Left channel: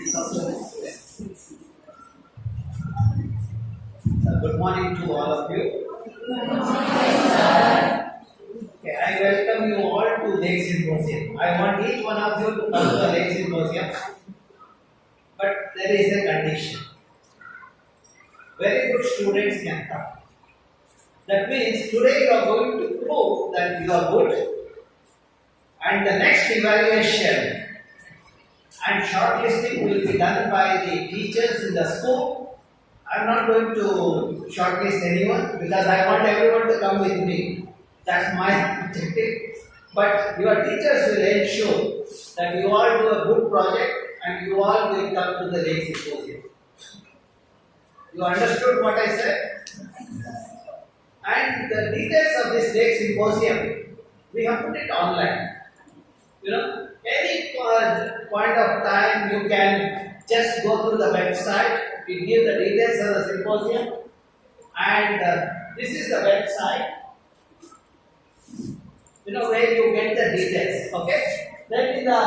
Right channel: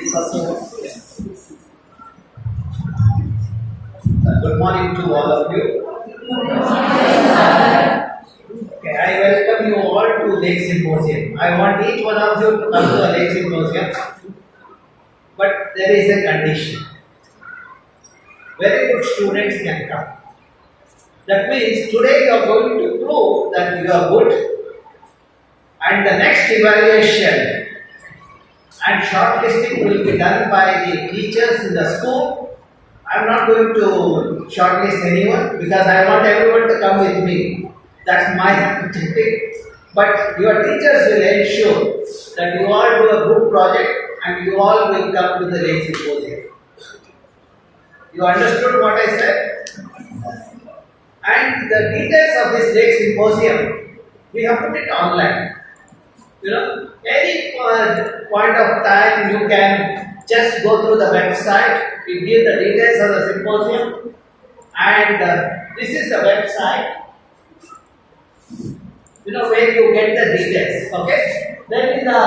Good morning to all of you. Okay, I welcome you all to Lake Symposium. I want each one of you to come to the Lake Symposium, but there is a condition. Very good students can come. That means today you are going to prove that you are good, and the next evaluation and shortlisting will be done by the teachers in the school. I am not going to shortlist anyone because I want everyone to come with me. That's my objective. But your teachers will ensure that you all do a good project and you all will come to the Lake Symposium. You understood what I said? And the details of this Lake Symposium, we have put it online. Any point of time you can just go through the website. We give the details of the symposium, and this is the website. Where you get the details. Okay. Then in the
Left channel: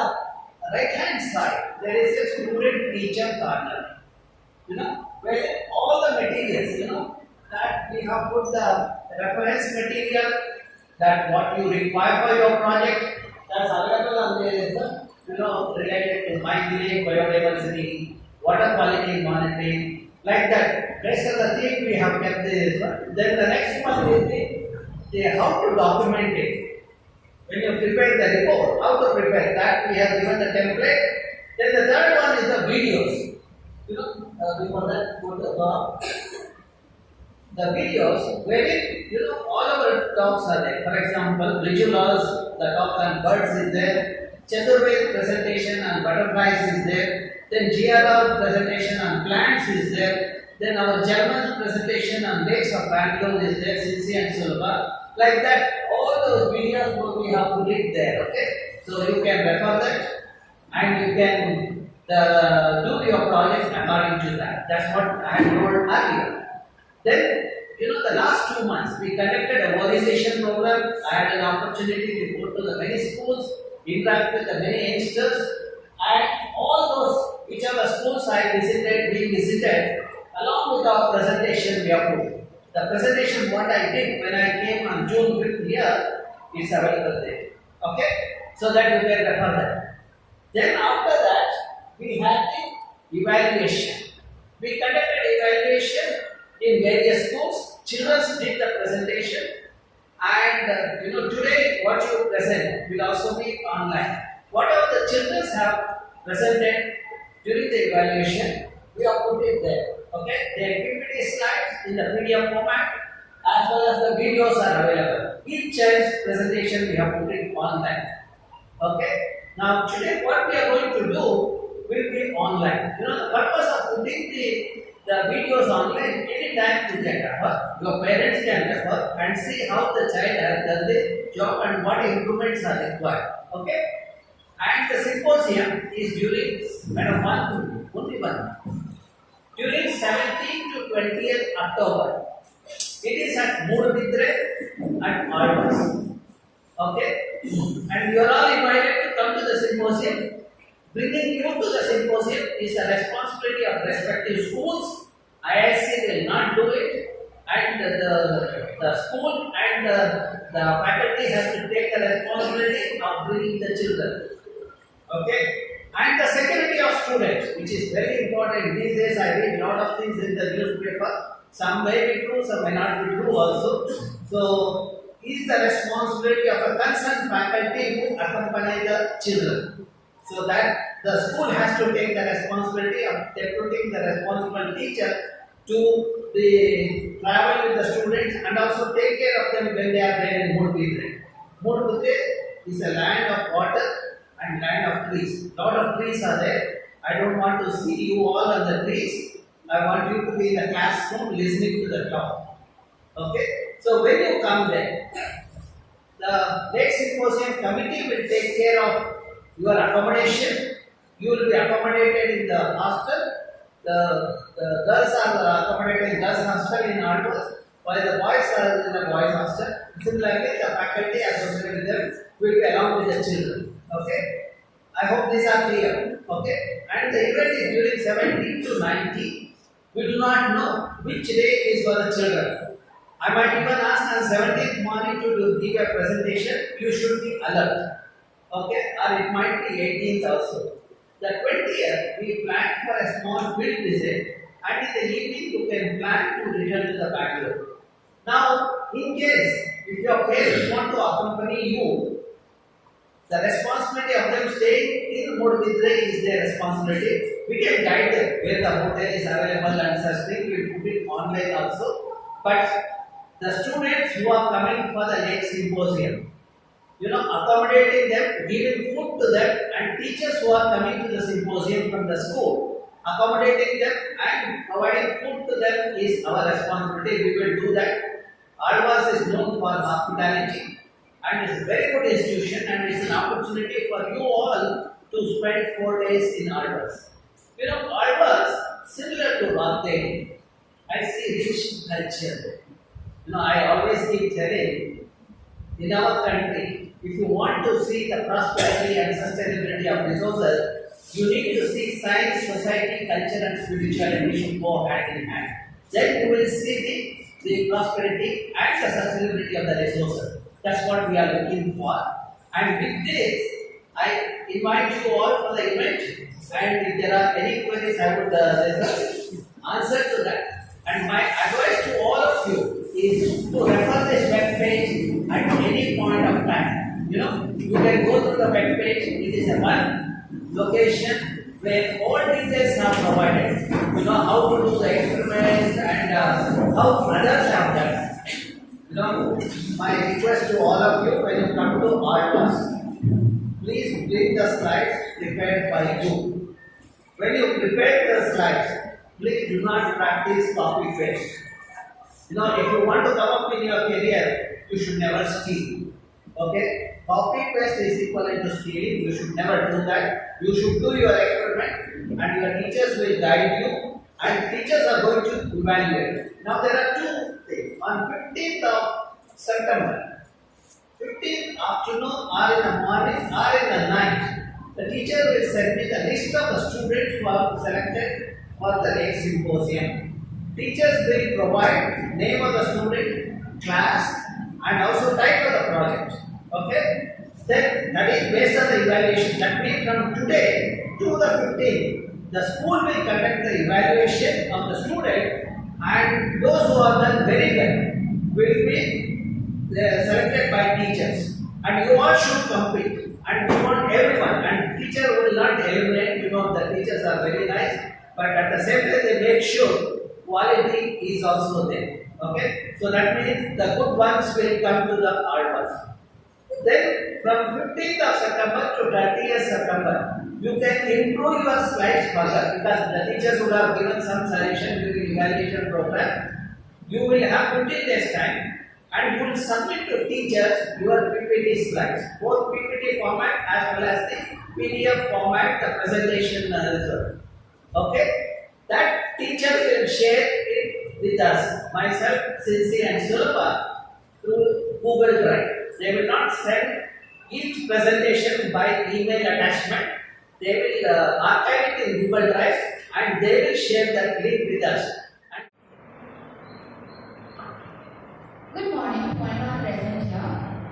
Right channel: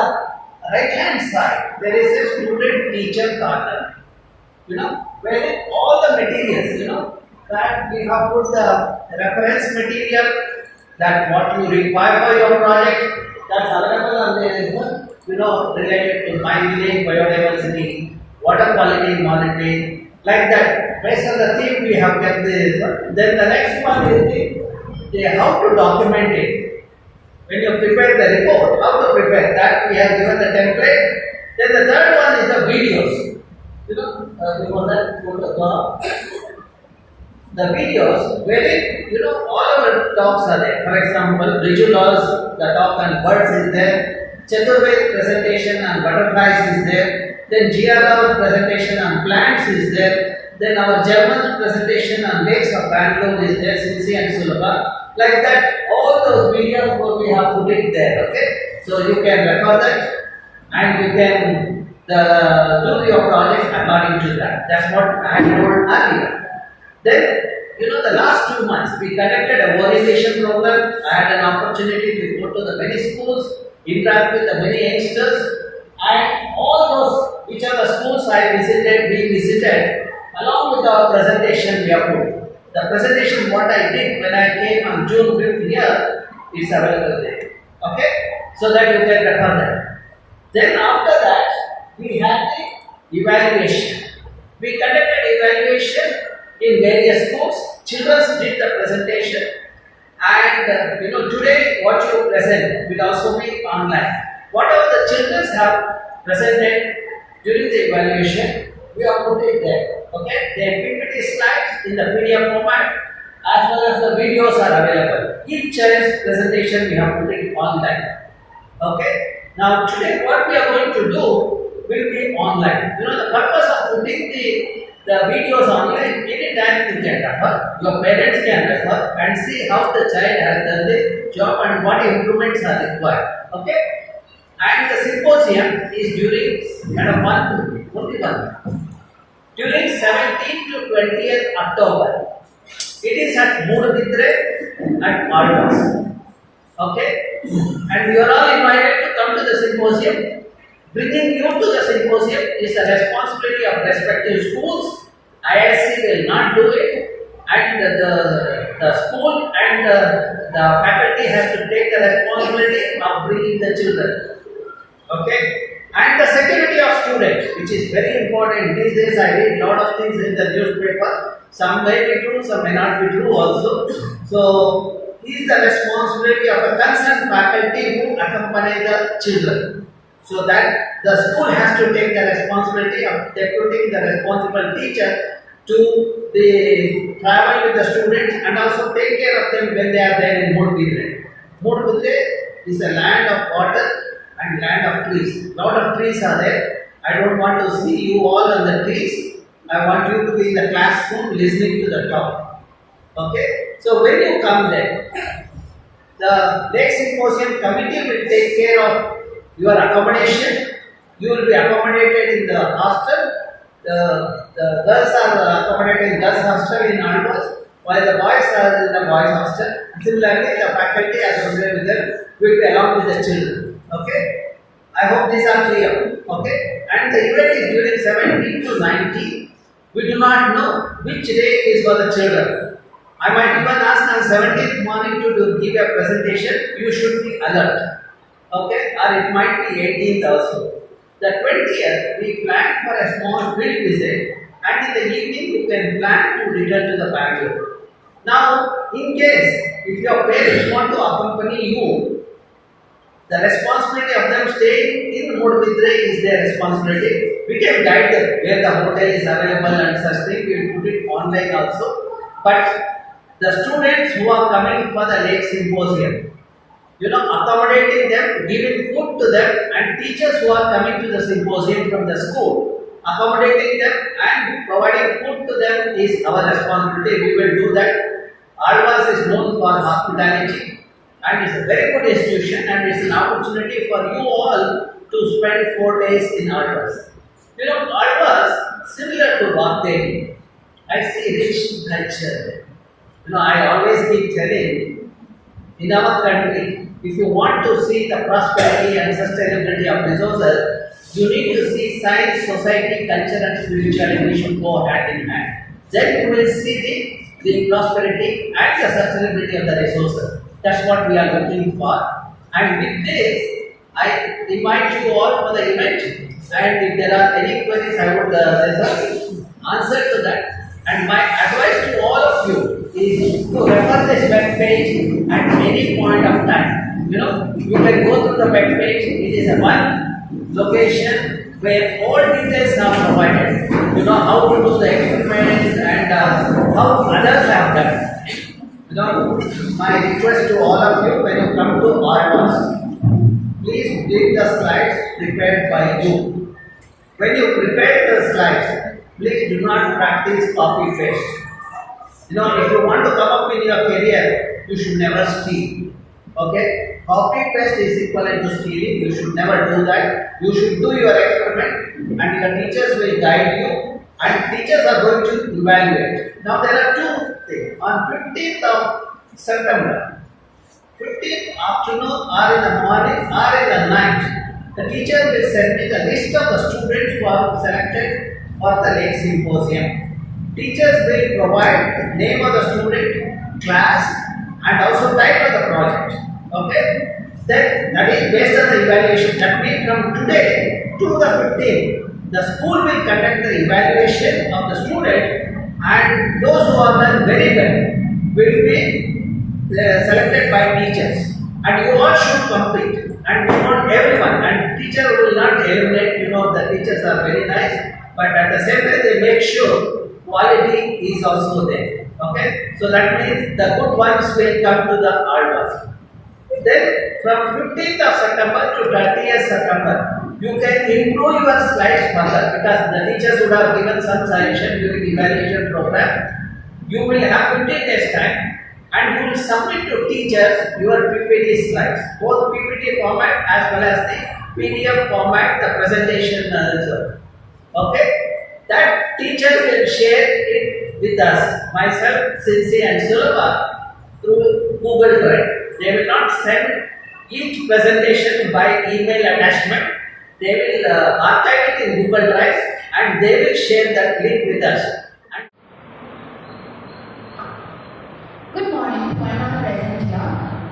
right hand side there is a student teacher corner. Where all the materials. That we have put the reference material, that what you require for your project. That's available, and there is related to mining, biodiversity, water quality monitoring, like that. Based on the theme we have kept this. Then the next one is the how to document it. When you prepare the report, how to prepare that, we have given the template. Then the third one is the videos. Before that, the videos where all our talks are there. For example, Rijulas, the talk on birds is there. Chaturved presentation on butterflies is there. Then GRR presentation on plants is there. Then our German presentation on lakes of Bangalore is there, Sinsi and Sulabha. Like that, all those videos we have put it there. Okay, so you can refer that and you can do your project according to that. That's what I told earlier. Then, the last 2 months we conducted a orientation program. I had an opportunity to go to the many schools, interact with the many youngsters, and all those which are the schools we visited, along with our presentation we have put. The presentation what I did when I came on June 5th here is available there. Okay? So that you can refer that. Then after that, we had the evaluation. We conducted evaluation in various schools. Children did the presentation, and today what you present will also be online. Whatever the children have presented during the evaluation, we have put it there. Okay, their PPT slides in the PDF format, as well as the videos are available. Each child's presentation we have put it online. Okay. Now today what we are going to do will be online. The purpose of putting the videos online, anytime you can refer, your parents can refer and see how the child has done the job and what improvements are required. Okay? And the symposium is during only 1 month. During 17th to 20th October. It is at Mudabidre at Altas. Okay? And you are all invited to come to the symposium. Bringing you to the symposium is the responsibility of respective schools. IISC will not do it, and the school and the faculty has to take the responsibility of bringing the children. Okay? And the security of students, which is very important. These days I read a lot of things in the newspaper. Some may be true, some may not be true also. So, it is the responsibility of a concerned faculty who accompany the children. So that the school has to take the responsibility of deputing the responsible teacher to travel with the students and also take care of them when they are there in Mudabidre. Mudabidre is a land of water and land of trees. Lot of trees are there. I don't want to see you all on the trees. I want you to be in the classroom listening to the talk. Okay? So when you come there, the Lake Symposium committee will take care of your accommodation. You will be accommodated in the hostel. The girls are accommodated in girls' hostel in Alvas, while the boys are in the boys' hostel. Similarly, the faculty associated with them will be along with the children. Okay? I hope these are clear. Okay, and the event is during 17 to 19. We do not know which day is for the children. I might even ask on 17th morning to give a presentation. You should be alert. Okay, or it might be 18th also. The 20th, we plan for a small field visit, and in the evening you can plan to return to the Bangalore. Now, in case if your parents want to accompany you, the responsibility of them staying in Mudbidre is their responsibility. We can guide them where the hotel is available and such thing. We will put it online also. But the students who are coming for the lake symposium, accommodating them, giving food to them, and teachers who are coming to the symposium from the school, accommodating them and providing food to them is our responsibility. We will do that. Alvas is known for hospitality, and it's a very good institution, and it's an opportunity for you all to spend 4 days in Alvas. Alvas, similar to Vagdevi, I see rich culture. I always keep telling, in our country, if you want to see the prosperity and sustainability of resources, you need to see science, society, culture, and spirituality should go hand in hand. Then you will see the prosperity and the sustainability of the resources. That's what we are looking for. And with this, I invite you all for the event. And if there are any queries, I would answer to that. And my advice to all of you is to refer this web page at any point of time. You can go to the web page. It is a one location where all details are provided. How to do the experiments and how others have done. My request to all of you, when you come to Alvas, please bring the slides prepared by you. When you prepare the slides, please do not practice copy paste. If you want to come up in your career, you should never steal. Okay? Copy paste is equivalent to stealing. You should never do that. You should do your experiment, and your teachers will guide you, and teachers are going to evaluate. Now there are two things. On 15th of September, 15th afternoon or in the morning or in the night, the teacher will send me the list of the students who are selected for the lake symposium. Teachers will provide name of the student, class, and also type of the project. Okay? Then that is based on the evaluation. That means from today to the 15th, the school will conduct the evaluation of the student, and those who are done very well will be selected by teachers. And you all should complete. And we want everyone. And teacher will not eliminate. The teachers are very nice, but at the same time they make sure quality is also there. Okay? So that means the good ones will come to the Alvas. Then from 15th of September to 30th September, you can improve your slides further, because the teachers would have given some suggestion during evaluation program. You will have 15 days time, and you will submit to teachers your PPT slides, both PPT format as well as the PDF format, the presentation result. Okay? That teacher will share it with us, myself, Cincy and Sulabha, through Google Drive. They will not send each presentation by email attachment. They will archive it in Google Drive, and they will share that link with us. Good morning to everyone present here.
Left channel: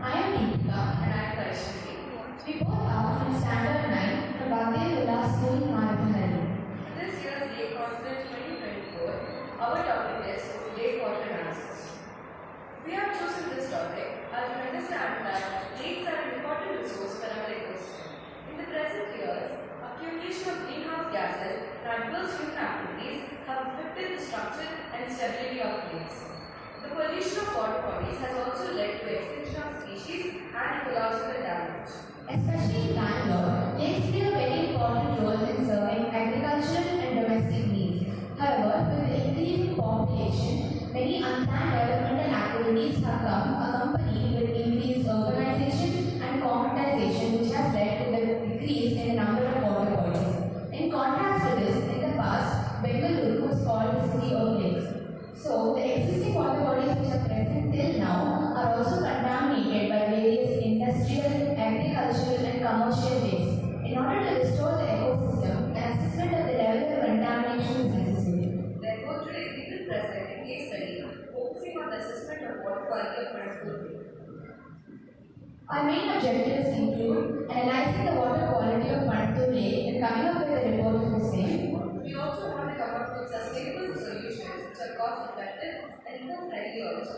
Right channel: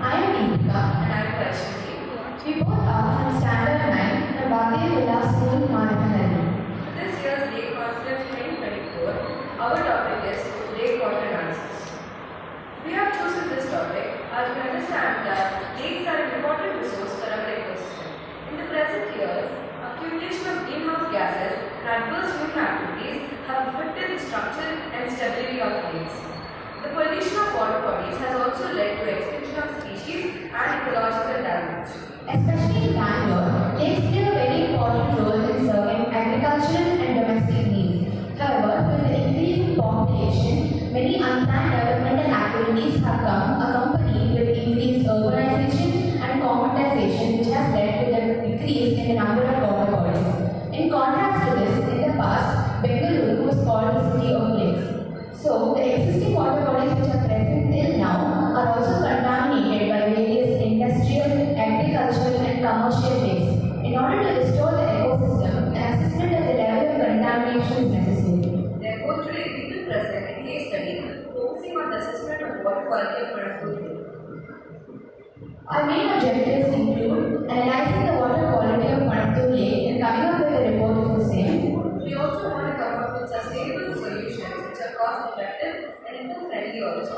I am Deepika and I am Vaishnavi. We both are from Standard 9 from Vagdevi Vilas School, Marathahalli. This year's Lake Conference 2024, our topic is Lake Water Dances. We have chosen this topic as we understand that lakes are an important resource for our ecosystem. In the present years, accumulation of greenhouse gases and adverse human activities have affected the structure and stability of lakes. The pollution of water bodies has also led to extinction of species and ecological damage. Especially in Bangalore, lakes play a very important role in serving agricultural and domestic needs. However, with the increasing population, many unplanned developmental activities have come accompanied with increased urbanization and commercialization, which has led to the decrease in the number of water bodies. In contrast to this, in the past, Bengaluru was called the city of lakes. So, the existing water bodies which are present till now are also contaminated by various industrial, agricultural and commercial waste. In order to restore the ecosystem, quality of Marathahalli? Our main objectives include analyzing the water quality of Marathahalli Lake and coming up with a report of the same. We also want to come up with sustainable solutions which are cost effective and eco-friendly also.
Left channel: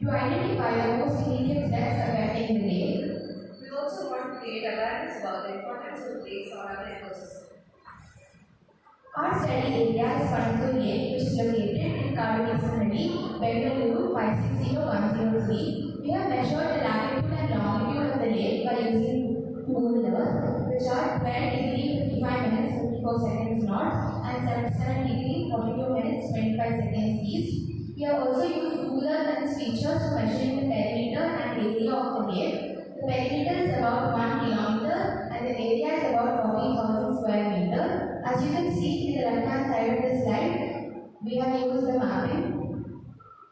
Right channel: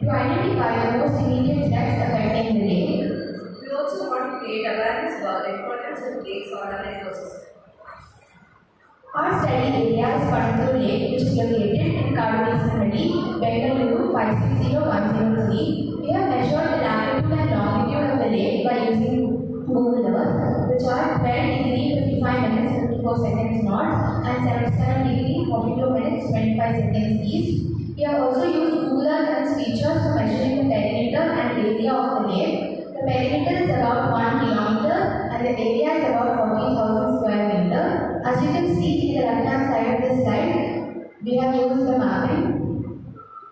To identify the most immediate threats affecting the lake. We also want to create awareness about the importance of lakes on our ecosystem. Our study area is Marathahalli Lake, which is located in Karunasanahalli, Bengaluru 560103. We have measured the latitude and longitude of the lake by using Google Earth, which are 12 degree 55 minutes 54 seconds north and 77 degree 42 minutes 25 seconds east. We have also used Google Earth lens features for measuring the perimeter and area of the lake. The perimeter is about 1 kilometer and the area is about 40,000 square meter. As you can see in the left hand side of the slide, we have used the mapping.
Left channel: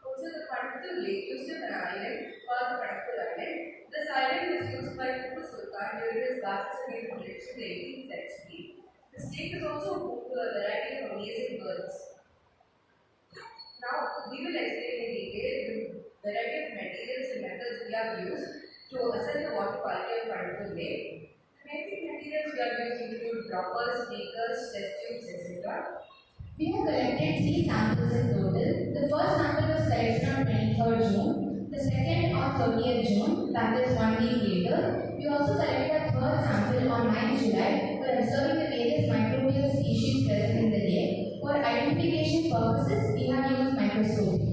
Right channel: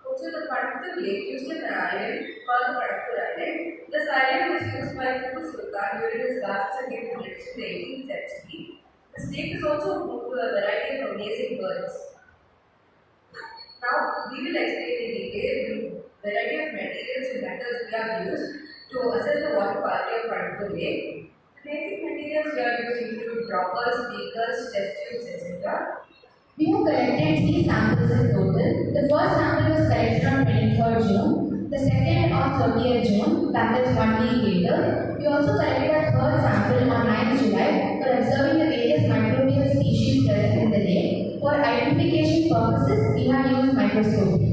Also, the Marathahalli Lake used an island called the Marathahalli Island. This island was used by Tipu Sultan during his last Sangam election in the 18th century. This lake is also home to a variety of amazing birds. Now, we will explain in detail the variety of materials and methods we have used to assess the water quality of Marathahalli Lake. The basic materials we have used include droppers, beakers, test tubes, etc. We have collected 3 samples in total. The first sample was collected on 23rd June, the second on 30th June, that is 1 week later. We also collected a third sample on 9th July for observing the various microbial species present in the lake. For identification purposes, we have used microscopy.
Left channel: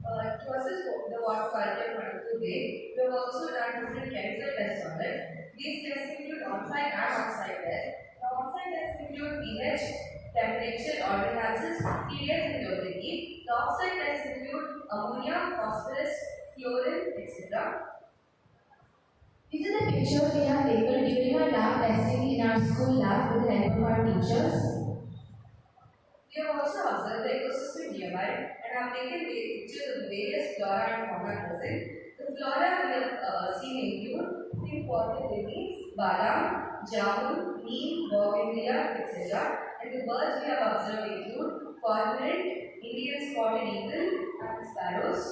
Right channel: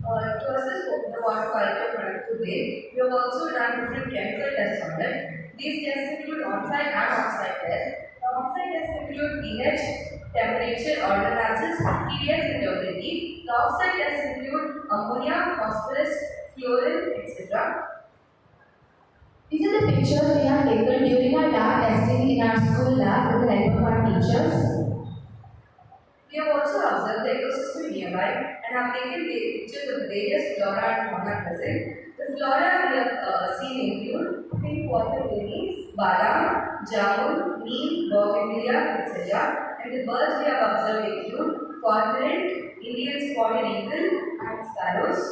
To assess the water quality of Marathahalli Lake, we have also done different chemical tests on it. These tests include on-site and off-site tests. The on-site tests include pH, temperature, ordinances, TDS and turbidity. The off-site tests include ammonia, phosphorus, fluorine, etc. These are the pictures we have taken during our lab testing in our school lab with the help of our teachers. We have also observed the ecosystem nearby and have taken pictures of various flora and fauna present. The flora we have seen include pink water lilies, badam, jamun, neem, bougainvillea, etc. And the birds we have observed include cormorant, Indian spotted eagle, and sparrows.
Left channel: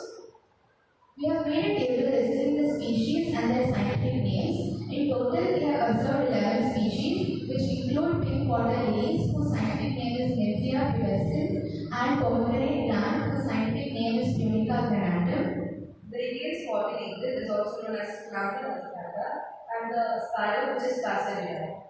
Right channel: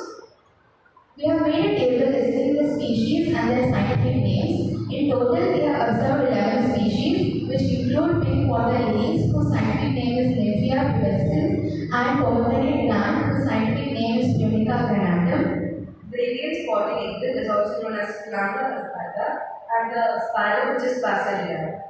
We have made a table listing the species and their scientific names. In total, we have observed 11 species, which include pink water lilies, whose scientific name is Nymphia pubescens, and pomegranate plant, whose scientific name is Punica granatum. The Indian spotted eagle is also known as Planta aspata, and the sparrow, which is Passaria.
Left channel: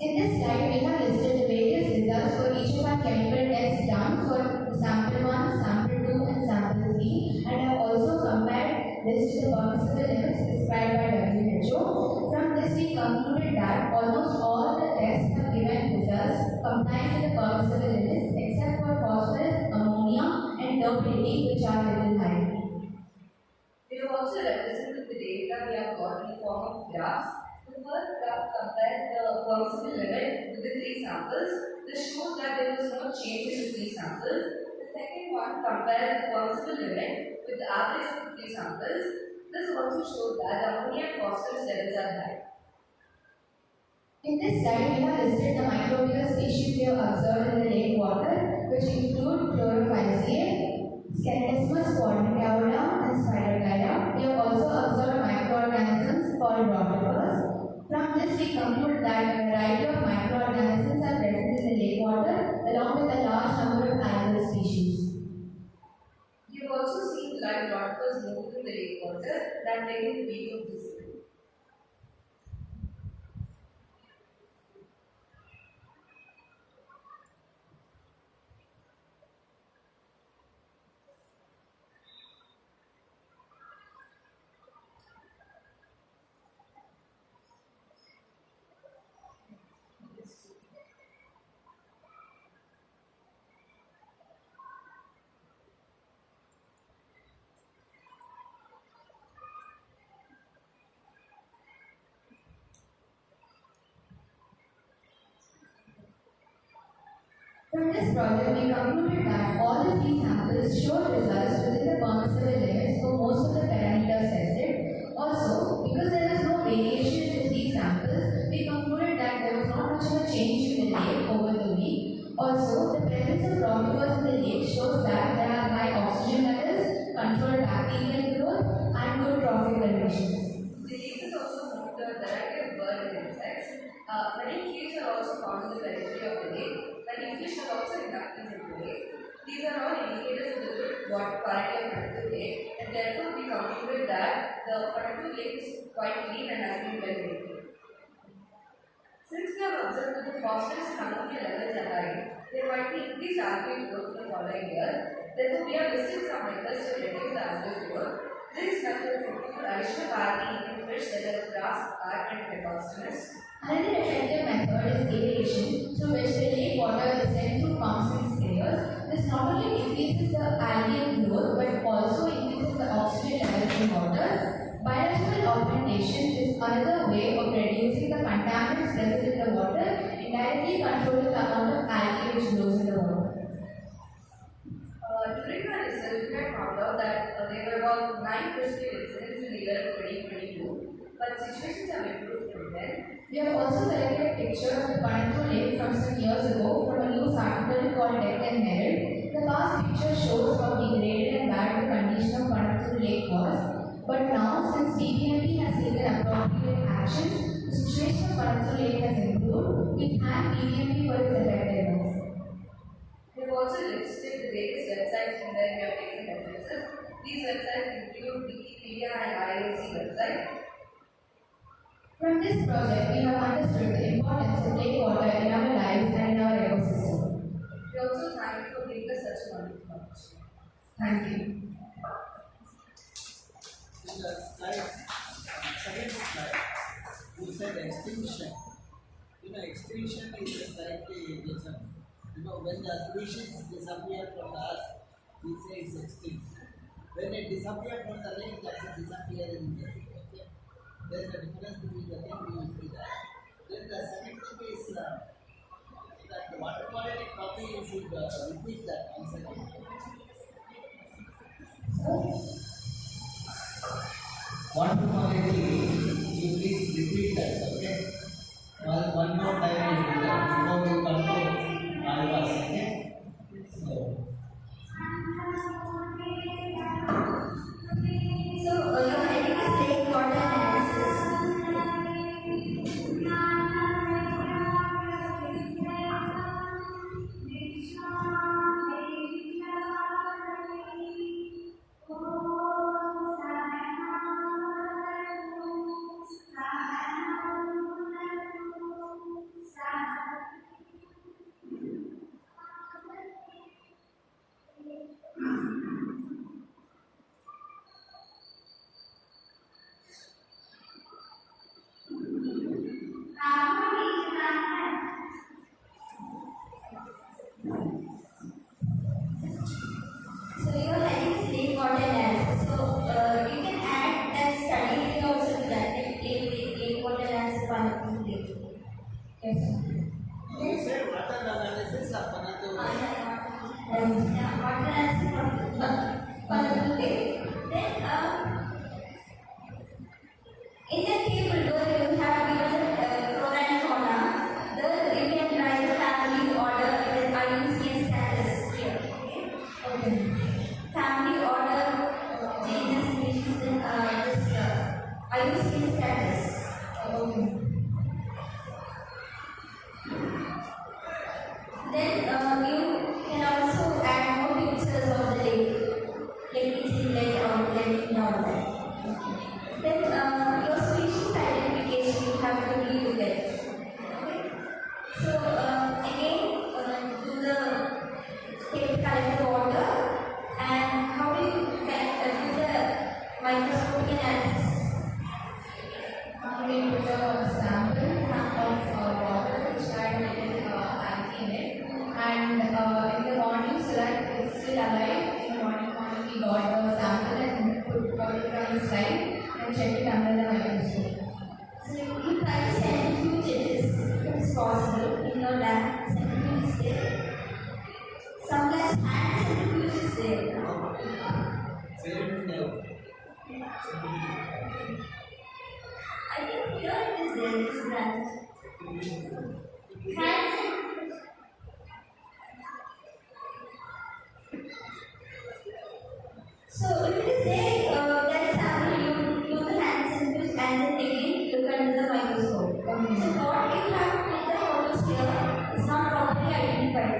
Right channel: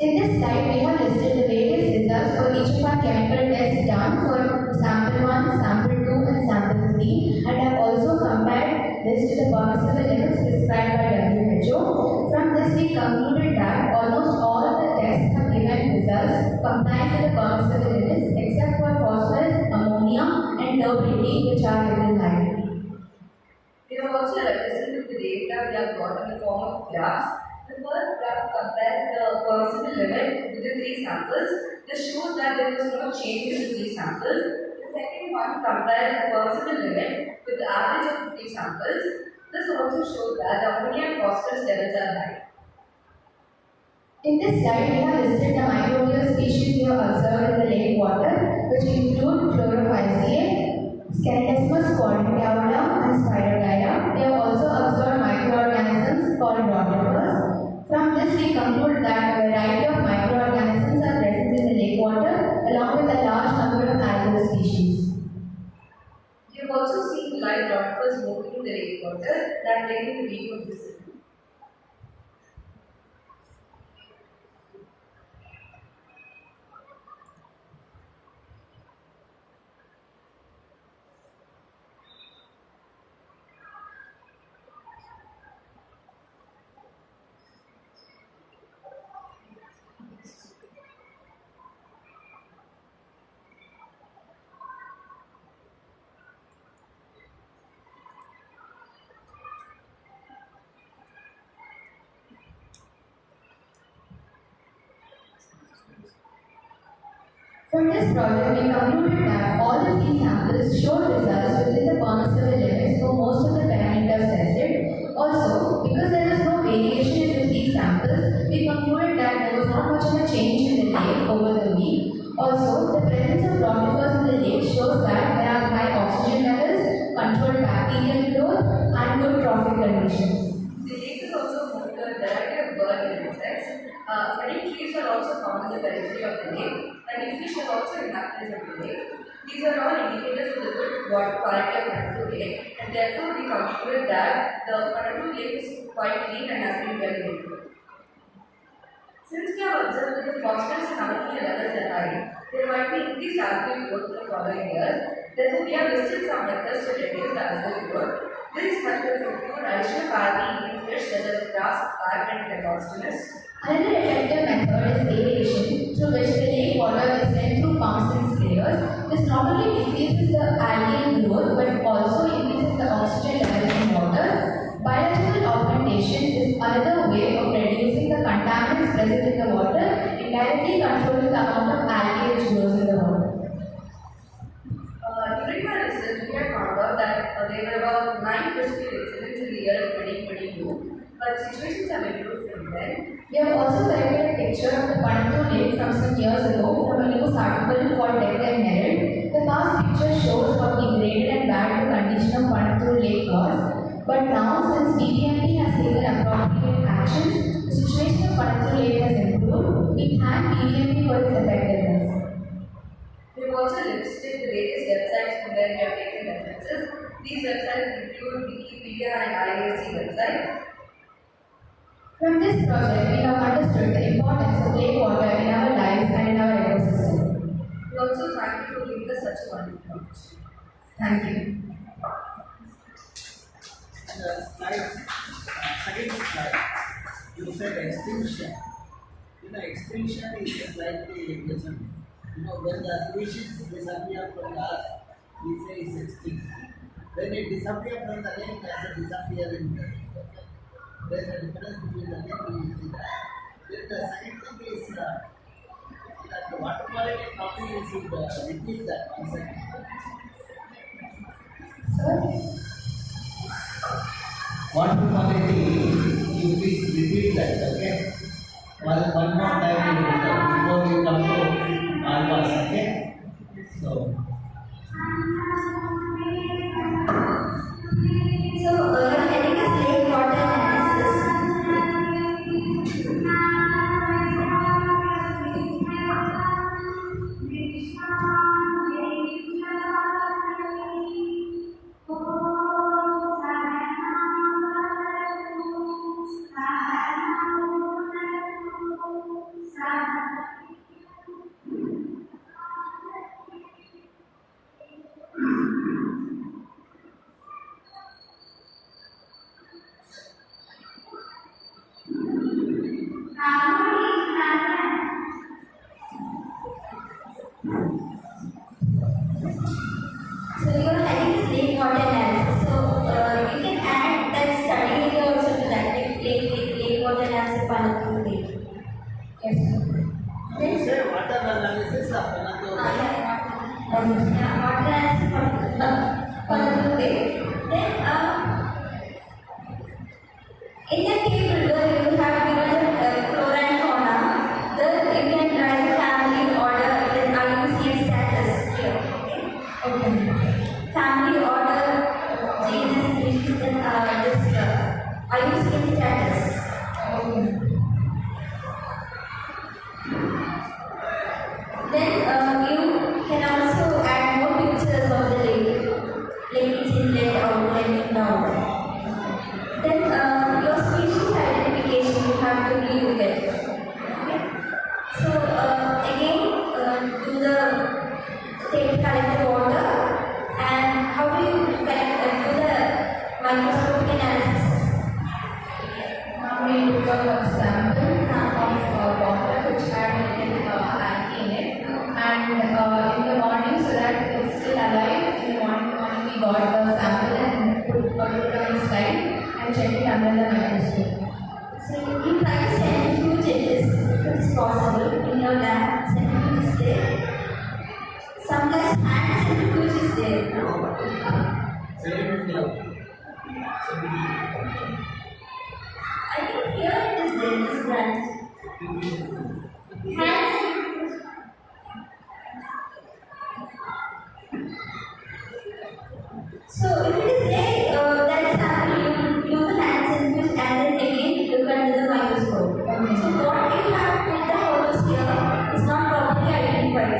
In this slide, we have listed the various results for each of our chemical tests done for sample 1, sample 2 and sample 3 and have also compared this to the permissible limits prescribed by WHO. From this, we concluded that almost all the tests have given results complying with the permissible limits except for phosphorus, ammonia and turbidity, which are little high. We have also represented the data we have got in the form of graphs. The first graph compares the permissible limit with the 3 samples. This shows that there was no change in the 3 samples. The second one compares the permissible limit with the average of the 3 samples. This also shows that the ammonia and phosphorus levels are high. In this slide, we have listed the microbial species we have observed in the lake water, which include Chlorophyceae, Scandesmus polypioida, and Spirogyra. We have also observed microorganisms called rotifers. From this, we conclude that a variety of microorganisms are present in the lake water, along with a large number of algal species. You have also seen live rotifers moving in the lake water and have taken the video of this. From this project, we concluded that all the 3 samples showed results within the permissible limits for most of the parameters tested. Also, because there was no variation in the 3 samples, we concluded that there was not much of a change in the lake over the week. Also, the presence of rotifers in the lake shows that there are high oxygen levels, controlled bacteria, Many trees are also found in the periphery of the lake, and fish are also inhabitants of the lake. These are all indicators of the good water quality of Marathahalli lake, and therefore we concluded that the Marathahalli lake is quite clean and has been well maintained. Since we have observed that the phosphorus and ammonia levels are high, there might be increased algal growth in the following year. Therefore, we have listed some methods to reduce the algal growth. This method will include addition of algae eating fish such as grass, carp, and Plecostinus. Another effective method is aeration, through which the lake water is sent through pumps and sprayers. This not only decreases the algae growth but also increases the oxygen level in water. Biological augmentation is another way of reducing the contaminants present in the water, indirectly controlling the amount of algae which grows in the water. During my research, we had found out that there were about 9 physical incidents in the year of 2022, but situations have improved from then. We have also collected a picture of the Panathu lake from some years ago from a news article called Death and Herald. The past picture shows how degraded and bad the condition of Panathu lake was. But now, since BBMP has taken appropriate actions, the situation of Panathu lake has improved. We thank BBMP for its effectiveness. We have also listed the various websites from where we have taken references. These websites include Wikipedia and IISC website. From this project, we have understood the importance of lake water in our lives and in our ecosystem. We also thank you for giving us such a wonderful knowledge. Thank you. The slide, second slide, you said extinction. Extinction is slightly different. When the species disappear from the earth, we say it's extinct. When it disappears from the lake, that's a disappearing lake. Okay? There's a difference between the lake, we see that. Then the second thing is that the water quality copy, you should repeat that once again. Water quality, you please repeat that, okay? One more time you do that before we come to Alvas, okay? So your heading is lake water analysis. So your heading is lake water analysis. So you can add that study here also to that lake water analysis Panathu lake. Yes, sir. you say water analysis of Panathu lake. Water analysis Panathu lake. Then in the table where you have given the flora and fauna, you can write the family order with IUCN status here. Okay. Family order, genus, species, and this IUCN status. Okay. Then you can also add more pictures of the lake its inlet, outlet, and downlet.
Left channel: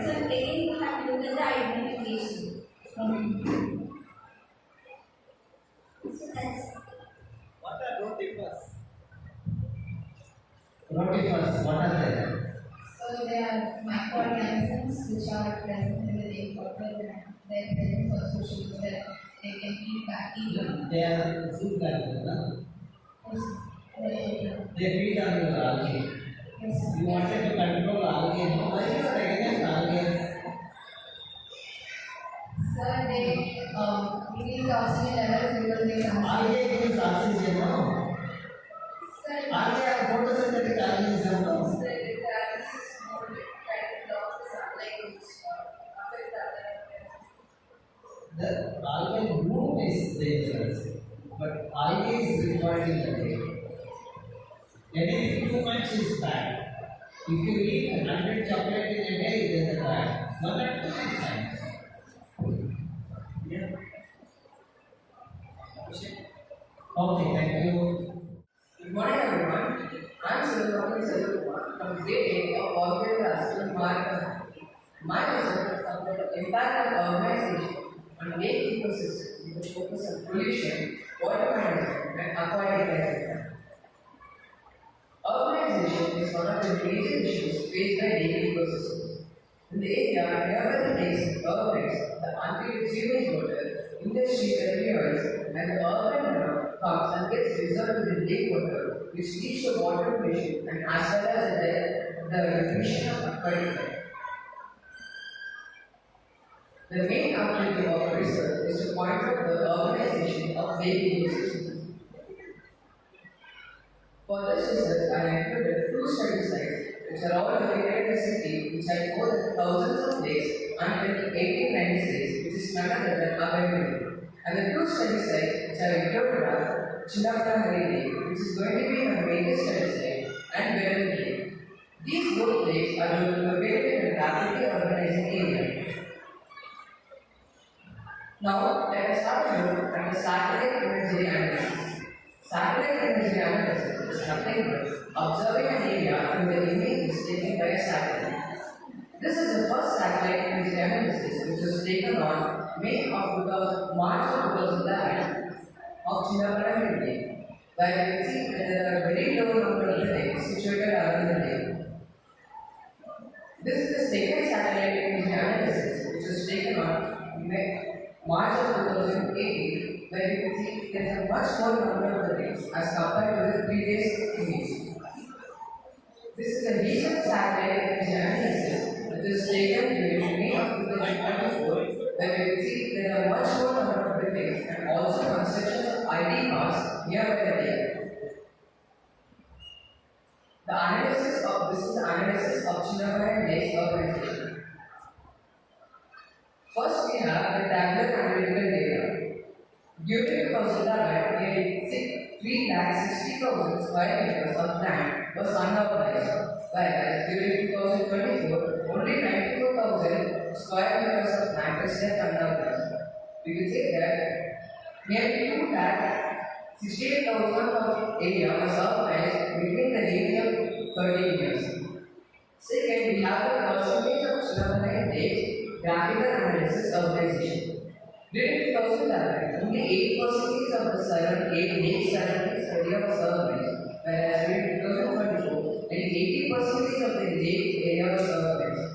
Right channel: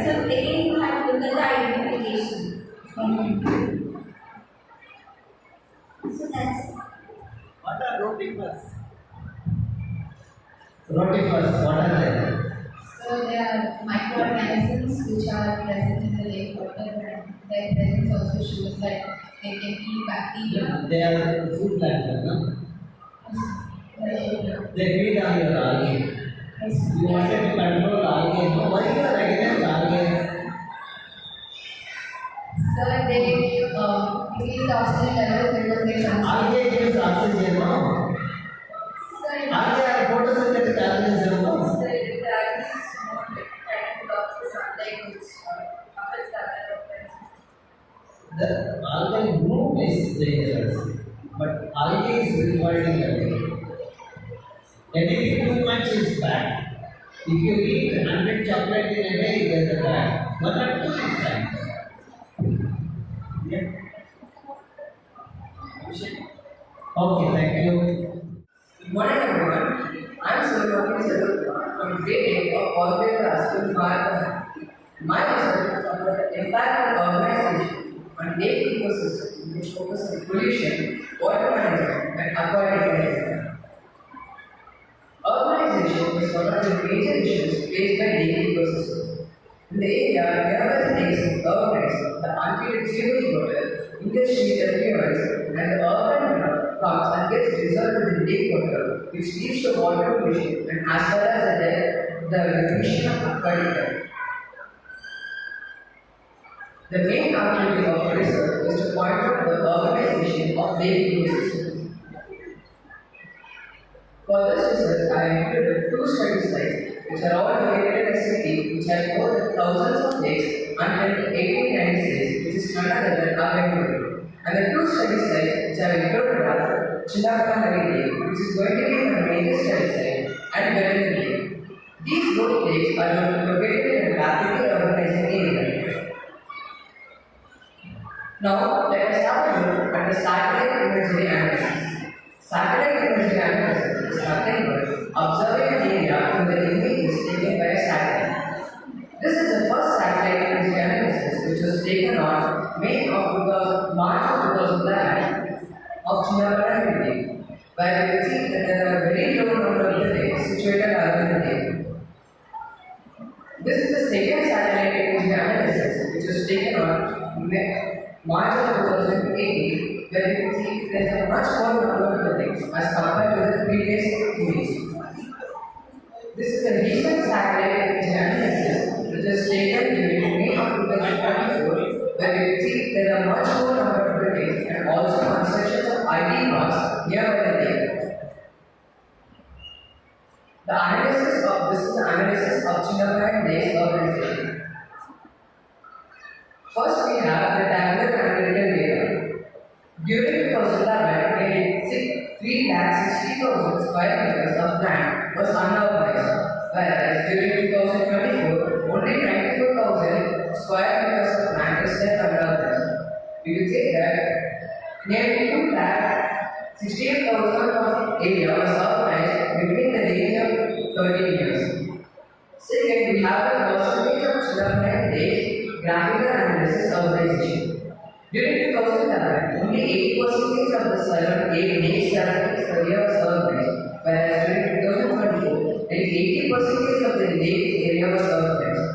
So again, you have to look at the identification. So that's What are rotifers? Rotifers, what are they? So there are microorganisms which are present in the lake water, and their presence also shows that they can eat bacteria. They are food plankton, no? They feed on your algae. You wanted to control algae, no? Why you are against algae? So they increase the oxygen levels because they consume. Algae gives oxygen, no? Algae are photosynthetic organism, no? That is more like kind of blocks the sunlight which affects the other organisms. The algae bloom is dangerous, but algae is required in the day. Anything too much is bad. If you eat 100 chocolate in a day, it is bad. One or two is fine. Yeah. Okay, thank you. Good morning everyone. I am Suryamohan from grade 8 of Corporate Class in Marathahalli. My research is on the impact of urbanization on lake ecosystems which focus on pollution, water management and aquatic management. Urbanization is one of the major issues faced by lake ecosystems. In the area near the lakes and governments, the untreated sewage water, industries effluents, and the urban runoff comes and gets dissolved in the lake water, which leads to water pollution and as well as the depletion of aquatic life. The main objective of research is to point out the urbanization of lake ecosystems. For this research, I included two study sites which are all located in a city which had more than thousands of lakes until 1896, which is none other than Vagdevi. And the two study sites which I included are Marathahalli Lake, which is going to be a major study site, and Vagdevi Lake. These both lakes are located in a rapidly urbanizing area. Now, let us have a look at the satellite imagery analysis. Satellite imagery analysis is nothing but observing an area from the images taken by a satellite. This is the first satellite imagery analysis which was taken on March of 2011 of Marathahalli Lake, where we can see that there are very low number of buildings situated around the lake. This is the second satellite imagery analysis which was taken on March of 2018, where you can see there is a much more number of buildings as compared to the previous image. This is a recent satellite imagery analysis which was taken during May of 2024, where you can see there are much more number of buildings and also constructions of IT parks nearby the lake. The analysis of this is the analysis of Chinnapai Lake's urbanization. First, we have the tabular analytical data. During 2011, nearly 360,000 square meters of land was unurbanized, whereas during 2024, only 94,000 square meters of land is left unurbanized. We will say that nearly 268,000 of area was urbanized between the range of 13 years. Second, we have the percentage of Chinnapai Lake graphical analysis urbanization. During 2011, only 8% of the 8 lakes surrounding the area was urbanized, whereas during 2024, nearly 80% of the lake area was urbanized.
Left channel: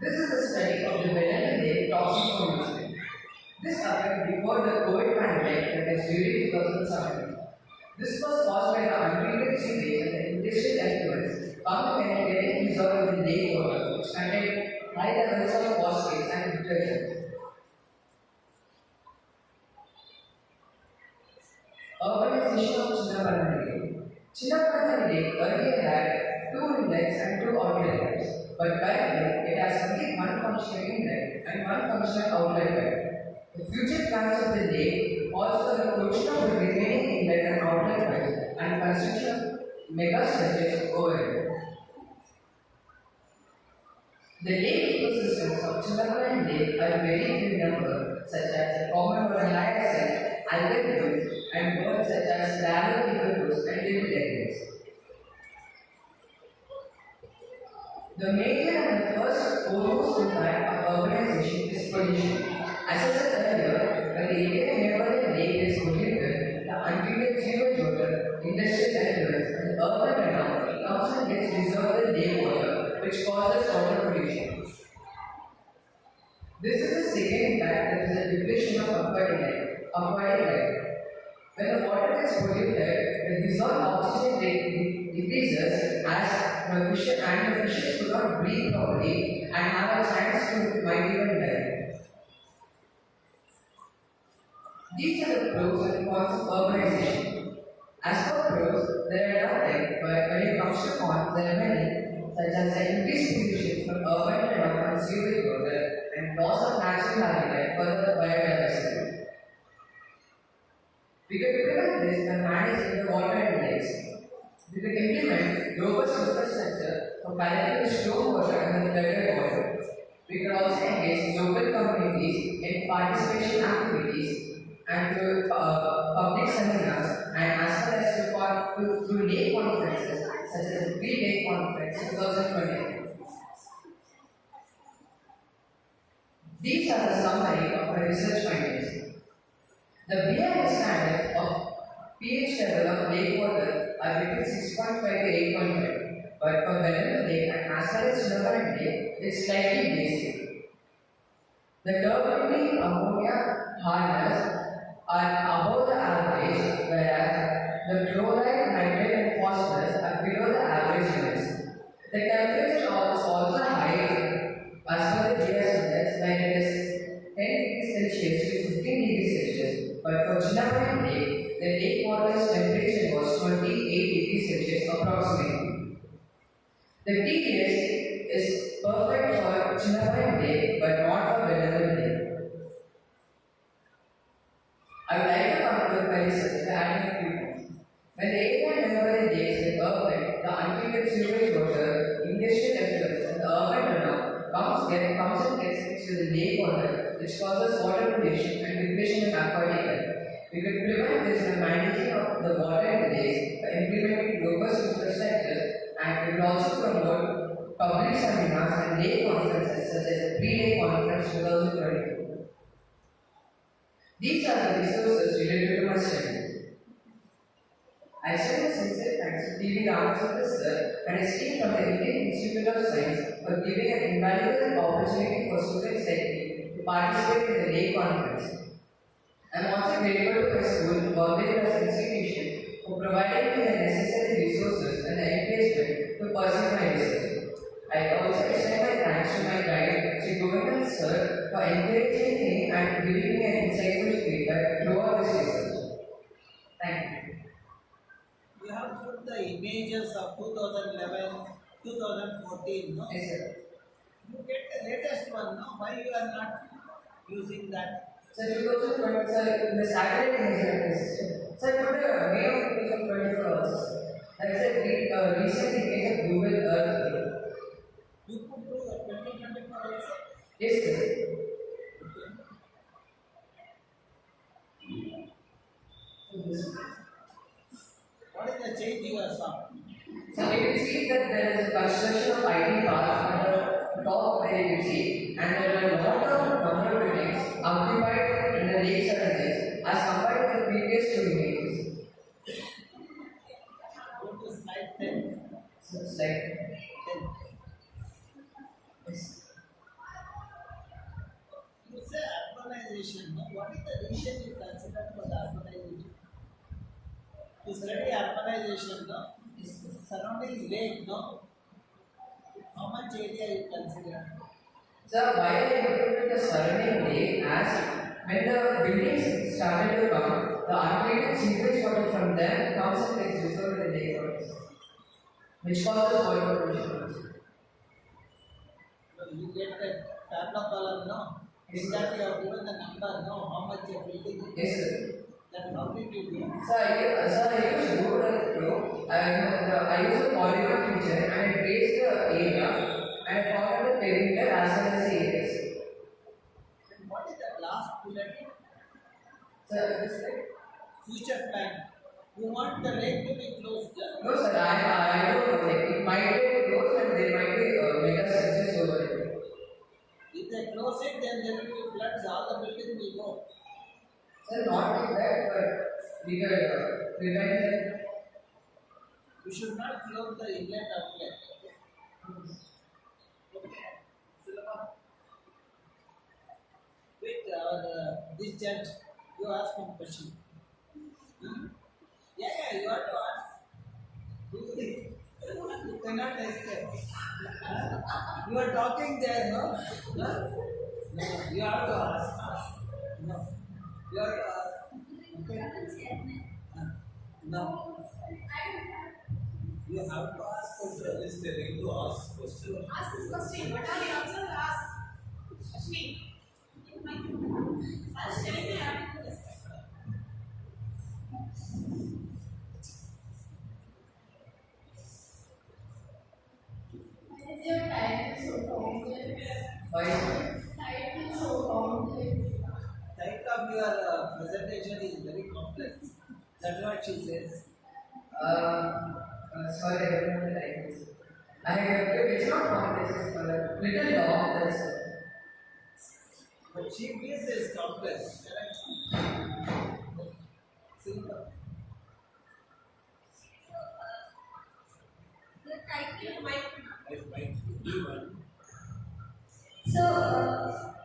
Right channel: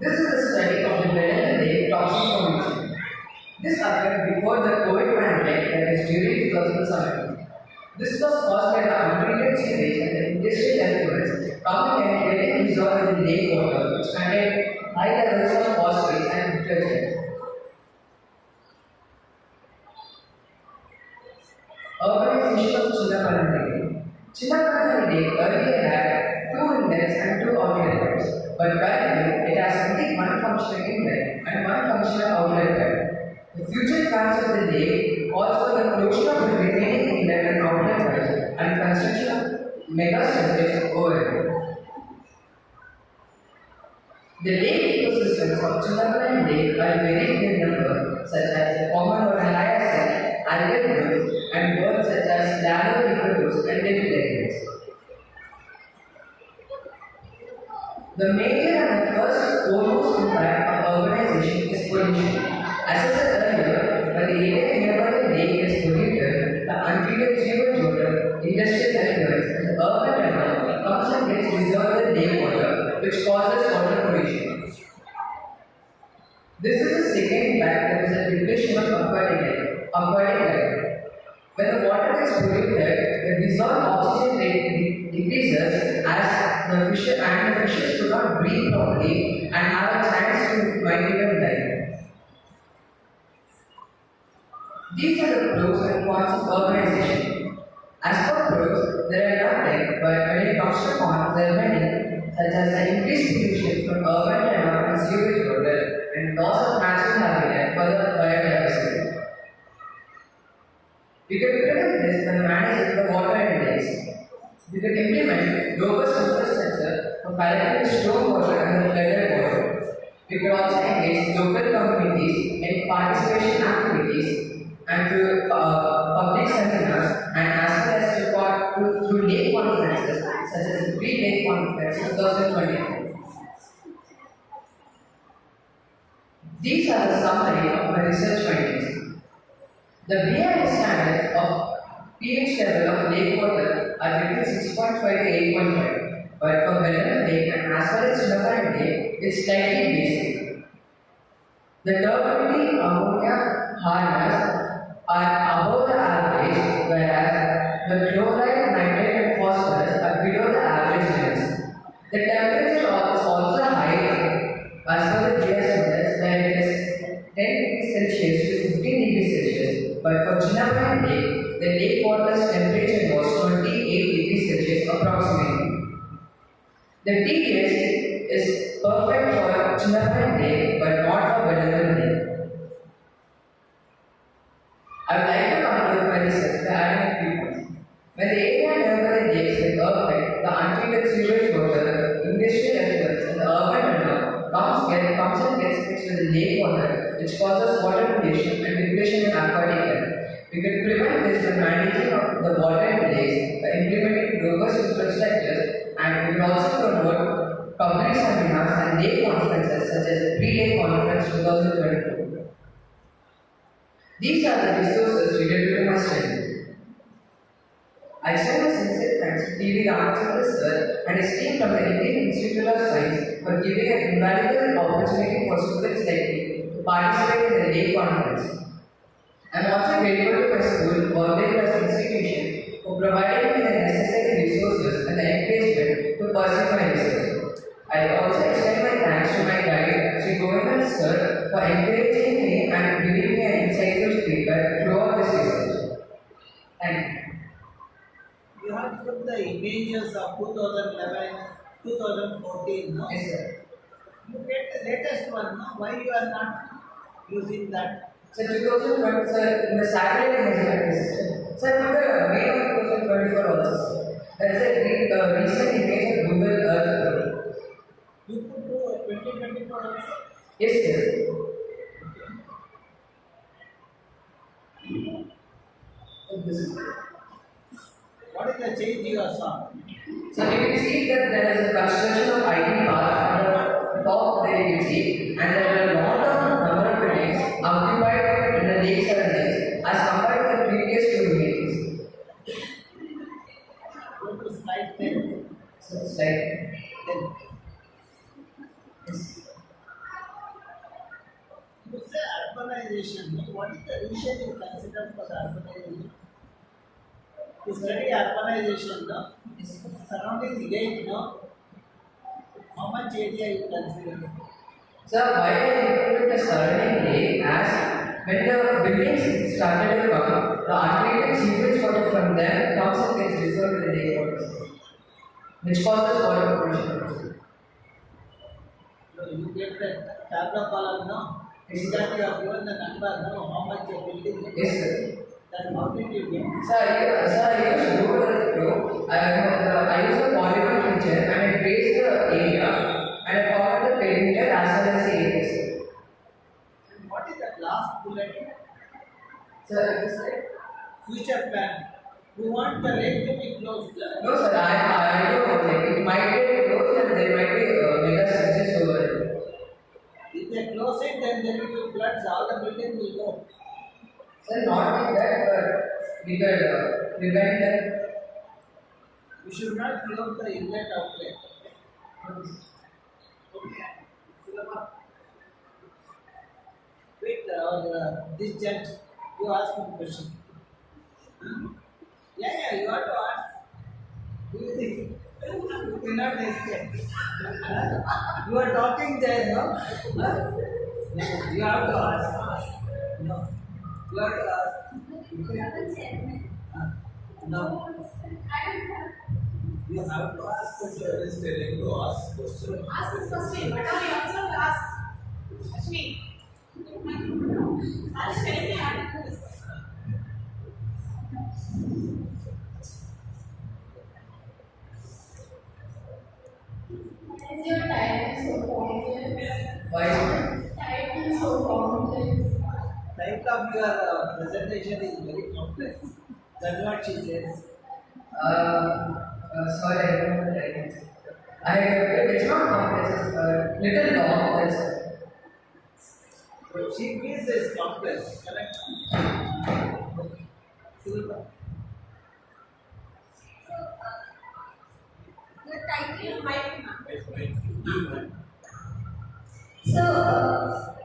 This is a study of the Vagdevi Lake toxic formation. This occurred before the COVID pandemic, that is during 2017. This was caused by the untreated sewage and the industrial effluents coming and getting dissolved in lake water, which contained high levels of phosphate and detergent. Urbanization of Chinnapai Lake. Chinnapai Lake earlier had 2 inlets and 2 outlet pipes, but currently it has only one functioning inlet and one functional outlet pipe. The future plans of the lake calls for the closure of the remaining inlet and outlet pipes and construction of mega structures over it. The lake ecosystems of Chinnapai Lake are very few in number, such as the common hyacinth, algal blooms, and birds such as ladder and little penguins. The The major and the first foremost impact of urbanization is pollution. As I said earlier, when the area nearby the lake is polluted, the untreated sewage water, industrial effluents, and the urban runoff comes and gets dissolved in lake water, which causes water pollution. This is the second impact, that is the depletion of aquatic life. When the water gets polluted, the dissolved oxygen rate decreases as the fishes do not breathe properly and have a chance to migrate and die. These are the pros and cons of urbanization. As for pros, there are nothing, but when it comes to cons, there are many, such as the increased pollution from urban runoff and sewage water and loss of natural habitat for the biodiversity. We could prevent this by managing the water and lakes. We could implement robust infrastructure for collecting stormwater and the flooded water. We could also engage local communities in participation activities and through public seminars and as well as through lake conferences such as the Green Lake Conference 2024. These are the summary of my research findings. The BIS standards of pH level of lake water are between 6.5 to 8.5, but for Vellum Lake and as well as Chilappan Lake, it's slightly basic. The turbidity ammonia harness are above the average, whereas the chloride, nitrate, and phosphorus are below the average limits. The temperature is also high as per the GS index, where it is 10 degrees Celsius to 15 degrees Celsius, but for Chilappan Lake, the lake water's temperature was 28 degrees Celsius approximately. The TVS is perfect for Chilappan Lake, but not for Vellum Lake. I would like to conclude my research by adding a few points. When the area nearby the lakes like earthquake, the untreated sewage water, industrial effluents, and the urban runoff comes and gets mixed with the lake water, which causes water pollution and depletion in aquatic life. We could prevent this by managing the water in the lakes by implementing robust infrastructures, and we could also promote public seminars and lake conferences such as the Pre-Lake Conference 2024. These are the resources related to my study. I extend my sincere thanks to TVRAMACHANDRA sir and his team from the Indian Institute of Science for giving an invaluable opportunity for students like me to participate in the lake conference. I am also grateful to my school, Vagdevi institution, for providing me the necessary resources and the encouragement to pursue my research. I also extend my thanks to my guide, Sri Govindan sir, for encouraging me and giving me an insightful feedback throughout this research. Thank you. You have put the images of 2011, 2014, no? Yes, sir. You get the latest one, no? Why you are not using that? So 2020, sir, in the satellite image system. Sir, put the May of 2024 also, sir. That is a recent image of Google Earth. You could do 2024 also? Yes, sir. So this. What is the change you have saw? So you can see that there is a construction of IT parks on the top there you can see, and there are a lot of number of buildings occupied in the lakes and lakes as compared to the previous two images. Go to slide 10. So it's like 10. yes. You say urbanization, no? What is the reason you consider for the urbanization? To study urbanization, no? Surrounding lake, no? How much area you consider? So why I included the surrounding lake as when the buildings started to come, the untreated sewage water from them comes and gets dissolved in the lake waters, which causes water pollution. So you get the tableau column, no? Yes, In that you have given the number, no? How much a building is? Yes, sir. Then how did you get? I used Google Earth Pro. I used a polygon feature and I traced the area and I found the perimeter as well as the areas. And what is that last bullet? Sir, this right? Future plan. You want the lake to be closed. No, sir. I don't know. Like it might get closed and there might be mega there will be floods, all the buildings will go. Sir, not like that, but we could prevent that. We should not close the inlet outlet. Okay. Sulabha. Wait, this judge, you ask one question. Hmm? Yeah, you have to ask. Do you think? You cannot escape. Huh? You are talking there, no? Huh? No, you have to ask. No. You have to ask. Okay. Huh? No. You have to ask question. Is telling to ask question. Ask this question. What are the answer to ask? Ashmi. Ask telling me how to do this. Is your title so complex? Why? Title so complex. Type of your presentation is very complex. That's what she says. Sorry, I don't know the title. It's not complex, it's little long, that's all. But she feels is complex. Correct? Silva. The title might be. It's right. So,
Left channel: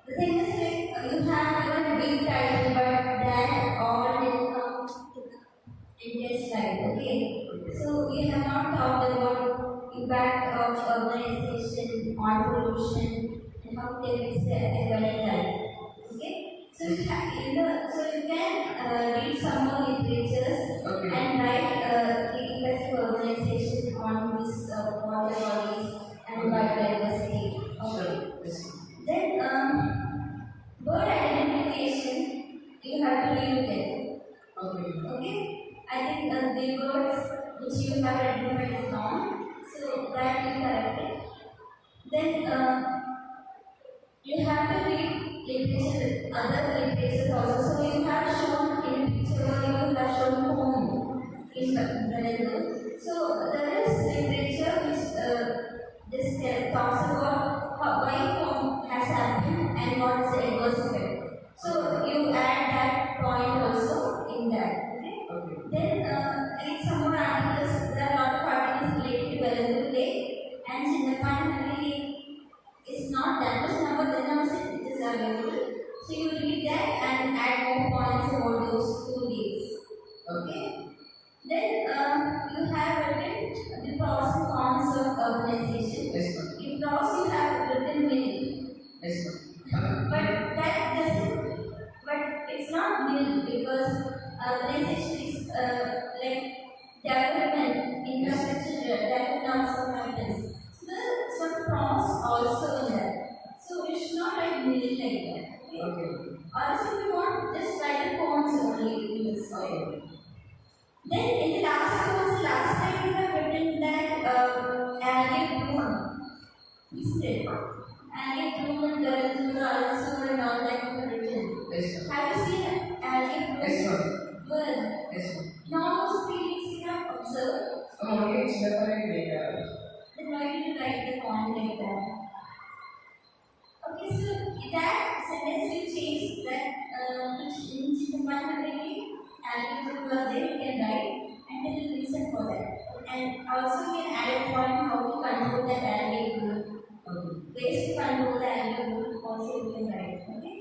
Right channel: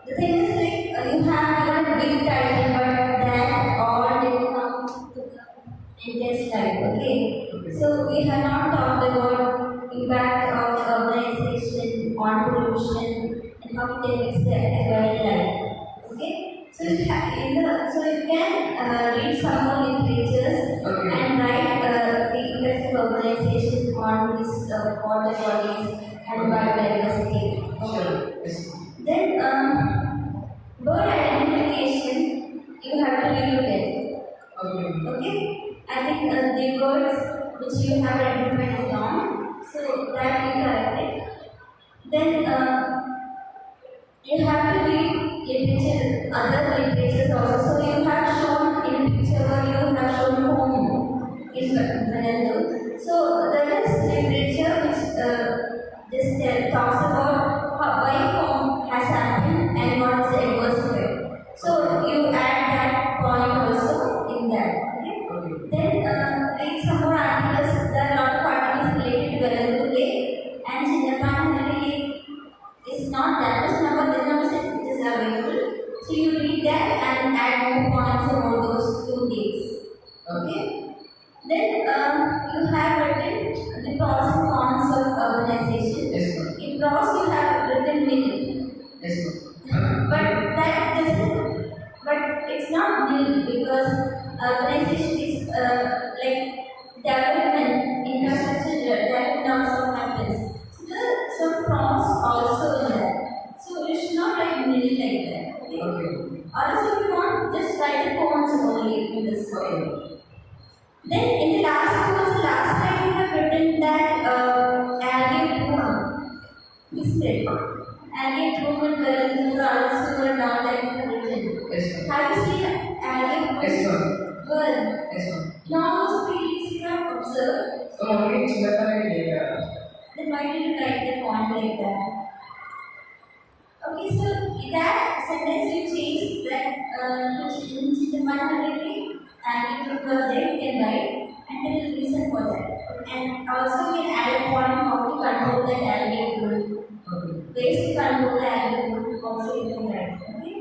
the thing is like you have a big title, but that all will come to the Indian slide, okay? So, we have not talked about impact of urbanization on pollution and how it affects the aquatic life, okay? So, you can read some more literatures Okay. and write the effect of urbanization on this water bodies and biodiversity. Okay. Sure. Yes. Then, bird identification, you have to relook at. Okay. Okay? I think the birds which you have identified is wrong, so that we corrected. Then, you have to read literature, other literatures also. So, you have shown in picture where you have shown home in Vanadu. So, there is literature which just talks about why home has happened and what is the adverse effect. So, you add that point also in that. Okay? Okay. Then, read some more articles. There are a lot of articles related to Velandu Lake and Chinnapanhalli Lake. Is not that much number, the numbers it is available. So, you read that and add more points about those two lakes. Okay? Then, you have written the pros and cons of urbanization. Yes, ma'am. In pros, you have written nil. Yes, ma'am. But that doesn't, but it's not nil because urbanization is like development, infrastructure development also happens. So there are some pros also in that. So you should not write nil like that. Okay? Okay. Or else if you want, just write the cons only in this way. Then in the last time we have written that algae bloom. Instead, algae bloom and Velandu also and all that we have written. Yes, ma'am. Have you seen algae bloom? Yes, ma'am. Well, Yes, ma'am. now also please you have observed. So, only Chinnapanhalli Lake. Then why did you write the point like that? Okay, so that sentence you change that in Chinnapanhalli algae bloom was there, you can write and tell the reason for that. And also we add a point how to control that algae bloom. Okay. Ways to control the algae bloom also you can write. Okay.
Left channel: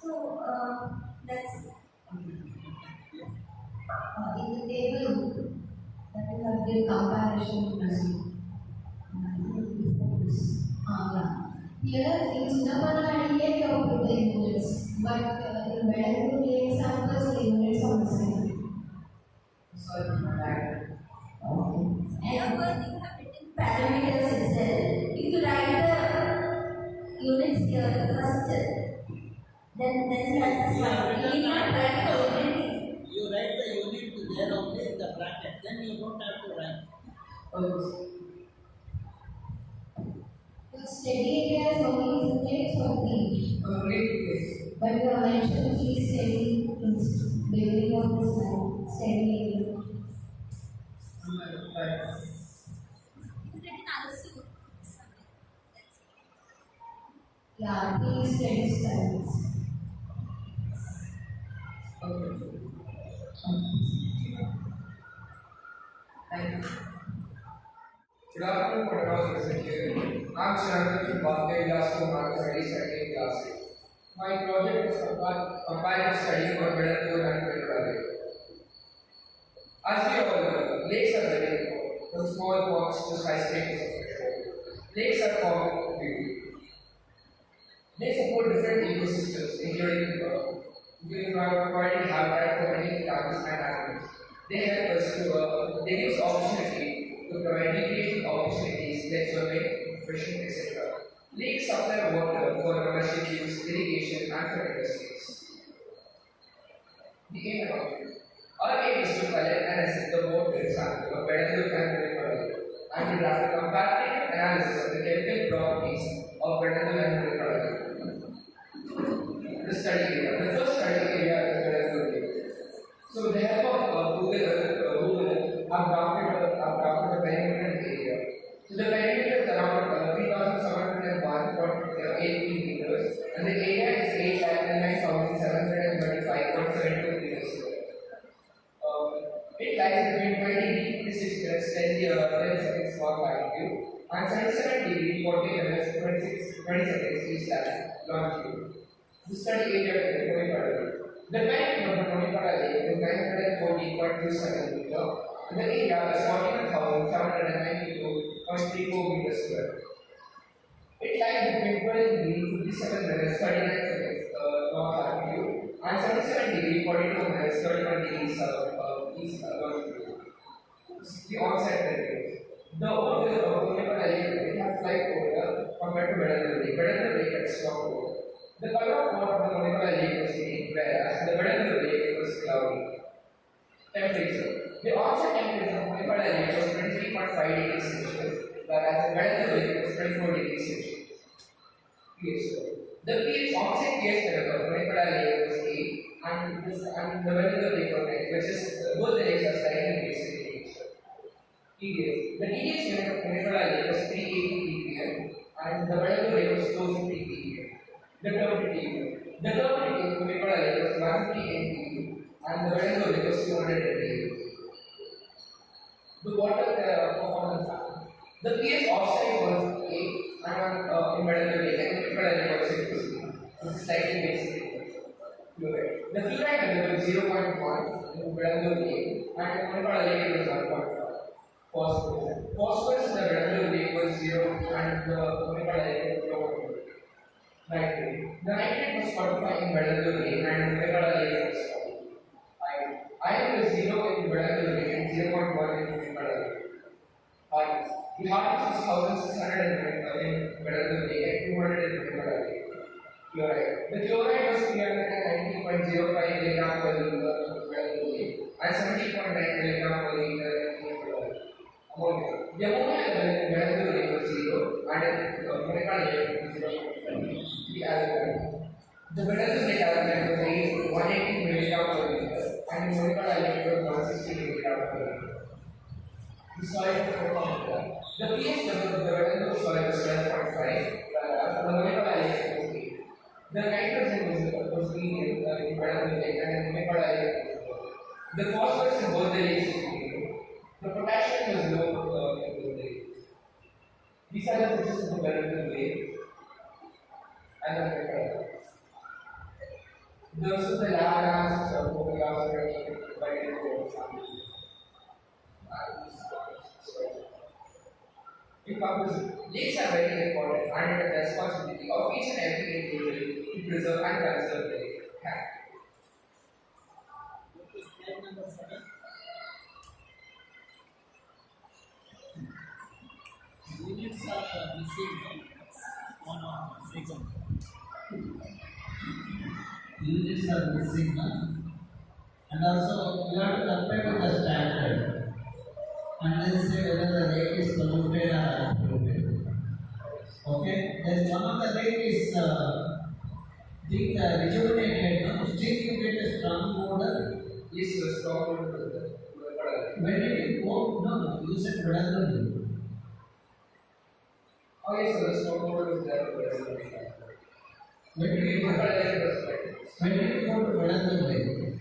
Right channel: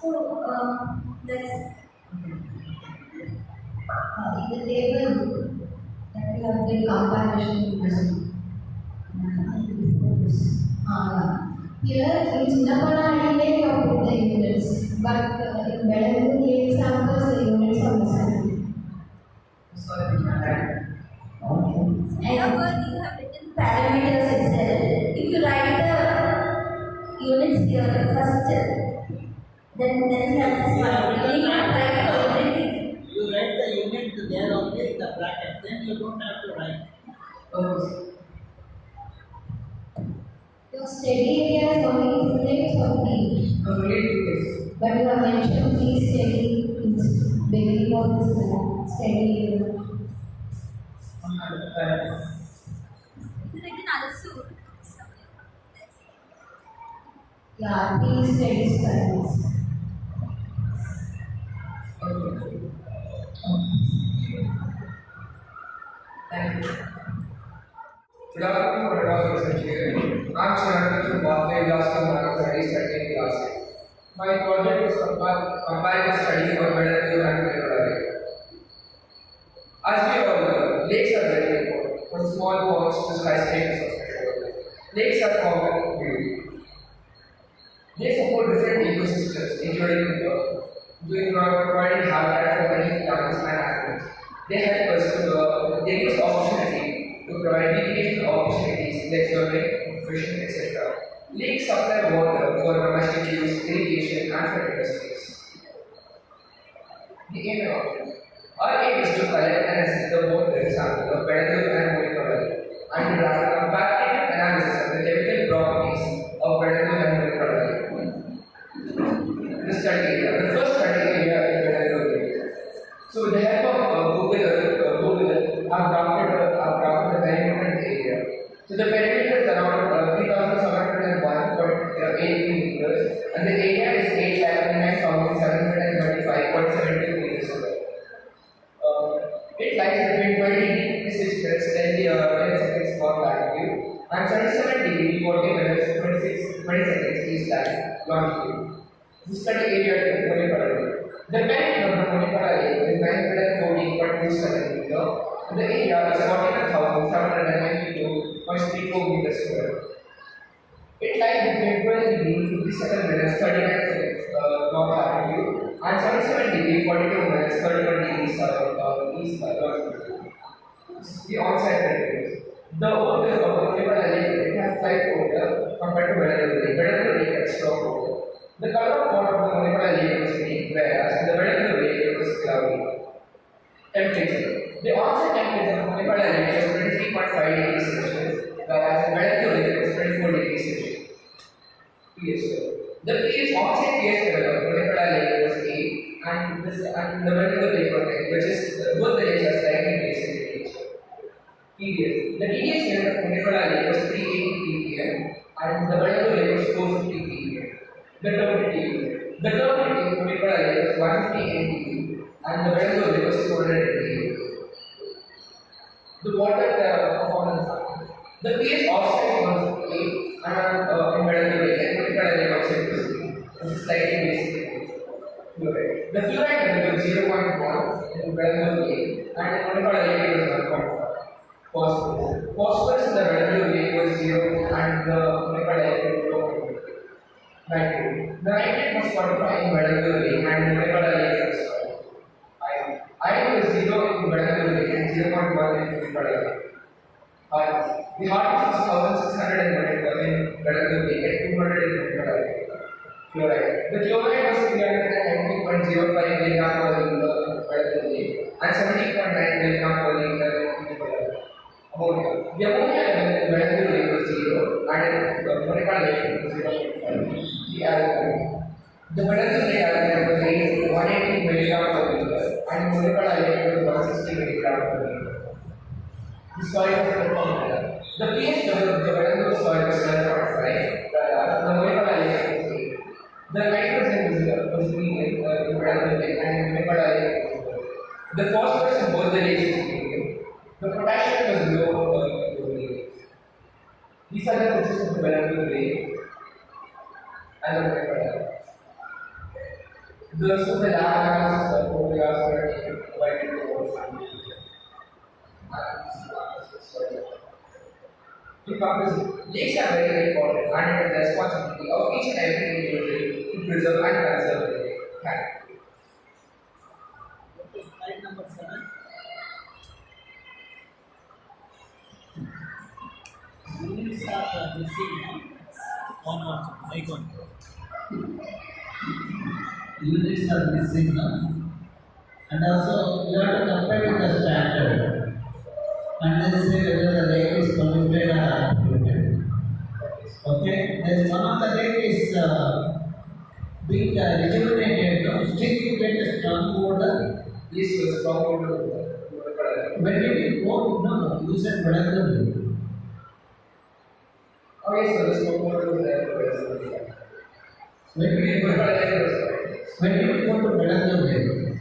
So that's In the table that we have been comparison to this. Here in Chinnapanhalli Lake you have put the units, but in Velandu Lake samples the units are missing. Sorry, ma'am. here where you have written parameters itself. If you write the units here first, then that's You have fine. You written need not write everything. You write the unit there only in the bracket, then you don't have to write. Okay. Your study area is only units or three, Only 2 days. but you have mentioned three study in beginning of this study area. It's written Alasur. Yeah, peace studies studies. Okay. Thank you. Good afternoon, Marathahalli essentially. I'm Shanti from Vilas to Marathahalli studying class. My project was comparative study for Vagdevi and Marathahalli. As we all know, lakes are very important. From small ponds to skyscrapers of freshwater. Lakes are common beauty. They support different ecosystems, including providing habitat for many plants and animals. They help us they give us opportunity to provide recreational opportunities like swimming, fishing, etc. Lakes supply water for domestic use, irrigation, and for industries. The aim of it. Our aim is to collect and assess the water sample of Vagdevi and Marathahalli and to draft a comparative analysis of the chemical properties of Vagdevi and Marathahalli. The study area. The first study area is Vagdevi. So with the help of Google, I've drafted a very important area. So the perimeter is around 3,701.83 meters, and the area is 8,9,725.72 meters square. It lies between 20 degrees 6 minutes 10 seconds for latitude and 77 degrees 40 minutes 20 seconds east longitude. The study area is Marathahalli. The perimeter of the Marathahalli is 914.27 meters and the area is 41,792.34 meters square. It lies between 12 degrees 57 minutes 39 seconds north latitude and 77 degrees 42 minutes 31 degrees east longitude. The on-site areas. The odor of the Marathahalli it has light odor compared to Vagdevi. Vagdevi has strong odor. The color of water of the Marathahalli was green, whereas the Vagdevi was cloudy. Temperature. The onset temperature of Marathahalli was 23.5 degrees Celsius, whereas the Vagdevi was 24 degrees Celsius. pH level. The pH onset pH level of Marathahalli was 8, and the Vagdevi was 9, which is both the lakes are slightly basic in nature. TDS. The TDS level of Marathahalli was 380 ppm, and the Vagdevi was 450 ppm. The turbidity unit. The turbidity of Marathahalli was 150 NTU, and the Vagdevi was 200 NTU. The water performance factor. The pH offside was 8, and in Vagdevi and Marathahalli was 6%. This is slightly basic. Fluoride. The fluoride level was 0.1 in Vagdevi and in Marathahalli was 1.5. Phosphorus. Phosphorus in the Vagdevi was 0 and the Marathahalli was 1.5. Nitrate. The nitrate was 45 in Vagdevi and the Marathahalli was 5. Iron. Iron was 0 in Vagdevi and 0.1 in Marathahalli. Hardness. The hardness was 1600 in Vagdevi and 200 in Marathahalli. Chloride. The chloride was 390.05 mg per liter in Vagdevi and 70.9 mg per liter in Marathahalli. Ammonia. The ammonia level in Vagdevi was 0 and in Marathahalli was 0.5. The alkaline. The Vagdevi alkaline was 180 mg per liter and in Marathahalli was 160 mg per liter. The soil of the formula. The pH level of the Vagdevi soil was 12.5, whereas the Marathahalli was 8. The nitrogen was green in Vagdevi and in Marathahalli was 4. The phosphorus in both the lakes is green. The potassium was low in both the lakes. These are the pictures of the Vagdevi lake and the Marathahalli. This is the lab analysis of photographs that are taken provided to our family. In conclusion, lakes are very important and it is the responsibility of each and every individual to preserve and conserve the lake. Thank you. Okay, slide number 7. Units are missing one more icon. Units are missing now. And also you have to compare with the standard and then say whether the lake is polluted or unpolluted. Okay, then one of the lake is being rejuvenated, no? Still you get a strong water. Yes, sir, strong water. When did you go? No, you said Vagdevi. Oh, yes, sir, the strong water was there. When did you go to Vagdevi?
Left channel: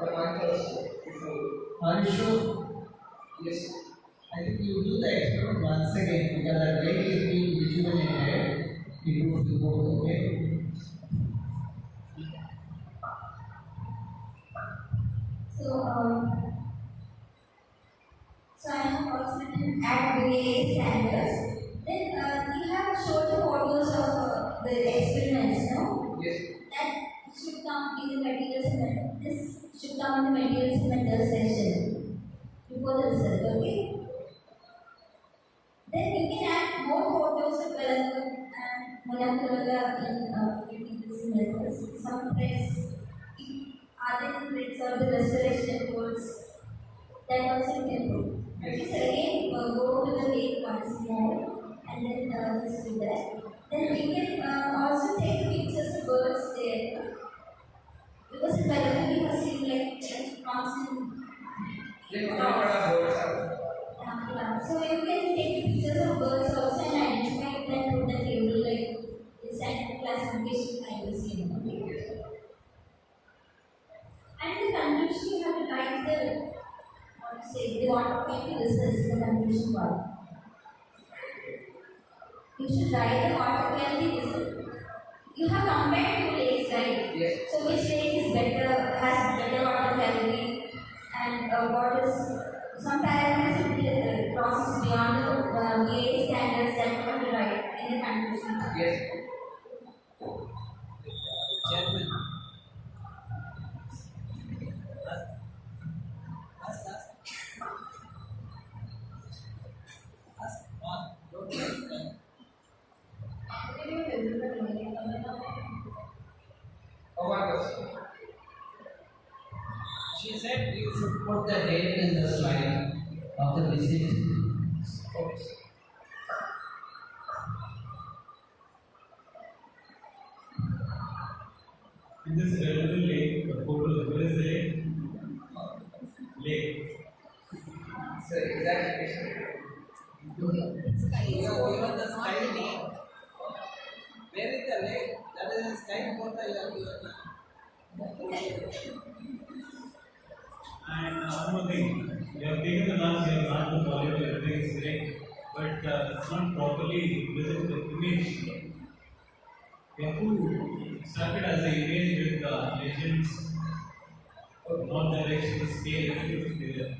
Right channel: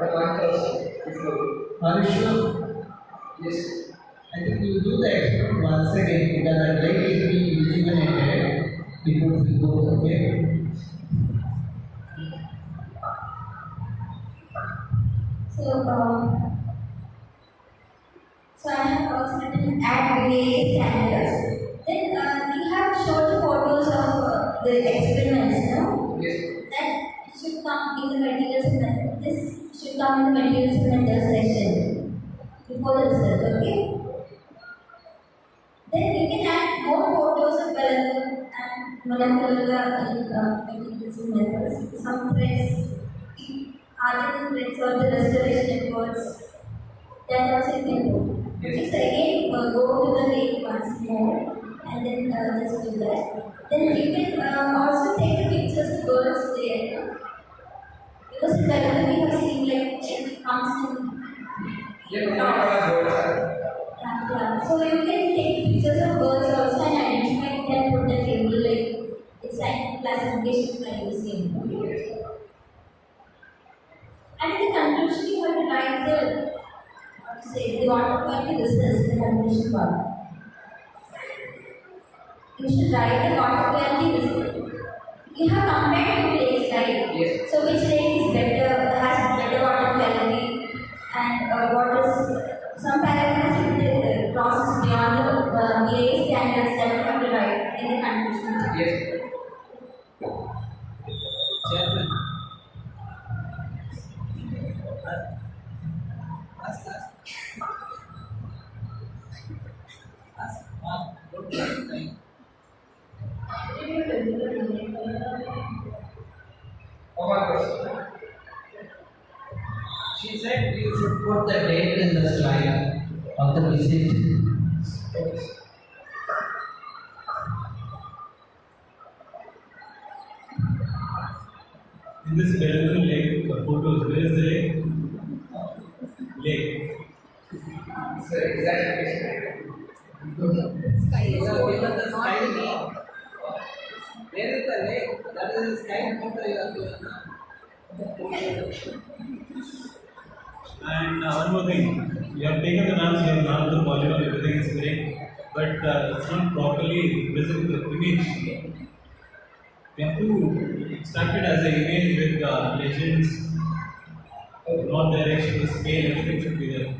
The month or so before. Are you sure? Yes. I think you do the experiment once again because the lake is being illuminated before we go, okay? So, so I have also written at various standards. Then we have showed the photos of the experiments, no? Yes. That should come in the materials and this should come in the materials and methods section before the result, okay? Then we can add more photos of molecular and molecular materials and methods. Some threads, artificial threads or the restoration efforts. That also you can do. Okay, so again, go to the lake once more and then just do that. Then you can also take the pictures of birds there. Because in Vagdevi we have seen like it comes in flocks. Yeah. So you can take pictures of birds also and identify it and put the table like it's like classification by using. Okay. And in the conclusion you have to write the what to say, the water quality results in the conclusion part. You should write the water quality result. You have compared two lakes, right? Yes. So which lake is better, has better water quality, and what is some paragraphs in the process beyond the IISC standards that you have to write in the conclusion. Yes. Chairman. Ask. Don't waste time. One question. She said you should put the date in the slide of the visit. Okay. In this beautiful lake, the photos, where is the lake? Lake. So exact question. You have given the sky name. Where is the lake? That is the sky photo you have given now. And one more thing, you have taken the maps, you have marked the polygon, everything is correct, but it's not properly presented the image. You have to extract it as an image with legends, north direction, the scale, everything should be there.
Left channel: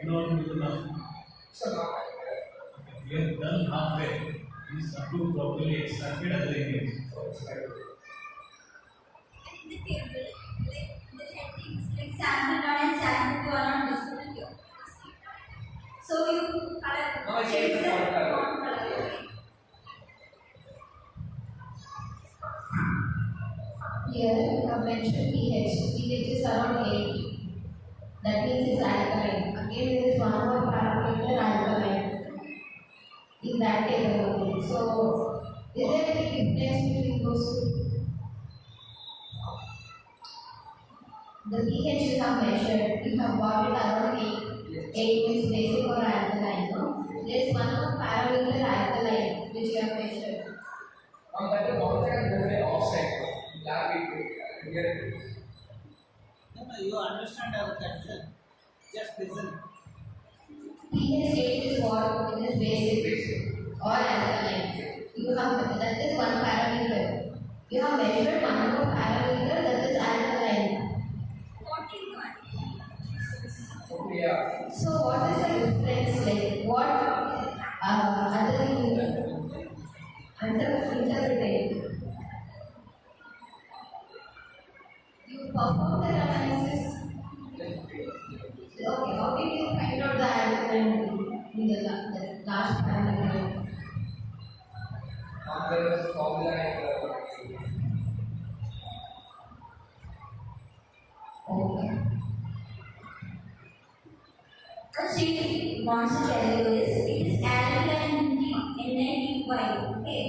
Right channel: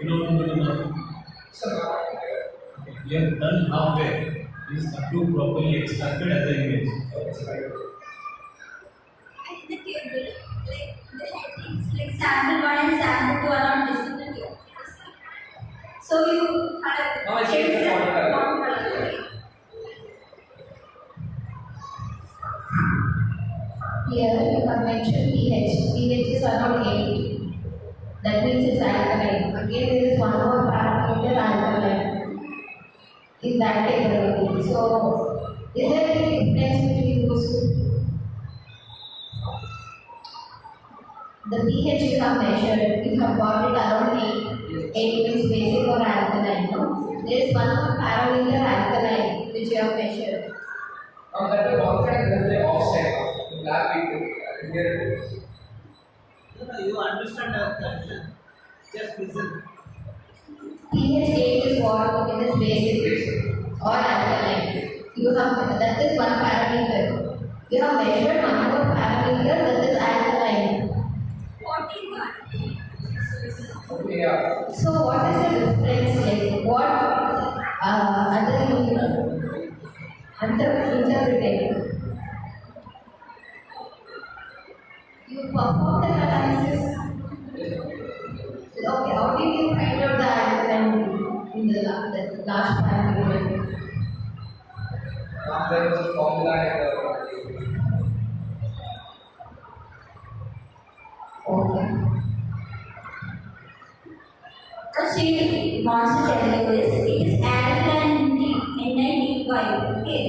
You know how to do the map. So You have done halfway. You just have to properly extract it as an image. And in the table, like the headings, like sample 1 and sample 2 are not visible here. So you color Now I change the font color. okay? Here you have mentioned pH. pH is around 8. That means it's alkaline. Again, there is one more parameter alkaline in that table. So, is there any difference between those two? The pH you have measured, you have got it around 8. 8 means basic or alkaline, no? There is one more parameter alkaline which you have measured. now that the confidence that they offset in lab people here it is. No, you understand our condition. Just listen. pH 8 is what? It is basic or alkaline. You have that is one parameter. You have measured one more parameter that is alkaline. 41. Okay, yeah. So what is the difference? Like what other interpreting? You perform the analysis. Okay, how did you find out the alkaline in the last parameter? Now there was a formula and Okay. What she wants to tell you is it is alkaline NiDy, okay?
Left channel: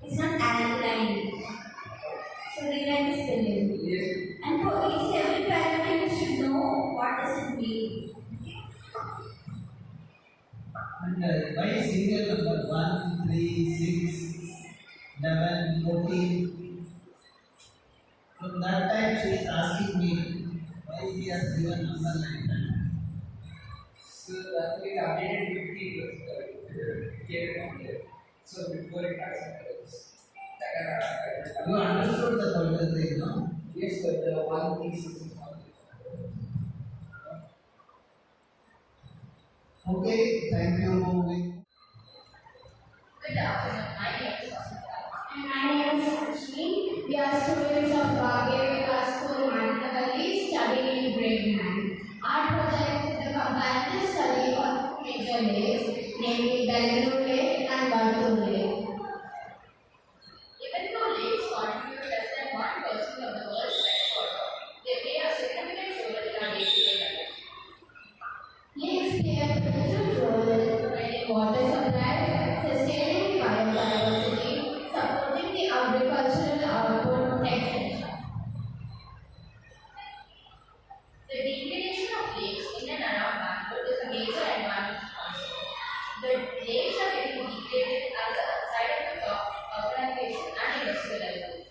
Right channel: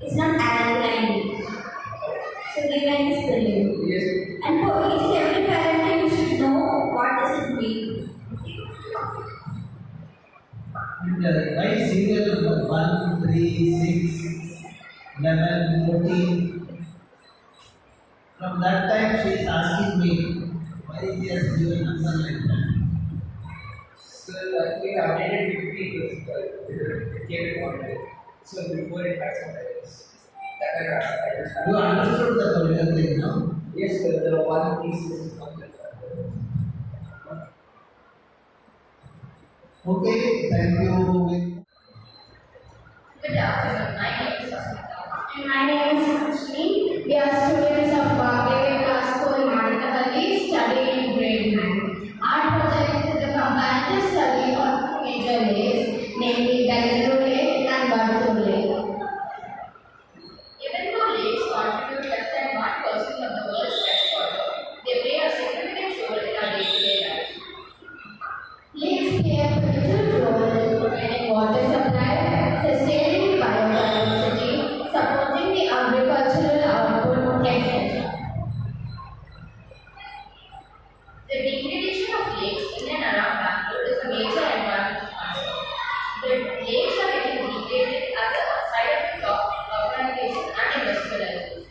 It's not alkaline. So rewrite the spelling. yes. And for each and every parameter you should know what does it mean. Okay? why serial number 1, 3, 6, 11, 14? From that time she is asking me why he has given number like that. So actually the updated PPT was it came online. So before it had some errors. That I just You understood the particular thing now? yes, the one piece is not that. Okay, thank you. Good afternoon. My name is Asmita. And my name is Ashmi. We are students of Vagdevi School, Marathahalli, studying in grade 9. Our project is a comparative study of major lakes, namely Vagdevi Lake and Marathahalli Lake. Even though lakes contribute less than 1% of the world's freshwater, they play a significant role in our day-to-day life. Lakes play a pivotal role in providing water supply, sustaining biodiversity, supporting the agricultural output, etc. The degradation of lakes in and around Bangalore is a major environmental concern. The lakes are getting degraded as a side effect of urbanization and industrialization.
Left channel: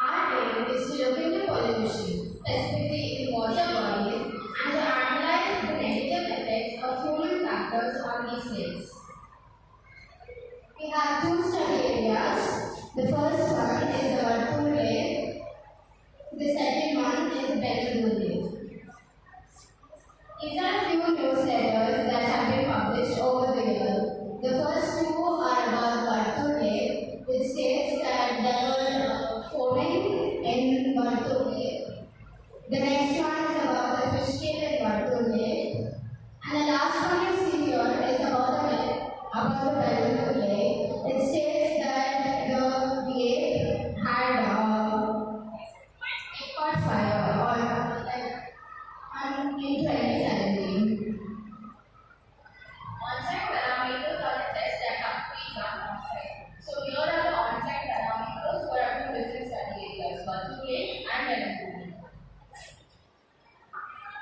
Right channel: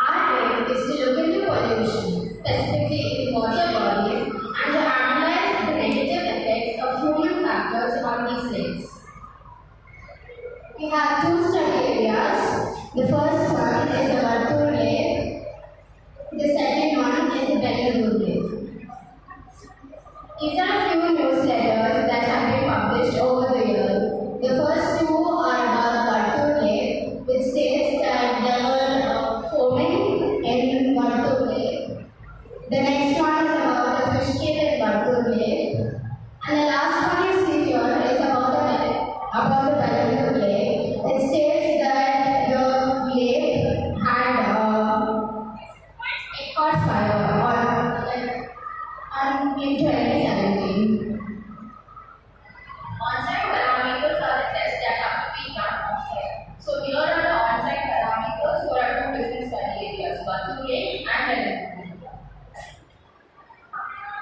Our aim is to look into pollution, specifically in water bodies, and to analyze the negative effects of human factors on these lakes. We have two study areas. The first one is the Marathahalli Lake. The second one is the Vagdevi Lake. These are a few newsletters that have been published over the years. The first two are about Vagdevi Lake, which states that there were foaming in Vagdevi Lake. The next one is about the fish kill in Vagdevi Lake. And the last one you see here is about the Vagdevi Lake. It states that the lake had it caught fire in 2017. On-site parameters are the tests that have to be done on-site. So here are the on-site parameters for our two different study areas, Vagdevi Lake and Vagdevi Lake.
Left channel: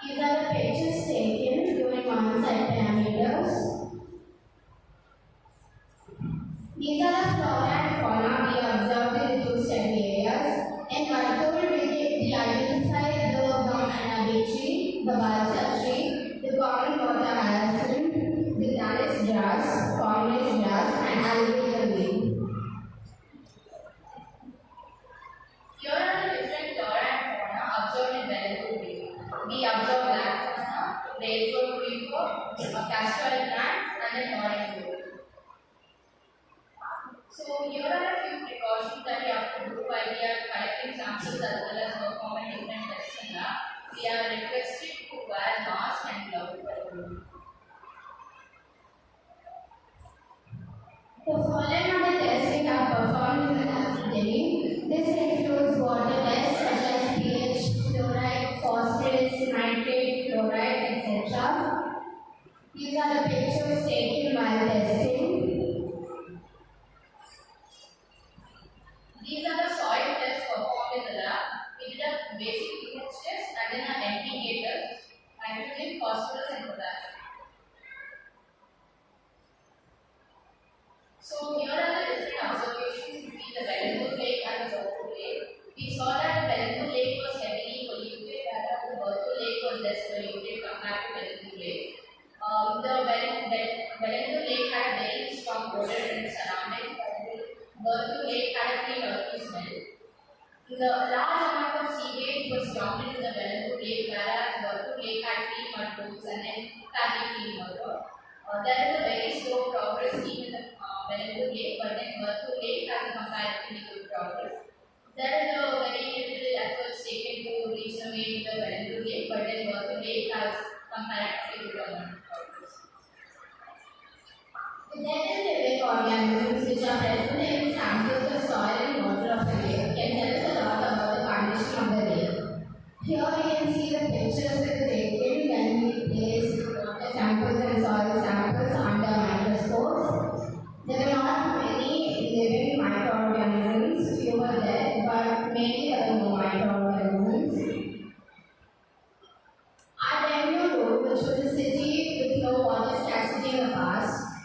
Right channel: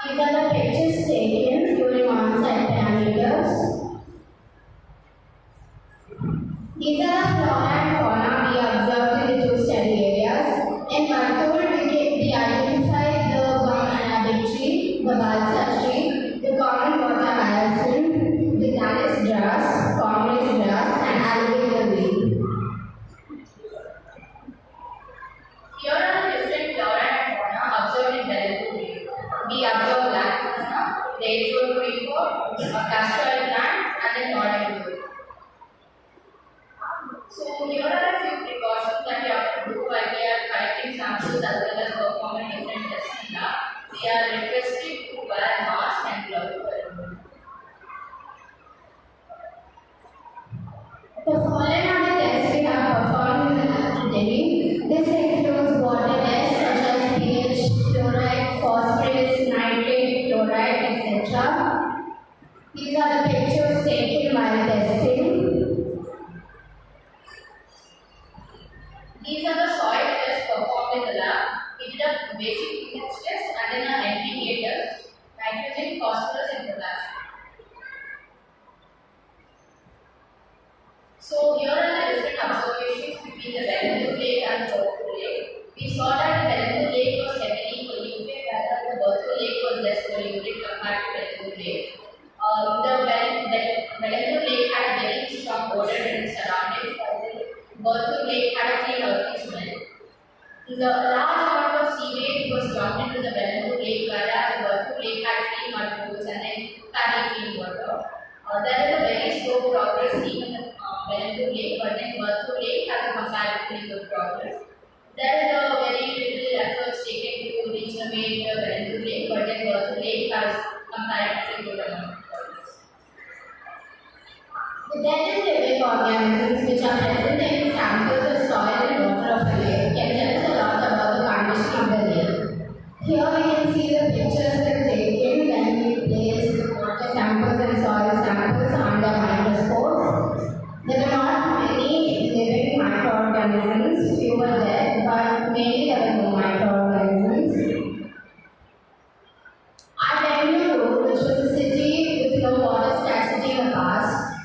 These are the pictures taken during on-site parameters. These are the flora and fauna we observed in the two study areas. In Vagdevi, we identified the banana tree, the balsa tree, the common water hyacinth, the Dallas grass, commerce grass, and alligator weed. Here are the different flora and fauna observed in Vagdevi Lake. We observe black banana, red gold creeper, a castor oil plant, and then northern wood. So here are a few precautions that we have to do while we are collecting samples as well as performing different tests in lab. We are requested to wear mask and gloves. The following are the tests we have performed in the lab today. This includes water tests such as pH, fluoride, phosphorus, nitrate, fluoride, etc. These are the pictures taken while testing. These are the soil tests performed in the lab. We did a basic pH test and then an NPK test, nitrogen, phosphorus, and potassium. So here are the different observations between the Vagdevi Lake and the Marathahalli Lake. We saw that the Vagdevi Lake was heavily polluted, whereas the Marathahalli Lake was less polluted compared to Vagdevi Lake. The Vagdevi Lake had a very strong odor in its surroundings, while the Marathahalli Lake had a clean earthy smell. The large amount of sewage was dumped into the Vagdevi Lake, whereas the Marathahalli Lake had clean mud pools and then fairly clean water. There is a very slow progress seen in the Vagdevi Lake, but then Marathahalli Lake has a comparatively good progress. There is a very little efforts taken to regenerate the Vagdevi Lake, but then Marathahalli Lake has comparatively good amount of progress. The dead and living organisms which are present in samples of soil and water of a lake can tell us a lot about the condition of the lake. Here we can see the pictures that are taken when we placed water samples and soil samples under microscope. There were not many living microorganisms, few were there, but mainly there were no microorganisms. Our Bangalore, which was a city with low water scarcity in the past,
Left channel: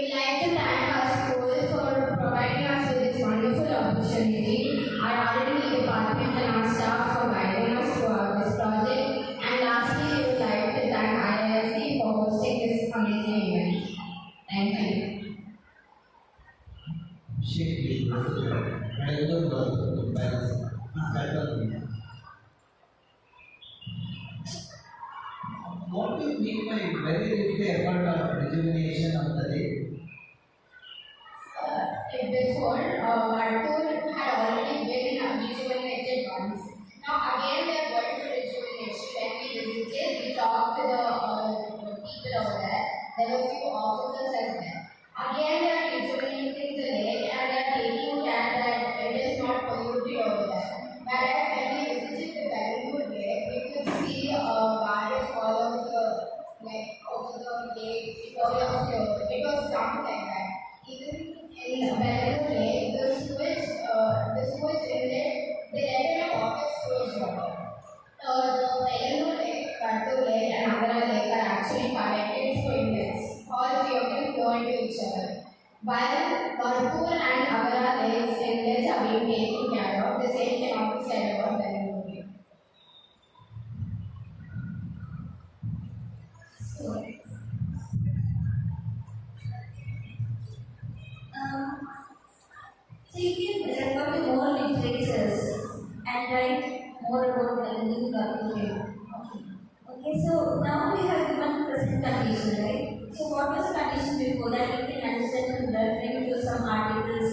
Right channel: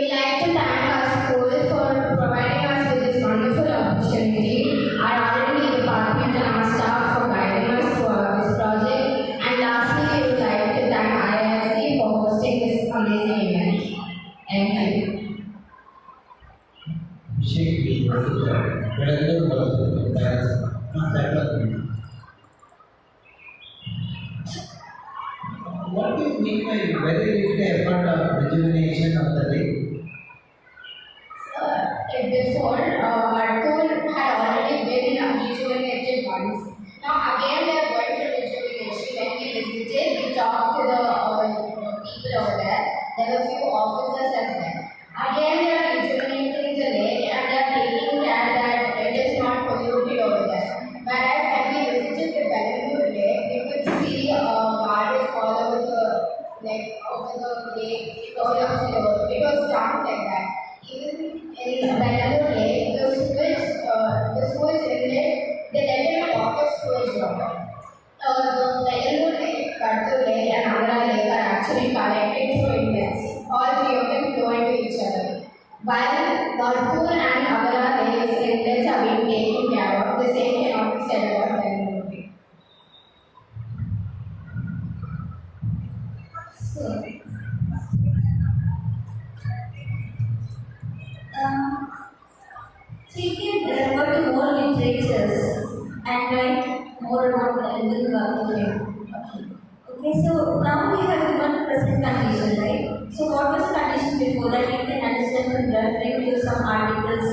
would like to thank our school for providing us with this wonderful opportunity, our R&D department and our staff for guiding us throughout this project, and lastly, we would like to thank IISC for hosting this amazing event. Thank you. What do you mean by very little effort of rejuvenation of the lake? Before, Marathahalli had already been rejuvenated once. Now again they are going for rejuvenation. When we visited, we talked to the people over there. There were few officers as well. Again they are rejuvenating the lake and they are taking care that it is not polluted over there. Whereas when we visited the Vagdevi lake, we could see garbage all over the lake. It was dumped like that. Even in Vagdevi lake, the sewage inlet, they let in a lot of sewage water. The Vagdevi lake, Vagdevi lake and Agara lake are actually connected through inlets. All three of them flow into each other. While Varthur and Agara lakes inlets are being taken care of, the same cannot be said about Vagdevi lake. So you can refer to more literatures and write more about the Indian culture. Okay, so now we have given present condition, right? So what was the condition before that? You can understand from referring to some articles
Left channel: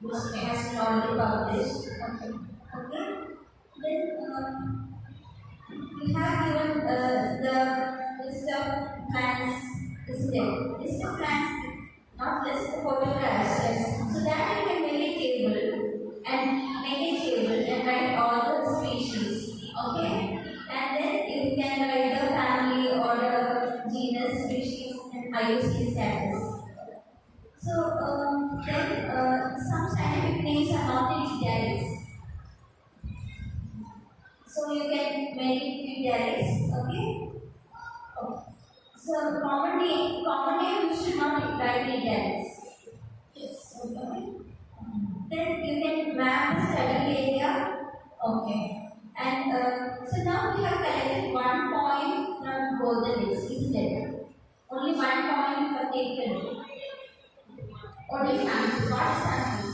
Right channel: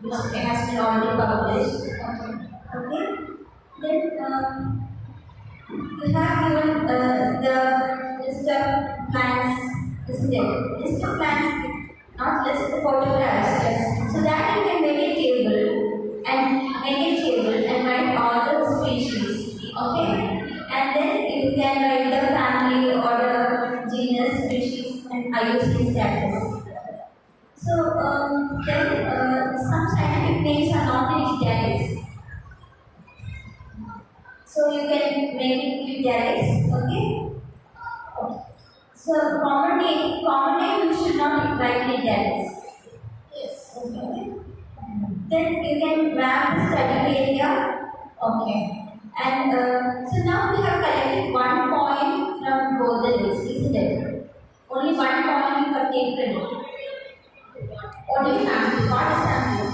which has been already published. Okay. Then we have given the list of plants, isn't it? List of plants, not list of photographs. Yes. So that you can make a table and write all the species. Okay. And then you can write the family or the genus, species, and IUCN status. So then some scientific names are not in italics. So you can make it italics, okay? So common name you should not write in italics. Yes. Okay. Then you can map the study area. Okay. And so now we have collected 1 point from both the lists, isn't it? Only 1 point you have taken. Only sample, not a sample.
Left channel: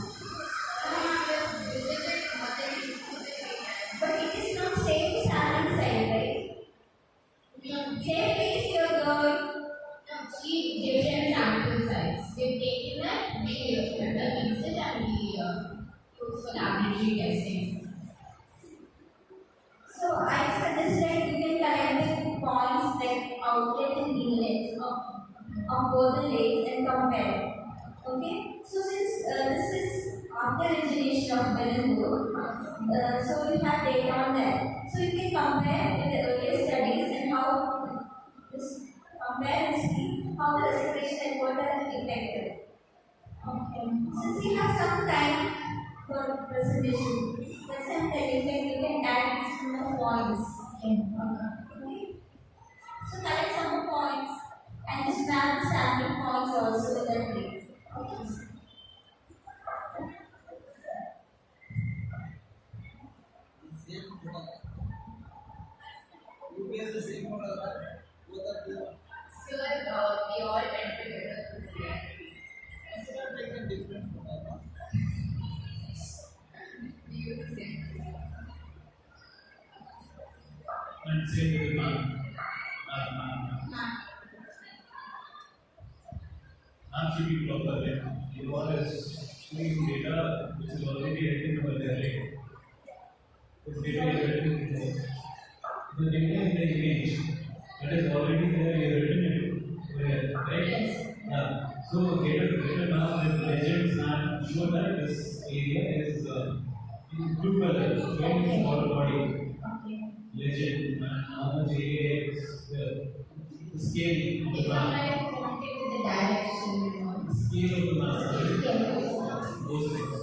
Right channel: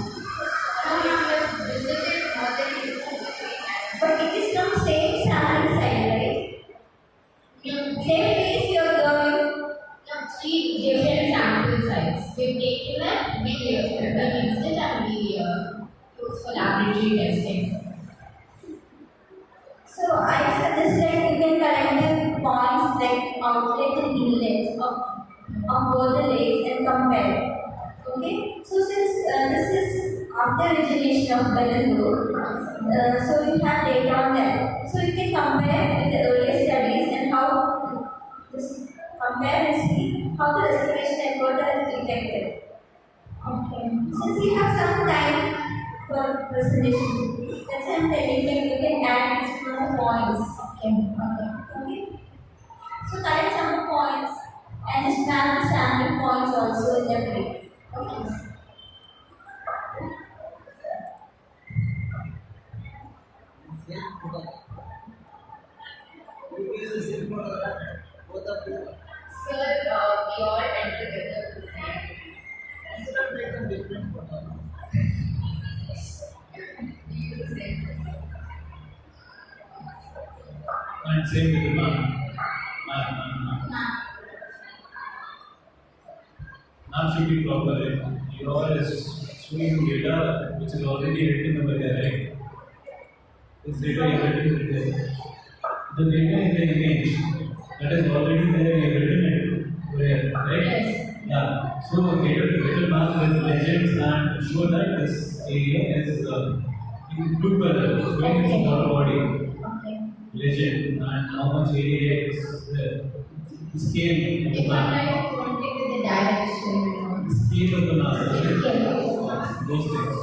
Now you have visited more than but it is not same sampling site, right? Same place you are going. 3 different sample sites. We've taken a video of them, we used it and we used for laboratory testing. So I suggest that you can collect the points like outlet and inlet of both the lakes and compare. Okay. So since this is after origination of Bellanur, so you have data on that. So you can compare with the earlier studies and how this compare and see how the restoration effort is effective. Okay. Since we have some time for presentation, that's why I'm telling you can add these more points. Okay. So collect some points and just map the sample points also in the place. Okay. You use the same photograph, both of you. Sir, we all went together to see. Instead of taking different photos. We use the same thing. And same with the map. Map should be proper, right? Your is showing data which is already written over there, right? This data is written there. The data in the image that is already there, you have written it over here, right? Yes. Yeah. So data map with legends and show that this area is in blue color, showing its water body. Okay. Legend and how much area is the scale of the If map. I wanted with the direction, The scale of the map. okay. Those things.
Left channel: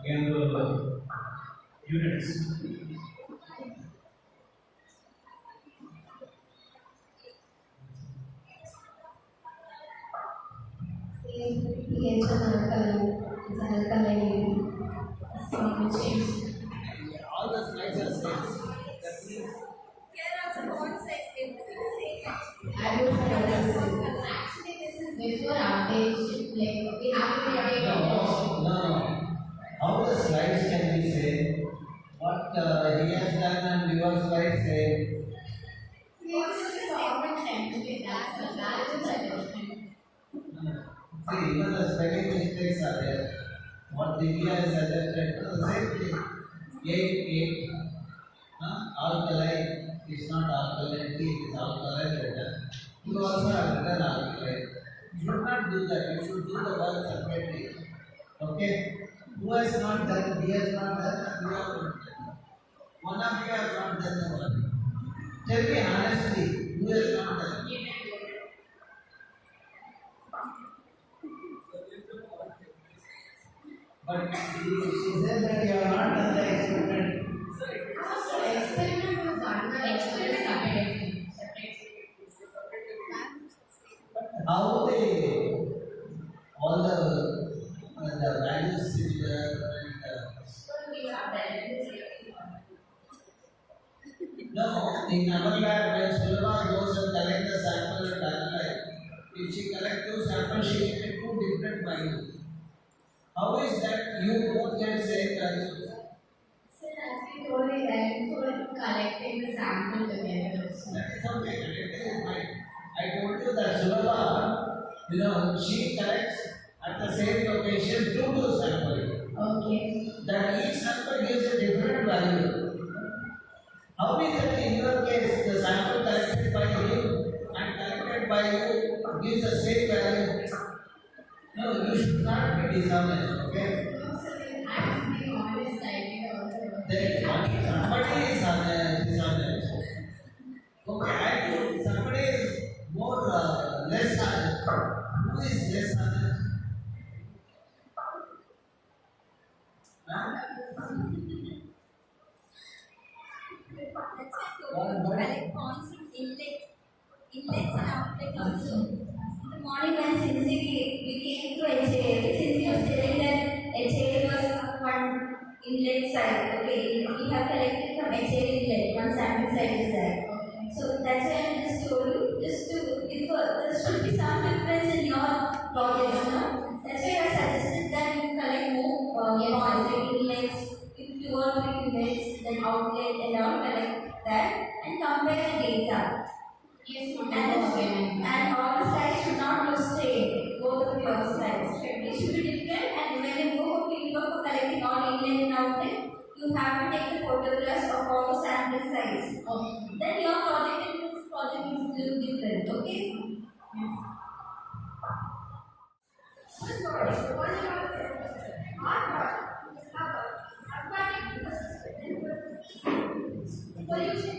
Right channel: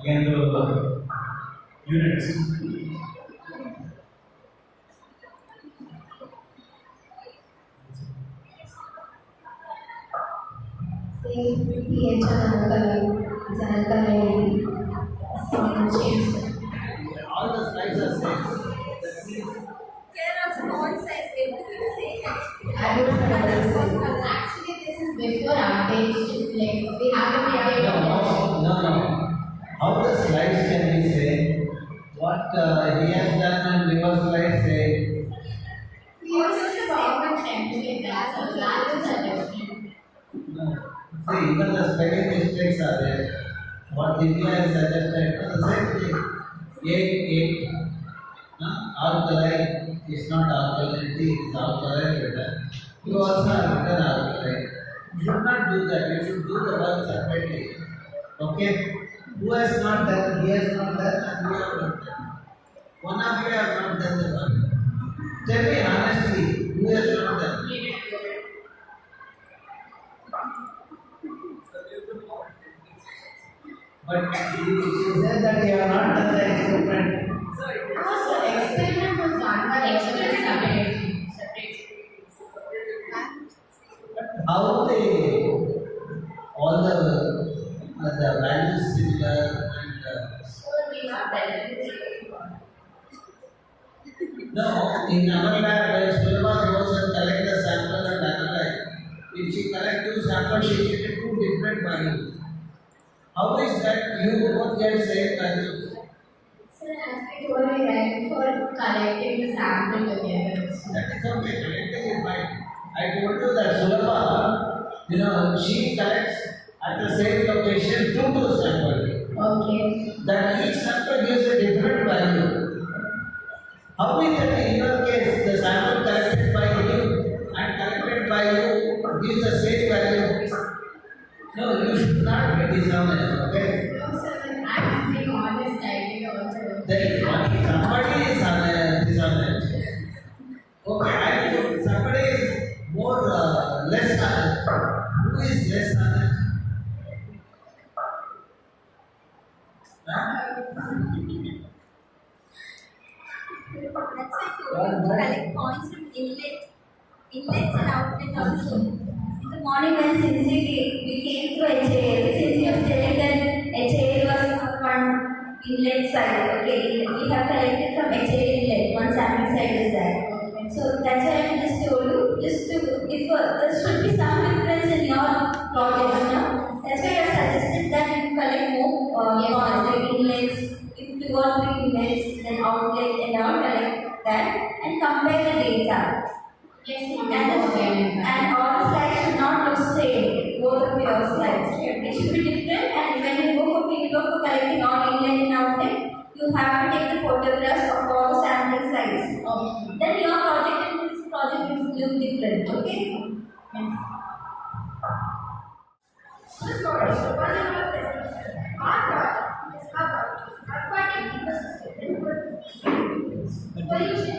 Again, the units. pH and alkaline, it's alkaline, change. All the slides are same. That means Here also font size, everything is same actually. I don't know what this Font is. color. Actually, this is before update. Like we have to update. no. How the slides can be same? What he has done and your slides say. Also, the government template that the values are different. No. See, even the spelling mistakes are there. What Divya has suggested, the same thing. 8. Alkaline is not alkalinity, it is alkaline written. You also have written alkaline. You should not do that. You should do the work separately. Okay? Who has not done? He has not done, and you have not done. One of you have not done the work. Tell me honestly, who has not done? But she said that you have not done the experiment. So experiment was done by experiment How they all the values similar and So we are relevant. no, in our lab when Sulma goes and collect the sample and analyze, if she collect 2 samples she get 2 different values. How is that you both get same values? So as we told you, right, for collecting the sample together. That is okay, collecting is fine. I told you that Sulma, she collects at the same location 2 samples. Okay. That each sample gives a different value. How is that in your case the sample collected by you and collected by you gives the same value? No, you should not be dishonest, okay? No, sir, then I'm being honest, I did also. Then somebody is dishonest. Okay, I think somebody is more less honest. Who is less honest? Huh? That's why I told you to collect points from inlets and outlet also. In the morning when we came to HAL, since you have said that HAL was one inlet side, okay, we have collected from HAL inlet, one sample side is there. So that's why I just told you, just to, if there should be some difference in your project, no? That's why I suggested that you collect more points, like inlets, if you want to inlets, then outlet and all, collect that and compare the data. Yes, And all slides should not look same, both of your slides. They should be different, and when you go for fieldwork for collecting all inlet and outlet, you have to take the photographs of all the sample size. Okay. Then your project and this project will look different, okay? Good morning. So, one of our presentation. Our project is about aquatic ecosystem and pollution.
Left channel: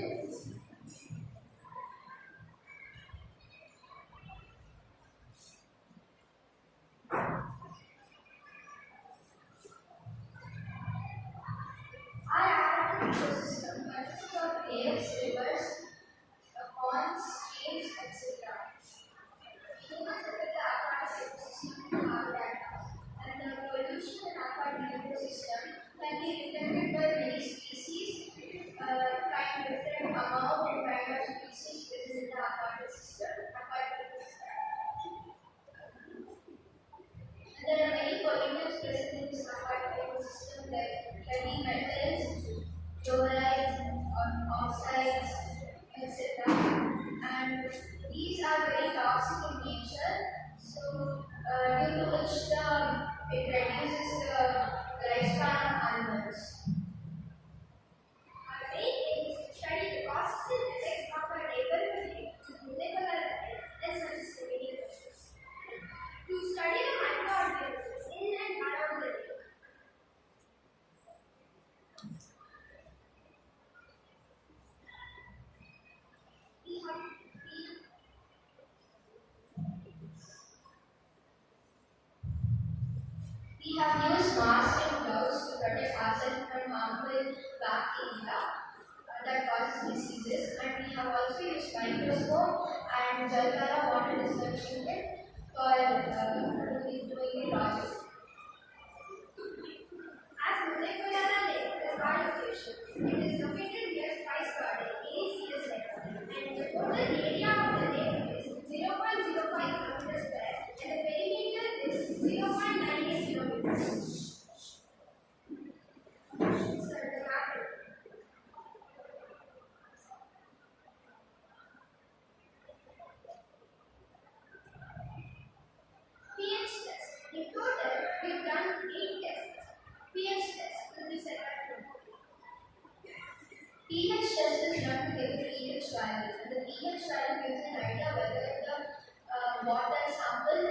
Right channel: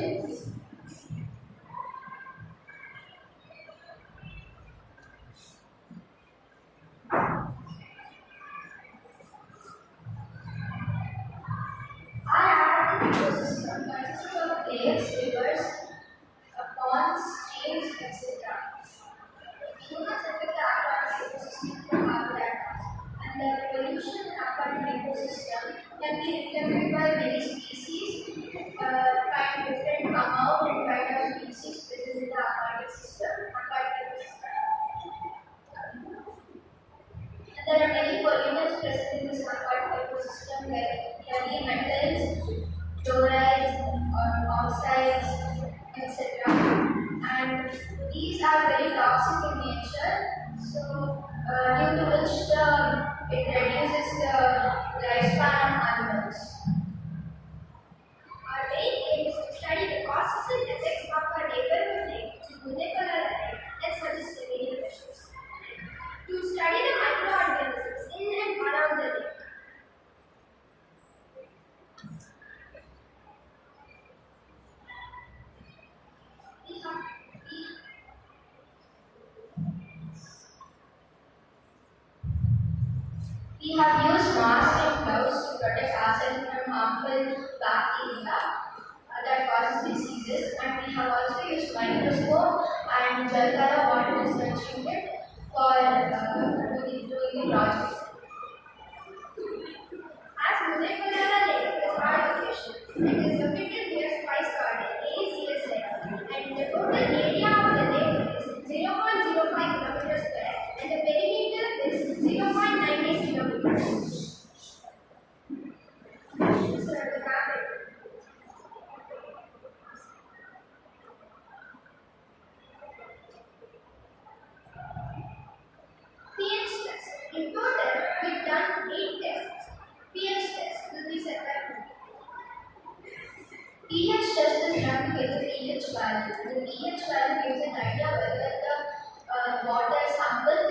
Our aquatic ecosystem consists of lakes, rivers, ponds, streams, etc. Humans affect the aquatic ecosystem from habitat and the pollution in aquatic ecosystem can be reflected by many species, kind different amount and kind of species present in the aquatic ecosystem. And there are many pollutants present in this aquatic ecosystem like heavy metals, chlorides, or oxides, etc. And these are very toxic in nature, so due to which it reduces the lifespan of animals. Our main aim is to study the causes and effects of our neighborhood lake, unipolar lake, and suggest remedial measures. To study the microorganisms in and around the lake. We have used masks and gloves to protect ourselves from harmful bacteria that causes diseases, and we have also used microscope and gel color water disinfectant for doing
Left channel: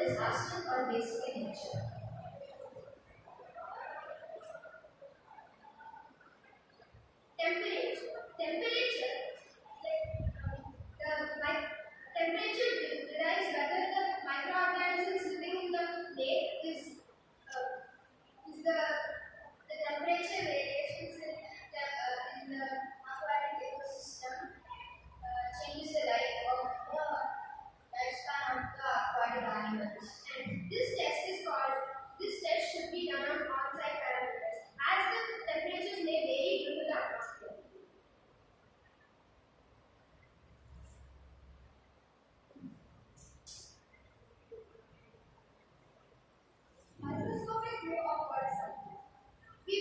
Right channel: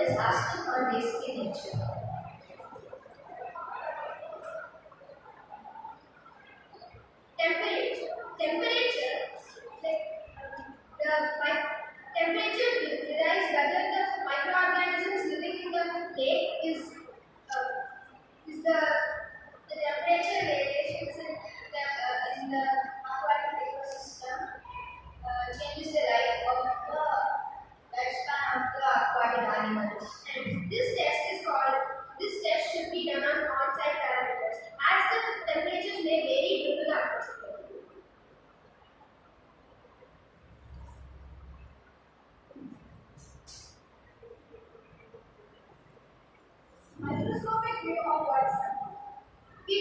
is asked or basic in nature. Temperature, temperature derives whether the microorganisms living in the lake is the temperature variations in the aquatic ecosystem changes the life of the lifespan of the aquatic animals. And this test should be done on on-site parameters as the temperatures may vary due to the atmosphere. Microscopic view of water sample. We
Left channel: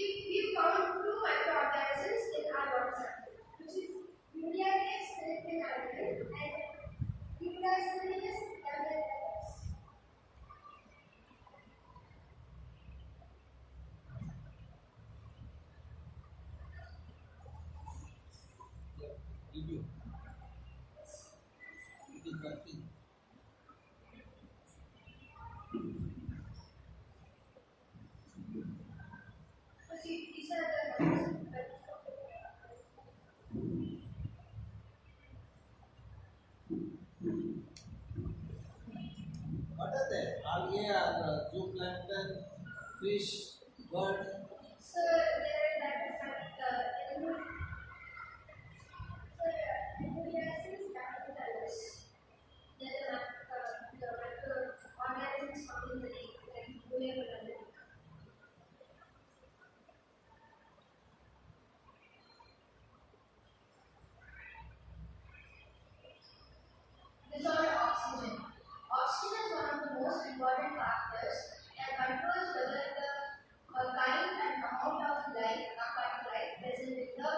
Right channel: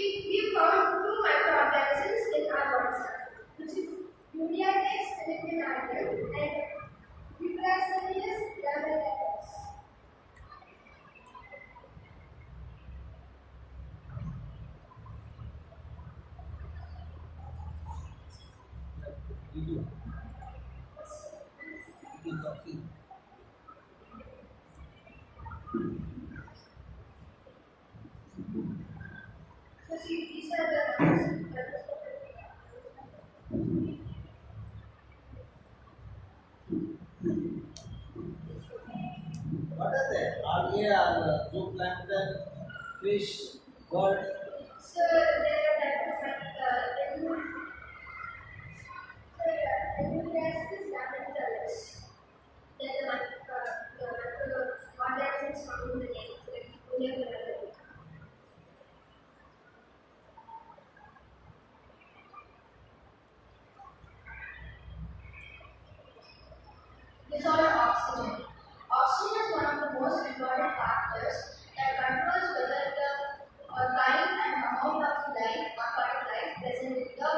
found two microorganisms in our water sample, which is Uriates philippinarium and Vilas lamentatus. So see, these are the microscopic. What are they? Algae or zooplankton, fish, bird? So there are types of Uriates lamentatus. Then the organisms found in the lake, like Ulia. Disorder oxygen. Oxygen is one of the most important factors that controls whether the kind and amount of life, aquatic life present in the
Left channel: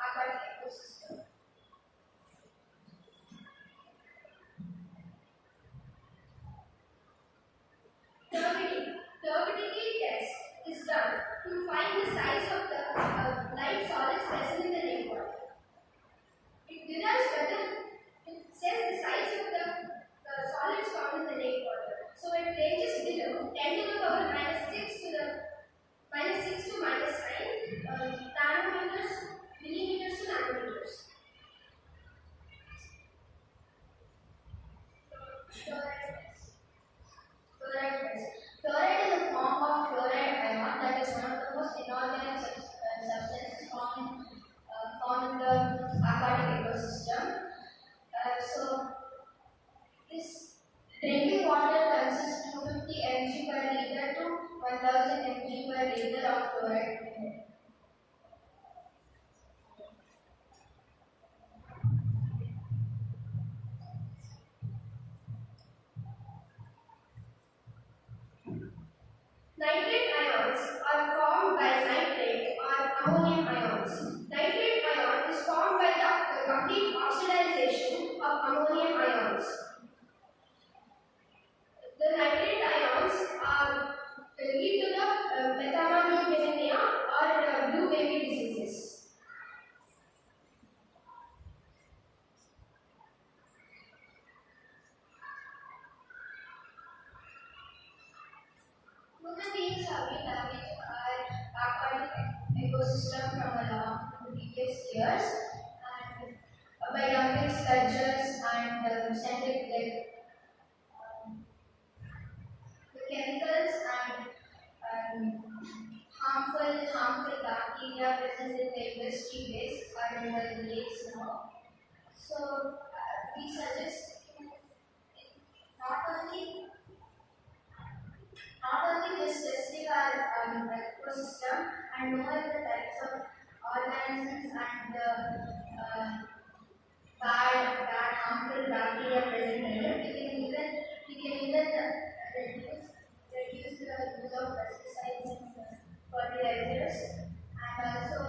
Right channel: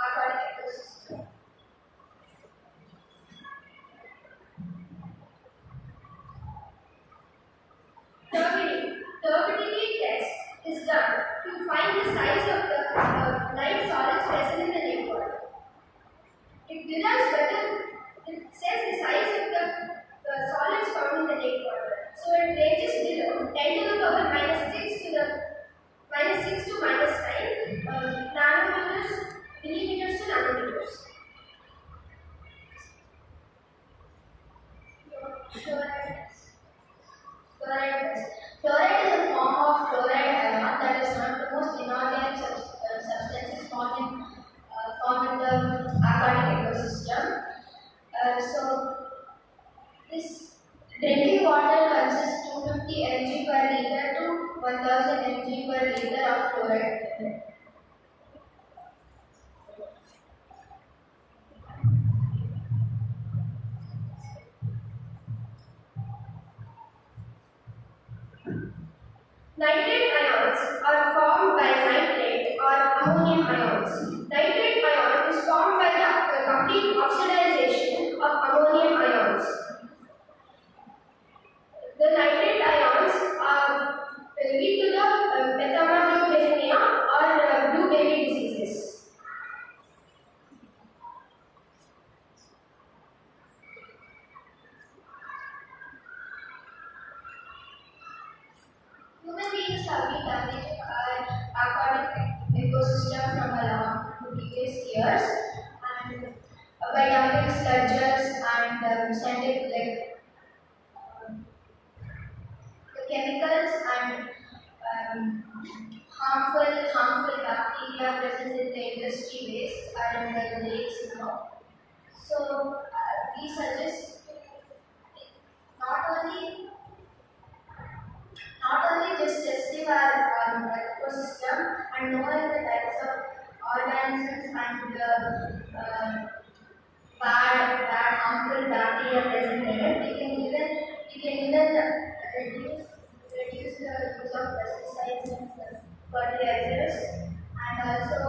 aquatic ecosystem. Turbidity test is done to find the size of the light solids present in the lake water. It derives whether it says the size of the solids found in the lake water. So it ranges below 10 to the power minus 6 to the minus 6 to minus 9 nanometers, millimeters to nanometers. Fluoride is a form of fluoride ion that is one of the most inorganic substances found in the aquatic ecosystem. So this drinking water consists 250 mg per liter to 1000 mg per liter of fluoride. Nitrate ions are formed by nitrate or ammonium ions. Nitrate ion is formed by the complete oxidization of ammonium ions. The nitrate ions lead to the methanobulimia or blue baby diseases. Human beings have been damaging our aquatic ecosystem from around the previous years, and by dumping sludges and sending the chemicals and harmful bacteria present in the industry waste are in the lakes now. So we suggest not only just testing our ecosystem and knowing the types of organisms and the bad harmful bacteria present in it, we can even reduce the use of pesticides and fertilizers, and also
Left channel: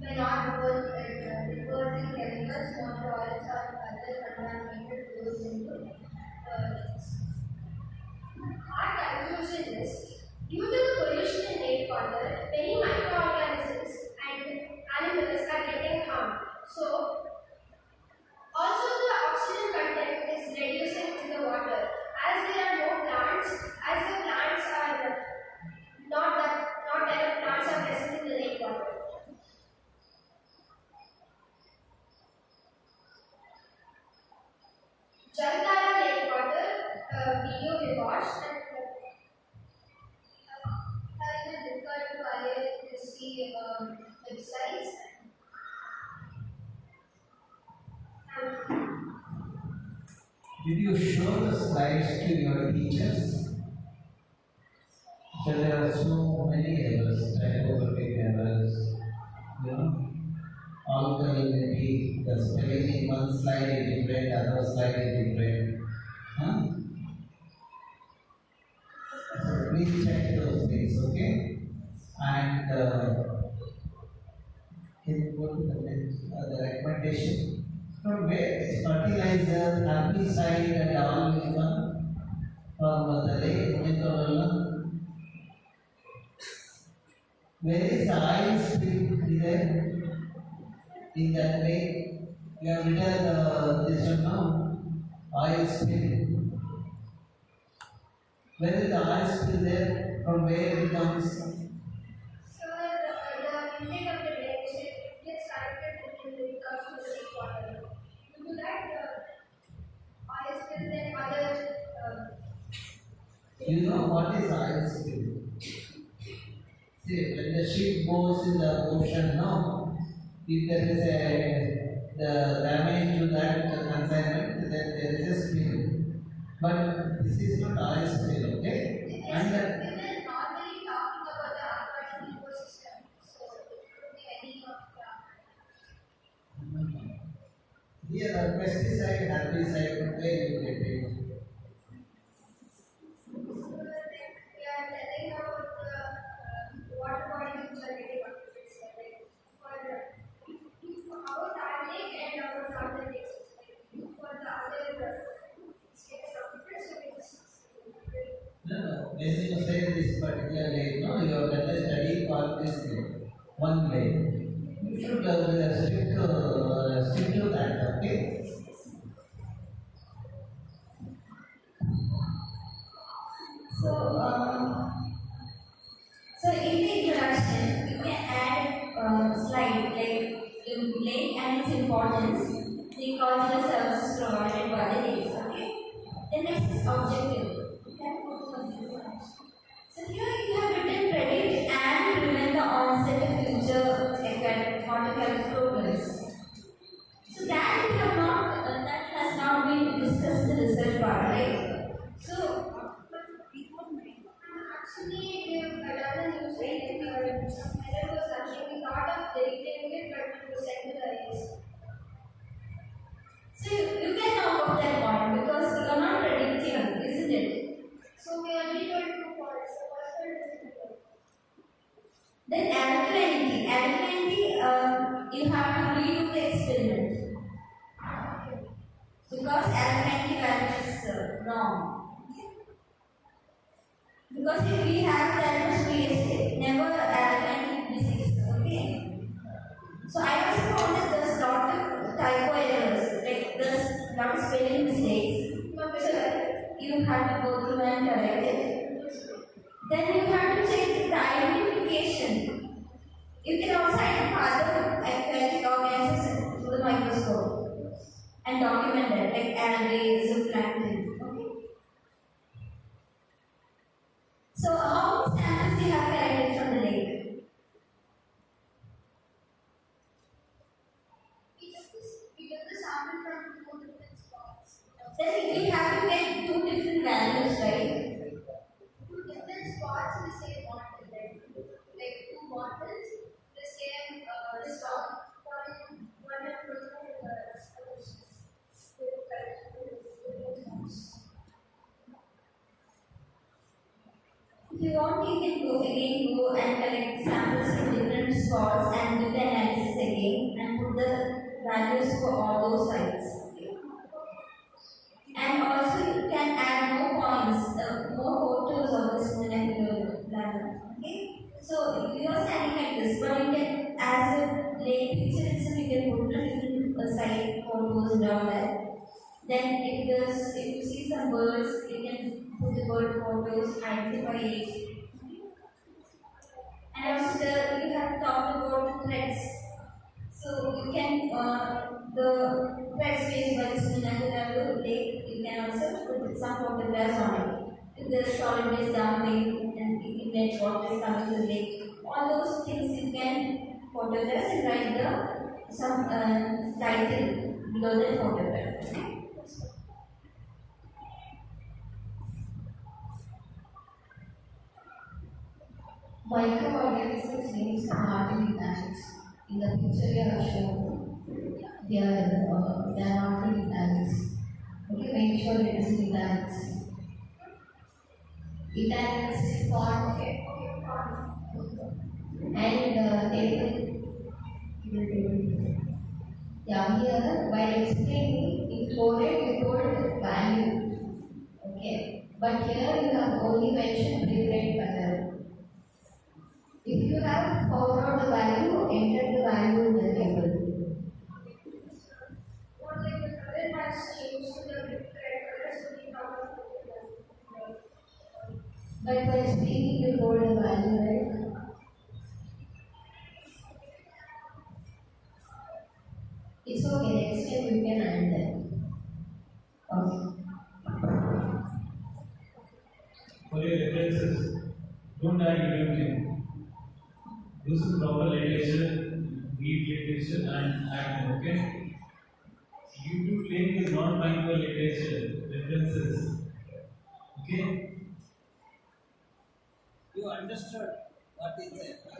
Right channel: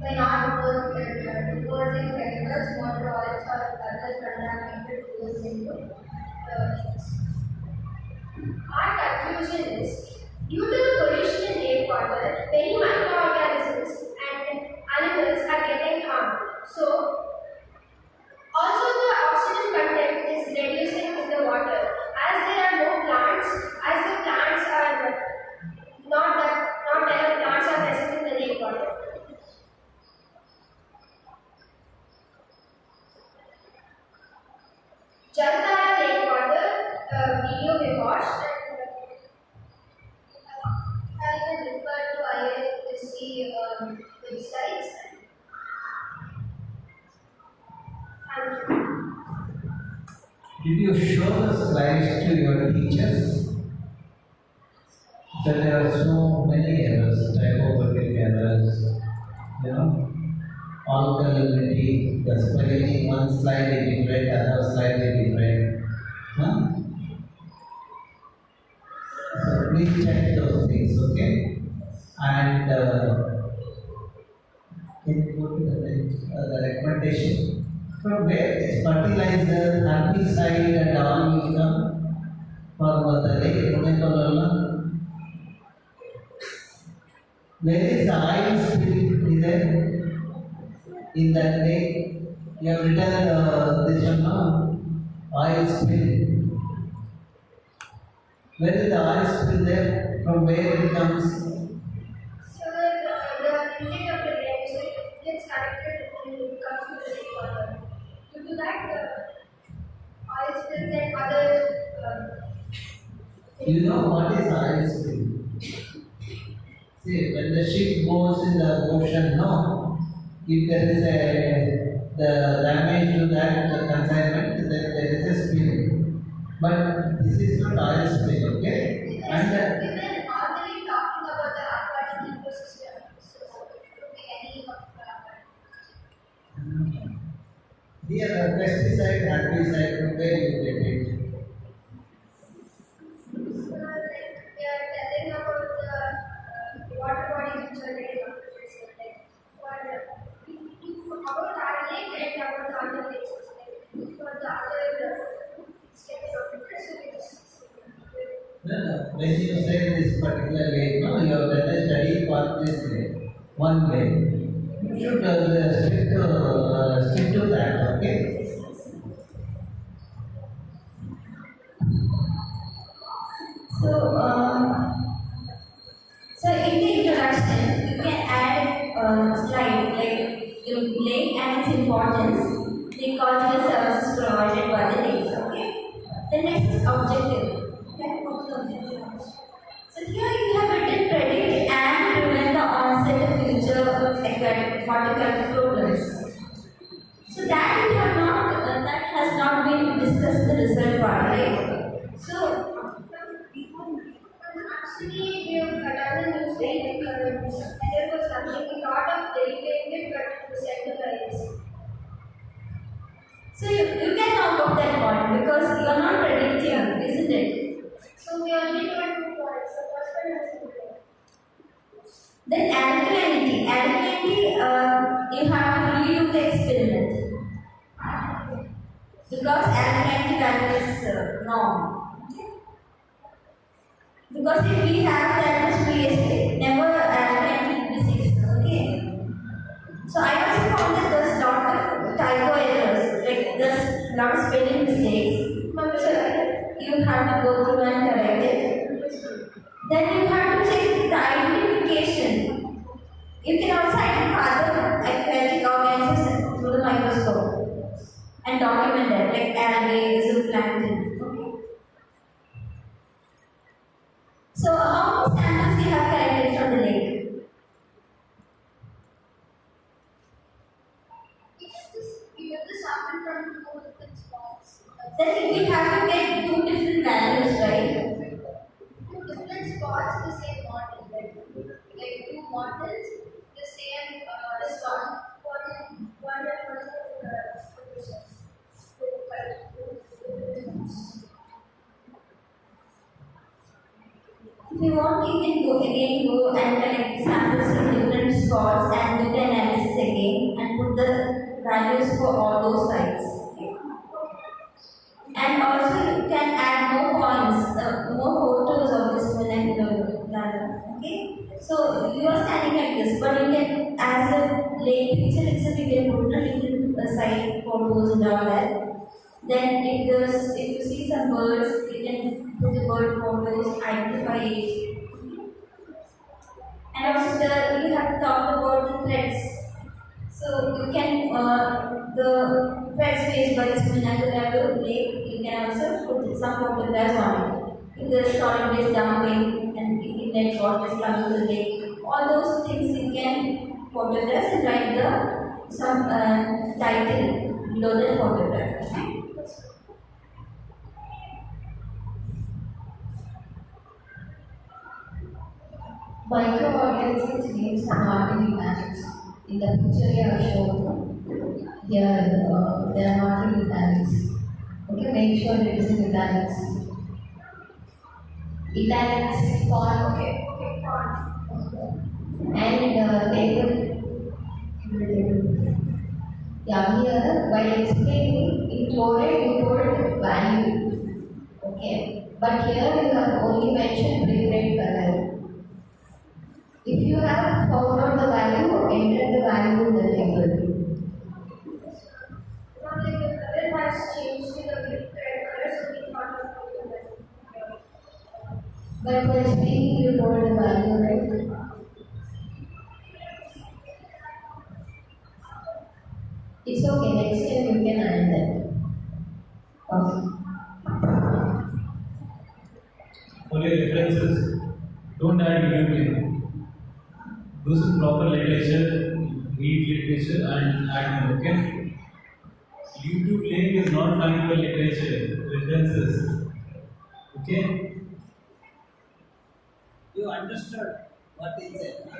by not deposing chemicals, motor oils or other contaminated fuels into the lakes. Our conclusion is, due to the pollution in lake water, many microorganisms and animals are getting harmed. So, also the oxygen content is reduced Jaltara Lake water video we watched and I even referred to IISC websites. And Did you show the slides to your teachers? That there are so many errors, typographic errors, alkalinity, the spelling in one slide is different, other slide is different. Huh? So please check those things, okay? And can you go to the recommendation? From where is fertilizer, herbicide and all will come from the lake Punekolala? Where is the oil spill? Is there? In that lake, you have written this one now, oil spill. Where is the oil spill there? From where it comes? so the intake of the lake, so it gets connected and it comes to the lake water. Due to that, the oil spills and other. You know what is oil spill? See, when the ship goes in the ocean, no, if there is the damage to that consignment, then there is a spill. But this is not oil spill, okay? And We were normally talking about the aquatic ecosystem, so it could be any of the here the pesticide, herbicide, from where you get it? So, like, we are telling about the water bodies which are getting affected. So, like, for our lake and our other lakes, like, for the other states of it, so it is. No. When you say this particular lake, no, you have done a study for this lake, one lake. You should stick to that, okay? So in the introduction, you can add a slide like your lake and its importance, the cultural services provided by the lakes. Okay. The next is objective. Okay. So here you have written predict and prevent the onset of future aquatic problems. So that we have not that has not been discussed in the research part, right? So Actually, we have done a new study because there was something we thought of dedicating it, but it was sent to the IISC. So you can know about that point because you are not predicting, isn't it? So we only told 2 points. The first one was simple. Then alkalinity. Alkalinity, you have to redo the experiment because alkalinity value is norm. Because if we have that much PhD, never alkalinity disease. Okay. So I also found that there's lot of typo errors, like there's lot of spelling mistakes. So you have to go through and correct it. Then you have to check the identification. You can also identify the aquatic organisms through the microscope and document it, like algae, zooplankton. Okay. So how many samples we have collected from the lake? We get the sample from 2 different spots. Then we have to get 2 different values, right? 2 different spots, the same model. Like 2 models, the same this one refers to the solution. If you want, you can go and collect samples from different spots and do the analysis again and put the values for all those sites. Okay. And also you can add more points, more photos of this molecular ladder. Okay. So you are standing like this, but you can, as a lake picture itself, you can put the different site photos and all that. Then if you see some birds, you can put the bird photos, identify it. And also you have talked about the threats. So you can the fresh space by this Marathahalli lake. You can also put some photographs on it. If the solid is dumping and if net water is coming to the lake, all those things you can photograph and write the some title below the photograph. Okay? Microorganisms names are not really planets. In the picture you have shown, they are not really planets. Okay, make sure it is in italics. Italics font. Okay, font. And table. Yeah, here by explaining in chloride you told value. Okay, but here you have only mentioned prepreg color. If you have found out the value, enter the value in the table. Not like the color has changed to the red color, so we can't have the But while speaking, you told the value, right? It's okay, next time you can add that. Okay. For your references, don't add YouTube. Do some proper literature, read literature and add them, okay? YouTube link is not fine for literature, references. Okay? You understood what is it?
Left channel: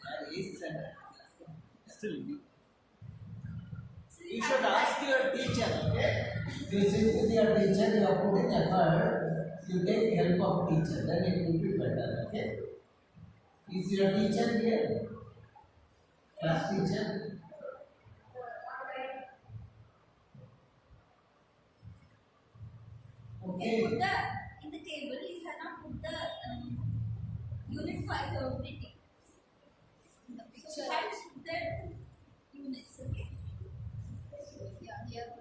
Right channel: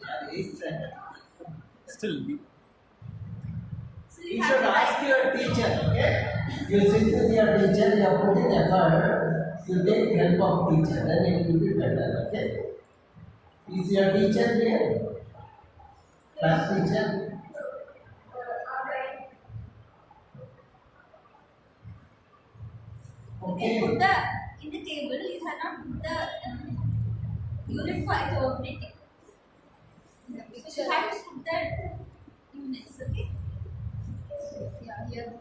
They are eighth standard. Still, So You have should to ask write- your teacher, okay? You sit with your teacher, you are putting effort, you take help of teacher, then it will be better, okay? Is your teacher here? Class teacher? You can put the in the table. You cannot put the unit for operating. So you have to put the units. Okay. Yeah, here.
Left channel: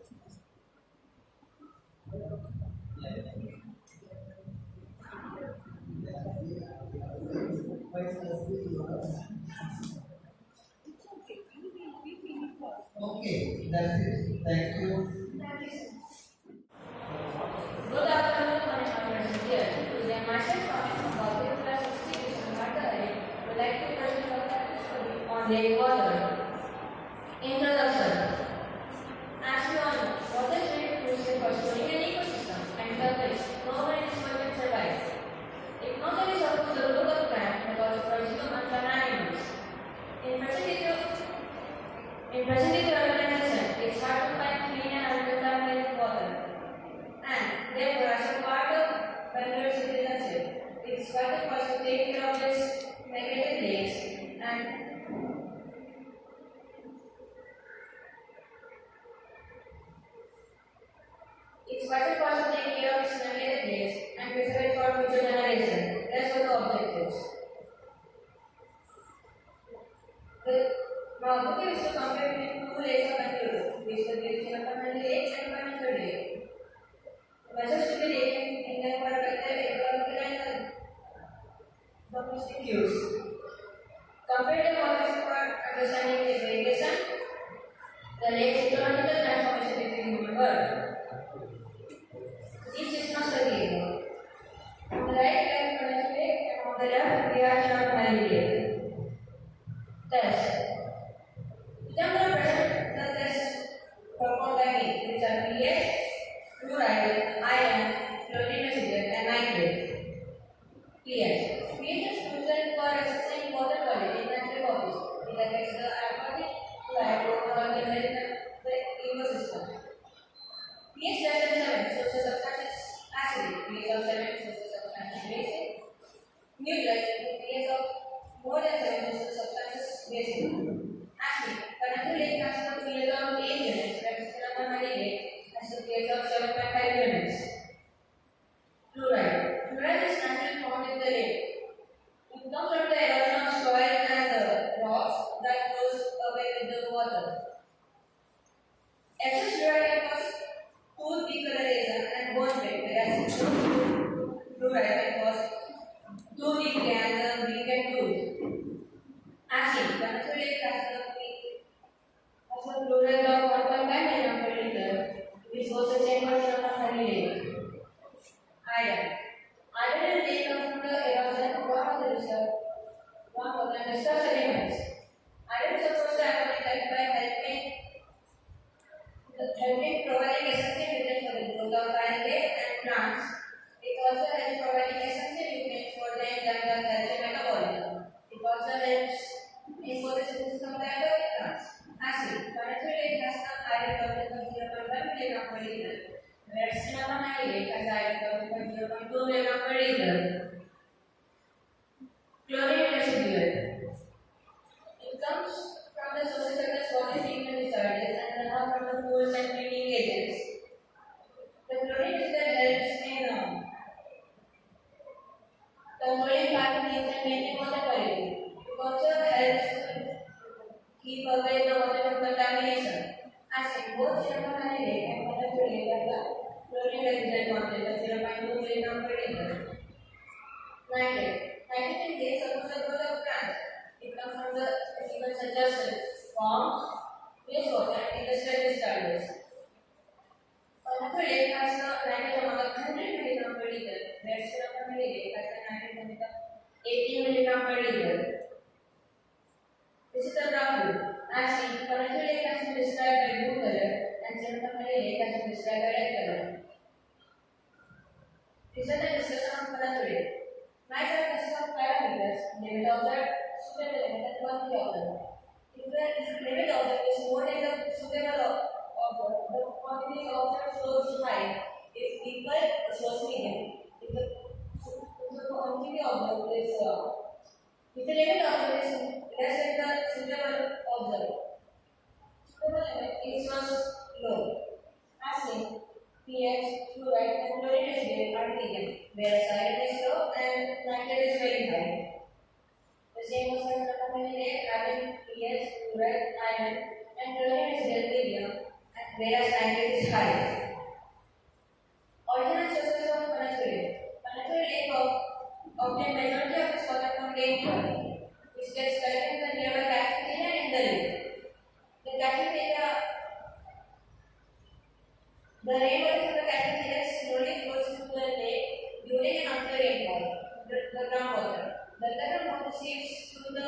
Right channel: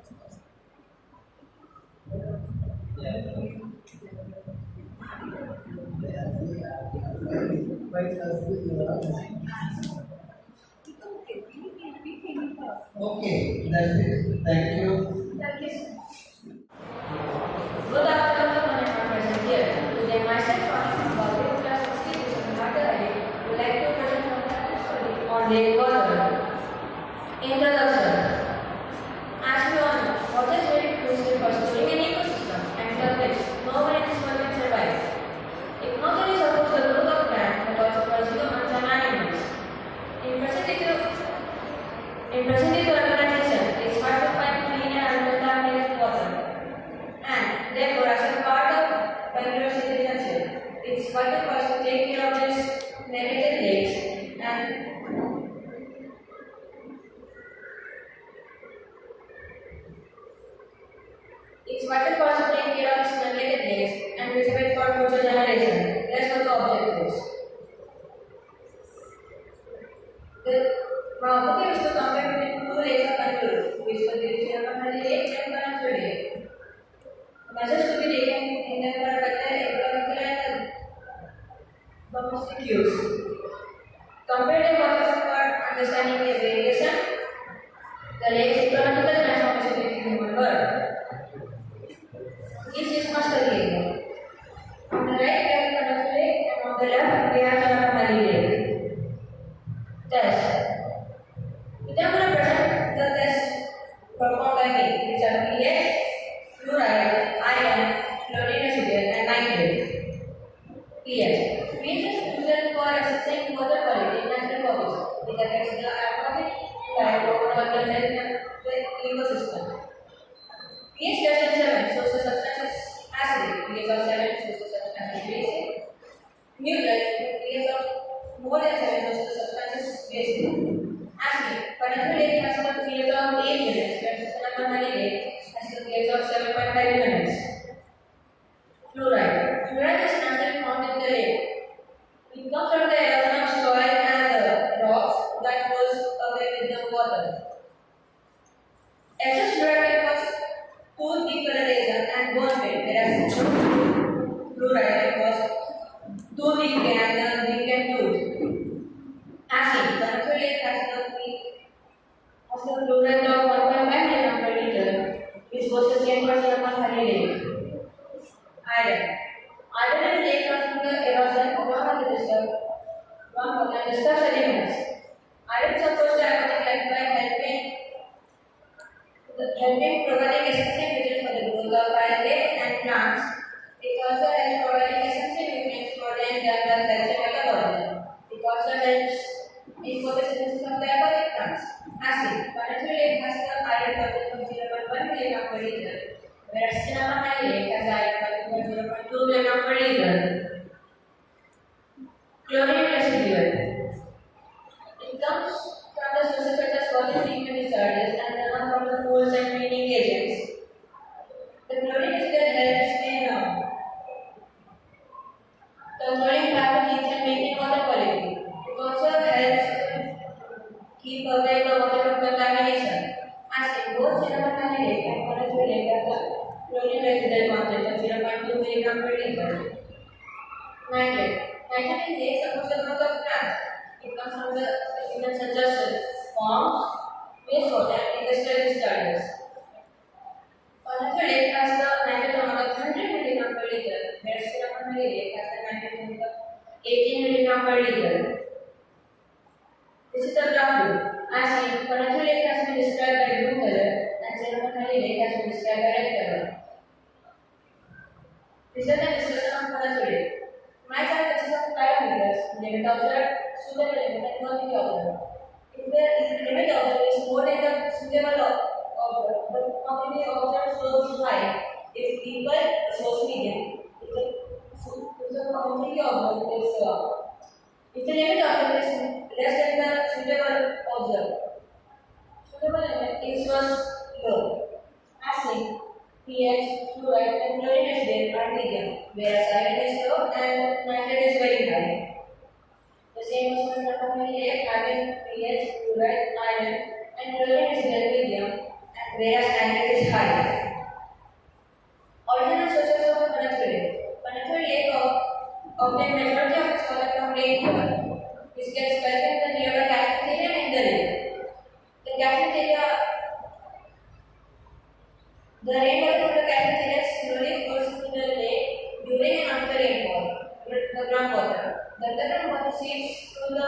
Okay, that's it. Thank you. Thank you, sir. Good afternoon, my name is here. Today, myself, from Public Class of Series of Marathahalli, would like to present a practice study on lake water. Introduction. As we all know, water is very crucial for storing an ecosystem, and without it, no one in this world can survive. It not only supports the growth of plants, but also for humans and animals. In present urbanization, it's hard to find clean and uncontaminated water. And therefore, as a part of Bangalore citizenship, it's vital for us to take care of these neglected lakes and it's vital for us to take care of these neglected lakes and preserve it for future generations. That's what the objective is. My objective is to compare between two lakes of Bangalore, which is the Marathahalli Lake and Bangalore Lake. Measures to be taken in the ecological and domestic use. Comparative works for understanding the variation, the lake's ecological transformation within the human world. Each is master lake. On the right, we have Bangalore Lake, and on the left, we have Marathahalli Lake. Test. Today I'm going to present the test performed by me, which are pH, fluoride, iron, fluorinacetate, and nitrate. pH. pH is used for assessing water quality in natural bodies. It affects the aquatic life overall the health and the ecosystem. pH less than 7 shows the substance is acidic. pH of 7 shows the substance is basic. Neutral. pH of more than 7 shows the substance is basic. Acid. Bangalore Lake has a pH of 8 units, whereas Marathahalli Lake has a pH of 7.5 units. Fluoride. Fluoride is naturally found in the lake. It comes from the erosion of soil and rocks that goes away with the water. Excess fluoride can cause tooth decoloration and bone pain, whereas fluoride can cause tooth decay and weakened tooth. Acid As in, Panathur Lake has the flow rate of 1.5 milligram per liter, which was the same for Marathahalli Lake. Iron. Iron is lake from the erosion of one of the disturbed sediments. Iron supports the aquatic life by helping providing essential nutrients for the growth of algae and plants. It also helps providing essential nutrients for the entire culture metabolism. It also helps in photosynthesis of the aquatic plants. Acid. Panathur Lake has the iron content of 0.1 milligram per liter, whereas Marathahalli Lake has iron content of 0.2 milligram per liter. Chlorine residual. It comes from the sources such as water treatment discharges and runoff from the pools and cleaning agents. The chlorine residual helps in controlling pathogens and maintaining water quality. It also helps keep away the water from contamination. As in both Marathahalli Lake and Panathur Lake have the chlorine residual content of 0.2 milligram per liter. Nitrate. Nitrate in lake supports the growth of plants. It comes from the specimens such as ponds, wastewater, and industrial discharges. Panathur Lake has the nitrate amount of 100 milligram per liter, whereas Marathahalli Lake has the nitrate amount of 18 milligram per liter. This is the dark blue. As in, Panathur Lake has been described by blue color, and Marathahalli Lake has been described by red color. This is the discussion of Panathur Lake. My chart consists of parameters: limit observed, suitable limit, and quantity observed. If the limit observed is more than the suitable observed, the quantity observed shows high. If equal, it shows medium. If the quantity observed is if the limit observed is less than the suitable observed, suitable limit is shows low. As in pH, fluoride, and chlorine residual are medium, whereas iron is low and nitrate is very high. The same as for Marathahalli Lake, having pH, fluoride, iron, and chlorine residual medium, and whereas nitrate is high. Original sources of Panathur Lake. Panathur Lake obtains majority of its water from rainfall, which gets collected in the nearby catchment area and in the lake. The catchment area. The rainwater from the catchment area slowly flows into the lake during and after rainfall. The groundwater. The underground water seeps through the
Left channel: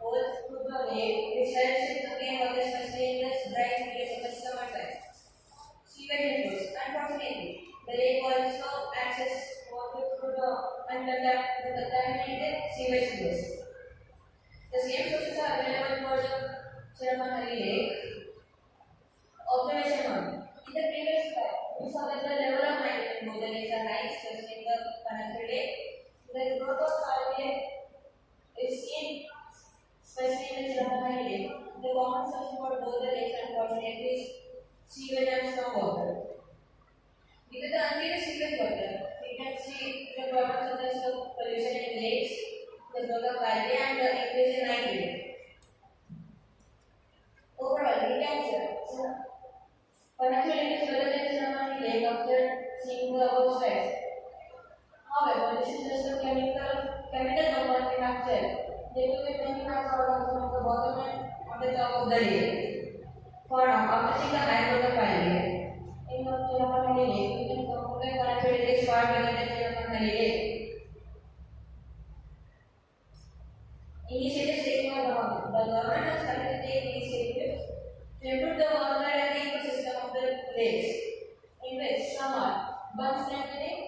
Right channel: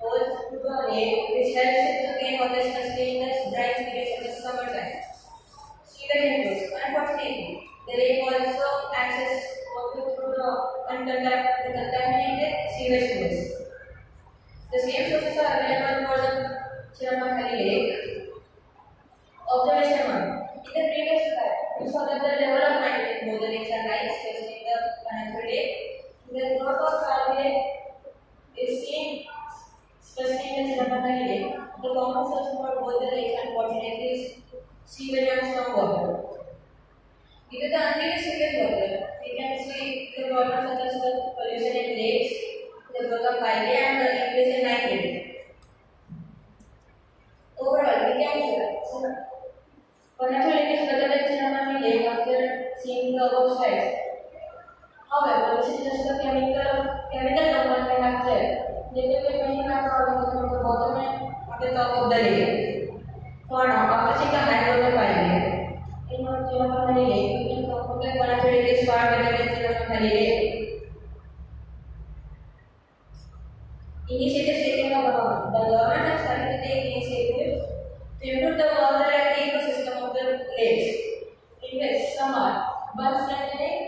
holes to the lake, which helps it to gain water, especially in the dry periods such as summertime. Sewage inflows. Unfortunately, the lake also accesses water through the contaminated sewage flows. The same sources are available for the Marathahalli Lake. Observation 1. In the previous slide, we saw that the level of nitrate in both the lakes are high, especially in the Panathur Lake. The growth of algae is seen, especially in the Marathahalli Lake. The common source for both the lakes, unfortunately, is sewage and stormwater. Due to the untreated sewage water, we can see the problems such as the pollution in lakes, the growth of algae, and the increase in nitrate. Overall, we can say Panathur Lake is better than Marathahalli Lake after seeing the above slides. However, this is just a chemical compound we have said. There will be many microorganisms at the bottom and at the top of the lake. For now, after seeing the hydrographic lake, in Marathahalli Lake, we can conclude that Panathur Lake is far better than Marathahalli Lake. Initiatives taken by government. The government has started to take initiatives to improve the water and the ecosystem of the lakes, in which some are bund strengthening.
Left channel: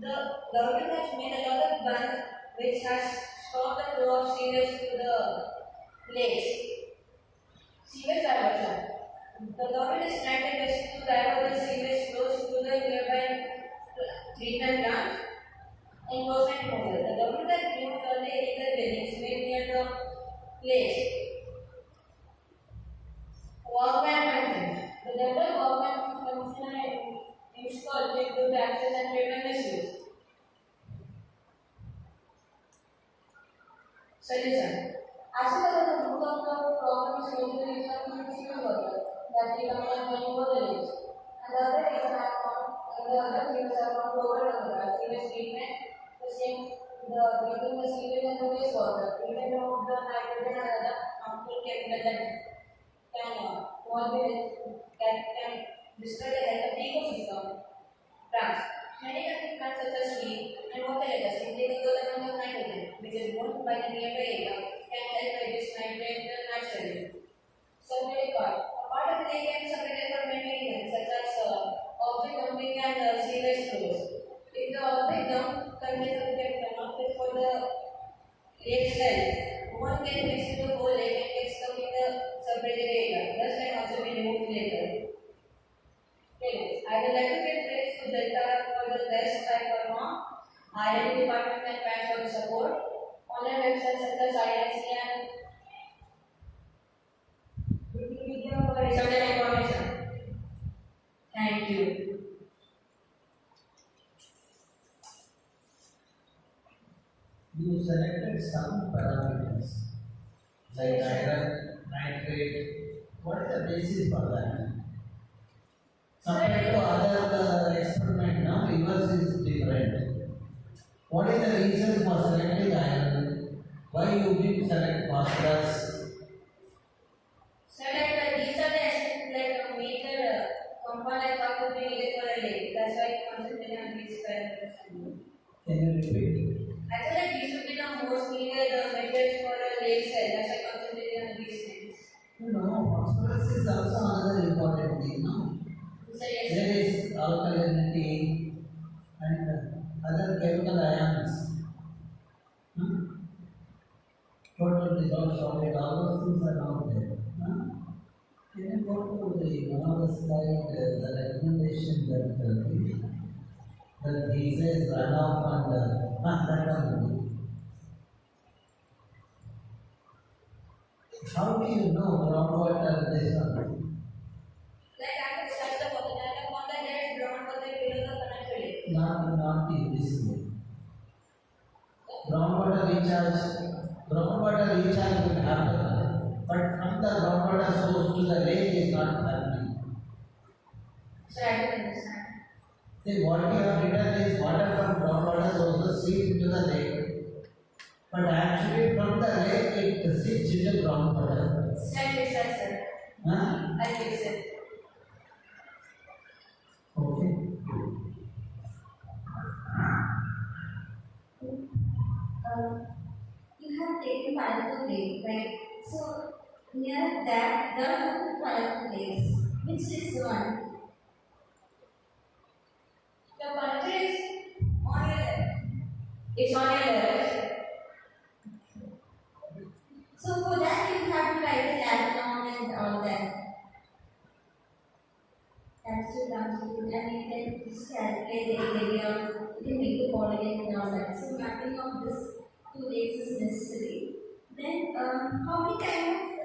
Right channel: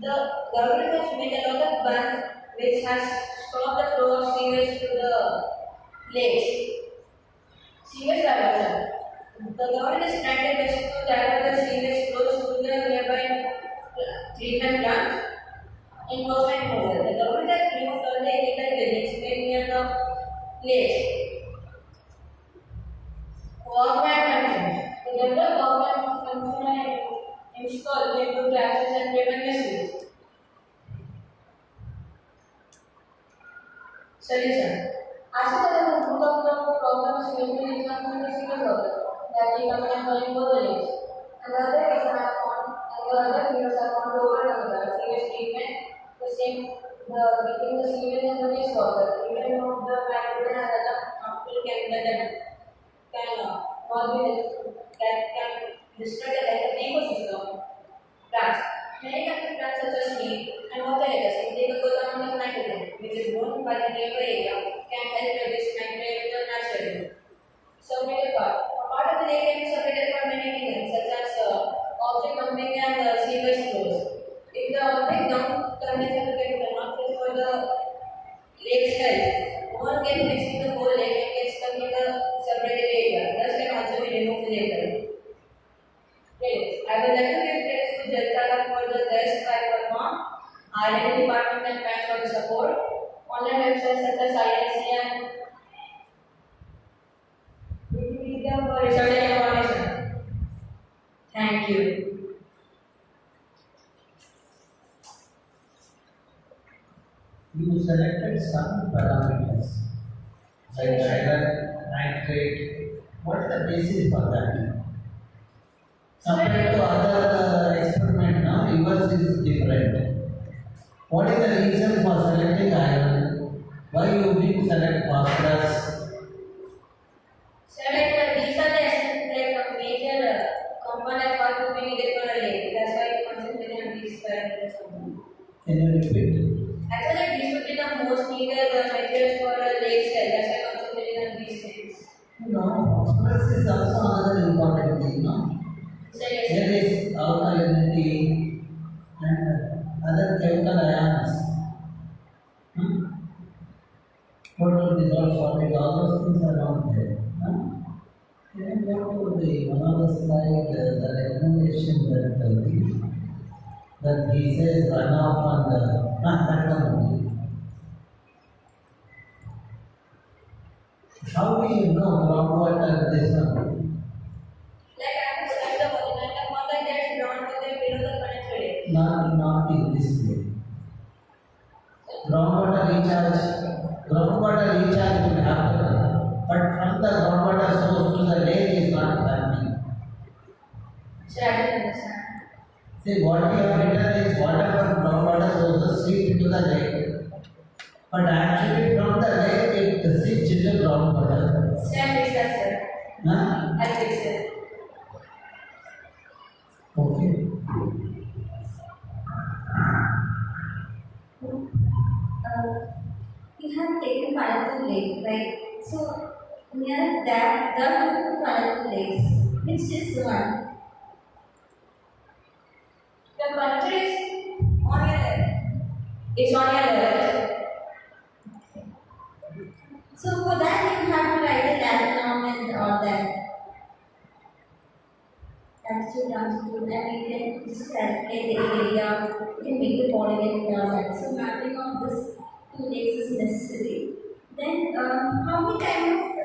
The government has made a lot of bunds which has stopped the flow of sewage to the lakes. Sewage diversion. The government is trying their best to divert the sewage flows to the nearby treatment plants in Coast and Coastal. The government has removed all the illegal buildings made near the lakes. Walkway functions. The developed walkway function are installed to improve the access and prevent misuse. Solution. As the root of the problem is usually municipal water that we come and going over the lakes. And the other reason I found, and the other reasons I found to overcome the sewage treatment, the same, the treating the sewage and the wastewater, even though that can not be that can destroy the like ecosystem. Plants. Many kinds of plants such as tree and water legacy take a good amount of nitrogen, which is grown by the nearby area, can help reduce nitrate naturally. Submitted part. A part of the lake can be submitted for many reasons, such as object dumping and sewage flows. If the object dump contains a chemical not fit for the lake's health, one can mix with the whole lake and get stuck in the separated area. Thus can also be removed later. Credits. I would like to give credits to Jaltara for the best by Parma, R&D department and thanks for the support. Online websites such as IISC and Wikipedia for research and information. Thank you. You selected some parameters like iron, nitrate. What is the basis for that? Compared to other experiment, now yours is different. What is the reason for selecting iron? Why you didn't select phosphorus? Select these are the major components what to be needed for a lake. That's why I concentrate on these parameters only. Can you repeat? Actually, these would be the most needed materials for a lake cell. That's why I concentrated on these things. No, phosphorus is also another important thing, no? So yes. There is alkalinity and other chemical ions. Total dissolved solid, all those things are not there. No? Can you go to the one of the slide, the recommendation that he says runoff and that one only. How do you know groundwater this one? Like I have studied the water and the water gets groundwater below the connected lake. Not in this way. Groundwater recharge will happen, but from the groundwater source to the lake is not happening. So I don't understand. See, what we have written is water from groundwater sources seep into the lake, but actually from the lake it seeps into groundwater. So I fix that, sir. Huh? I fix it. Okay. You have taken Marathahalli Lake, right? So near that, there are two Marathahalli lakes. Which is the one? The Marathahalli is on your left. It's on your left. So for that you have to write the diagram and all that. Altitude, longitude, and you can just calculate the area. You can make the polygon and all that. So mapping of this two lakes is necessary. Then how many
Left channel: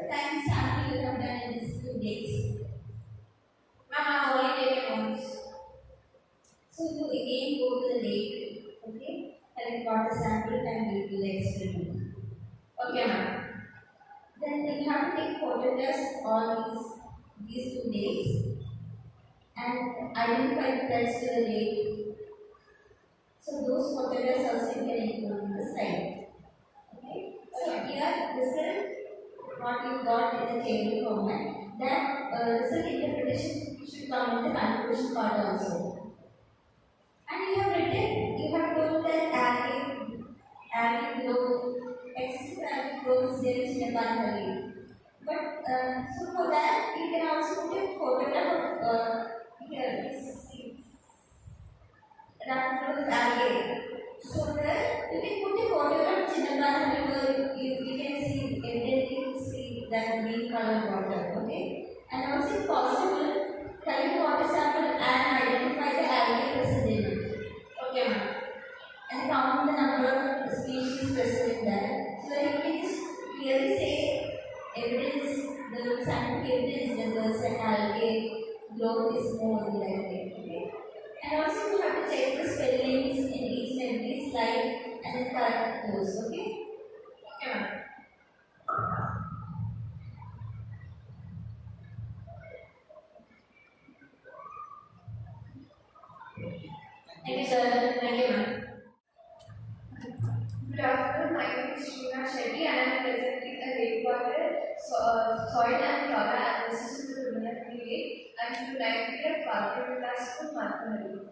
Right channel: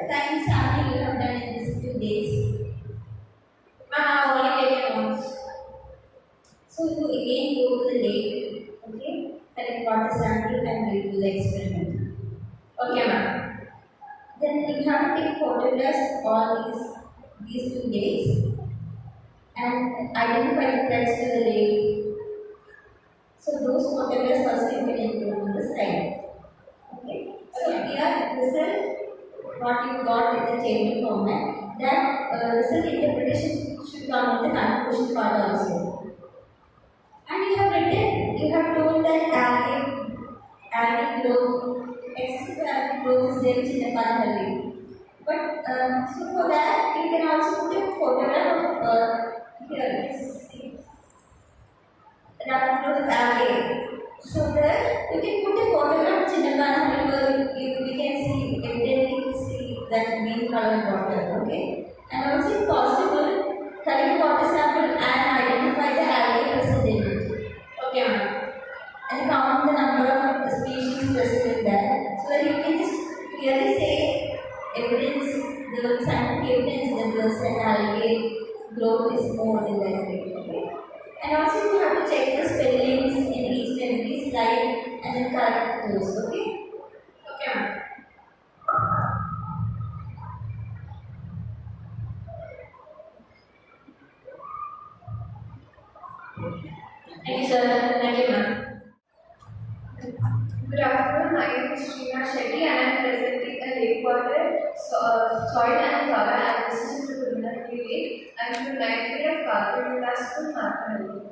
time sampling you have done in these 2 days? I have only taken once. So you again go to the lake, okay, collect water sample and we do the experiment. Okay, ma'am. Then you have to take photographs all these 2 days and identify the threats to the lake. So those photographs also you can include in the slide. Okay. So here result what you got in the table format. That result interpretation should come in the conclusion part also. And you have told that algae growth, excessive algae growth is there in the Marathahalli. But so for that you can also put a photograph of here is rapid growth is algae. So there you can put a photograph of Chinnapana because we can see evidently see that green colored water, okay? And also if possible, collect water sample and identify the algae present in it. Okay, ma'am. And count the number of species present in that. So that you can just clearly say the scientific evidence that the said algae growth is more in that way, okay? And also you have to check the spellings in each and every slide and then correct those, okay? Okay, ma'am. Thank you, sir. Thank you, ma'am. Good afternoon, my name is Srina Shetty and I am presenting a lake water soil and flower analysis in the Marathahalli lake and from 9th grade of Vagdevi School, Marathahalli.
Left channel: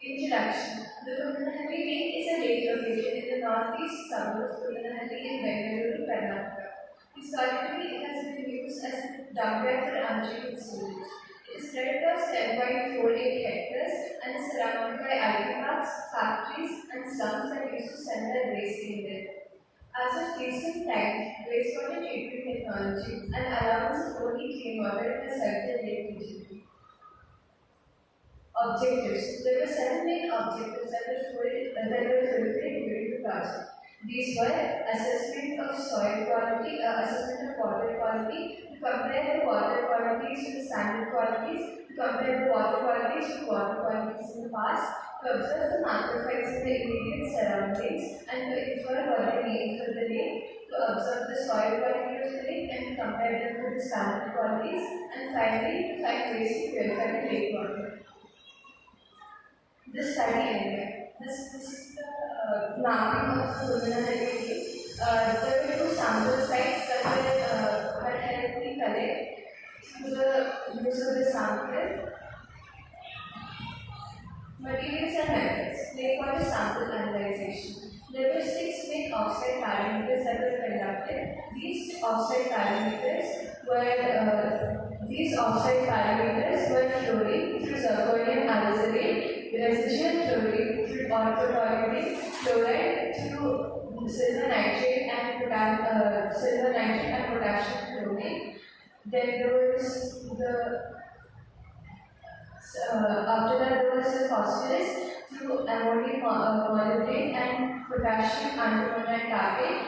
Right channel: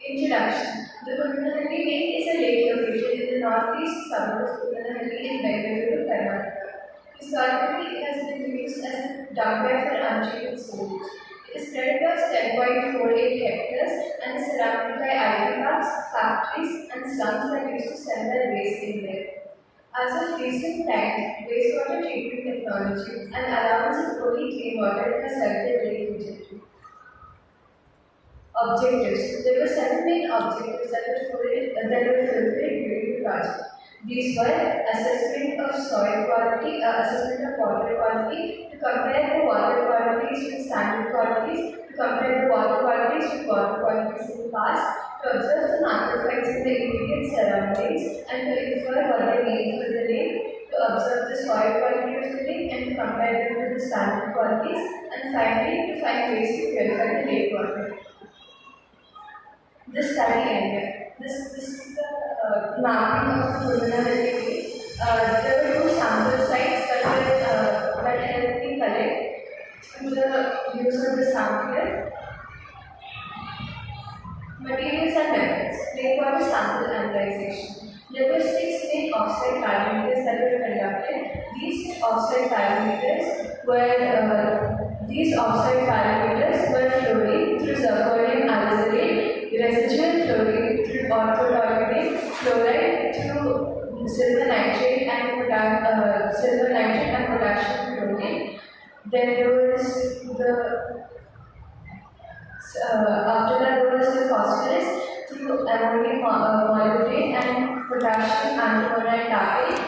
Introduction. The Marathahalli lake is a lake located in the northeast suburb of Marathahalli in Vagdevi, Karnataka. Historically, it has been used as a dumpbell for untreated sewage. It is spread across 10.48 hectares and is surrounded by IT parks, factories, and slums that used to send their waste in there. As of recent times, wastewater treatment technology and allowance of fully clean water has helped the lake trajectory. Objectives. There were 7 main objectives that were fulfilled during the project. These were assessment of soil quality, assessment of water quality, to compare the water qualities with standard qualities, to compare the water qualities with water qualities in the past, to observe the macrophytes in the immediate surroundings, and to infer what they mean for the lake, to observe the soil quality of the lake and to compare them with the standard qualities, and finally to find ways to purify the lake water. The study area. This is the mapping of the Marathahalli lake. There were 2 sample sites that helped me collect through the use of the sampler. Materials and methods. Water sample analyzation. There were 6 main offsite parameters that were conducted. These offsite parameters were fluorine through zirconium alizaate, residual chlorine through orthotoxin, chloride through silver nitrate and potassium chloride. Then there was after that there was the phosphorus through ammonium molecule and potassium antimonite.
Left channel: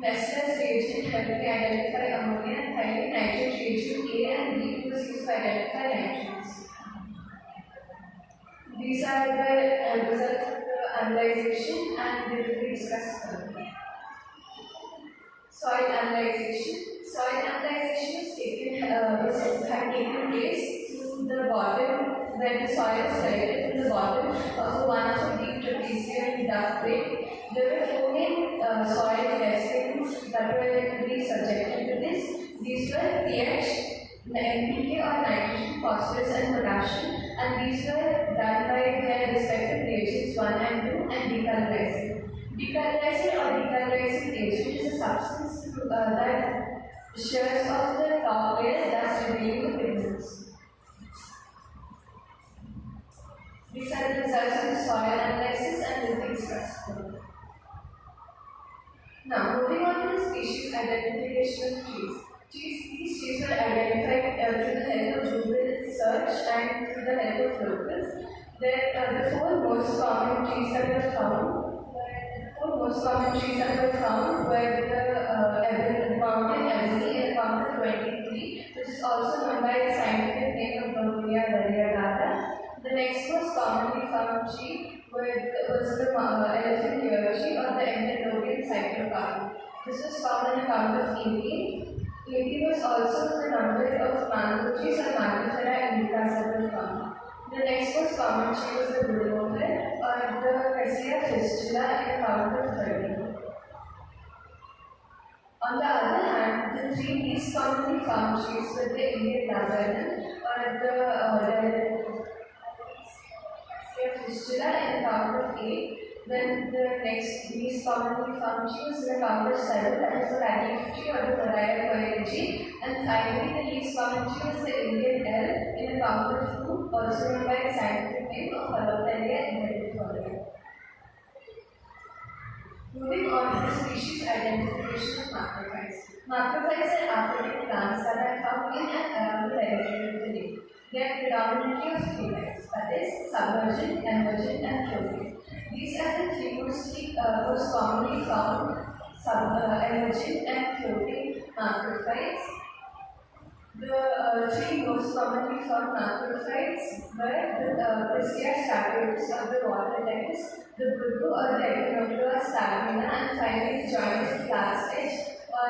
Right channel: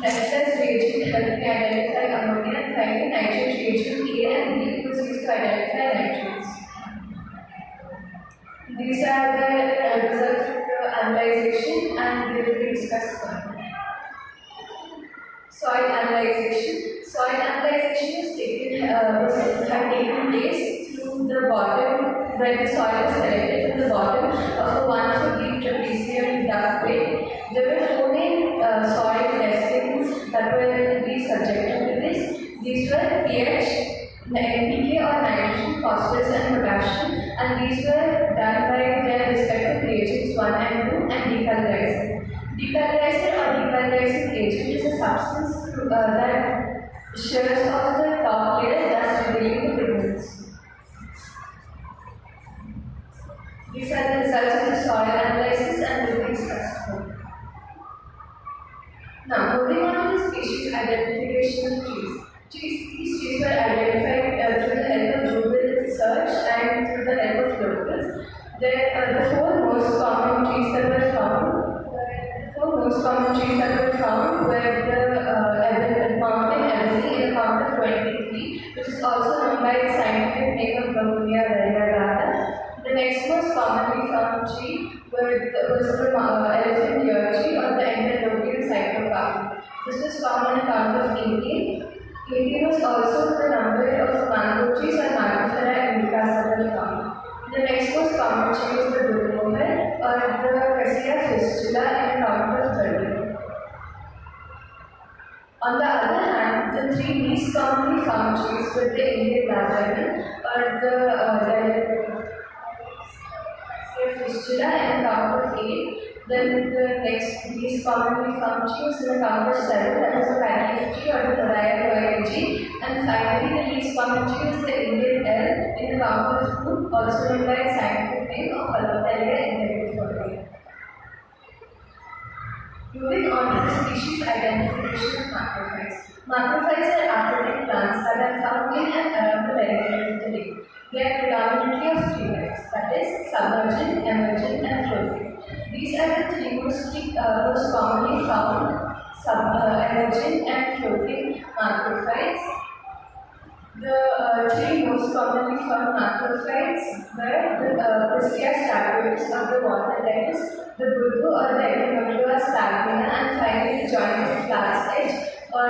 Next as reagent helped me identify ammonia, and finally nitrate reagent A and B was used to identify nitrates. These are the results of the analyzation and they will be discussed further. Soil analyzation. Soil analyzation had taken place through the bottom, where the soil was collected from the bottom of a 1 foot deep trapezium duct plate. There were 4 main soil testings that were to be subjected to this. These were pH, NPK or nitrogen, phosphorus and potassium, and these were done by their respective reagents 1 and 2 and decolorizer. Decolorizer or decolorizing agent is a substance that shears off the top layer, thus revealing the pigments. These are the results of the soil analysis and will be discussed further. Now, moving on to the species identification of trees. These trees were identified through the help of Google search and through the help of locals. The 4 most common trees that were found were the mountain ebony in the count of 23, which is also known by the scientific name of Gaudia variegata. The next most commonly found tree was the elephant ear tree or the Entomological cyclocarp. This was found on account of 18. 18 was also the number of mango trees or mangifera indicas that were found. The next most common tree was the woodmower or the Cassia fistula in a count of 30. On the other hand, the 3 least commonly found trees were the Indian laburnum or the fistula in a count of 8. Then the next least commonly found tree was in a count of 7, that was the paddy tree or the Moraya tree. And finally, the least common tree was the Indian elm in a count of 2, also known by its scientific name of Marathahalli indivifolia. Moving on to the species identification of macrophytes. Macrophytes are aquatic plants that are found in and around the perimeter of the lake. They are predominantly of 3 types, that is, submergent, emergent, and trophic. These are the 3 most commonly found emergent and floating macrophytes. The 3 most commonly found macrophytes were the Priscia statuatus of the water lettuce, the bulbo or the Echinoclea stagmina, and finally the jointed flax edge or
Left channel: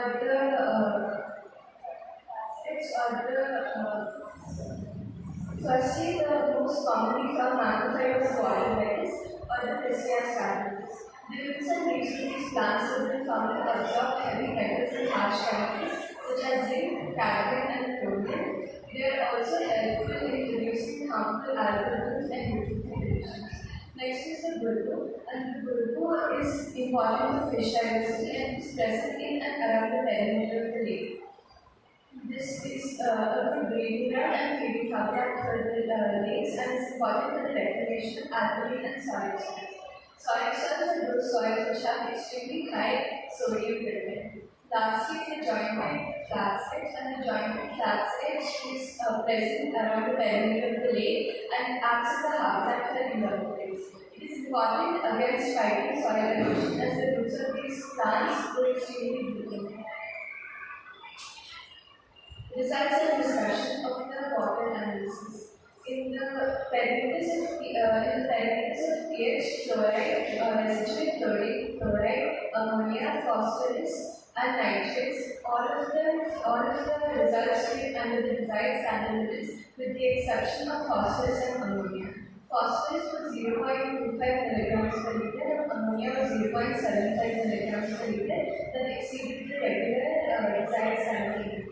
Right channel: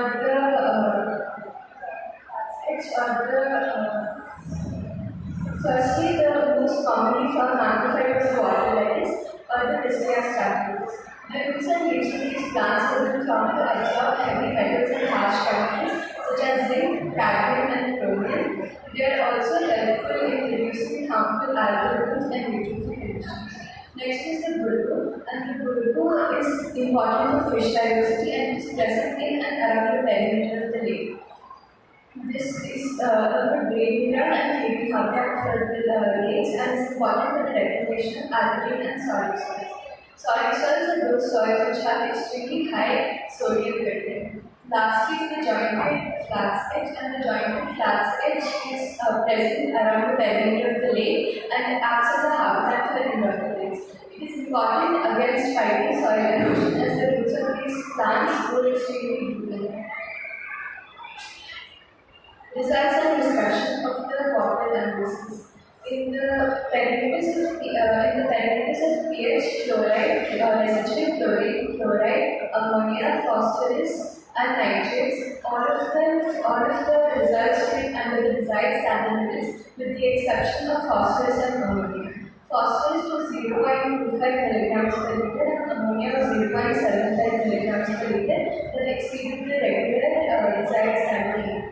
firstly, the most commonly found macrophyte was the water lettuce or the Priscia statuatus. The roots and leaves of these plants have been found to absorb heavy metals and harsh chemicals such as zinc, cadmium, and chromium. They are also helpful in reducing harmful algorithms and nutrient emissions. Next is the bulbu, and the bulbu is important for fish diversity and is present in and around the perimeter of the lake. This is a good breeding ground and feeding habitat for the lakes and is important for the reclamation of alkaline and solid soils. Solid soils are those soils which have extremely high sodium content. Lastly is the jointed flats edge, and the jointed flats edge is present around the perimeter of the lake and acts as a habitat for the invertebrates. It is important against fighting soil erosion as the roots of these plants grow extremely deep. Results and discussion of the water analysis. In the parameters of pH, chloride, residual chlorine, chloride, ammonia, phosphorus, and nitrates, all of the results fit under the desired standard limits with the exception of phosphorus and ammonia. Phosphorus was 0.25 milligrams per liter and ammonia was 0.75 milligrams per liter that exceeded the regular desired standard limit.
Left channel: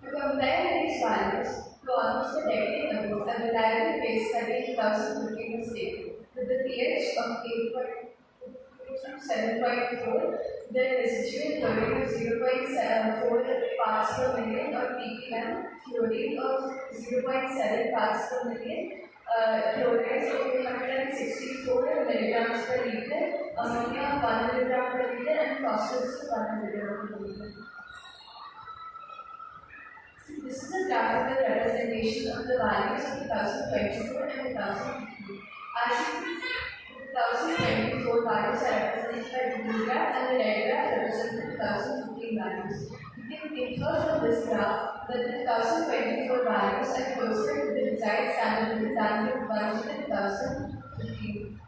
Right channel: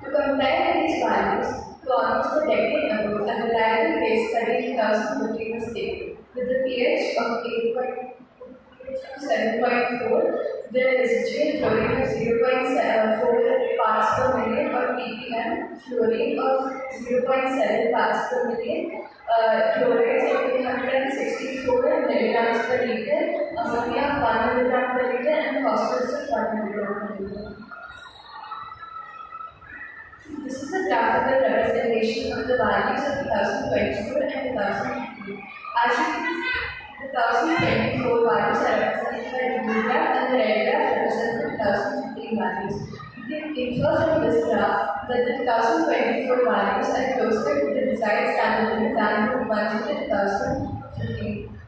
To compare these values to almost a decade ago, a reliable case study in 2015 was taken. With the pH of 7.4, the residual chlorine of 0.4 parts per million or ppm, fluorine of 0.7 parts per million, chlorides of 364 milligrams per liter, ammonia of 1 milligram per liter, and phosphorus of 1 milligram per liter. This is a graphical representation of the values of 2024 and 2015. As you can see, the 2024 values are represented by the blue graph and the red graph represents the 2015 values. You can infer from this graph that the 2024 values are closer to the desired standard limit than the ones in the 2015.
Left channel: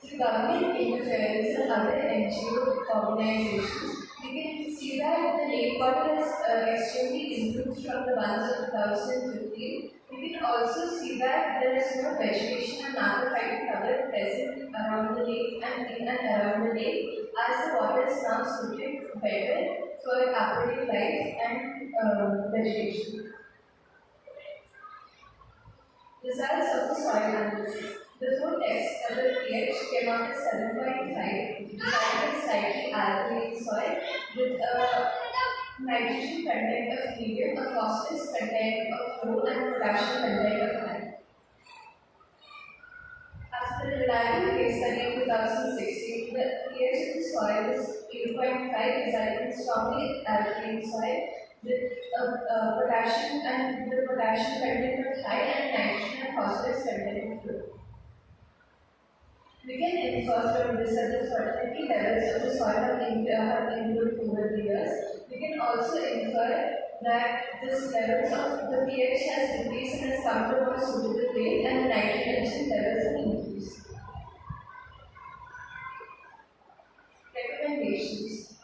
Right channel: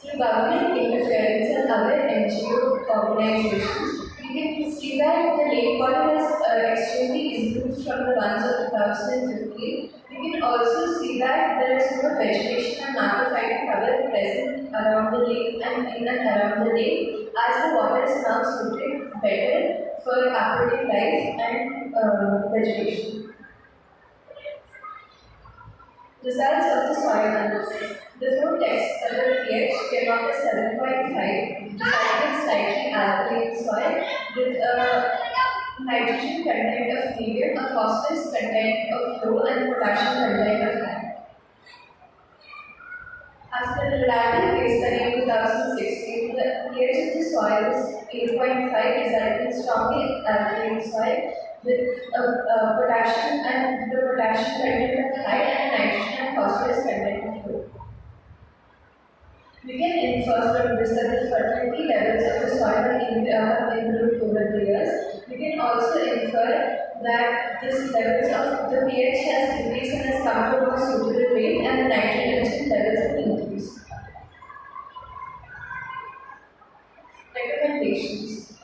Through government interference and other NGO organizations, we can see that the lake water has extremely improved from the ones of 2015. We can also see that there is more vegetation and macrophytic cover present around the lake and in and around the lake, as the water is now suited better for aquatic life and vegetation. Results of the soil analysis. The flow test of the pH came out as 7.5, decided slightly alkaline soil with a nitrogen content of medium, a phosphorus content of low, and potassium content of high. As per the reliable case study in 2016, the pH of the soil was 8.5, resulting in strongly alkaline soil with potassium and the potassium content of high and nitrogen and phosphorus content of low. We can infer from this that the fertility levels of the soil have improved over the years. We can also infer that this levels of the pH has decreased and has come to a more suitable rate and the nitrogen levels have increased. Recommendations.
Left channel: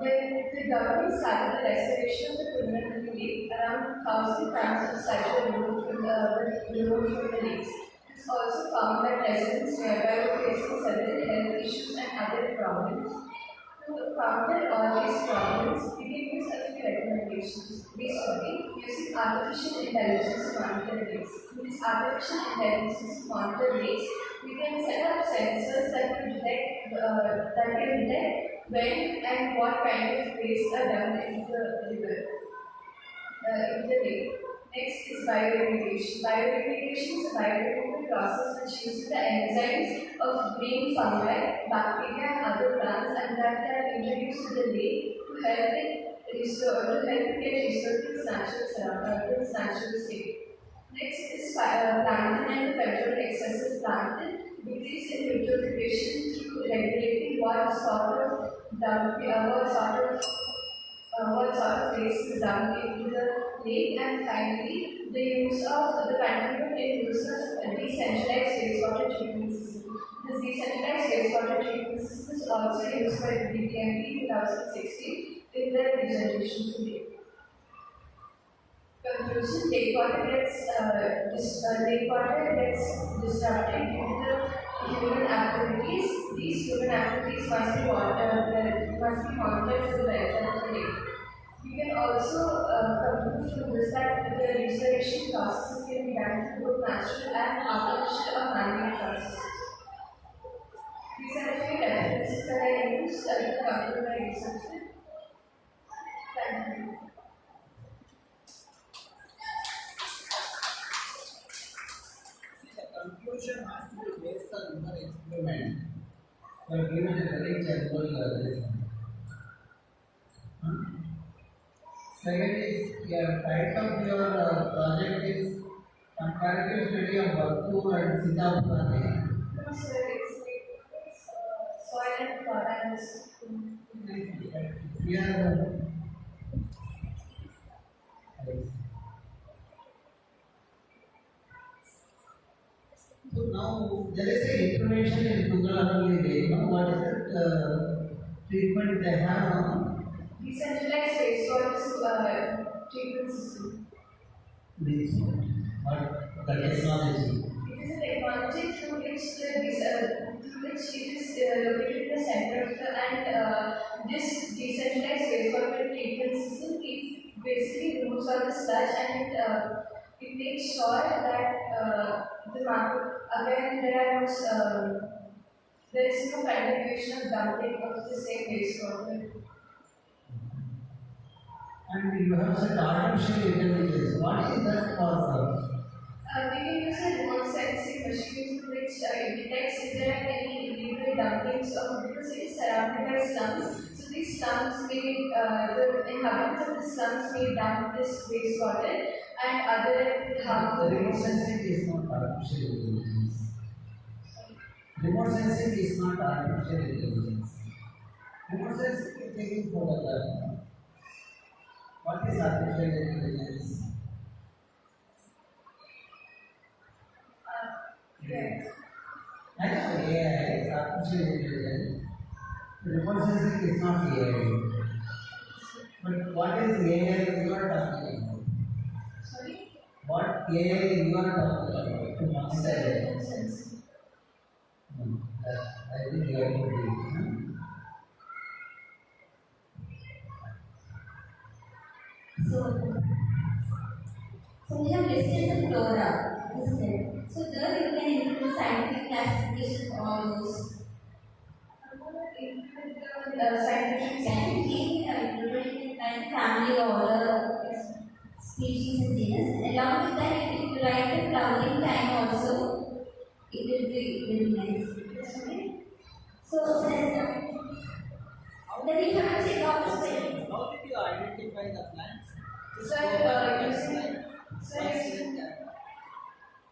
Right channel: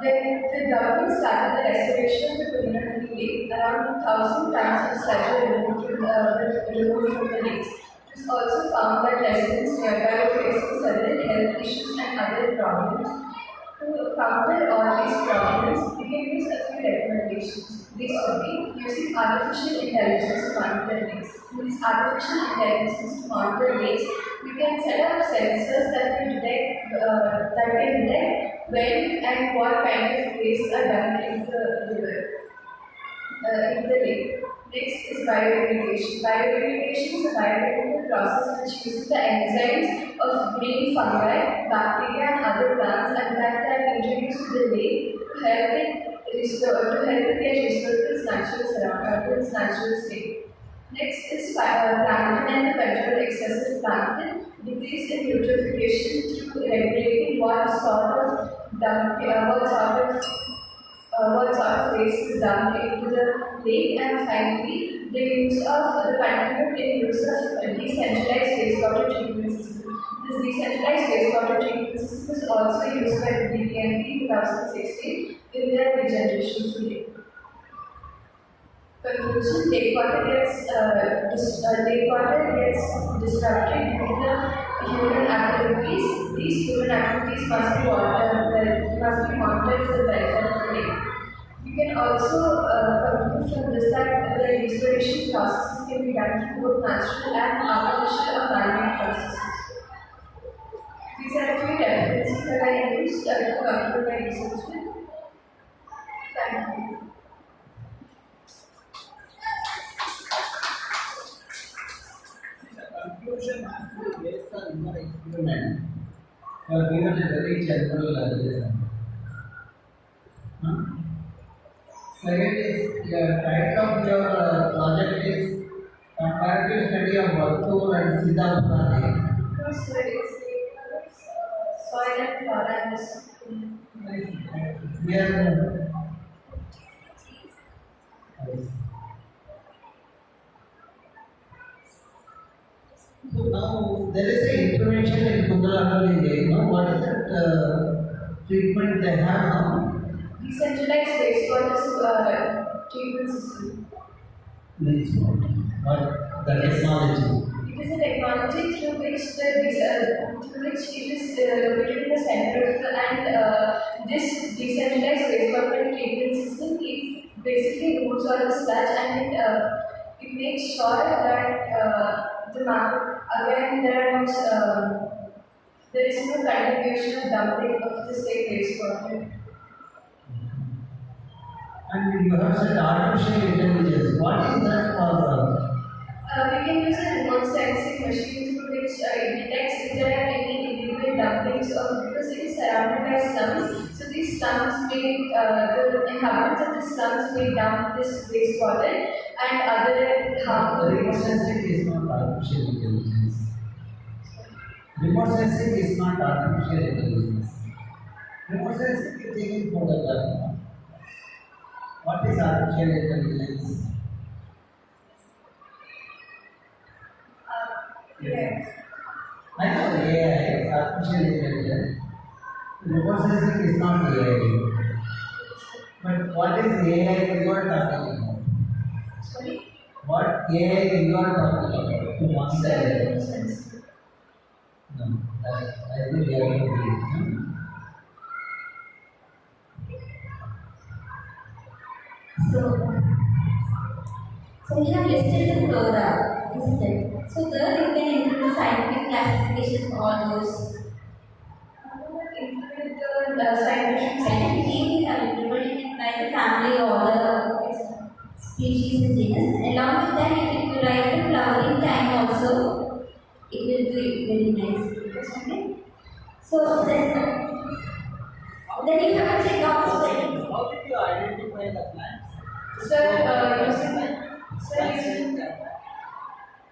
When the government started the restoration of the Marathahalli lake, around 1,000 tons of sludge were removed from the lakes. It was also found that residents nearby were facing several health issues and other problems. To counter all these problems, we can use a few recommendations. These would be using artificial intelligence to monitor lakes. With this artificial intelligence to monitor lakes, we can set up sensors that can detect when and what kind of waste are dumped into the river, into the lake. Next is bioremediation. Bioremediation is a biological process which uses the enzymes of green fungi, bacteria, and other plants and that are introduced to the lake to help it get restored to its natural state. Next is plankton and the control excessive plankton. Decrease in eutrophication through regulating what sort of waste is dumped into the lake, and finally the continued use of decentralized wastewater treatment system. This decentralized wastewater treatment system is also used by the DPMP in 2016 in their regeneration project. Conclusion: lake water gets disrupted due to the human activities. These human activities must be monitored for the welfare of the lake. We can also conclude from this that the restoration processes can be done through both natural and artificial or man-made processes. These are a few references that I used to conclude my research with. Thank you. The conclusion has to be based on your experiment. You are given a very general lesson. Huh? Second is your title of your project is comparative study of Vattur and Siddhapurani. No, sir, it's soil and flora and something. Here, so now there is an intervention in Kundalahalli Lake. No? What is that treatment they have now? Decentralized wastewater treatment system. Means what? The technology. It is a technology through which it is located in the center of the and this decentralized wastewater treatment system it basically removes all the sludge and it makes sure that the market again there is no continuation of dumping of the same wastewater. And you have said artificial intelligence. What is that for? We can use a remote sensing machine through which it detects if there are any illegal dumpings or because it is surrounded by slums. So these slums may, the inhabitants of the slums may dump this wastewater and other harmful Remote waste. sensing is not artificial intelligence. Remote sensing is not artificial intelligence. Remote sensing is taking photograph. What is artificial intelligence? Yes. I know AI is artificial intelligence. Remote sensing is not AI. But what is AI you are talking about? Sorry? What AI you are talking about? To answer Remote sensing. no, I think you have to read. So we have listed the flora, isn't it? So there you can include scientific classification of all those. Include the scientific Scientific name we have included, you can write the family, order, species and genus. Along with that, if you write the flowering time also, it will be very nice. Okay? So then you have to check out the study. How did you identify the plants? Using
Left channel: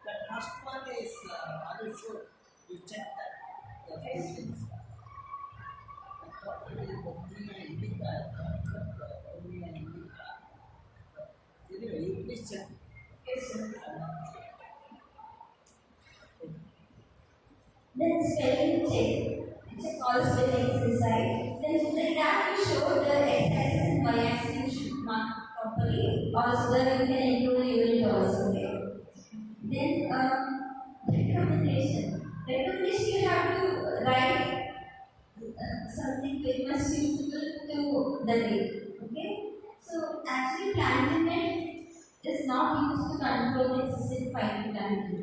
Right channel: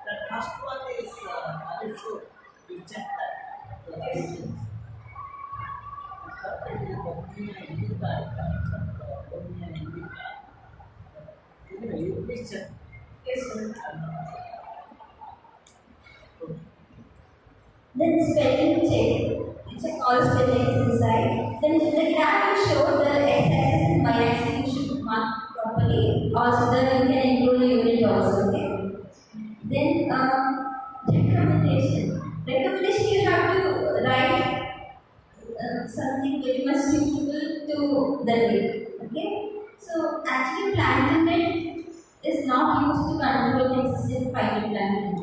That first one is, are you sure? You check that. The Yes. regions. I thought it is Omnia indica. I thought Omnia indica. Anyway, you please check. yes, sir. Then spelling check. Check all spellings inside. Then the graph will show the x-axis and y-axis you should mark properly. Also, then you can include the unit also. Okay. Then recommendation. Recommendation you have to write something very much suitable to the lake. Okay. So actually, plankton net is not used to control the existing phytoplankton.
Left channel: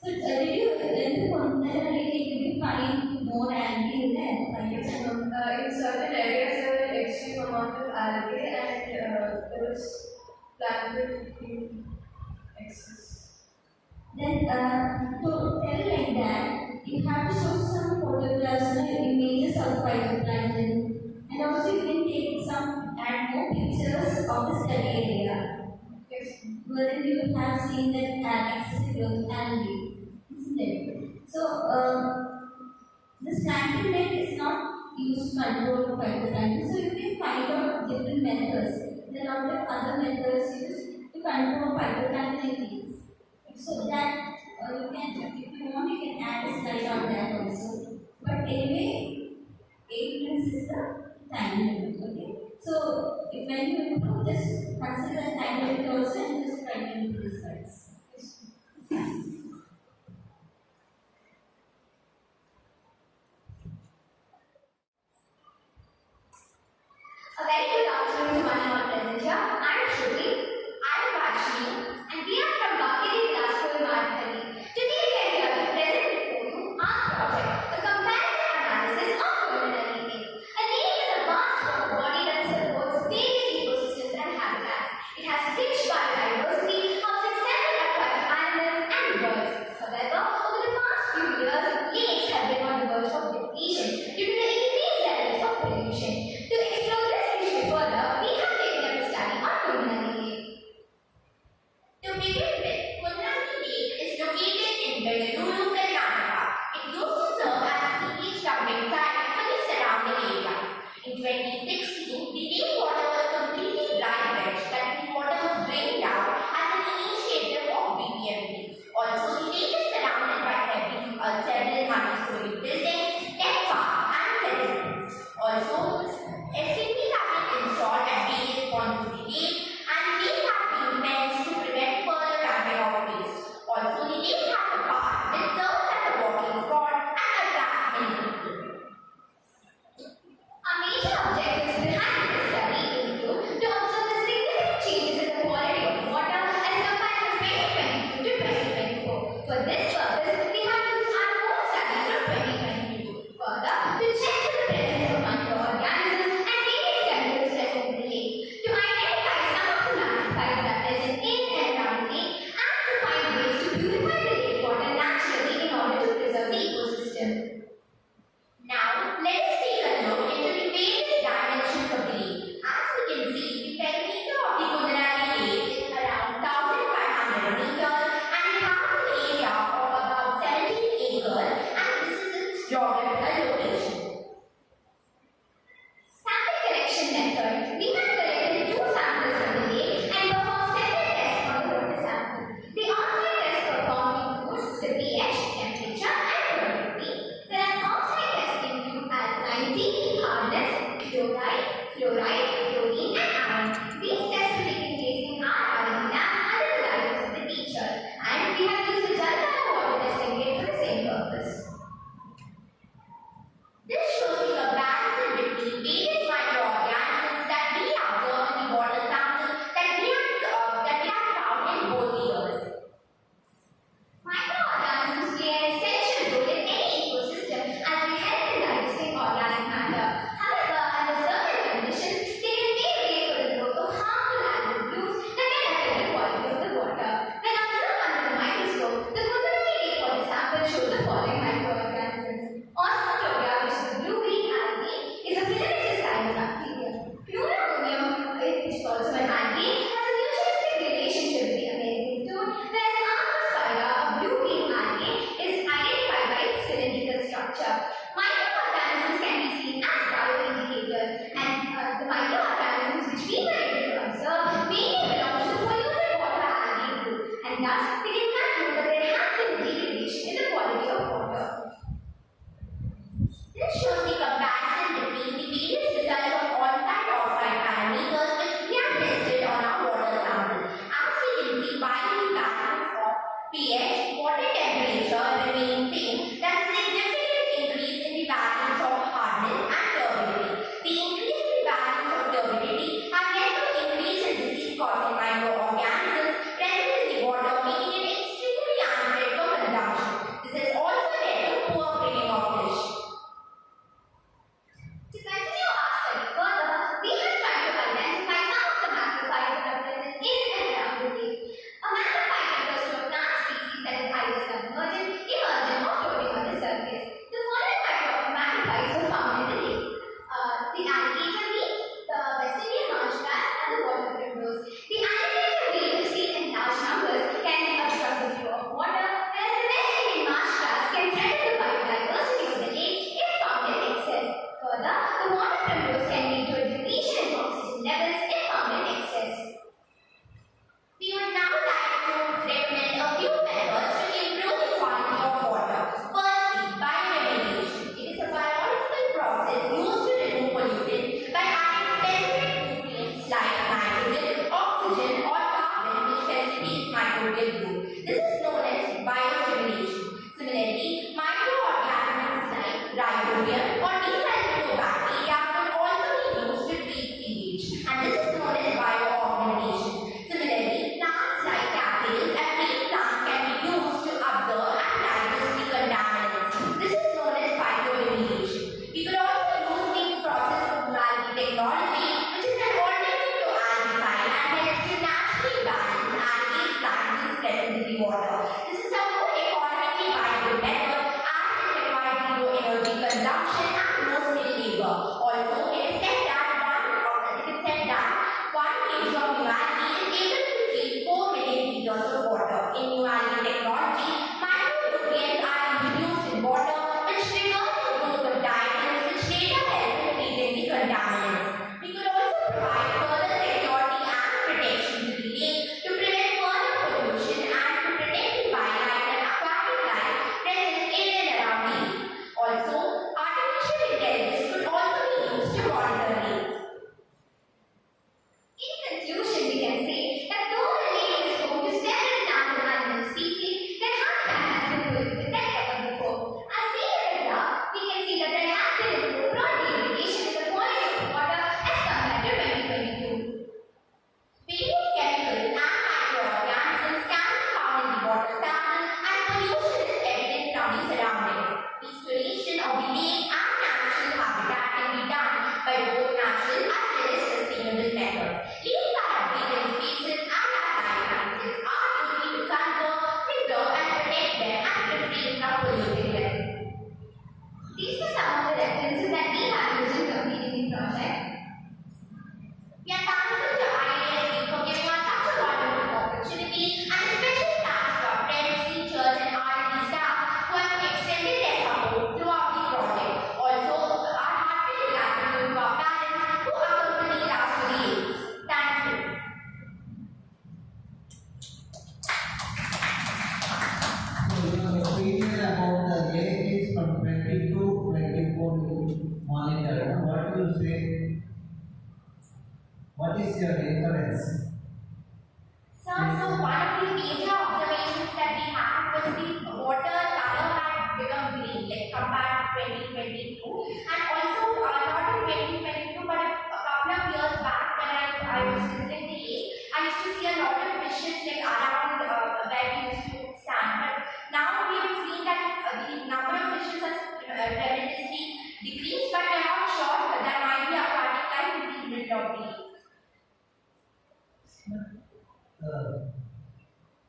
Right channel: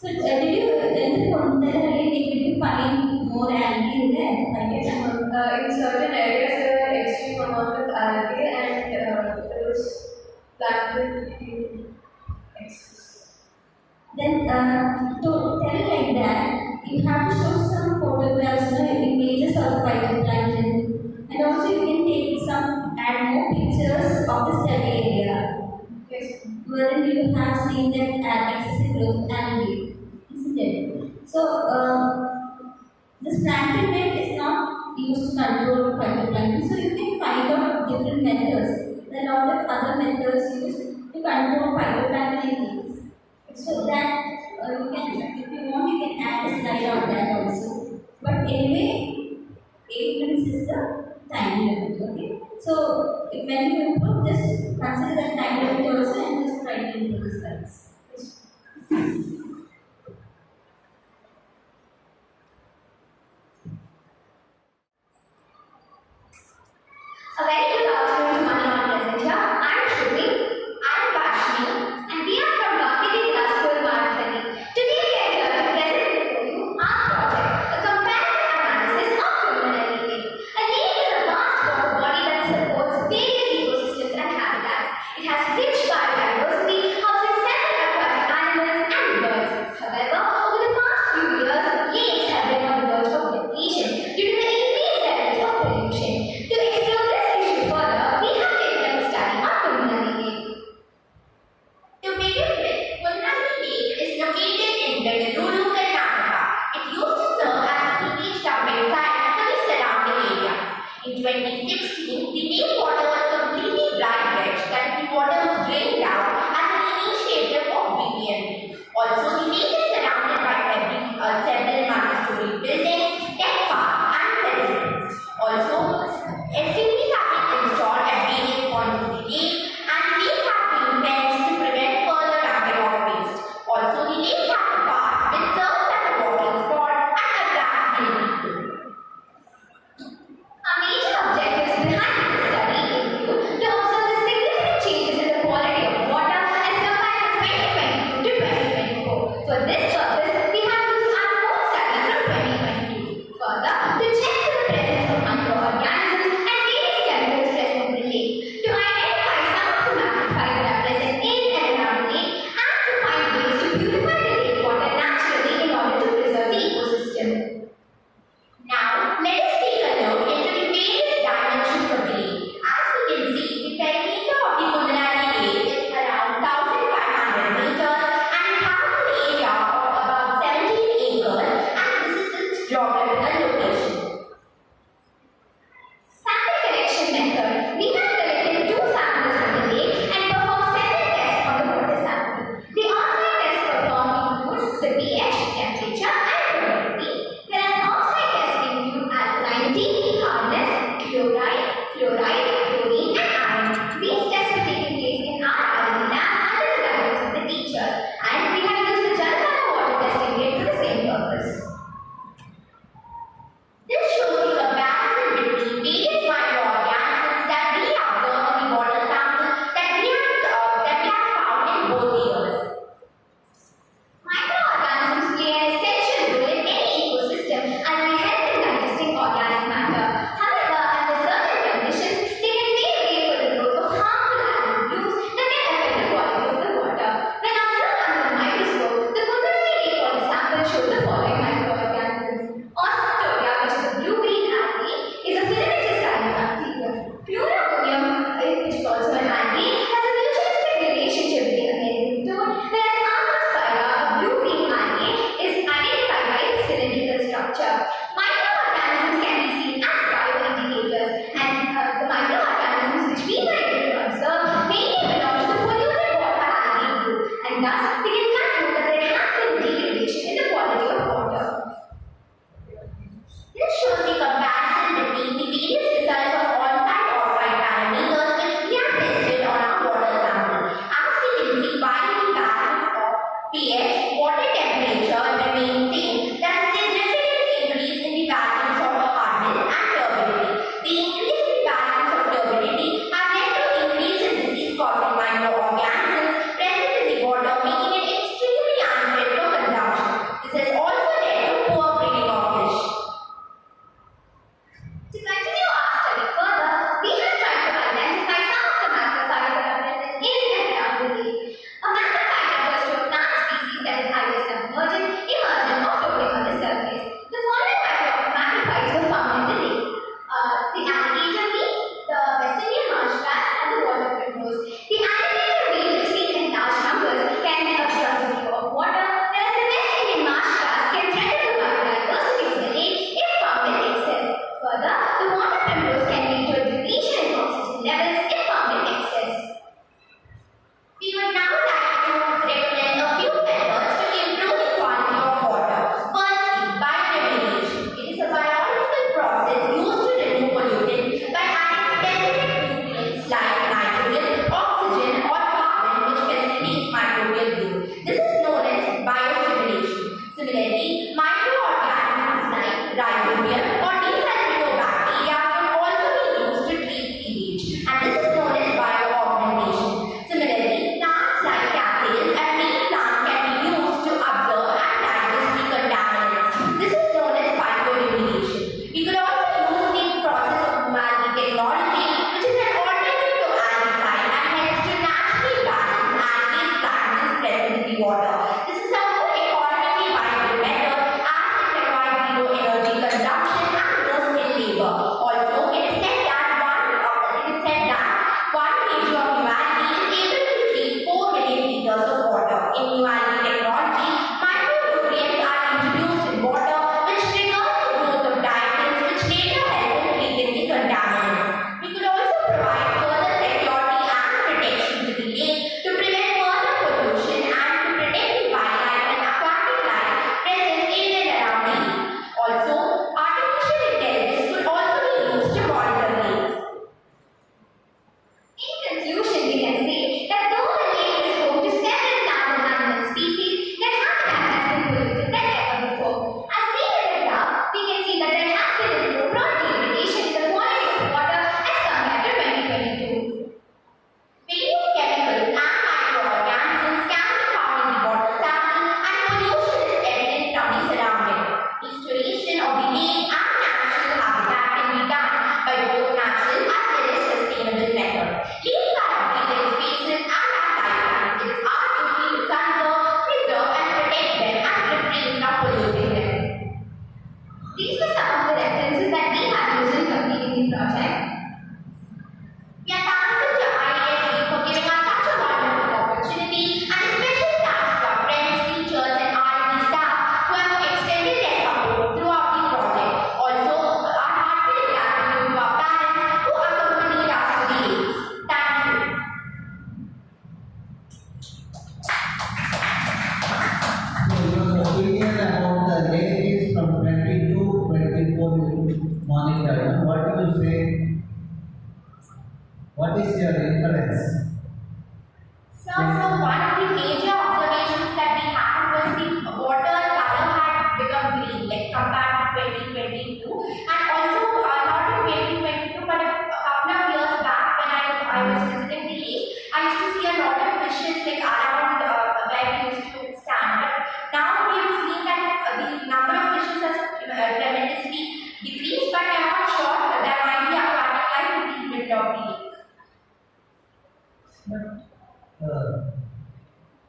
So did you then from the lake did you find more algae there? In certain areas there are extreme amount of algae and there is plankton in excess. Then to tell like that, you have to show some photographs, images of phytoplankton, and also you can take some add more pictures of the study area, Yes. wherein you have seen that excessive growth of algae, isn't it? So this plankton net is not used to control phytoplankton, so you can find out different methods. There are a lot of other methods used to control phytoplankton in lakes. So that you can, if you want, you can add a slide on that also. But anyway, 8 minutes is the time limit. Okay. So if when you improve, just consider that time limit also and just try to improve the slides. In 2016, the lake water was completely dry veg, that the water was drained out as an initiative of BPMP. Also, the lake is surrounded by several multi-story buildings, tech parks, and settlements. Also, STPs have been installed at various points of the lake, and the lake has been fenced to prevent further dumping of waste. Also, the lake has a park which serves as a walking spot and attracts many people. Our major objectives behind this study include to observe the significant changes in the quality of water as compared to 2022 to 2024. For this purpose, we have used our own study from 2022. Further, to check for the presence of microorganisms and various chemicals present in the lake, to identify some of the magnifiers that are present in and around the lake, and to find ways to purify the lake water naturally in order to preserve the ecosystem. Now, let us take a look into the various dimensions of the lake. As we can see, the perimeter of the Marathahalli lake is around 1,500 meters and it has an area of about 17 acres, and this is its geographical location. Sample collection method. We have collected 2 samples from the lake and performed several tests on the water sample. The on-site test performed includes the pH, temperature, and turbidity. There are off-site tests include alkalinity, hardness, chloride, chlorine, and iron. These tests were taken place in our R&D lab under the guidance of the teachers, and we have used the Jalpana water testing kit for the same purpose. This shows the comparison between various microorganisms that we observe in the water sample that we have found in both years. Microorganisms play an essential role in any ecosystem as they help in digesting organic matter. However, under certain conditions, they by both natural as well as sustainable methods. Lakes are our breathing spaces and our lifelines. It's our duty to conserve, preserve and protect them and refrain from polluting them. These were some of the references that we have used in completing the project. We are thankful to IISC for giving us such a wonderful opportunity, and a special thanks to our friends, teachers and R&D staff who have extended their support throughout the project. Also, our heartfelt gratitude to our parents who accompanied us to the lakes. Thank you. So your opinion about the lake is from 20 to 24 you monitor. What do you say? What is your inference? So one of the major observations that we had was the water color had become green, like compared to 2022, and also not in 2022, but a couple of years back when I was visiting the lake, I used to see a lot of fishes like around where we used to stand. But now we have seen that the number of fishes has tremendously decreased, but we are not sure that there might be aquatic life in the middle of the lake.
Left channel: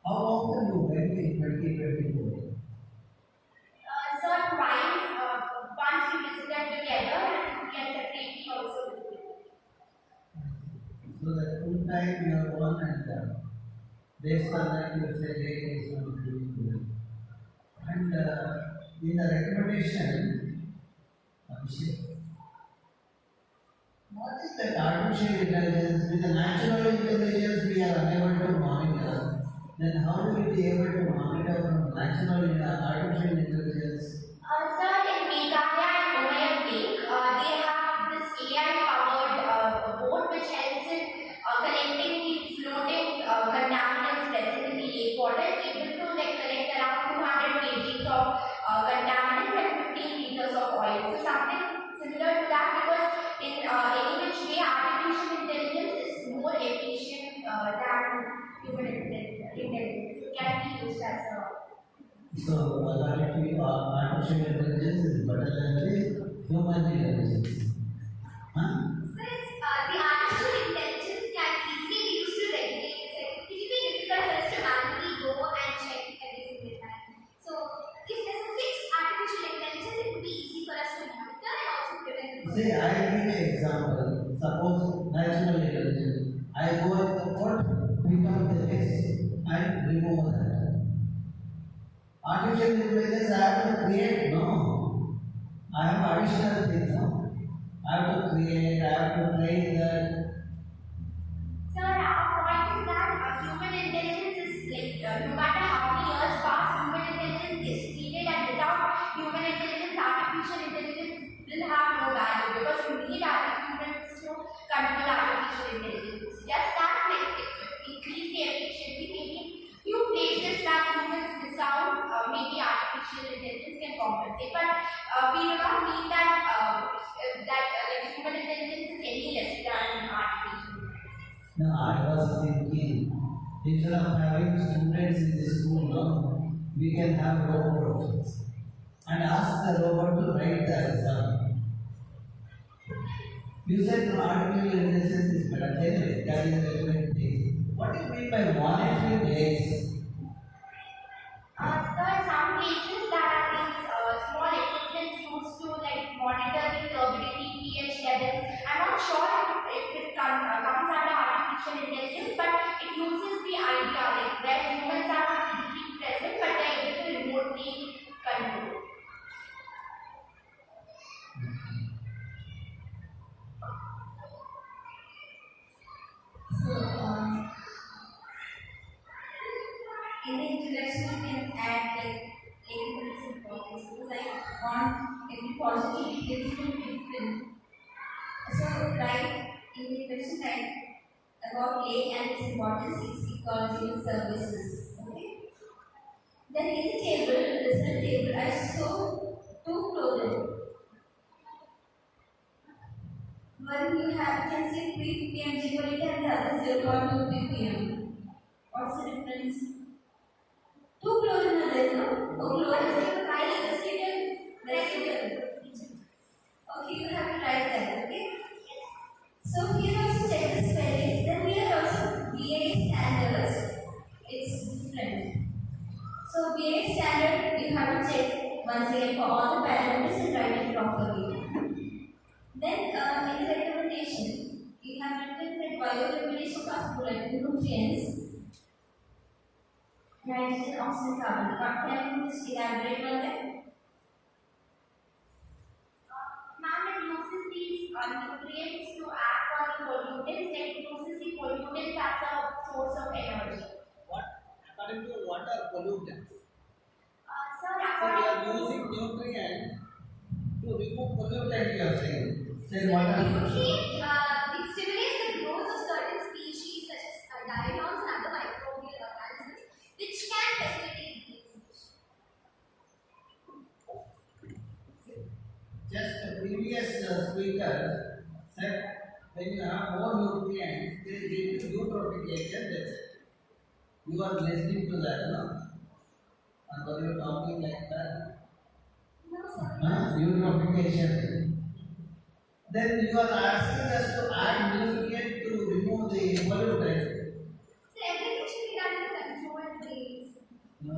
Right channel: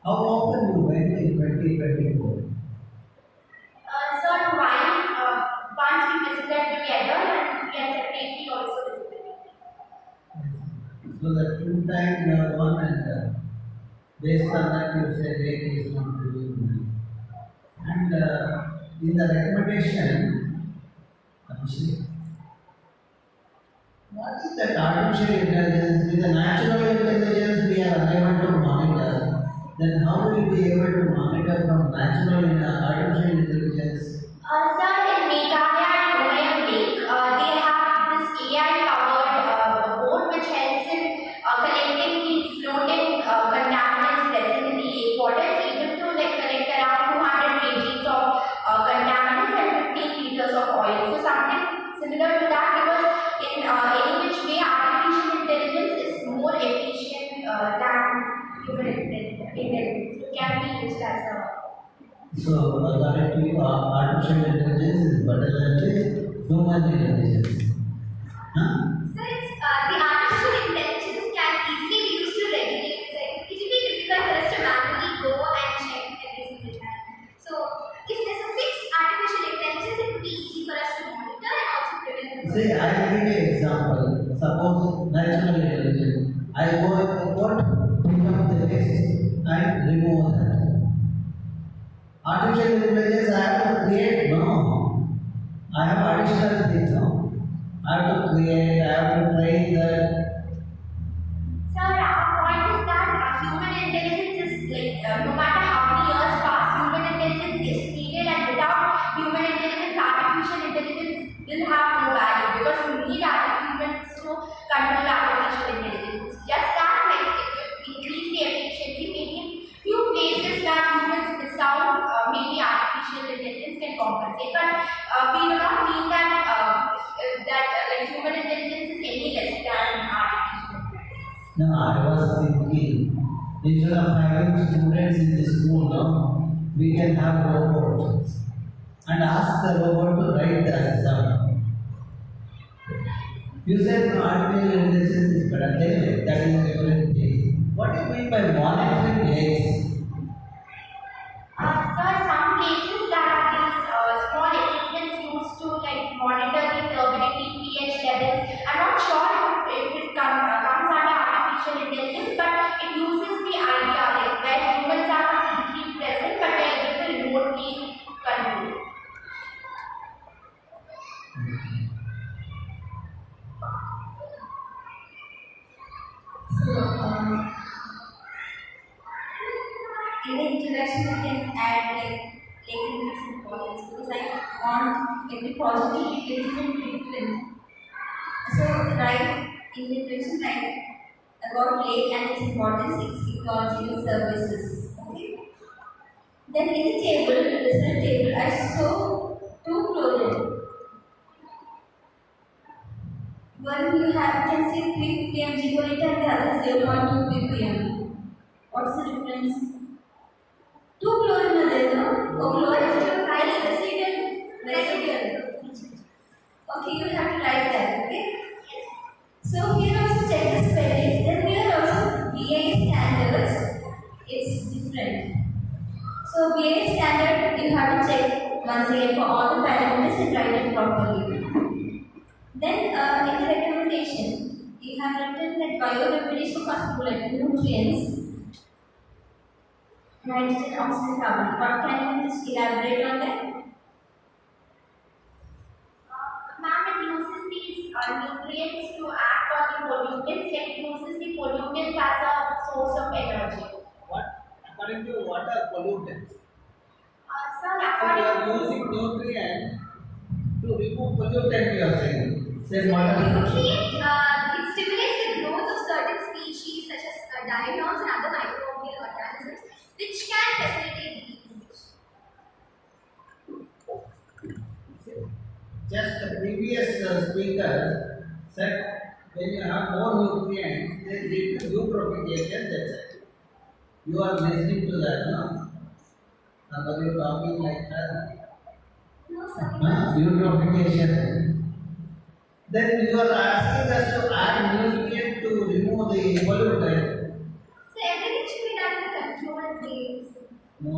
How often you went in 2024? So twice, once we visited together and we had separately also visited. So the two times you have gone and based on that you say lake is not doing well. And in the recommendation, Abhishek, what is that artificial intelligence? With the natural intelligence we are unable to monitor. Then how will we be able to monitor from natural artificial intelligence? Sir, in Meghalaya and Umayam Lake, they have this AI-powered boat which helps in collecting the floating contaminants present in the lake water. It's able to collect around 200 kgs of contaminants and 15 liters of oil. So something similar to that, because in any which way artificial intelligence is more efficient than human intelligence. It can be used as a So artificial intelligence is better than the human intelligence. Huh? So it's, the artificial intelligence can easily be used to regulate. So it will be difficult for us to manually go and check every single time. So if there's a fixed artificial intelligence, it would be easy for us to monitor and also prevent the See, I will give you an example. Suppose natural intelligence. I go at the port, pick up the list and remove that. Artificial intelligence I have to create, no. I have additional things, no. I have to create, I have to train that. Sir, our point is that human intelligence is no matter how many years pass, human intelligence is needed, and without human intelligence, artificial intelligence will have no value, because you need humans to control artificial intelligence. Just that, it will increase the efficiency. Maybe in few places where humans miss out, maybe artificial intelligence can compensate. But we do not mean that human intelligence is any less than artificial intelligence. No, I was thinking, instead of having students in the school, no, we can have robots and ask the robot to write the exam. You said no, artificial intelligence is better. Anyway, that is a different thing. What do you mean by monitoring lakes? Sir, some places that have these small equipments used to monitor the turbidity, pH levels. I'm not sure if it comes under artificial intelligence, but it uses the idea where humans are physically present, but they are able to remotely control. So, in the introduction, I can add its importance, because I want every project to be little bit different. So, right in the introduction, about lake and its importance, its ecological services. Okay. Then in the table, the result table, I saw two chlorine. One you can see 3 ppm gigoliter and the other 0.2 ppm. What's the difference? Two chlorine are there, no? Oh, chlorine is residual. Okay, you have to write that, okay? So here also check the spellings. Then here also BA standards. It's different. So BA standard you have to check once again for all the parameters and write it properly. Then in the recommendation, you have written that bioremediation must bullet nutrients, nitrogen, oxygen, carbon. Can you just elaborate on that? Ma'am, it uses these nutrients to act on the pollutants. It uses the pollutants as a source of energy. What? According to what are pollutants? Sir, So you according are using nutrient to remove pollutant, you are saying. Then what are nutrient, it stimulates the growth of certain species such as diatoms and other microbial organisms, which can facilitate the usage. Just the previous speaker said when you have more nutrients, they lead to eutrophication, that's it. You are listening to that, no? Or were you talking like that? No, sir. Eutrophication. Then you are asking us to add nutrient to remove the pollutant. So everything should be done in a controlled way. No.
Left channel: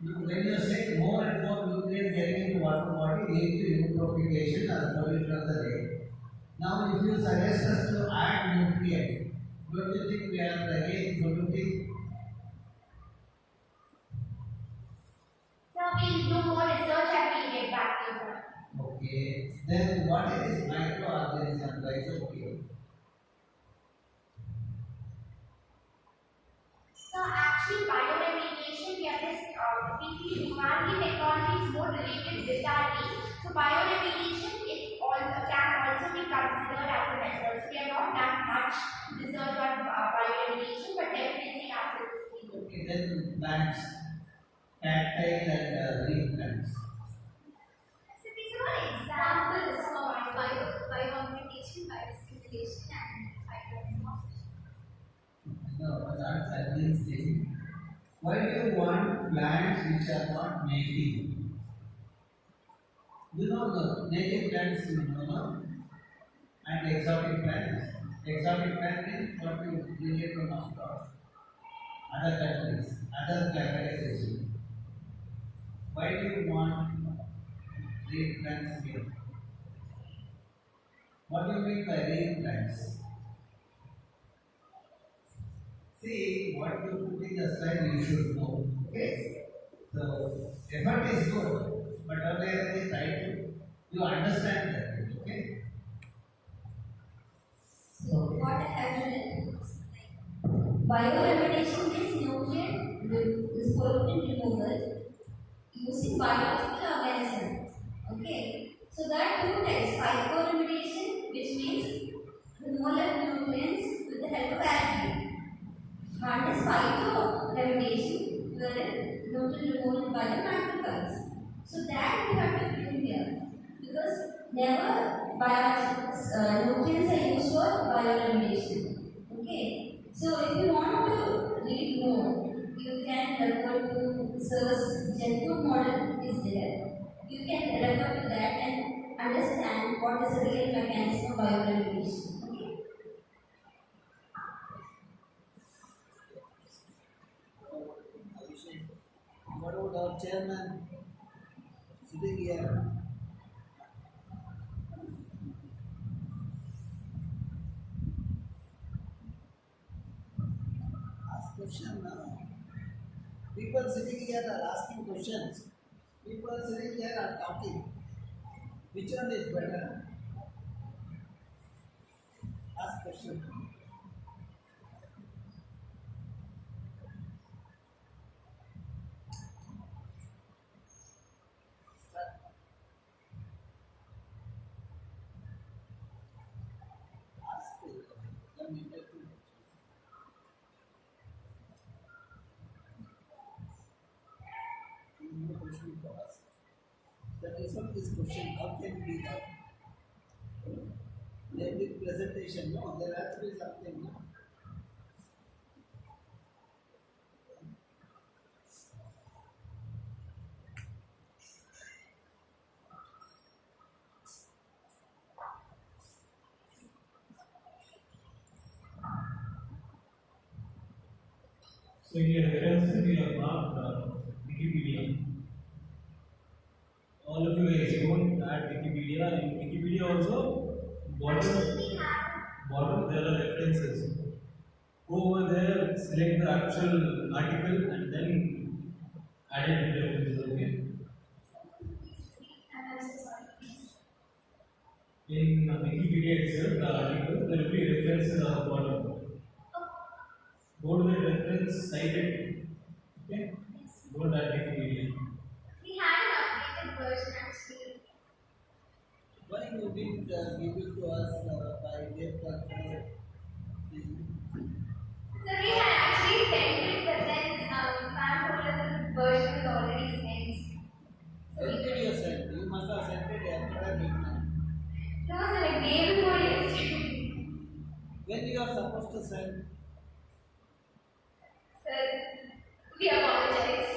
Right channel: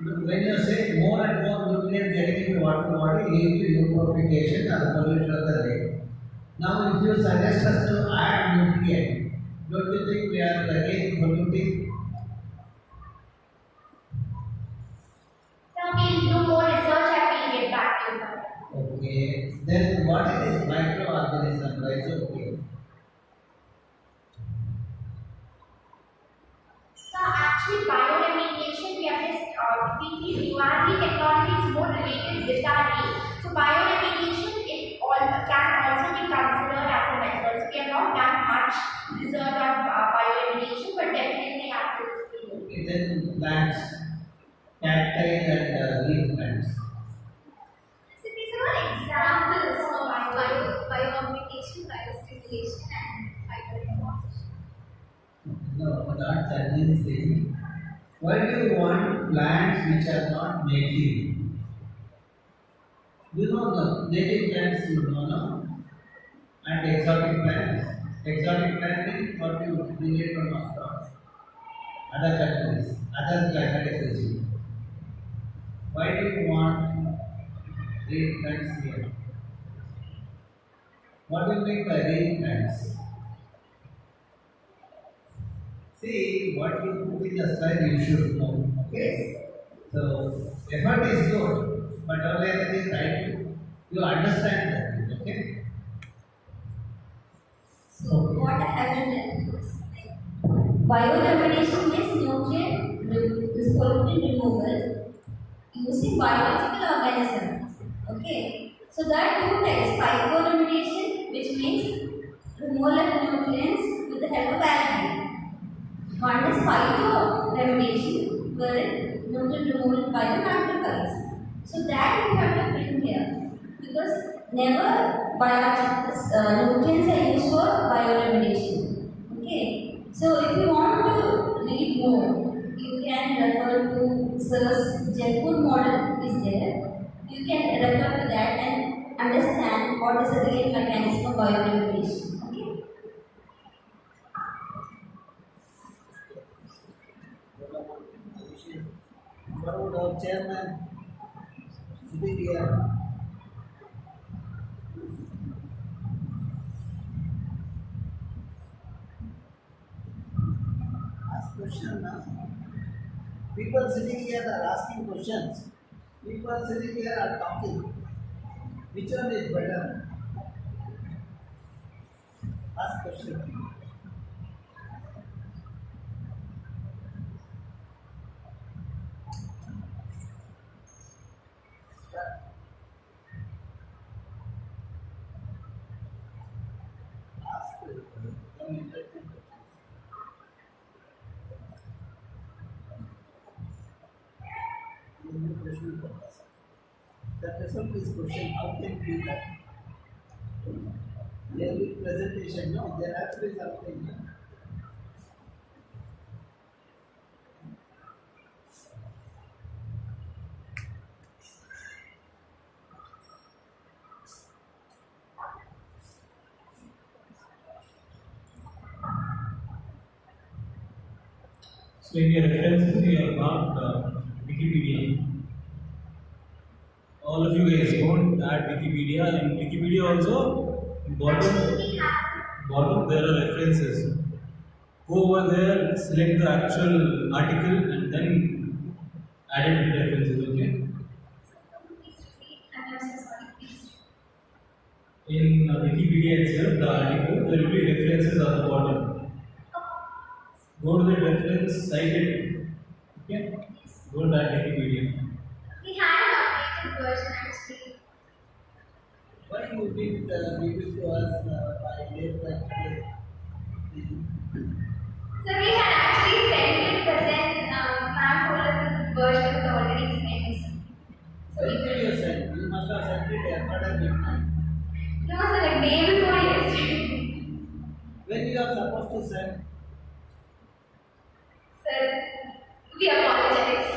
When you say more and more nutrients getting into water body lead to eutrophication as a pollution of the lake. Now if you suggest us to add nutrient, don't you think we are again polluting? So we'll do more research and we'll get back to you, sir. Okay. Then what is this microorganism? Rhizopia. So actually bioremediation, we are just we feel URD technology is more related with our need. So bioremediation is all can also be considered as a method. So we have not done much research on bioremediation, but definitely as it is. Okay, then plants, cacti and leaf plants. So these are all examples of biocommunication, biostimulation, and phytoremorsation. No, not that means thing. Why do you want plants which are not native? You know the native plants you know, no? And exotic plants. Exotic plant means what you bring it from across other countries, other climatic regime. Why do you want reed plants here? What do you mean by reed plants? See, what you put in the slide you should know. Okay? So, effort is good, but only thing try to you understand that. Okay? So what I have written is bioremediation is is pollutant removal using biological organisms. Okay. So there are two types: phytoremediation, which means removal of nutrients with the help of algae. One is phytoremediation, wherein nutrient removal by the macrophages. So that we have to bring here because never biological nutrients are used for bioremediation. Okay. So if you want to read more, you can refer to Sir's Jet Food model is there. You can refer to that and understand what is the real mechanism of bioremediation. Okay. What about our chairman sitting here? Ask question now. People sitting here are asking questions. People sitting here are talking. Which one is better? Ask question. Start. Ask some interesting questions. No question for us. The result is question, how can be that? There will be presentation, no, there has to be something, no? So in your references, you have marked Wikipedia. All of you guys don't add Wikipedia. In Wikipedia also, bottom there are references. Go over there, select the actual article and then add it with references, okay? I'm so sorry, please. In Wikipedia itself, the article, there will be references on the bottom. Go to the reference, cite it, okay? Go to that Wikipedia. We had an updated version actually. Why you didn't give it to us by late like today? So we had actually sent it, but then ma'am told us that the version was already sent. When did you send? You must have sent it yesterday midnight. No, sir, like day before yesterday. When you are supposed to send? Sir, we apologize.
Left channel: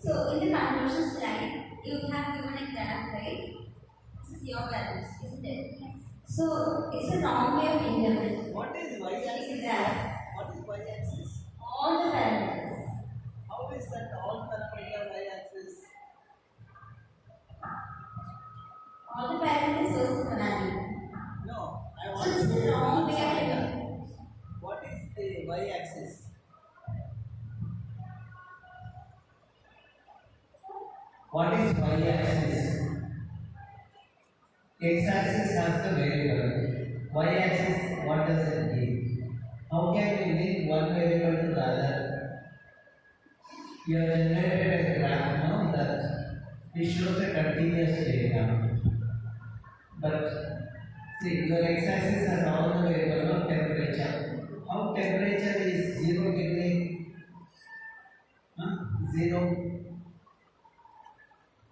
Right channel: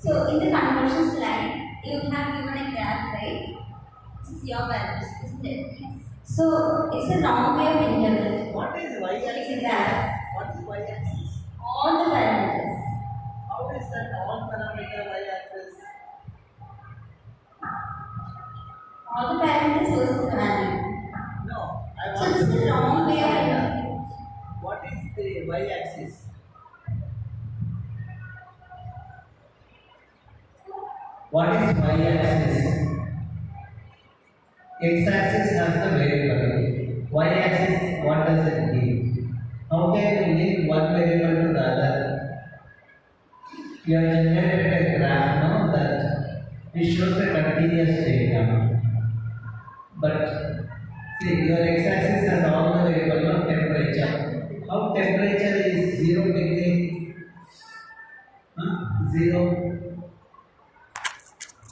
So in the conversion slide, you have given a graph, right? This is your values, isn't it? Yes. So it's a wrong way of interpreting. What is It's a y-axis? graph. What is y-axis? All the parameters. How is that all parameter y-axis? All the parameters versus the value. No, I So want this is to the know wrong way of parameter. interpreting. What is the y-axis? What is y-axis? X-axis has the variable. Y-axis, what does it mean? How can you link one variable to the other? You have generated a graph now that it shows a continuous data. But see, your x-axis has all the variables of temperature. How temperature is 0 degree? 0.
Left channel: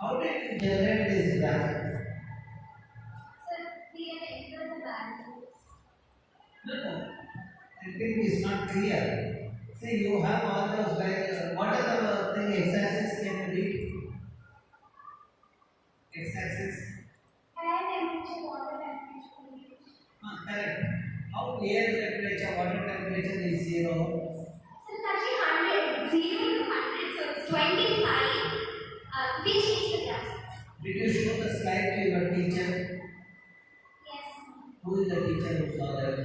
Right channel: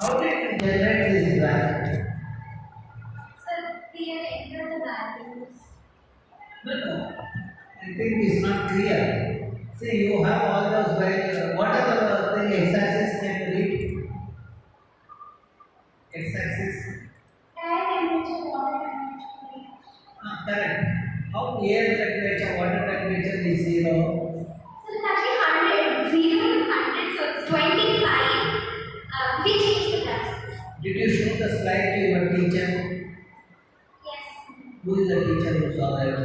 How did you generate this graph? Sir, we have entered the values. No. I think it's not clear. See, you have all those variables. What are the x-axis can you read? X-axis. Air temperature, water temperature. Correct. How air temperature, water temperature is 0? So it's actually 100. 0 to 100, so it's 25. We changed the graph. Did you show the slide to your teacher? Yes. Who is the teacher who saw that?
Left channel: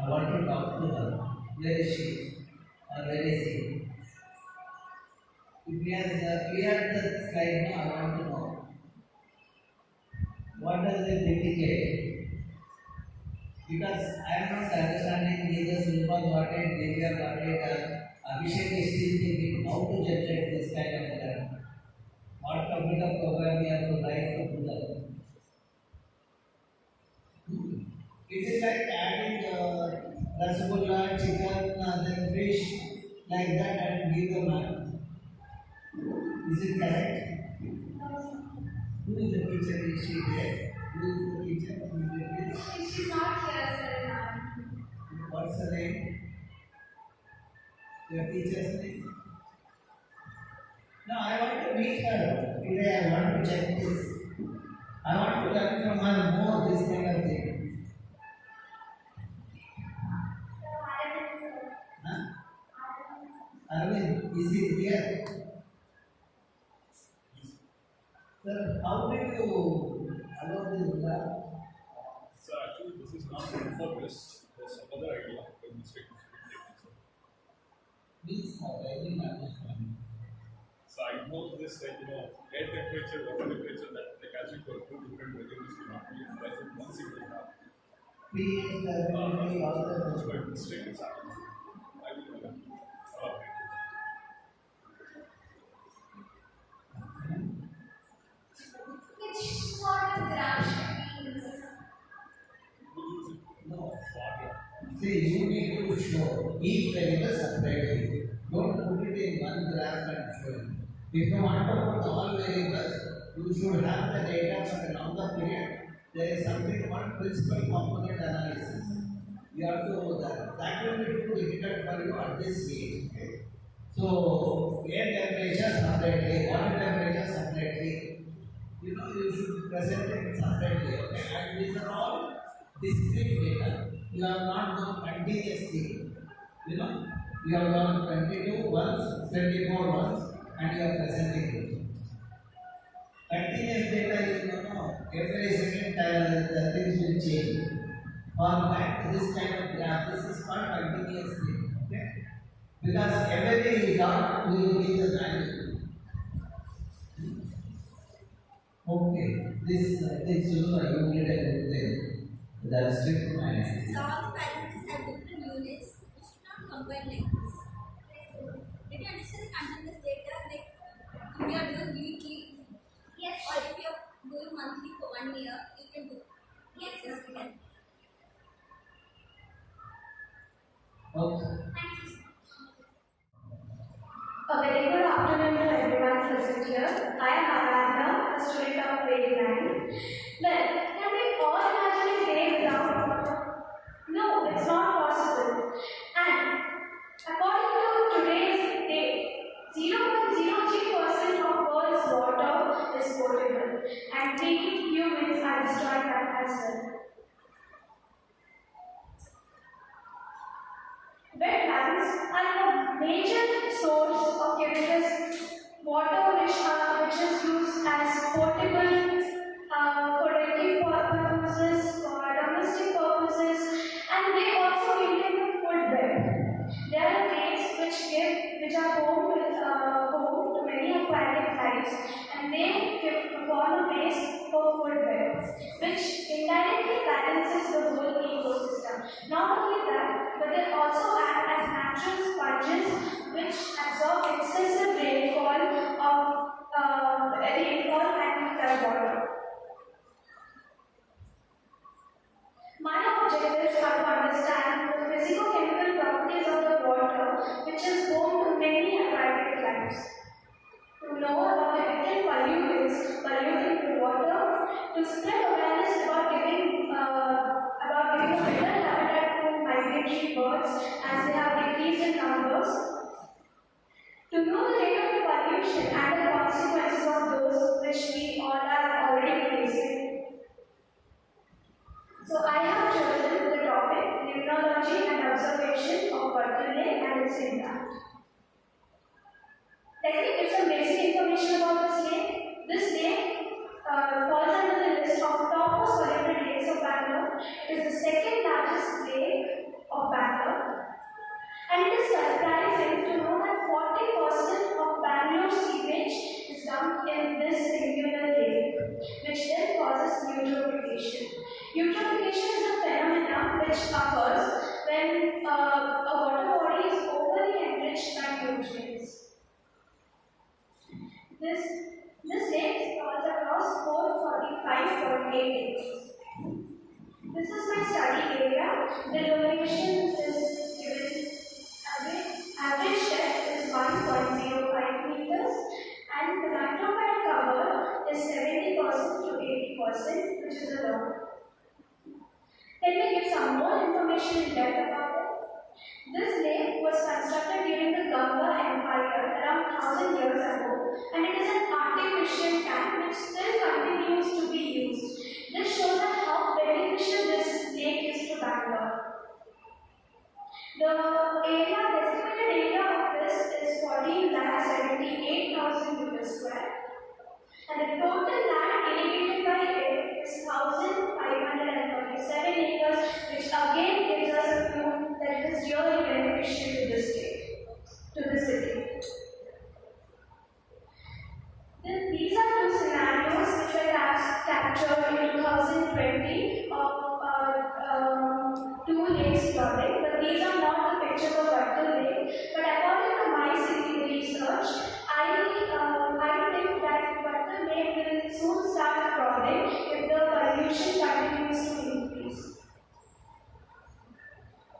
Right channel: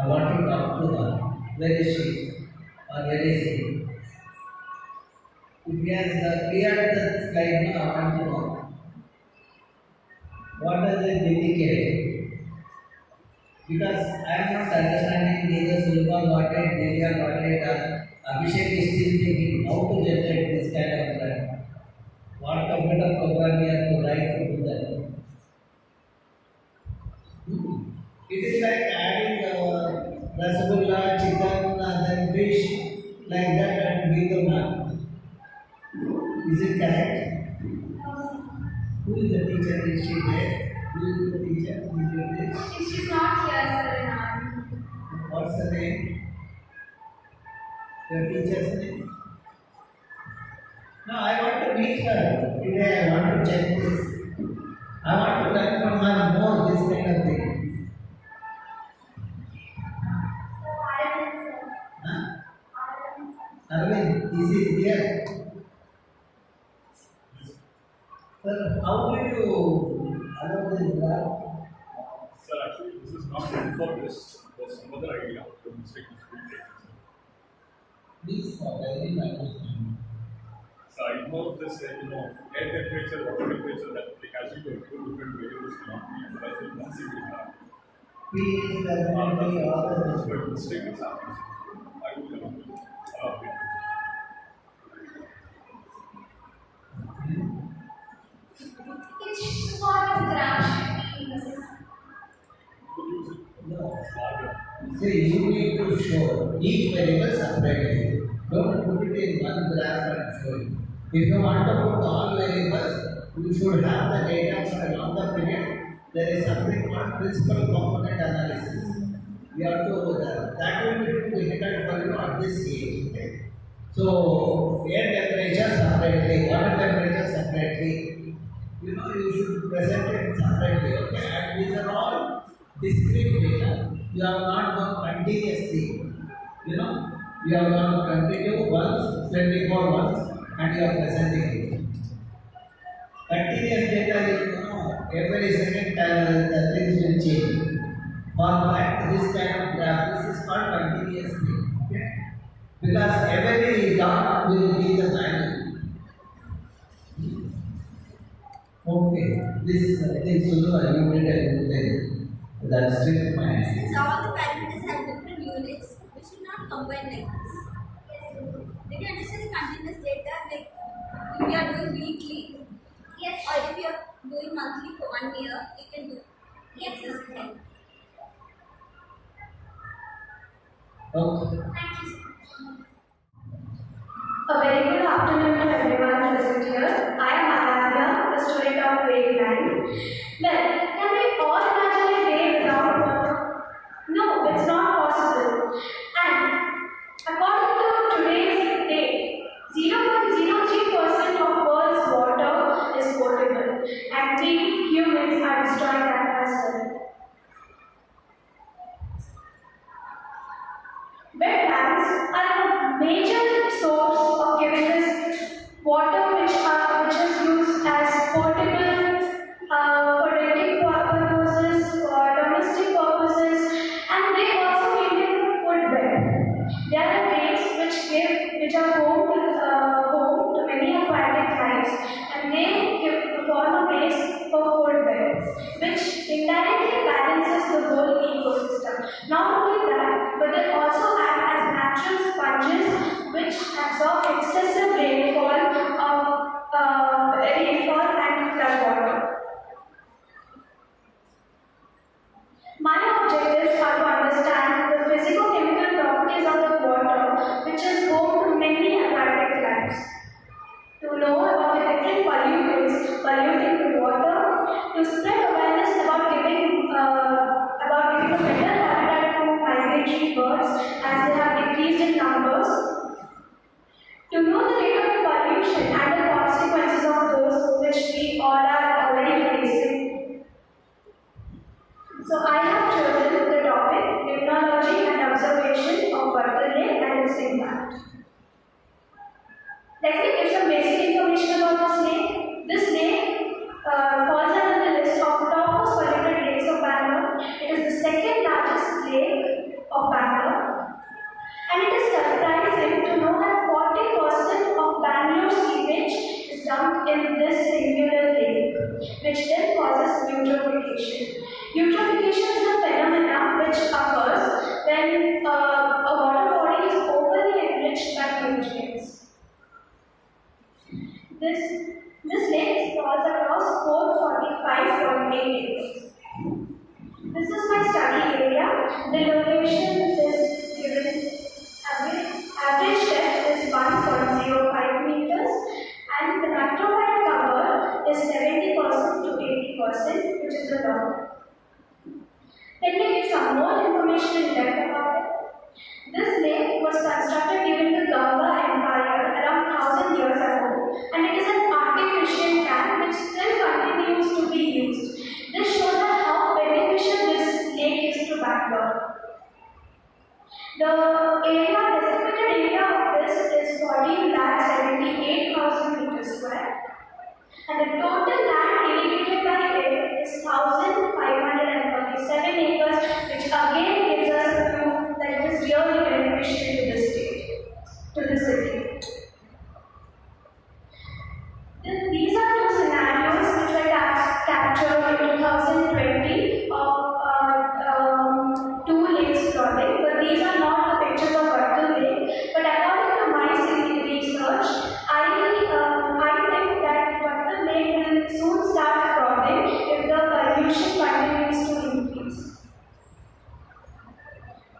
I want to talk to her. Where is she? Or where is he? If he has cleared the slide now, I want to know. What does it indicate? Because I am not understanding neither Sulpa got it, Delia got it, Abhishek is still thinking how to generate this kind of graph. What computer program we have to write to do that? It is like adding rasgulla, chicken, then fish, like that, and give the map. Is it correct? Who is the teacher? Is she there? Who is the teacher? Who did this? She's not here, sir, in our. What's the name? Your teacher's name? No, I want to meet her. Today I want to check this. I want to learn from her more this kind of thing. Huh? Arvind, is he here? Sir, how did you allow this graph? Sir, actually, this is not meant for this. There's some other idea. The mistake is being taken, sir. Please, I didn't understand. So I know this, air temperature, water temperature, that like as you go, two different variables cannot be utilized in one single graph. P is definitely all That's the. why mistake is happening. I will cannot do. It's not a graph. Could use it. No. Bar. See, you need to show each variable separately. Don't put it in one graph and show it. If you want to put all variables, you should have the data for a longer period. There is something called principal component analysis. You have to that will be too difficult for you at this stage. Okay? So air temperature separately, water temperature separately. You should present it separately. Okay? And these are all discrete data. You have not gone continuously. You know, you have done 22 once, 24 once, and you are presenting it. Continuous data, you know, every second the things will change. For that, this kind of graph, this is called continuous thing. Okay? Because every dot will give the value. Okay, this I think Sudha, you did a good thing. That's still my. Since all the parameters have different units, we should not combine like this. Did you understand the continuous data? Like if you are doing weekly, yes, or if you are doing monthly for 1 year, you can do. Yes, this can. Okay. Thank you. A very good afternoon to everyone present here. I am Aradhya, a student of grade 9. Well, can we all imagine a day without water? No, it's not possible. And according to today's date, 0.03% of world's water is potable, and we humans are destroying that as well. Wetlands are a major source of giving us water which is used as potable for drinking purposes, for domestic purposes, and they also maintain the food web. There are lakes which are home to many aquatic lives, and they form a base for food webs, which indirectly balances the whole ecosystem. Not only that, but they also act as natural sponges which absorb excessive rainfall and floodwater. My objectives are to understand the physico-chemical properties of the water, which is home to many aquatic lives. To know about the different pollutants polluting the water, to spread awareness about giving a better habitat to migratory birds as they have decreased in numbers, to know the rate of pollution and the consequences of those which we all are already facing. So I have chosen the topic Limnology and Observation of Vagdevi and its impact. Let me give some basic information about this lake. This lake falls under the list of top most polluted lakes of Bangalore. It is the second largest lake of Bangalore. And it is surprising to know that 40% of Bangalore sewage is dumped in this singular lake, which then causes eutrophication. Eutrophication is a phenomenon which occurs when a water body is overly enriched by nutrients. This lake sprawls across 445.8 acres. This is my study area. The location is given. Average depth is 1.05 meters, and the microphyte cover is 70% to 80%, which is the norm. Let me give some more information in depth about it. This lake was constructed during the Ganga Empire around 1000 years ago, and it is an artificial dam which still continues to be used. This shows that how beneficial this lake is to Bangalore. The designated area of this is 14,78,000 meters square, and the total land irrigated by it is 1,537 acres, which again gives us proof that it is really beneficial to the state, to the city. These are two scenarios which were captured in 2020 of two lakes flooding, but these are not the pictures of Vagdevi Lake. But according to my research, I think that Vagdevi Lake will soon start flooding if the pollution continues to increase.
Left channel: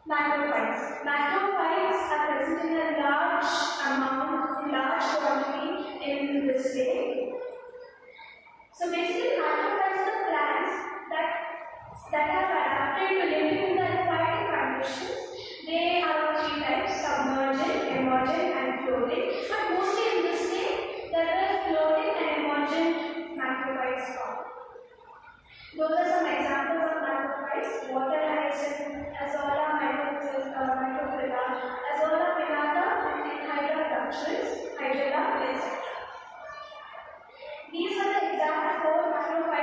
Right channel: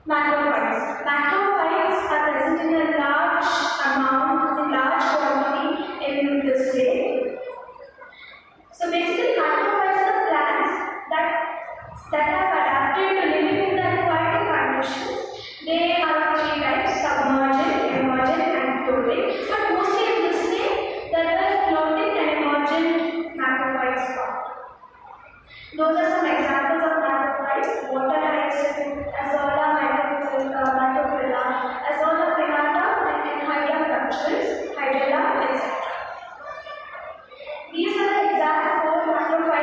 Macrophytes. Macrophytes are present in a large quantity in this lake. So basically, macrophytes are the plants that have adapted to living in the aquatic conditions. They are of three types: submergent, emergent, and floating. But mostly in this lake, there are floating and emergent macrophytes found. Those are some examples of macrophytes: water hyacinth, azolla microphylla,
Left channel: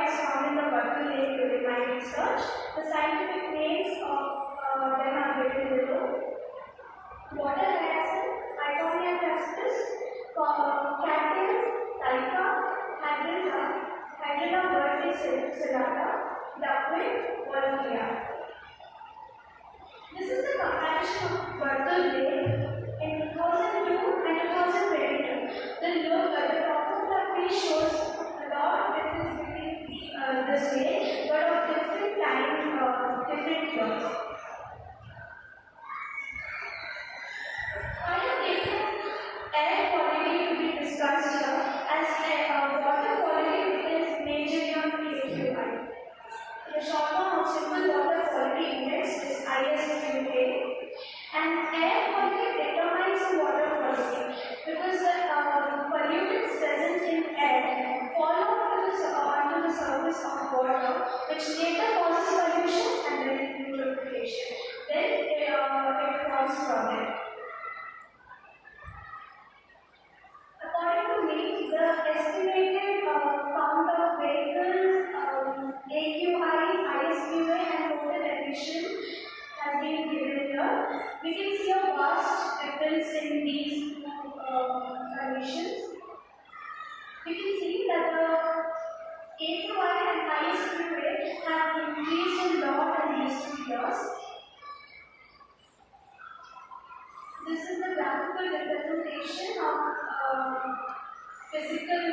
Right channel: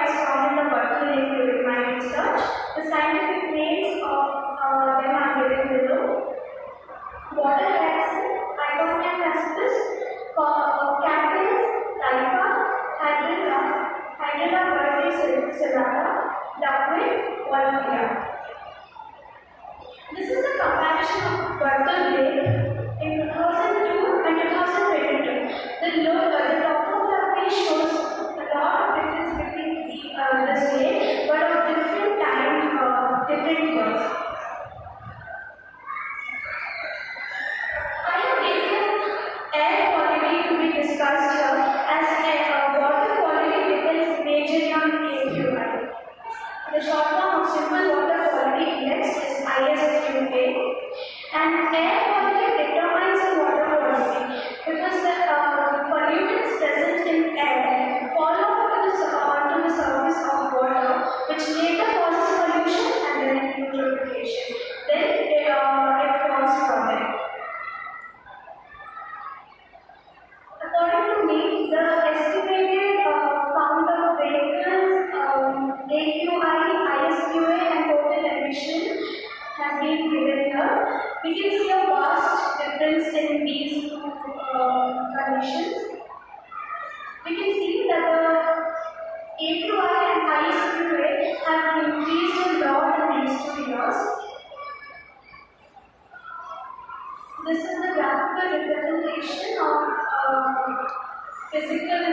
is found in the Berkeley Lake during my research. The scientific names of them are given below. Water hyacinth, Iconia caspis, Cactus, Typha, Hydrilla verticillata, duckweed, Wolfia. This is a comparison of Berkeley Lake in 2002 and 2022. The topography shows a lot of difference between this lake, but of different time, different years. I have taken air quality to be discussed here as water quality depends majorly on the AQI. The short form of simple water quality index is IISC, and air quality determines the water quality because the pollutants present in air fall off onto the surface of water, which later causes pollution and then purification. Then it forms from it. According to me, the estimated count of vehicles, AQI, ISQA, and total emission has been given here. We can see a vast difference in these two conditions. We can see that the AQI and ISQA have increased a lot in these 2 years. This is the graphical representation of physical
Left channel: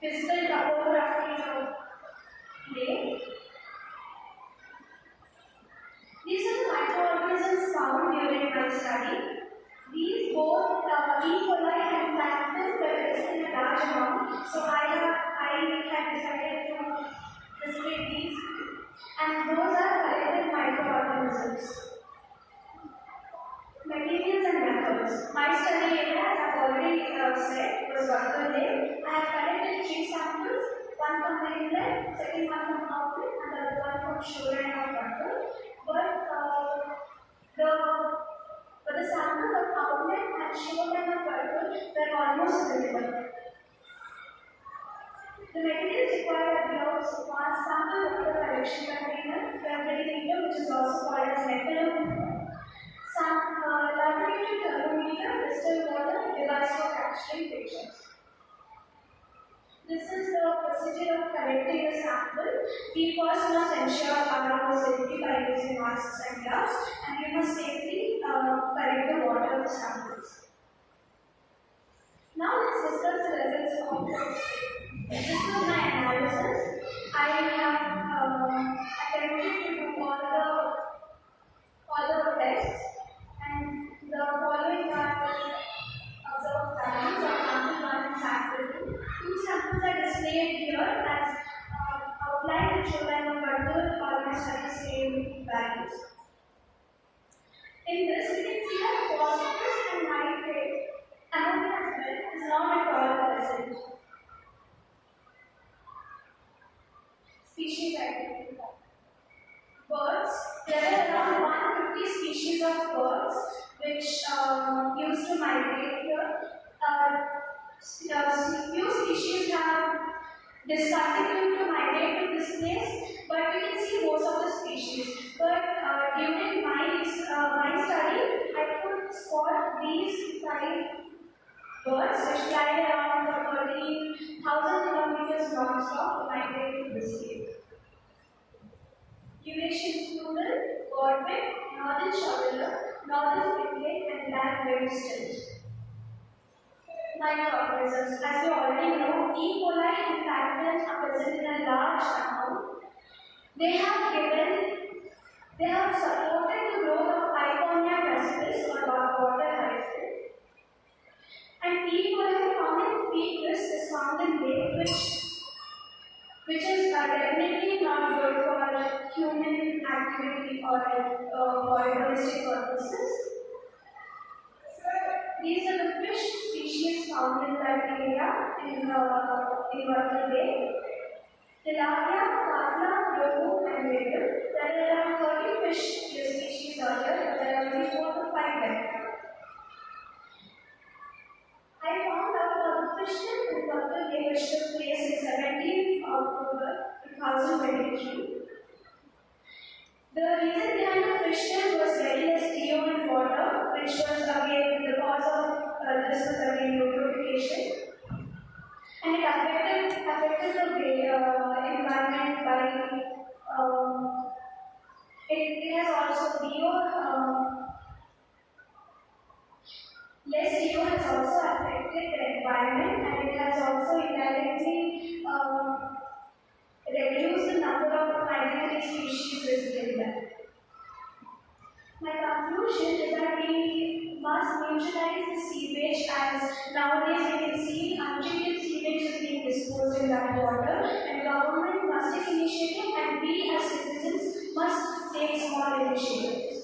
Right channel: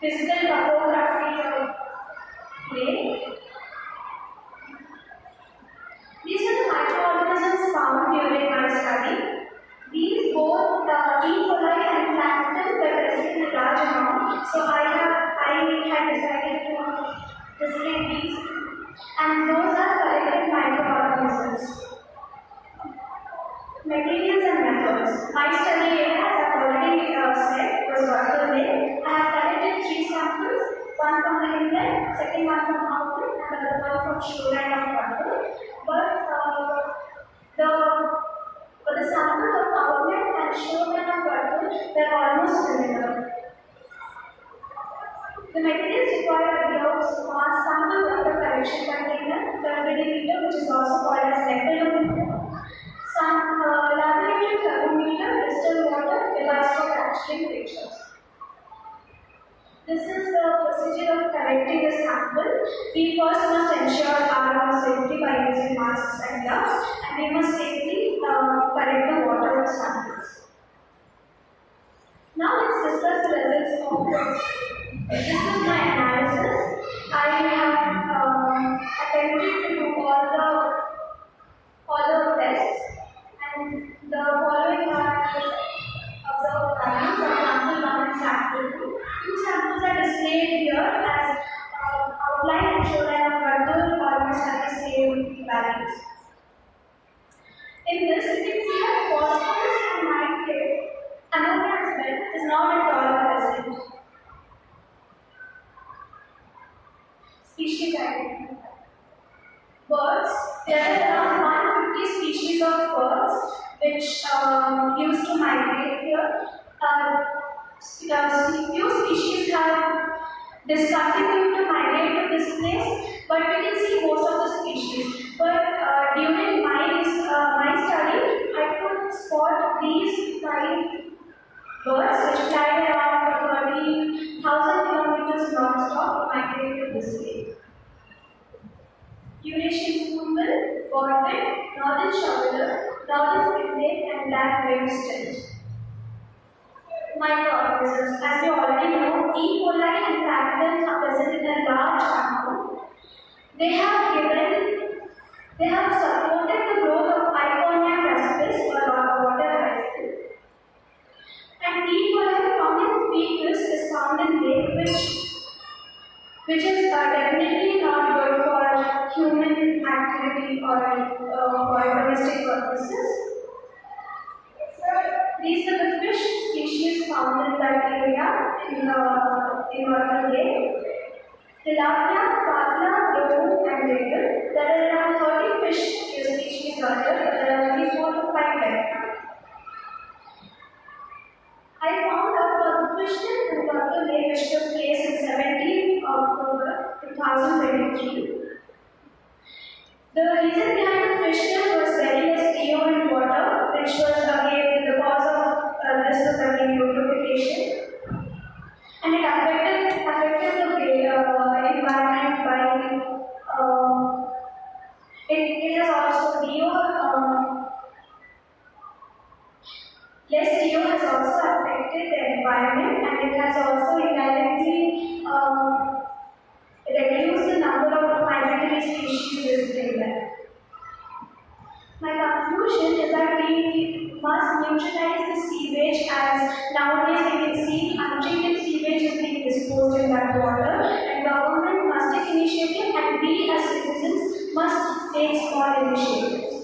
topography of lake. These are the microorganisms found during my study. These both E. coli and plankton were present in a large amount, so I had decided to display these, and those are collected microorganisms. Materials and methods. My study area, as I have already said, was Berkeley Lake. I have collected 3 samples, one from the inlet, second one from outlet, and the third from shoreline of Berkeley. But the samples of outlet and shoreline of Berkeley were almost similar. The materials required are gloves, mask, sample water collection container, turbidimeter, which is also called as nephelometer, some laboratory thermometer, distilled water, device for capturing pictures. This is the procedure of collecting a sample. We first must ensure our safety by using masks and gloves, and we must safely collect the water samples. Now let's discuss the results of this. This is my analysis. I have attempted to do all the tests, and the following are observed values of sample 1 and sample 2. 2 samples are displayed here as outline and shoreline of Berkeley almost have the same values. In this, you can see that phosphorus and nitrate, ammonia as well, is not at all present. Species identified. Birds, there are around 150 species of birds which used to migrate here. Few species have discontinued to migrate to this place, but we can see most of the species. But during my study, I could spot these 5 birds which fly around 30,000 kilometers non-stop to migrate to this lake. Eurasian spoonbill, godwit, northern shoveler, northern picnic, and black winged stilt. Microorganisms. As we already know, E. coli and plankton are present in a large amount. They have supported the growth of Iconia caspis or water hyacinth. And E. coli found in fetus is found in lake, which is definitely not good for human activity or for domestic purposes. These are the fish species found in that area in Marathahalli Lake. Tilapia, Kavla, Rohu, and Regal. There are around 30 fish species are there. There are only 4 to 5 left. I found out about the fishing in Berkeley which took place in 17th October 2023. The reason behind the fission was very less CO in water, which was again the cause of this was again eutrophication. And it affected the environment by it has also less CO has also affected the environment, and it has also indirectly reduced the number of migratory species visiting there. My conclusion is that we must neutralize the sewage, as nowadays we can see untreated sewage is being disposed in that water, and government must take initiative, and we as citizens must take small initiatives.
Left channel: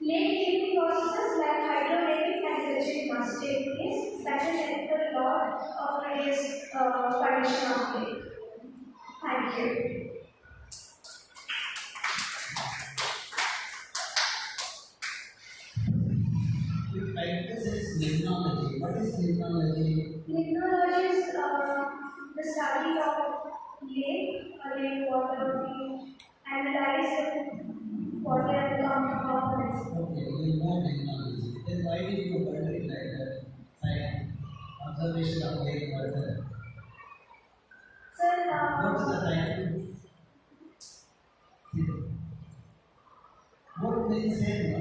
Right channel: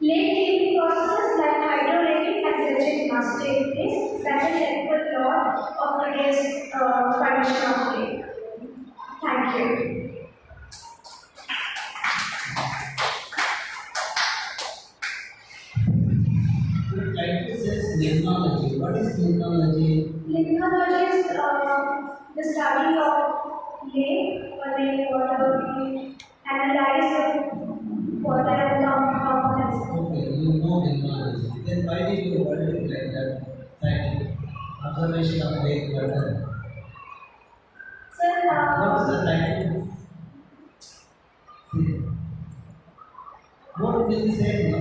Lake cleaning processes like hydrorating and dredging must take place. That will help a lot of today's condition of lake. Thank you. Limnology. What is limnology? Limnology is the study of lake or lake water. We analyze the water and components. Okay, you know limnology. Then why did you word it like that? Scientific observation of lake water. Sir, What is the title? What did you say? No?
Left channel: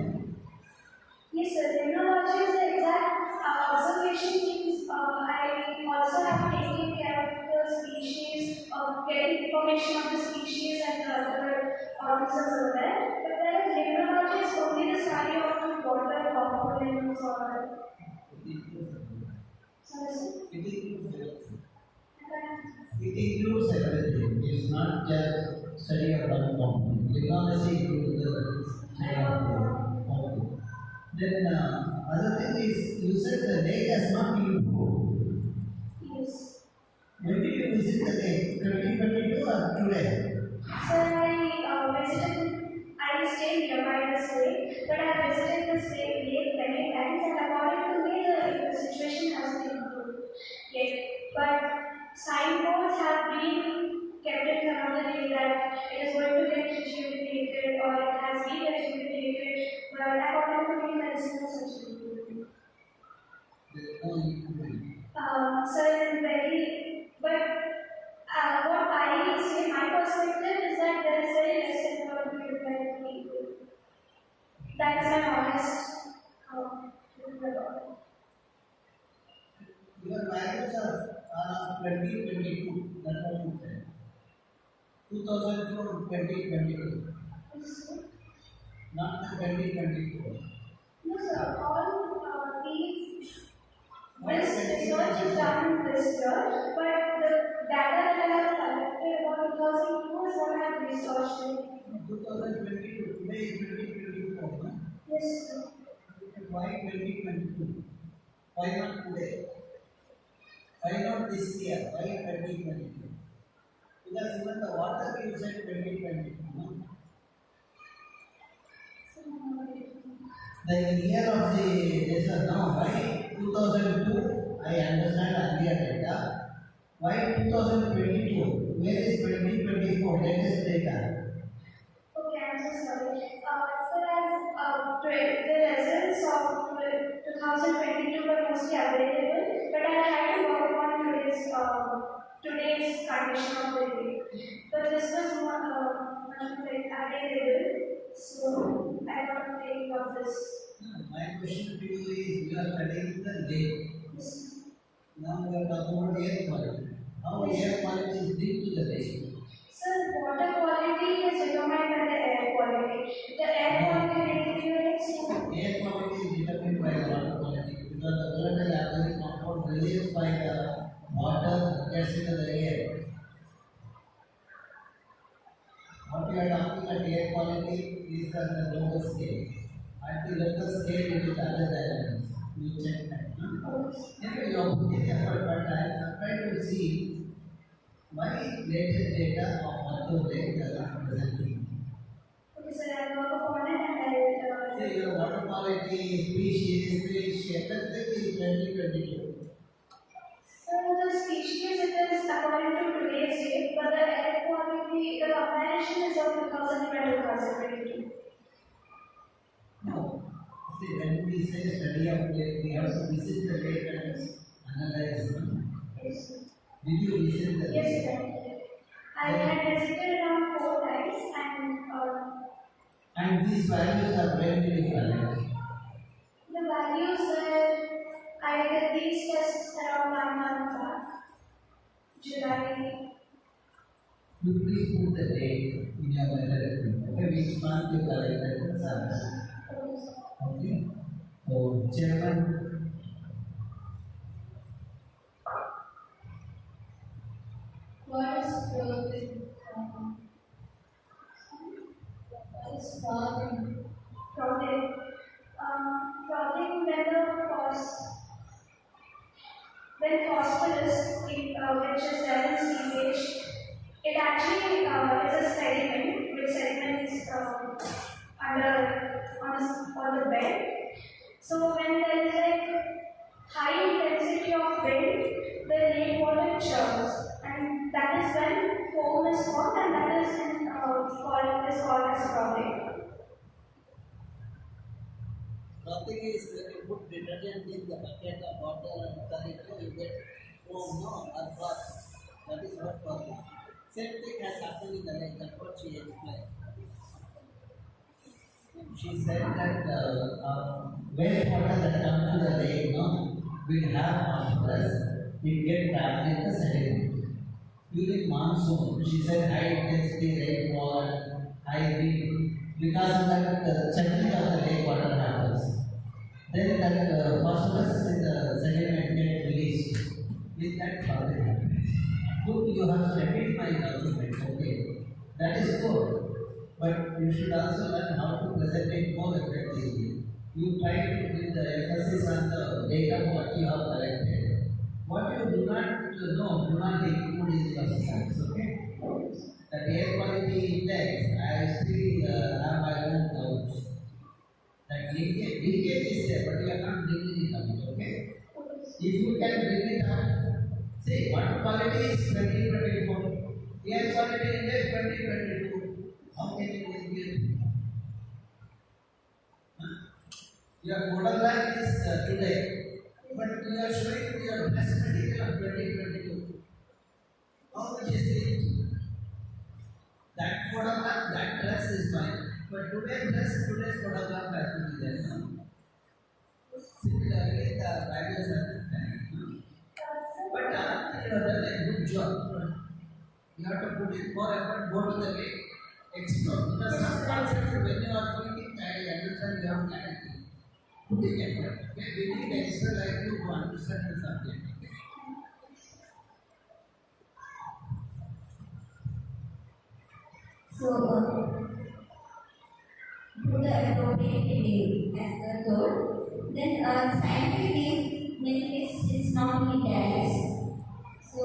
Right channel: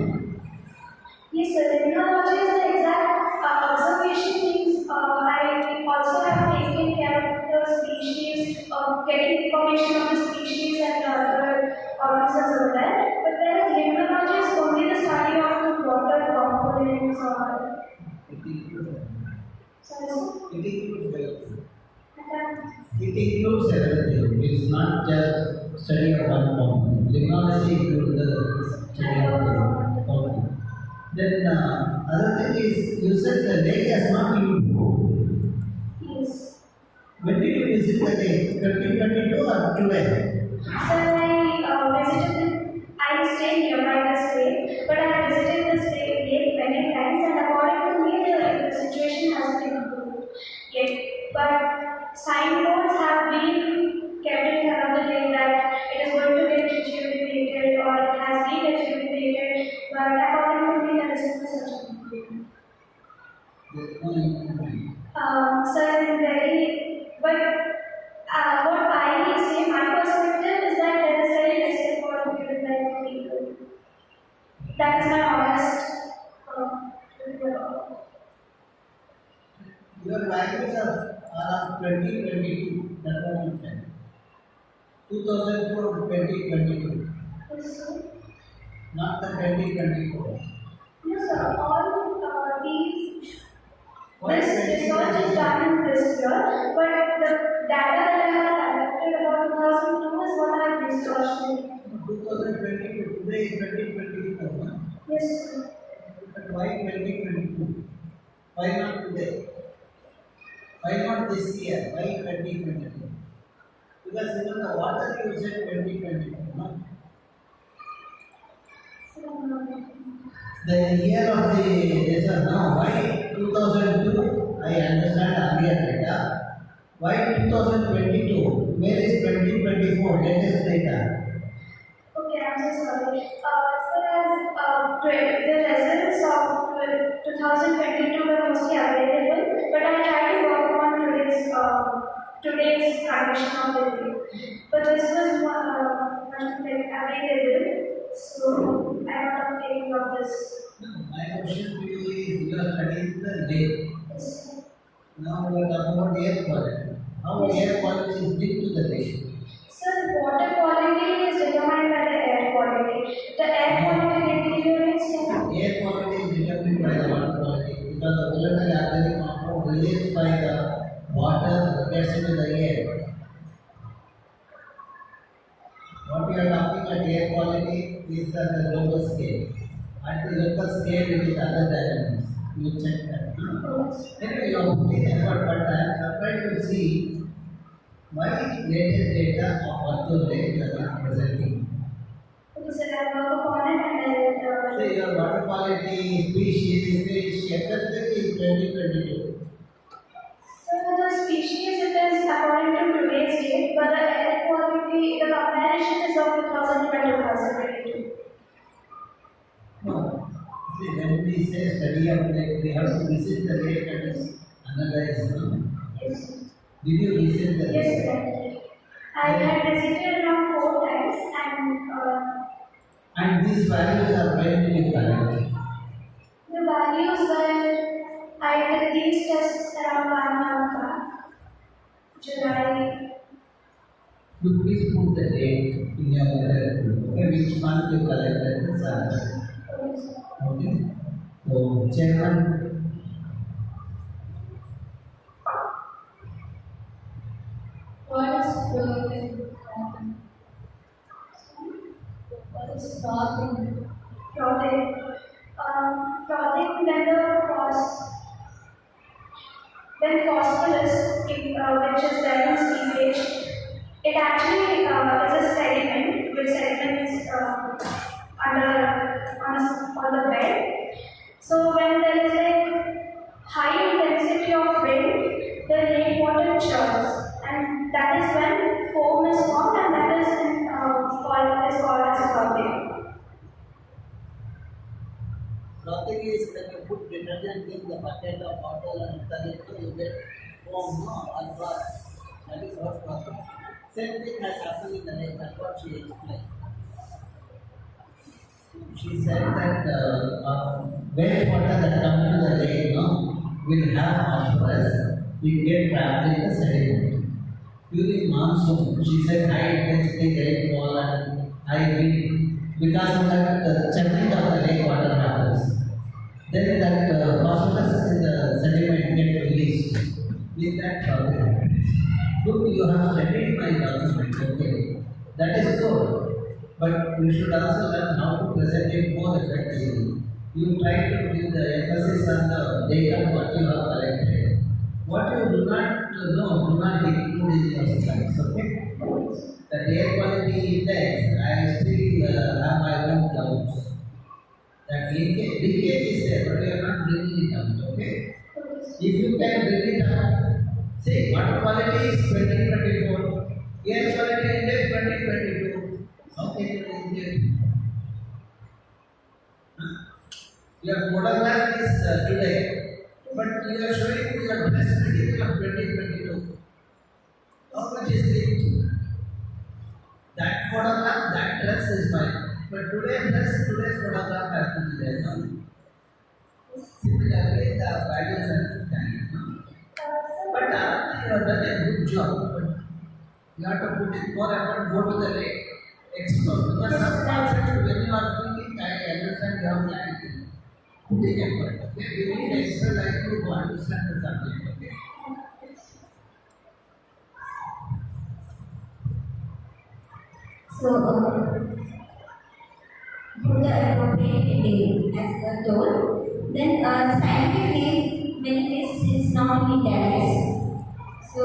yes, sir. Limnology is the exact observation means I also have taken care of the species, of getting information on the species and other organisms over there. But whereas limnology is only the study of the water components or. It includes everything. Sorry, sir. It includes everything. Okay. It includes everything. It is not just study of one component. Limnology includes the study of the component. Then other thing is, you said the lake has not been improved. Yes. When did you visit the lake? 2022 or today? Sir, I stay nearby this lake, but I visited this lake many times, and according to me, the situation hasn't improved yet. But signboards have been kept in front of the lake that it is going to get rejuvenated or it has been rejuvenated, but according to me, there is no such improvement. There is no improvement. Sir, I'm very, but what I say, my perspective is that there is very less effort given by people. That is my honest Your values are of 2022. That's what you said. 2002 or 2022. yes, sir. Not the 2024. No, sir, all these. Why This research is done this year, but the data that I have collected about 2002 is what I have researched. 2022. Today is 2024. No? Yes, sir. But why 2022? Why not today? Why not this year? Why 2022? Because even the water you said 2022. No? The year of the desert now, why 2002? I understand earlier data. Why 2022? Where is 2024? Latest data. Okay, I'm so sorry. Sir, as the results of 2022 were mostly available, but I tried to work on today's condition of the day. But this was much available, so I am not taking of this. No, my question to you is, you are studying the lake. Yes. Now we are talking about air quality. How air quality is linked to the lake? Sir, water quality is determined by the air quality. The air quality deteriorates. Air quality is determined by the water quality because the volatile organic compound released by the water gets into the air. What we are talking at air quality is at the global scale. At the local scale, it is other dimensions. You check that. Anyway, you have put in effort, but I am surprised to see why latest data of Virtual Lake you are not presenting. Okay, sir, I work upon it and I'll. See, your water quality, species, fish, everything is 2022. So the species it is according to today's date, but the air we say study of lake, we have to visit the lake and analyze. No? Yes. Did you visit the Yes, lake? sir. I had visited around 4 times And these values are where did you collect? the values were, I did these tests around 1 month back. July. You please put the date in your letter. Okay, which month you collected the samples. Okay. So, chairman. What is frothing? What is frothing? Frothing. Frothing when phosphorus, which is there in seepage, it actually is a sediment, which sediment is on the bed. So when there is a high intensity of wind, the rainwater churns, and that is when foam is formed, and that is called as frothing. Frothing is when you put detergent in the bucket of water and turn it to, you get foam, no, or froth. That is what frothing. Same thing has happened in the lake, that's what she explained. She said that wastewater that comes to the lake, no, will have phosphorus, it gets trapped in the sediment. During monsoon, she said high intensity rainfall and high wind, because of that churning of the lake water happens. Then that phosphorus in the sediment gets released. With that problem. Good, you have studied my document, okay. That is good. But you should also learn how to present it more effectively. You try to give the emphasis on the data what you have collected. What you do not know, do not include in your slides, okay? The air quality index, I still have my own doubts. That leakage is there, but you are not bringing it out, okay? If you can bring it out, see, water quality is 2024, air quality index 2022. How can you bring it? Your photograph is today, but you are showing your dress material of 2022. How much is it? That photograph, that dress is mine. But today's photograph has to be there. No? Similarly, the values are different. No? But you have done a good job. But you have to put in more effort, go to the lake, explore. Because some concepts, when you are thinking, I understand you have clarity. Put in effort. Okay? We need extra like you to understand the subject. Okay? So, put the appropriate name as the told. Then, scientific name, many cases it's not in italics. So,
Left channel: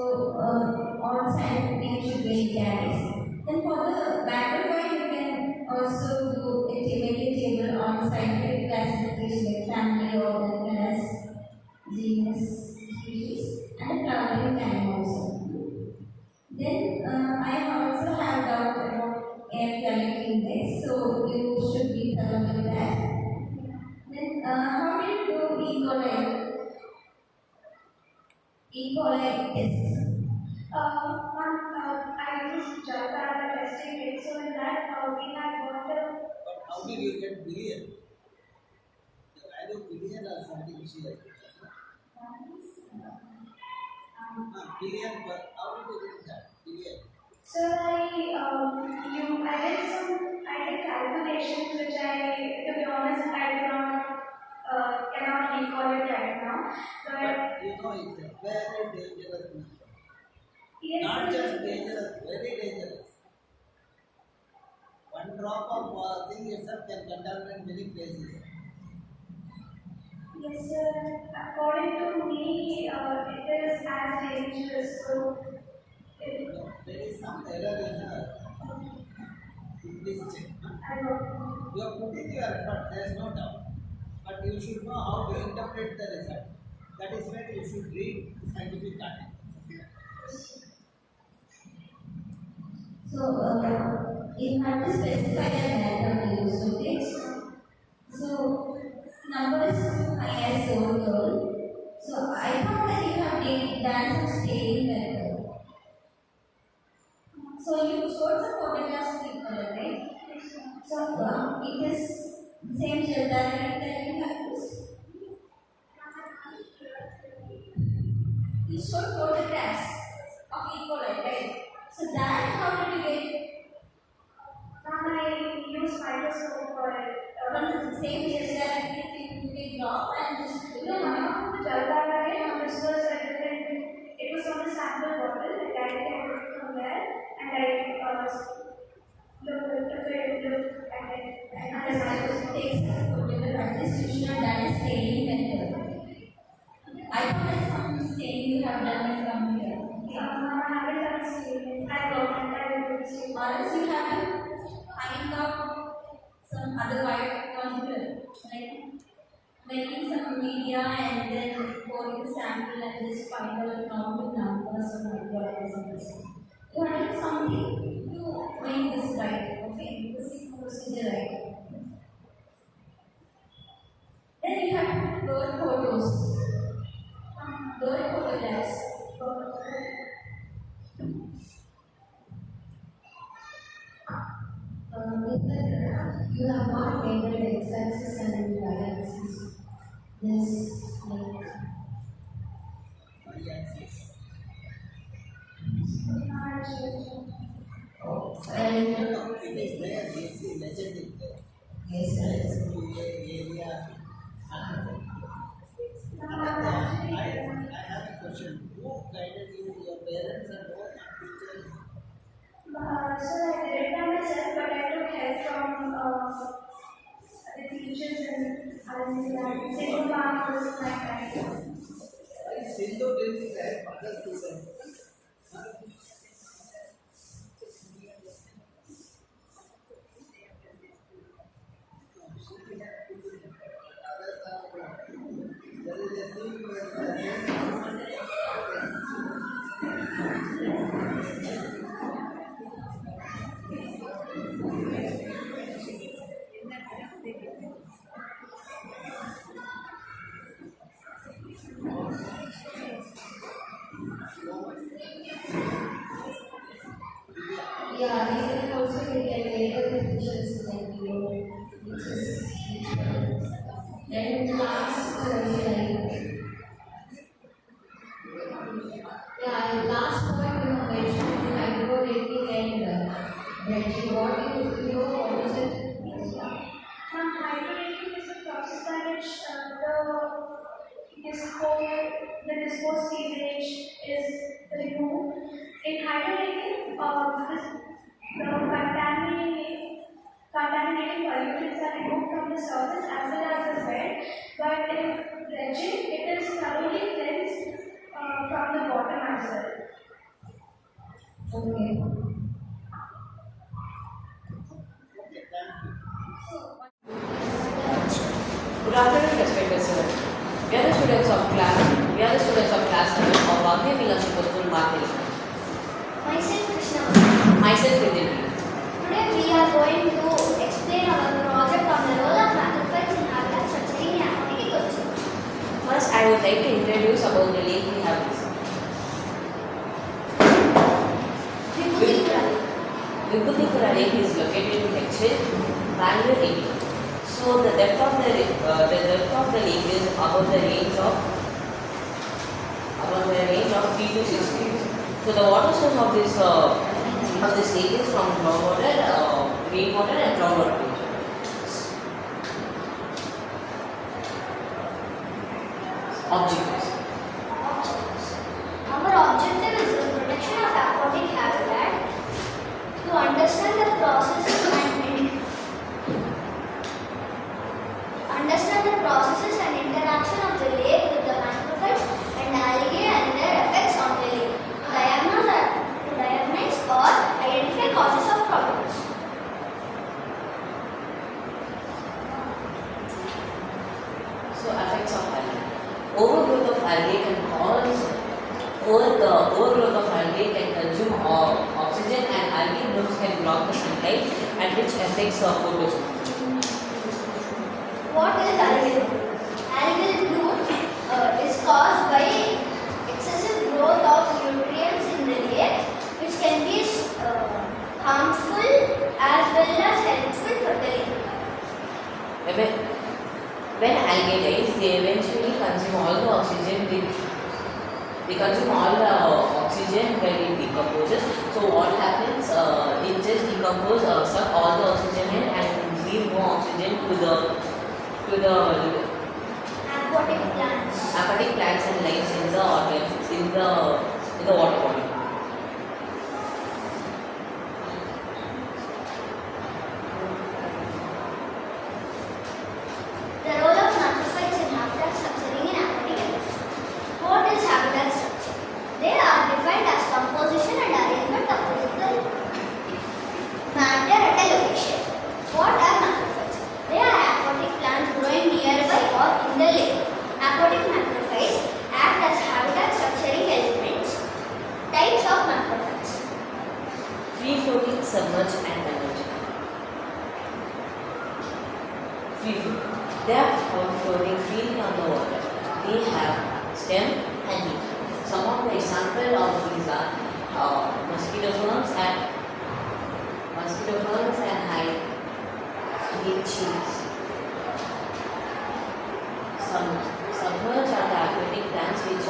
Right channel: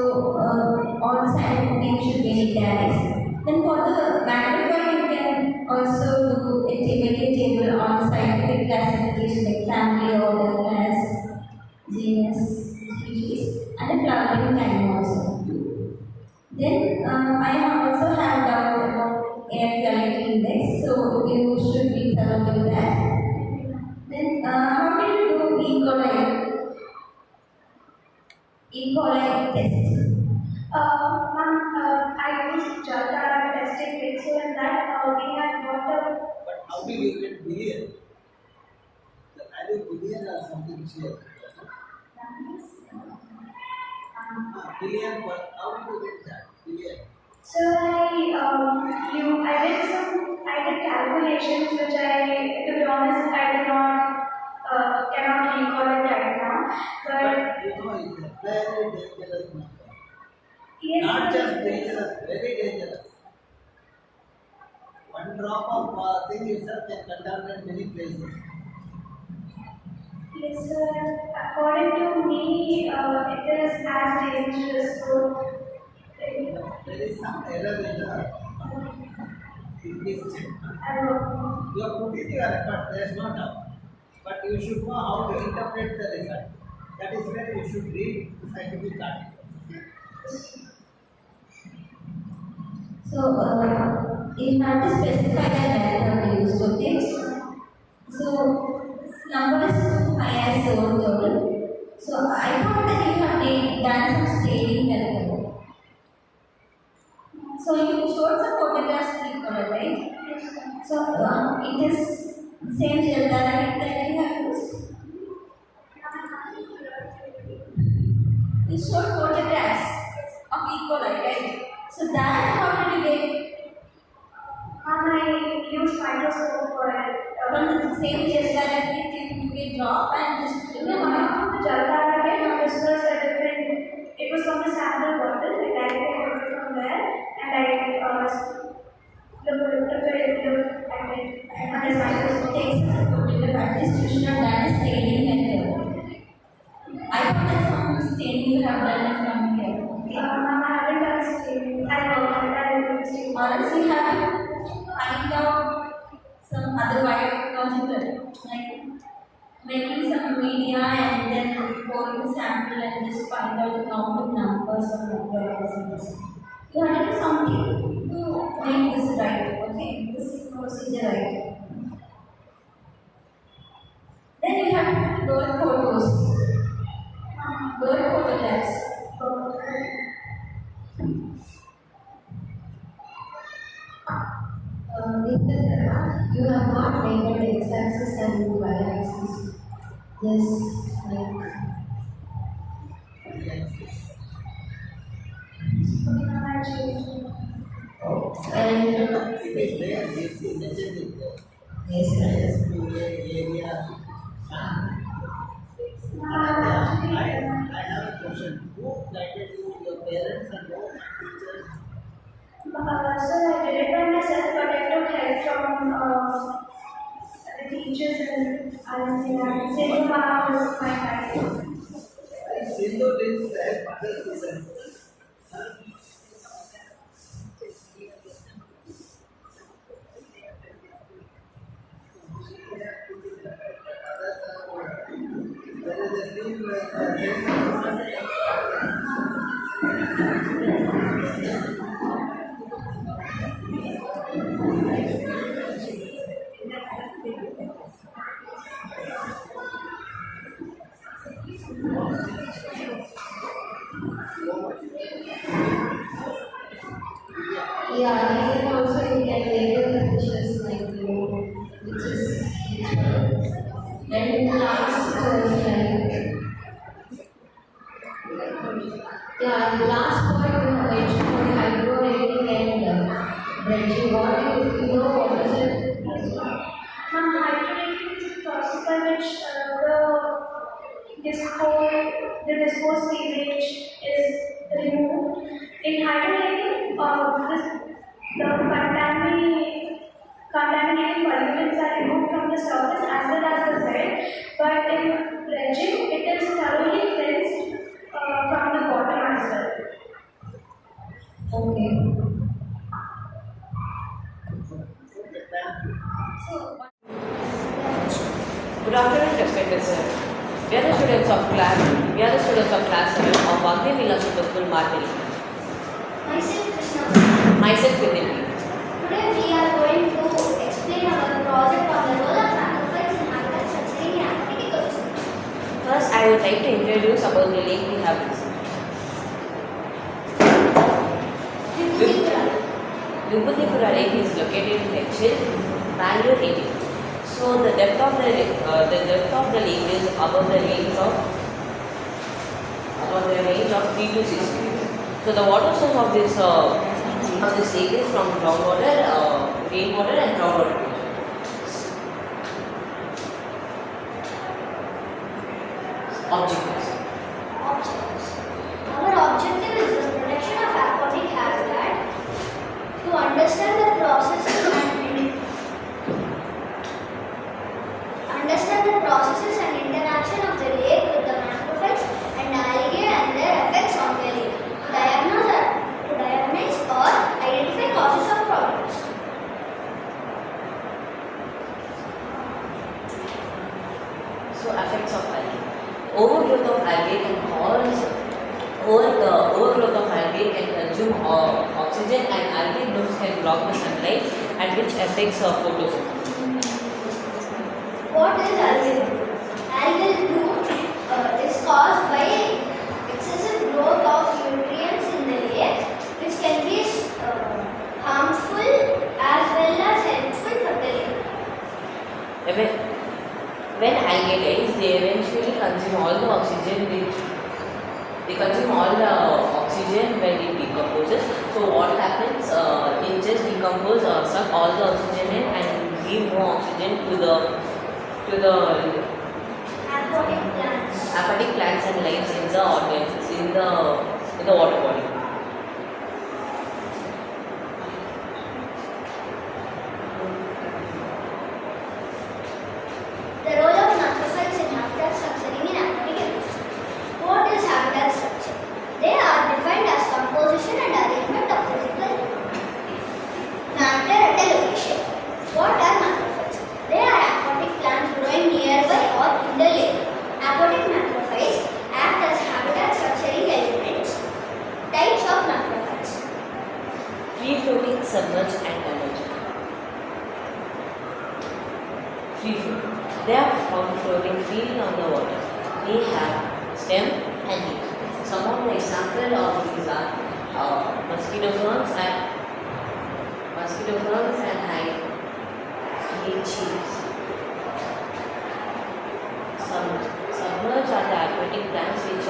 all scientific names should be in italics. Then, for the magnifier, you can also do a table on scientific classification like family, order, class, genus, species, and the flowering time also. Then I also have doubt about air quality index, so you should be thorough with that. Then how did you do E. coli test? I used Jata testing it, so in that we had water. But how did you get billion? The value billion or something she has billion, but how did you get that? Billion. So I did calculations which to be honest, I do not cannot recall it right now. But you know, it's a very dangerous number. Yes, Not sir. just dangerous, very dangerous. One drop of thing itself can contaminate many places. Yes, sir. According to me, it is as dangerous. So, There is some error in this check. You have put in your effort, there is no doubt. But you should know how to interpret the result. That is where you should read the scientific articles. So you have to specify the diagram used, okay? So this number is So you showed some photographs in the color, right? So it is same gel that you have used. You showed photographs of E. coli, right? So that how did you get? I use microscope for it. From the same gel that you can drop and just No, not from the gel that I get. This was a different. It was from the sample bottle. I directly got it from there, and I looked at it, and the microscope takes the photograph distribution of that is staining method. I thought that some staining you have done from here. I haven't done a statement. I know, I will do a statement. Or else you have to find out some other biological, like making some media and then pouring the sample and just find out the counting numbers of microorganisms. You have to do something to make this right, okay? This procedure right. Then you have to put bird photos, bird photographs. In the graph, you have not labeled x-axis and y-axis. Yes, like And it is there, yes, legend is there. yes, Area. I have a question. Who guided you, your parents and all teachers? So I did it by myself, but I took help from the teachers and that. Same was my guide. Sindhu did that, mother to them. yeah, and then also you can label the fishes like which is then last like yeah, and last point you have mentioned hydro rating and dredging. What you know what is it? Hydrolytic is the process by which the disposed sewage is removed. In hydrolytic, the contaminating pollutants are removed from the surface as well as the bed. But in dredging, it is thoroughly cleansed from the bottom as well. Okay. Good afternoon, respected sir. We are the students of class 7 of Vagdevi, Vilas School, Marathahalli. Myself Krishna. Myself Vagdevi. Today we are going to explain our project on the role of macrophages in habitat structuring and aquatic ecosystem. First, I would like to introduce about the lake we have visited. Vibhutikura Lake is located in Hexil, Bangalore, India. So the depth of the lake is above the range of 3 to 6 feet. So the water source of this lake is from groundwater, rainwater, and groundwater. Objectives. Our objective is the protection of aquatic habitat, to understand the processes and interaction of the lake with the macrophages and algae and their effects on the lake. To diagnose or identify causes of problems. So effects of algae. Overgrowth of algae can consume oxygen, and algae blooms can block the sunlight, and which affects photosynthesis. What is algal bloom? Algal bloom is caused by excessive growth of nutrients in the lake, which can be when algae dies, they eventually consume all the oxygen. They consume all the oxygen when it decomposes. So what happens? It just decomposes, suck all the oxygen in, and leave no oxygen to the aquatic plants and lives in the organisms in the water body. The role of macrophytes in habitat structuring in aquatic ecosystem. What is habitat structure? They are defined as composition and arrangement of physical matter at a location. What are macrophytes? They are aquatic plants growing nearby or in the lake. Aquatic macrophytes act as habitat structuring elements. Types of macrophytes. Free floating, submerged, and emergent. Free floating. They are found floating freely on the water. They have stem and leaf. Some of the examples of these are mosquito ferns and hide cheese. Submerged are the aquatic plants which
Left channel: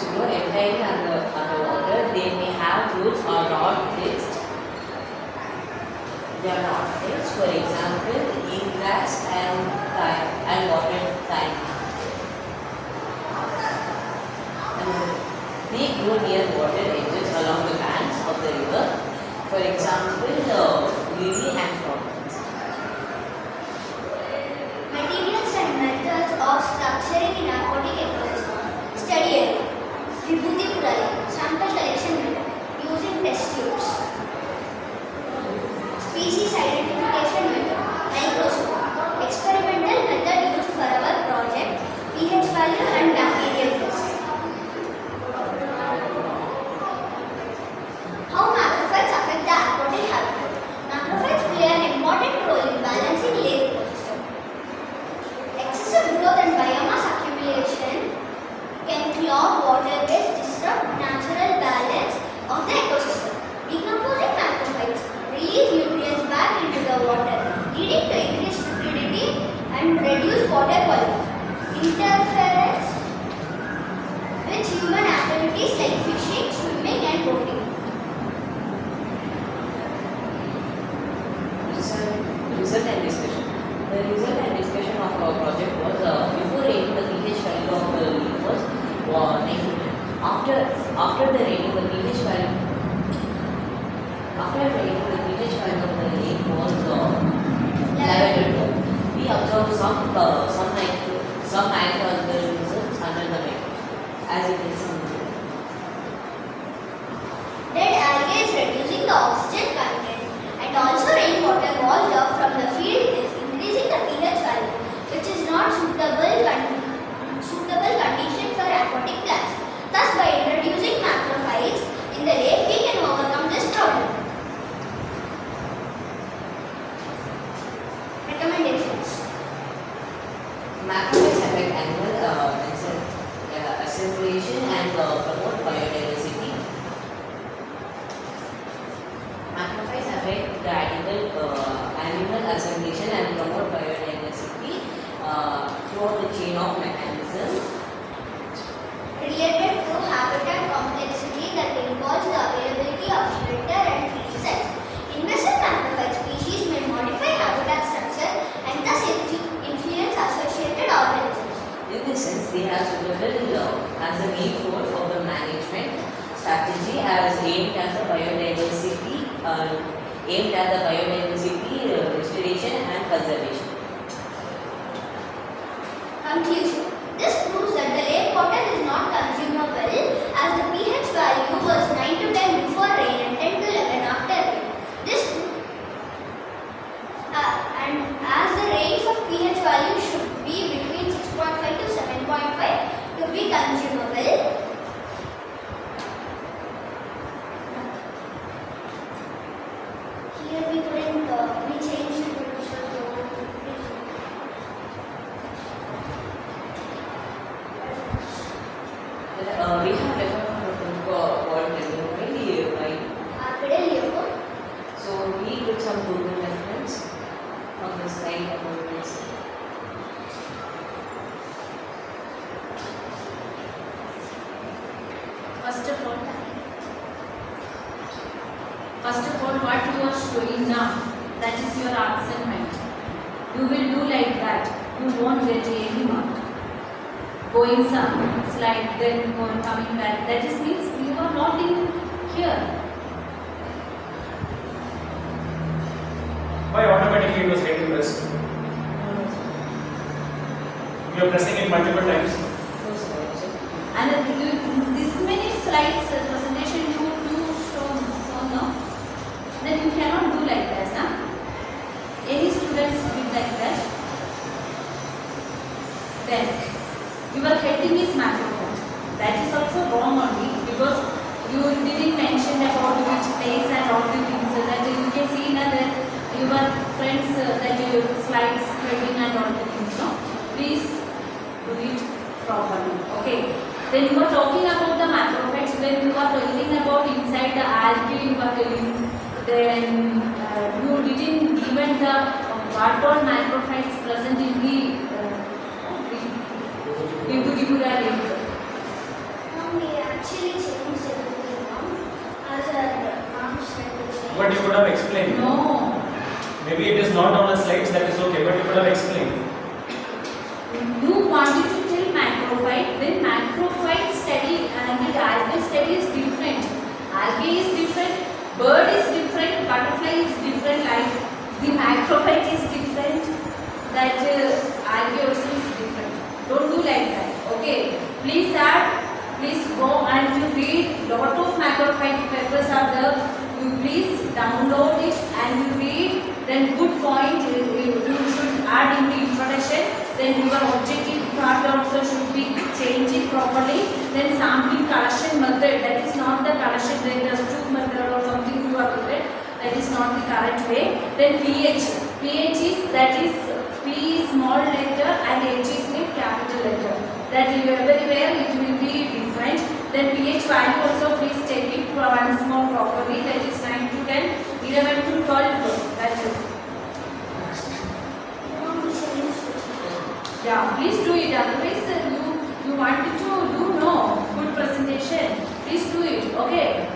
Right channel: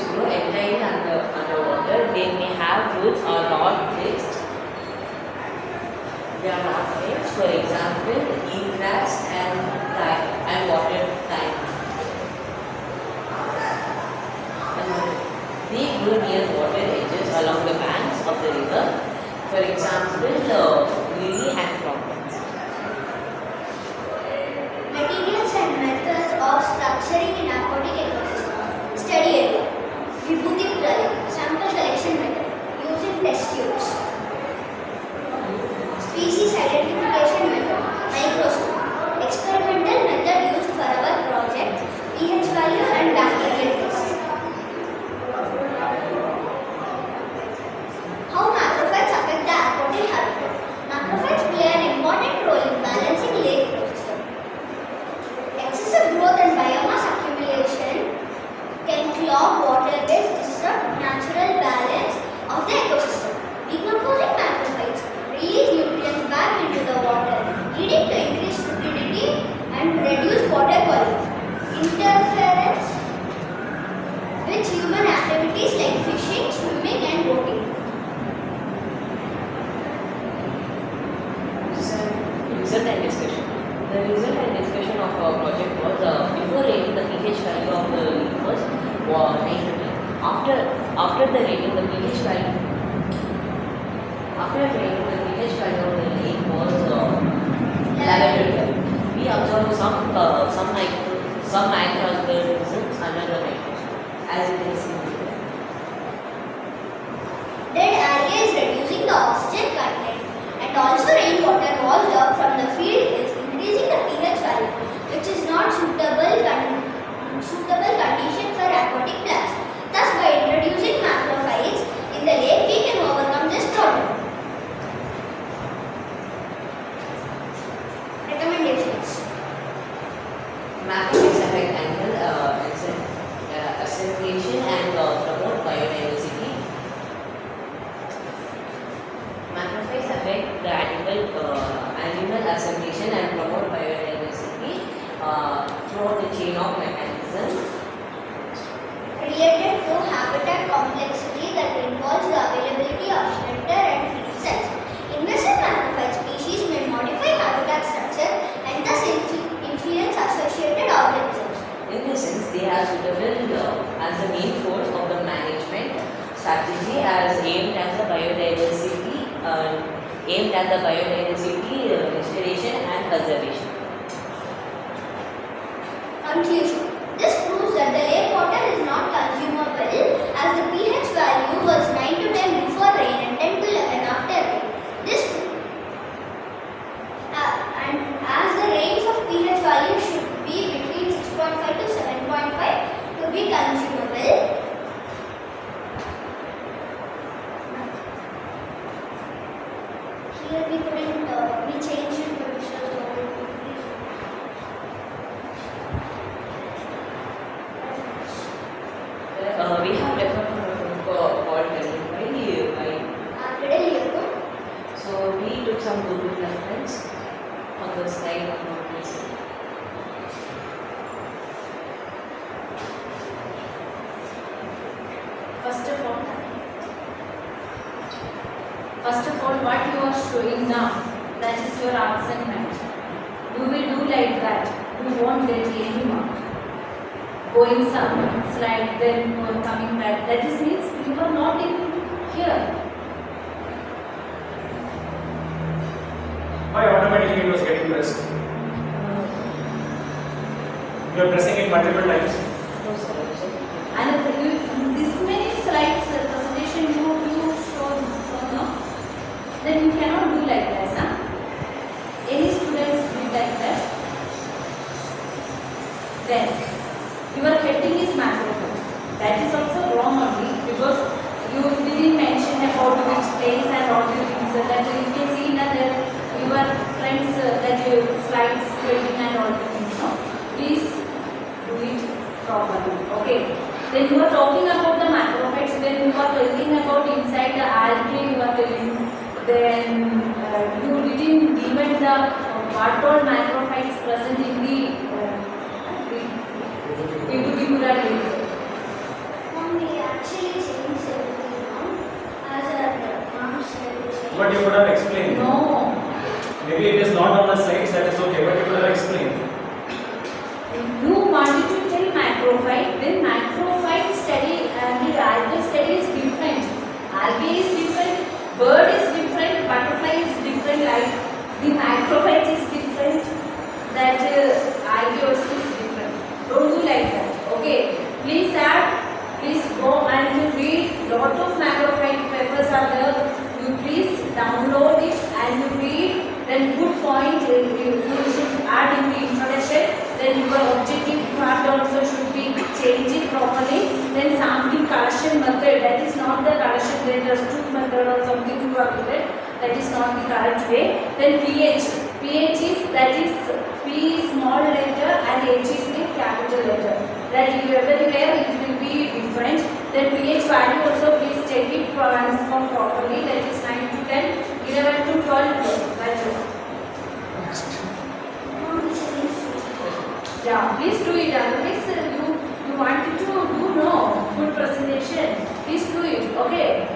grow entirely underwater. They may have roots or not fixed. They are not fixed. For example, Vilas and water thyme. And they grow near water edges along the banks of the river. For example, lily and frogs. Materials and methods of structuring in aquatic ecosystem. Study area. Vibhuti sample collection method using test tubes. Species identification method. Microscope. Experimental method used for our project. pH values and bacterial tests. How macrophytes affect the aquatic habitat? Macrophytes play an important role in balancing lake ecosystem. Excessive growth and biomass accumulation can clog waterways, disrupt natural balance of the ecosystem. Decomposing macrophytes release nutrients back into the water, leading to increased fertility and reduced water quality. Interference with human activities like fishing, swimming, and boating. Result and discussion. The result and discussion of our project was before rating the pH value of the leaf was 9 to 10. After the rating the pH value of the leaf was 11 to 12. We observed some microorganisms under the microscope, as you can see here. Dead algae is reducing the oxygen content, and also rainwater washed up from the field is increasing the pH value, which is not suitable condition for aquatic plants. Thus, by introducing macrophytes in the lake, we can overcome this problem. Recommendations. Macrophytes affect animal assimilation and promote biodiversity. Macrophytes affect the animal assimilation and promote biodiversity throughout the chain of mechanisms. Related to habitat complexity that involves the availability of shelter and feeding sites. Invasive macrophyte species may modify habitat structure and thus influence associated organisms. In this sense, they are suitable as the main force of the management strategy as aimed at the biodiversity restoration and conservation. Conclusion. This proves that the lake water is not consumable as the pH value was 9 to 10 before rain and 10 to 11 after rain. And as the range of pH value should be between 6.5 to 7.5 to be consumable. Here we couldn't, we changed it to visual mode. We have referred from a book called Vagdevi by. Today, So we took some Google reference on this. First of all, what you are showing now, that is your assignment. You will do like that. You won't get any mark. Going some slide, then coming back. That is means you are not in here. Why automatically it was getting pressed? You are pressing it multiple times. No, sir. And this many slides presentation you show now, then you cannot do like that, huh? Any students do like that? Then your heading is macrophage. That is also wrong only because you didn't mention about which place and all the things that you can see that your friends that your slides, heading and all the things. No, please do it properly. Okay. Then you are talking about the macrophages. Then you are telling about inside the algae. You are telling. Then you didn't given the what all macrophages present in the Vagdevi lake. We actually changed everything now as a mom said. But you could have explained. No. Maybe it is not on the slides, that is okay, but you could have explained. You wanted to tell macrophyte, then macrophyte study and the algae study is different. Algae is different, bird is different, butterfly is different, like the macrophyte is different, that algae also is different. Don't do like that. Okay. Please add, please go and you read lot of macrophyte papers are there. You please download it and you read. Then good point you should add in the introduction. Then your objective part also should be changed properly. Then sampling collection method, that is not the collection, then the stoop method or something you are given, that is not the correct way. Then pH, pH is that is P is small letter and H is the capital letter. That everywhere it will be different. Then pH value also please check it once more properly. That is 9 to 10, 11 to 12. That's it. Yeah, please do it. Otherwise, you wanted to do no good presentation. Please do it. Okay.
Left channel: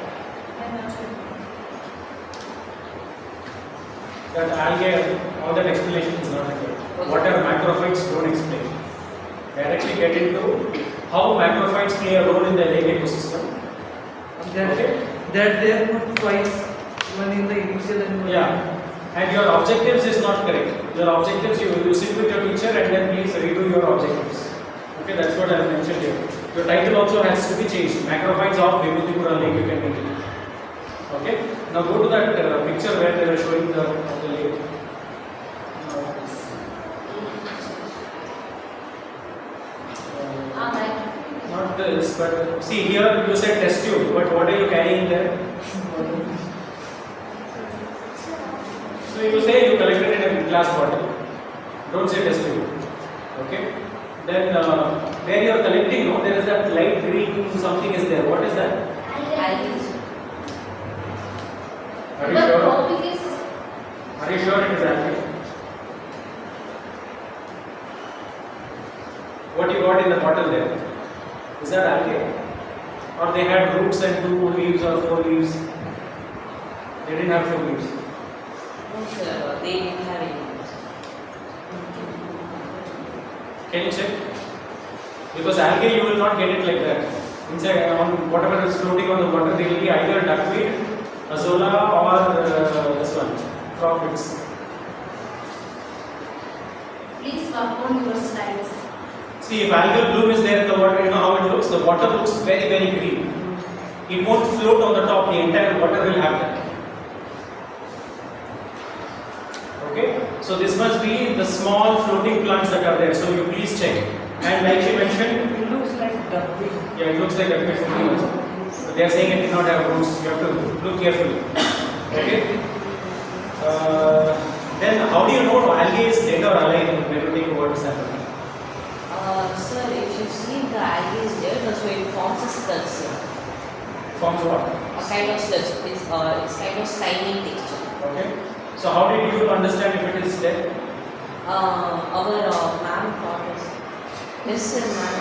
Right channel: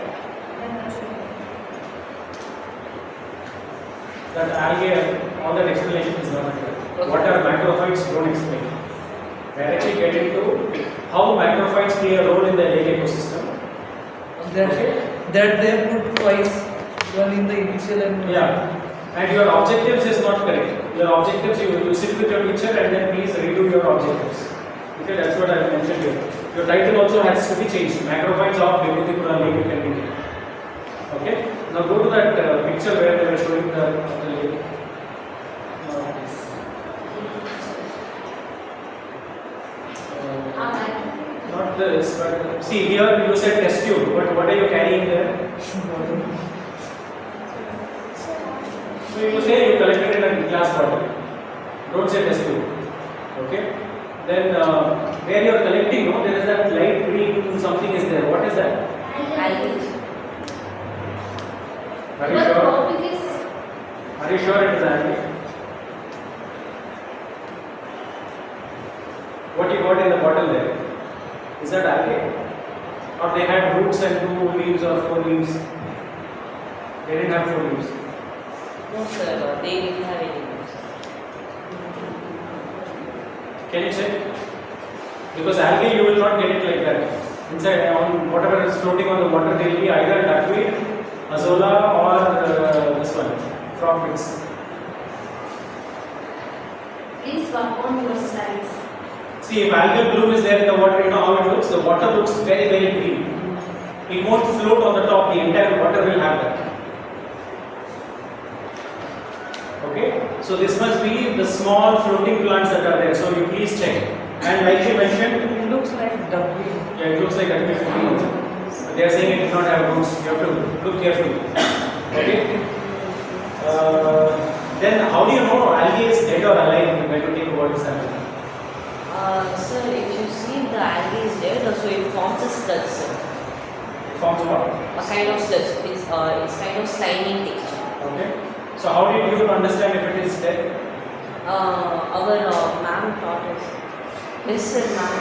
That algae, all that explanation is not clear. What are macrophytes? Don't explain. Directly get into how macrophytes play a role in the lake ecosystem. That they put twice, one in the initial and yeah. And your objectives is not correct. Your objectives, you sit with your teacher and then please redo your objectives. Okay, that's what I have mentioned here. Your title also has to be changed. Macrophytes of Vagdevi lake, you can make it. Okay. Now go to that picture where they were showing the lake. Not this, but see here you said test tube, but what are you carrying there? So you say you collected in a glass bottle. Don't say test tube. Okay. Then where you are collecting, no, there is that light green something is there. What is that? Algae. Are you sure? Are you sure it is algae? What you got in the bottle there? Is that algae? Or they had roots and 2 leaves or 4 leaves? They didn't have 4 leaves. No, sir, they didn't have any leaves. Can you check? Because algae you will not get it like that. Inside, on whatever is floating on the water, they will be either duckweed, azolla, or this one, frog bits. Please work on your slides. See, if algal bloom is there in the water, you know how it looks? The water looks very, very green. It won't float on the top, the entire water will have that. Okay? So this must be the small floating plants that are there. So you please check. And like she mentioned, it looks like duckweed. Yeah, it looks like duckweed for me also. But they are saying it does not have roots. You have to look carefully. Okay? Then how do you know algae is dead or alive when you think about this algae? Sir, if you see the algae is dead, so it forms a sludge, sir. It forms what? A kind of sludge. It's kind of slimy texture. Okay. So how did you understand if it is dead? Our ma'am taught us. Yes, sir, ma'am.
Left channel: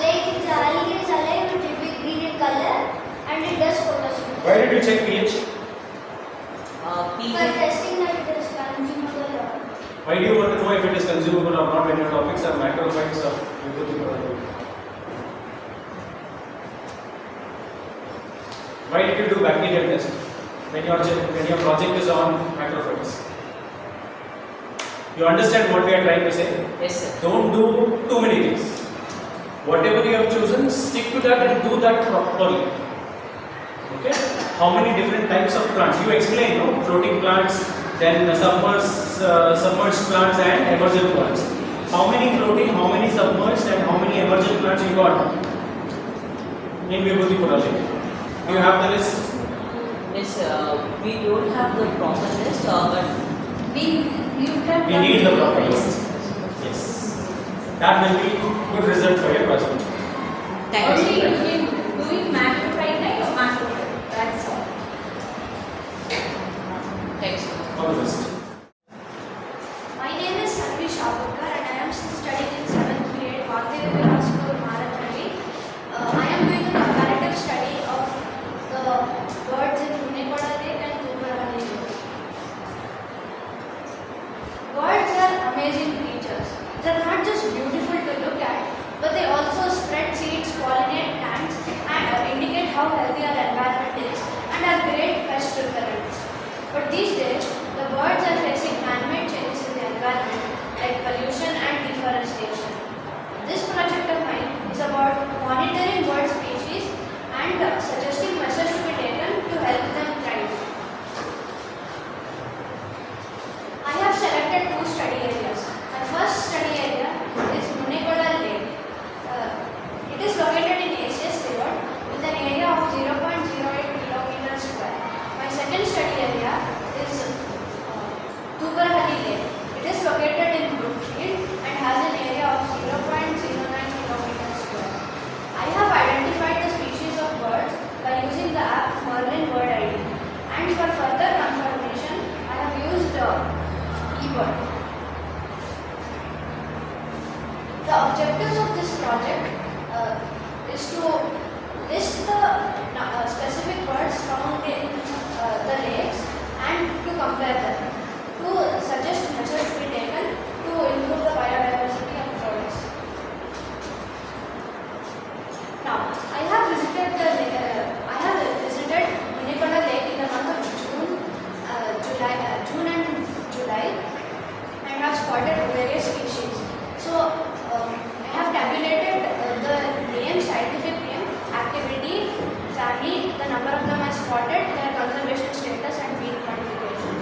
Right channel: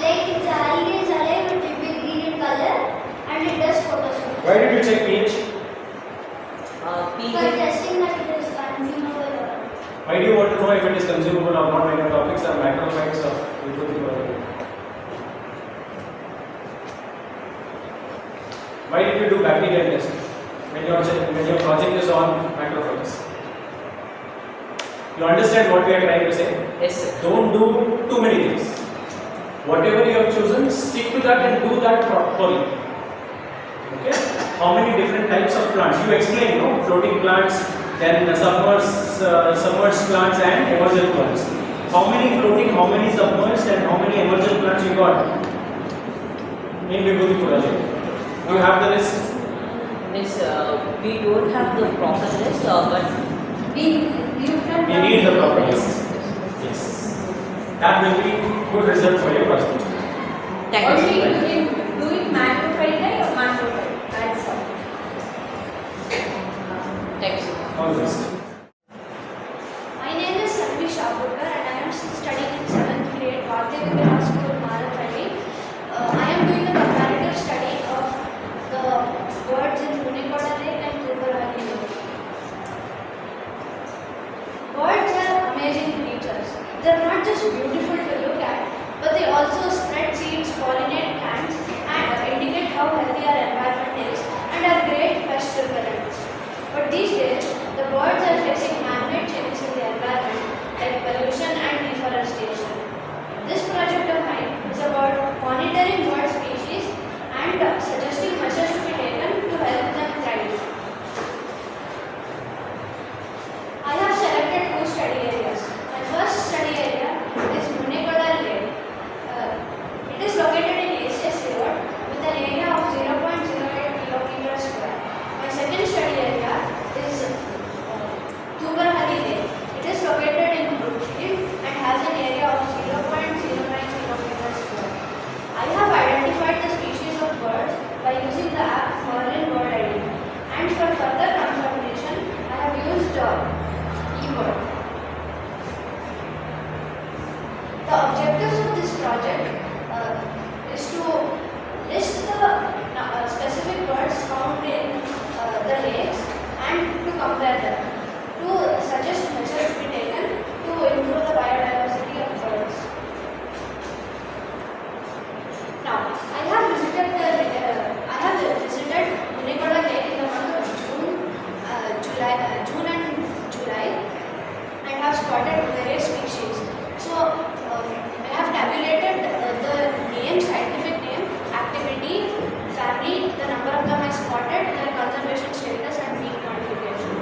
Like if the algae is alive, it will be green in color and it does photosynthesis. Why did you check pH? For pH. testing that it is consumable or not. Why do you want to know if it is consumable or not when your topics are macrophytes of Vagdevi? Why did you do bacterial test when your project is on macrophytes? You understand what we are trying to say? Yes, sir. Don't do too many things. Whatever you have chosen, stick to that and do that properly. Okay? How many different types of plants? You explain, no? Floating plants, then the submerged plants and emergent plants. How many floating, how many submerged and how many emergent plants you got in Vagdevi project? Do you have the list? Miss, we don't have the proper list, but We need the proper list. Yes. That will be good result for your project. thank you, only sir. doing macrophyte like or macrophyte. That's all. Thanks, sir. All the best. My name is Sanvi Shabukar and I am studying in 7th grade Vagdevi School, Marathahalli. I am doing a comparative study of the birds in Munikoda Lake and TVRAMACHANDRA Lake. Birds are amazing creatures. They are not just beautiful to look at, but they also spread seeds, pollinate plants, and indicate how healthy our environment is, and are great pest repellents. But these days, the birds are facing man-made changes in the environment, like pollution and deforestation. This project of mine is about monitoring bird species and suggesting measures to be taken to help them thrive. I have selected 2 study areas. My first study area is Munikoda Lake. It is located in IISC Road with an area of 0.08 kilometers square. My second study area is TVRAMACHANDRA Lake. It is located in Brookfield and has an area of 0.09 kilometers square. I have identified the species of birds by using the app Merlin Bird ID. And for further confirmation, I have used eBird. The objectives of this project is to list the specific birds found in the lakes and to compare them, to suggest measures to be taken to improve the biodiversity of birds. Now, I have visited Munikoda Lake in the month of June and July, and have spotted various species. So, I have tabulated the name, scientific name, activity, family, the number of them I spotted, their conservation status, and peak quantification.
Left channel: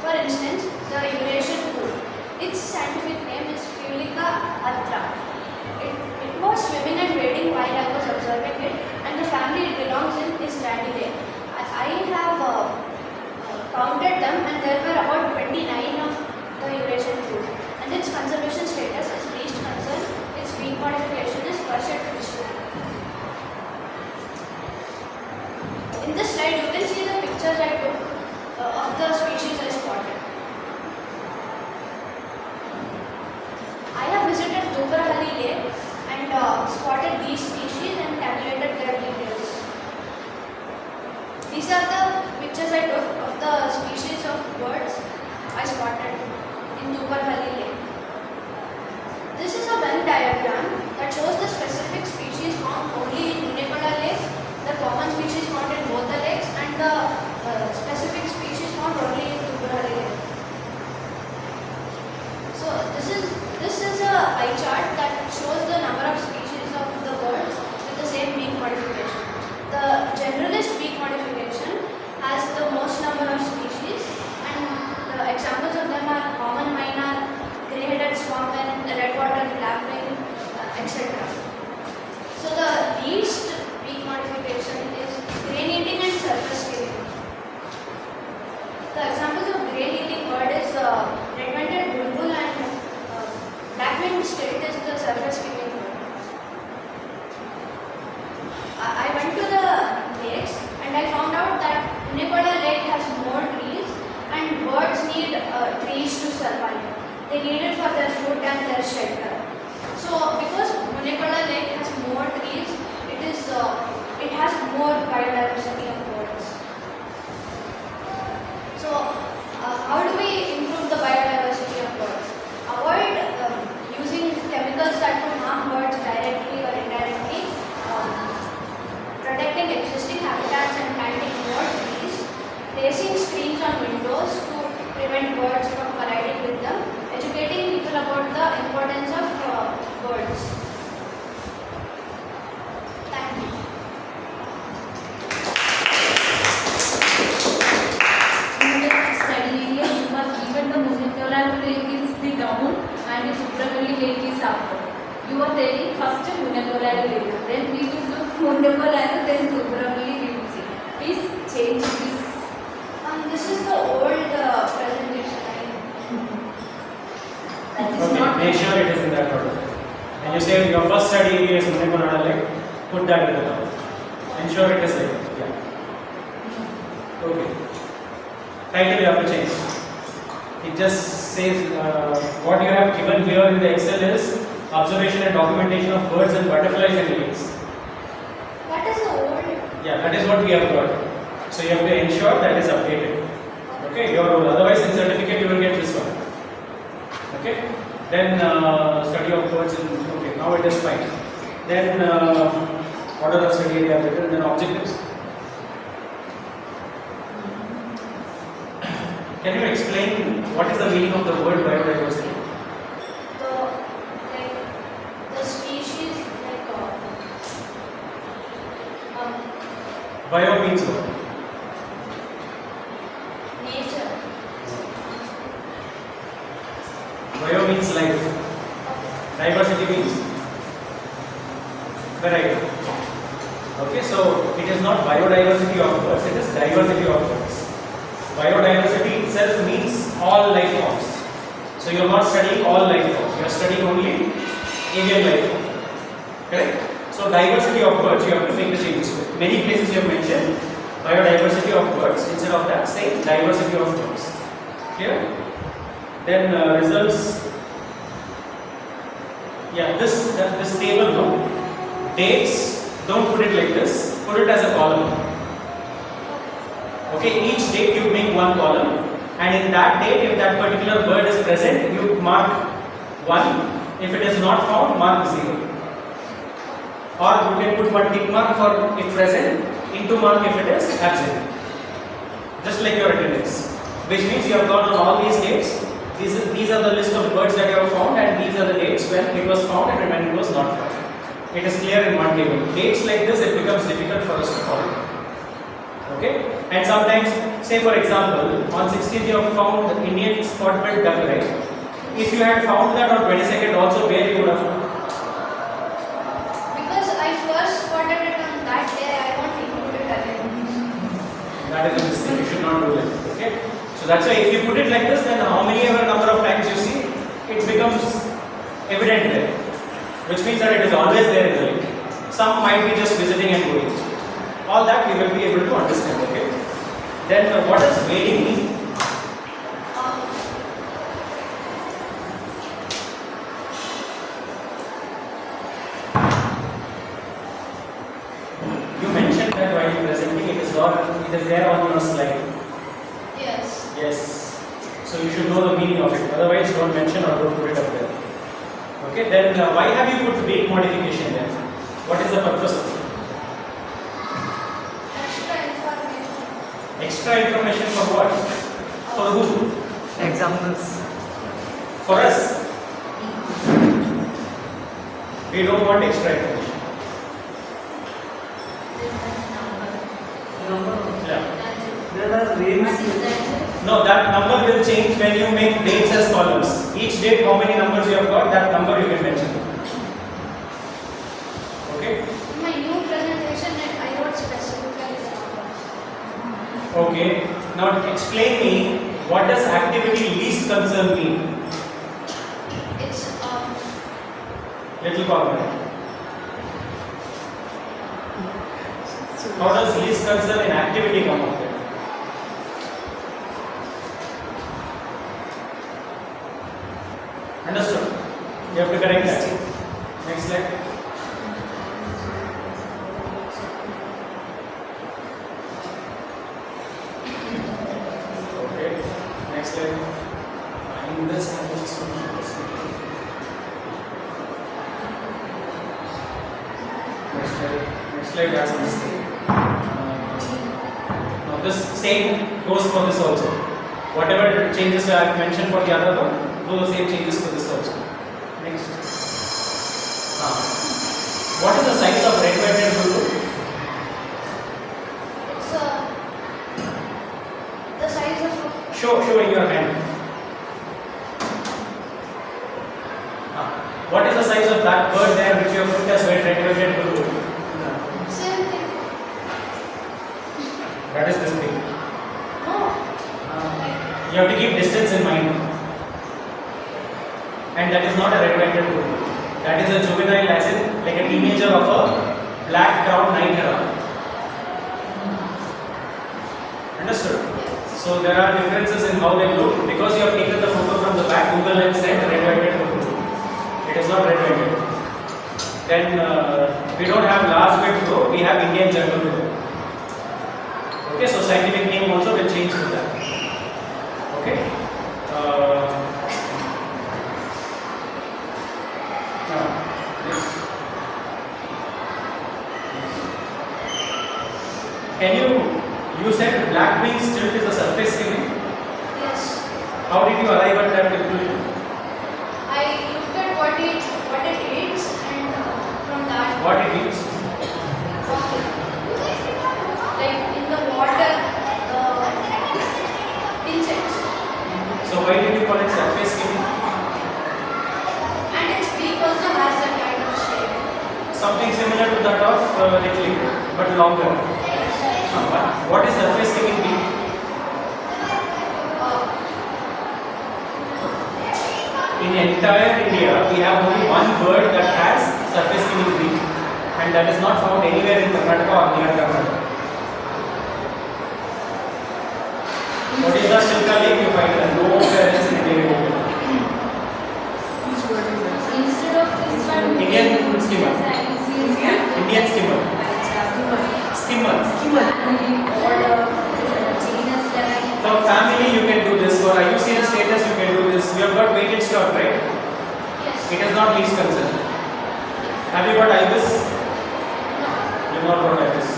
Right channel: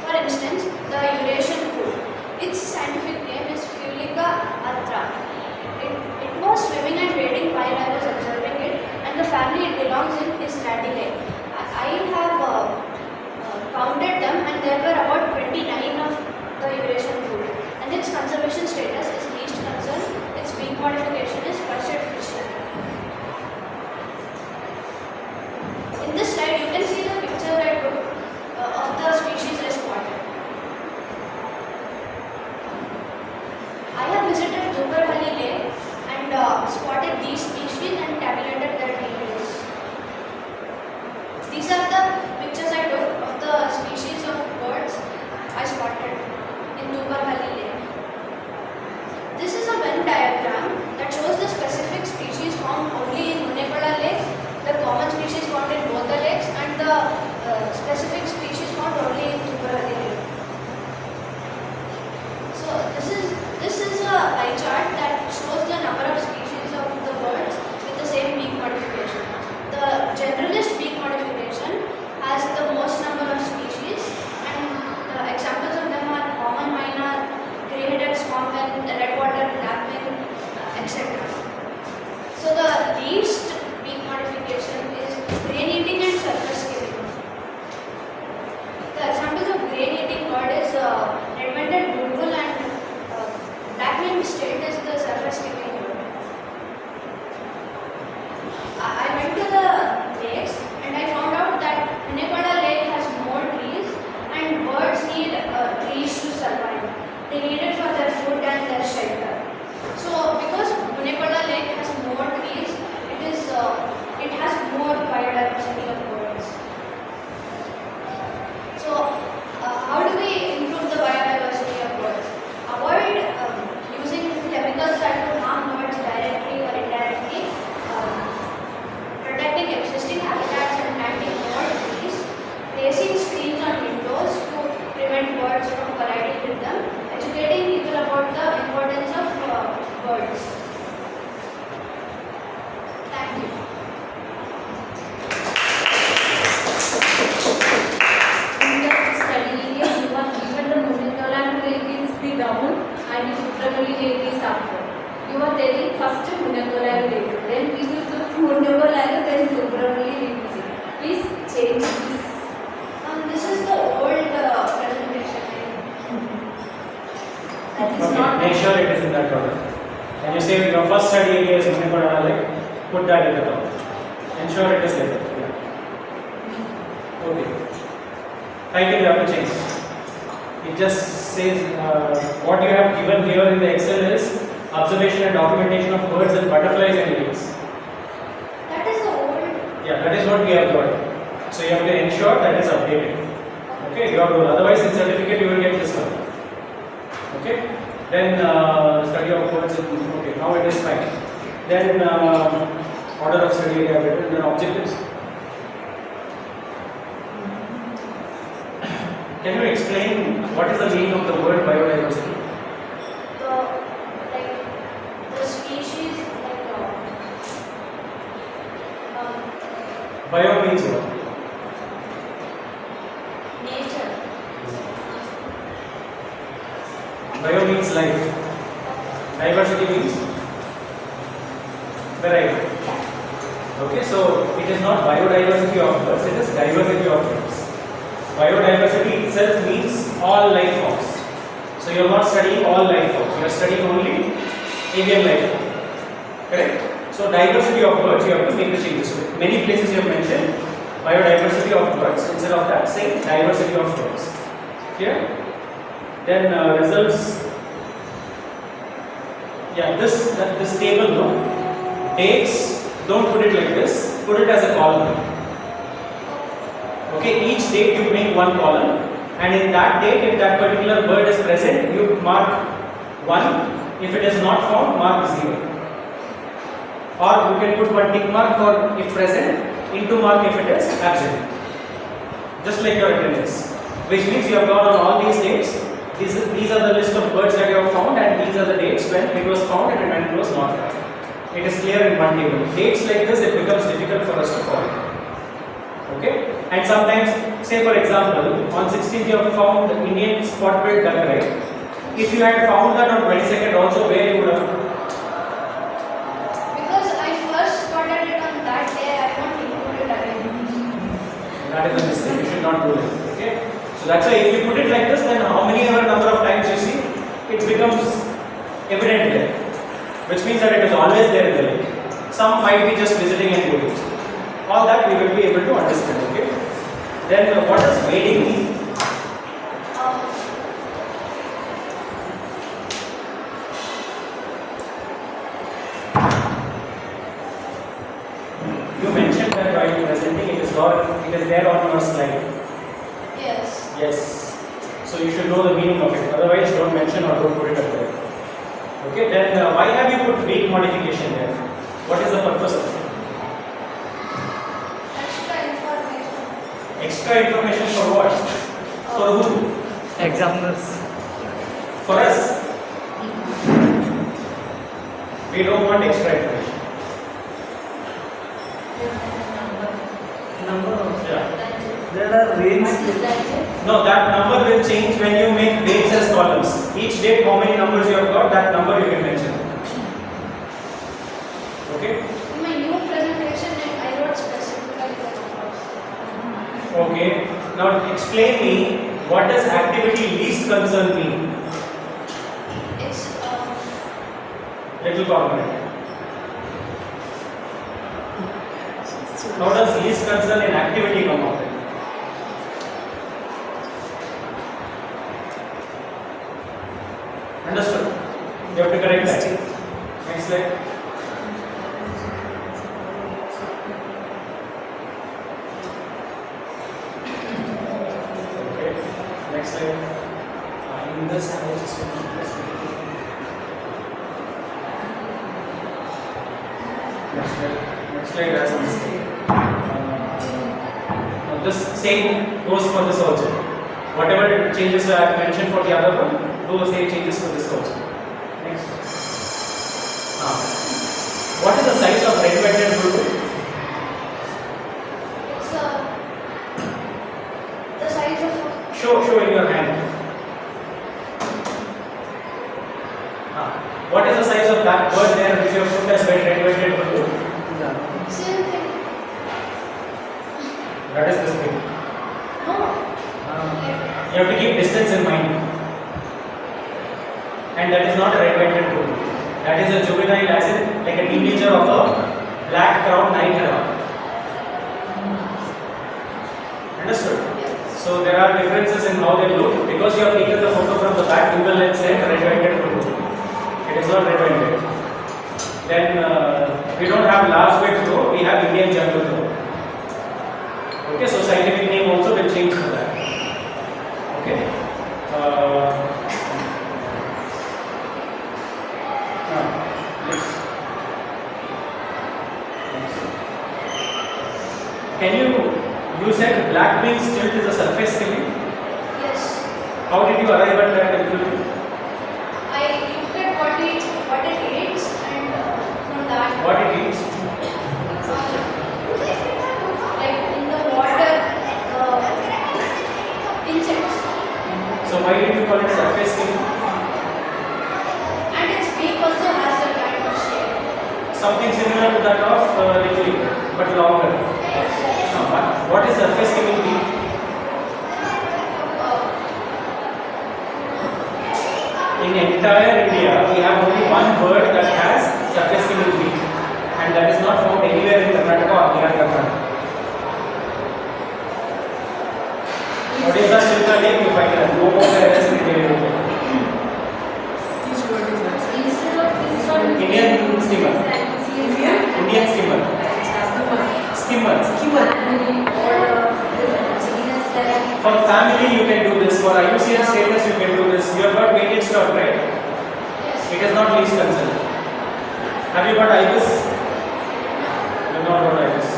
For instance, the Eurasian coot. Its scientific name is Fulica atra. It was swimming and wading while I was observing it, and the family it belongs in is Radicae. I have counted them, and there were about 29 of the Eurasian coot. And its conservation status is least concern. Its beak modification is pursued fishery. In this slide, you can see the pictures I took of the species I spotted. I have visited TVRAMACHANDRA Lake and spotted these species and tabulated their details. These are the pictures I took of the species of birds I spotted in TVRAMACHANDRA Lake. This is a Venn diagram that shows the specific species found only in Munikoda Lake, the common species found in both the lakes, and the specific species found only in TVRAMACHANDRA Lake. So this is a pie chart that shows the number of species of the birds with the same beak modification. The generalist beak modification has the most number of species, and the examples of them are common myna, grey-headed swamphen, redwater lapwing, etc. So the least beak modification is grain-eating and surface-skimming. The examples of grain-eating bird is red-winged bulbul and black-winged state is the surface-skimming bird. that at the top. Ensure it is like that. Yeah. Okay. Title you have to change. It just says what you have given here in the Excel is observation and documentation of birds and butterflies in lakes. That is the old. Yeah, that is what we have got. So you have to ensure that is updated. Okay, your role. Otherwise, in certificate you will get this one. Okay. Then study of birds. Okay, now it is fine. Then order of study we have written. Then objectives. Can you explain what is the meaning of the word biodiversity? The species Bio means what? nature. Bio means life. Diversity means variety. Okay, so it is not biodiversity of birds, it is diversity of birds. Biodiversity itself means all life forms. So you are not studying all life forms, you are studying only avian life form. Correct? So diversity of birds you have to make the changes with. Many places you have mentioned biodiversity of birds. Instead of that, say diversity of birds. Clear? Then results. Yeah, this table, no? Dates, don't put it like this, put it as a column. Okay, each date you make one column, and in that date, if that particular bird is present, you mark 1. If it is not found, mark 0. Or you can put one tick mark for if present, into mark if it is absent. Just like your attendance, which means you have gone on all these dates. These are the list of birds that you have found, and these are the dates when it was found and when it was not found. It is clear in one table. Dates like this, it becomes difficult for us to follow. Okay? And sometimes, say for example, on 16th you have found the Indian spot-billed duck, right? If you had found that on 22nd also, where you would have? Because I first spotted it on that day, I won't include it again. That is a mistake. You should not do that. Okay? So that's why if you put it like this, then how many ever number of times you see, it becomes evident there. Which means that it is always there in the link. Some might be just visiting and going. All that we will be able to understand. Okay? Then what does whaling mean? You mentioned that while presenting it is there on your slide. Yes. Yes. So you should know the meaning of it. Otherwise, don't mention or don't put it up there. Okay. Then why have you put weight modification there? What is the purpose of it? Extra information. Extra information for what? For who? Examiners. For us. We don't want extra information. Yeah. There are range. No, that number will change when you make dates as columns. Each date, how many numbers you have got, that number you can mention. Okay? In my new presentation, I wrote specifically the numbers. Okay. Now explain me, what does activity least concern mean? It's Little common. How does least concern in activity come out? Understood? You have to correct that. Next slide. Okay. Next slide. In this, I will just next slide has a mistake. Now this same goes for this also. Whatever changes I have mentioned for the other one, those same changes to this also. Next. What is the size of red-banded bulbul? It's the size of. Show in your hand. What is the size of that bird there which you have put as red-banded bulbul? Same thing. That is this thing. No. You have to keep distance in mind. And that is not a red-banded bulbul. That is a juvenile, as in like a teenager of a black crown night hera. Understood? So there are differences in how they look because you have taken the photo from the back. Google and said red-whited photo. It is not red-whited. Then we don't have large weight crow. We have Indian jungle crow. Okay, so scientific name also will change to that. Okay. Next. Can you said black wings tilt is a surface skimming? Yes. How did you arrive at that conclusion? I looked at what it eats and from that. What it eats? Like in the water, insects. So why did you call it surface skimming? And its beak also has that kind of shape. Something similar to that of liquid, but longer. What is surface skimming beak? In entire India, we have only one bird that has surface skimming beak, and that is not found anywhere in Karnataka or near Karnataka. What is the Silka Lake? You find that nowhere else in India. Instead of this one, Indian skimmer. Indian skimmer. Skimmer. For family, you can do this. For IUCN status, you can do this. You have got weighted stock, right? Yes. It is not least concern. Have you got IBIS? You have not got IBIS.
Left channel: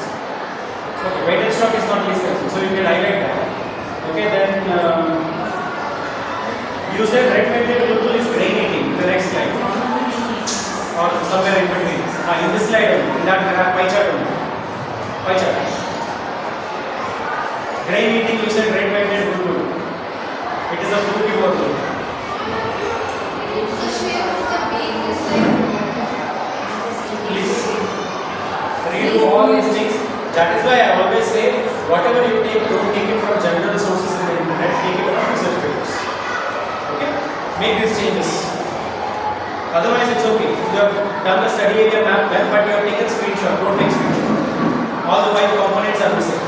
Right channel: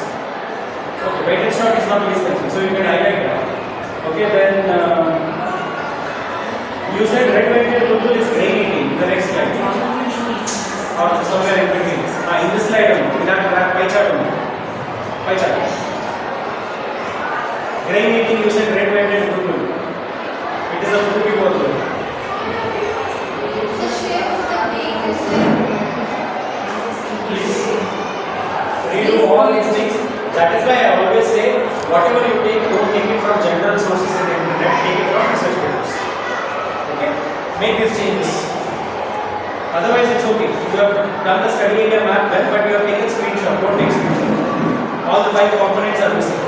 Okay, weighted stock is not least concern. So you can highlight that. Okay, then you said red-whited purple is grain eating. The next slide. Or somewhere in between. In this slide only. In that pie chart only. Pie chart. Grain eating, you said red-whited purple. It is a fruity purple. The shape of the beak is like. Please read all these things. That is why I always say, whatever you take, don't take it from general sources in the internet, take it from research papers. Okay? Make these changes. Otherwise, it's okay. You have done the study area map well, but you have taken screenshot. Don't take screenshot. All the 5 components are missing.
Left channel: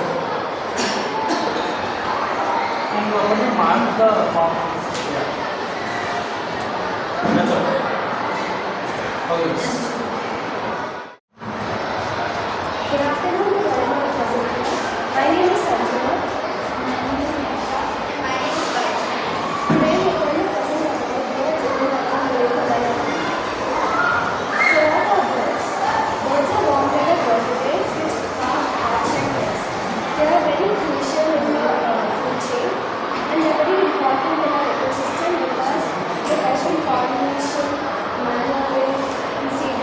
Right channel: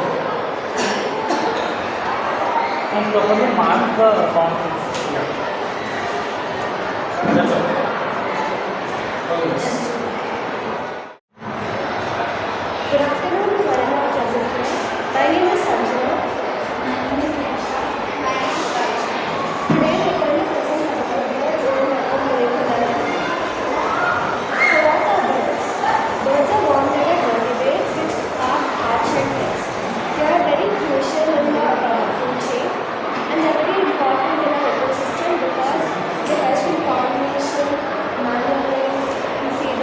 And you have to mark the components. That's all. Always. Good afternoon to all our presenters. My name is Sanjana. Today we are going to present about birds in North America. So what are birds? Birds are warm-legged vertebrates which are arch-like legs. They are very crucial in our food chain and they are very important in our ecosystem because they help in pollination, manure, and seed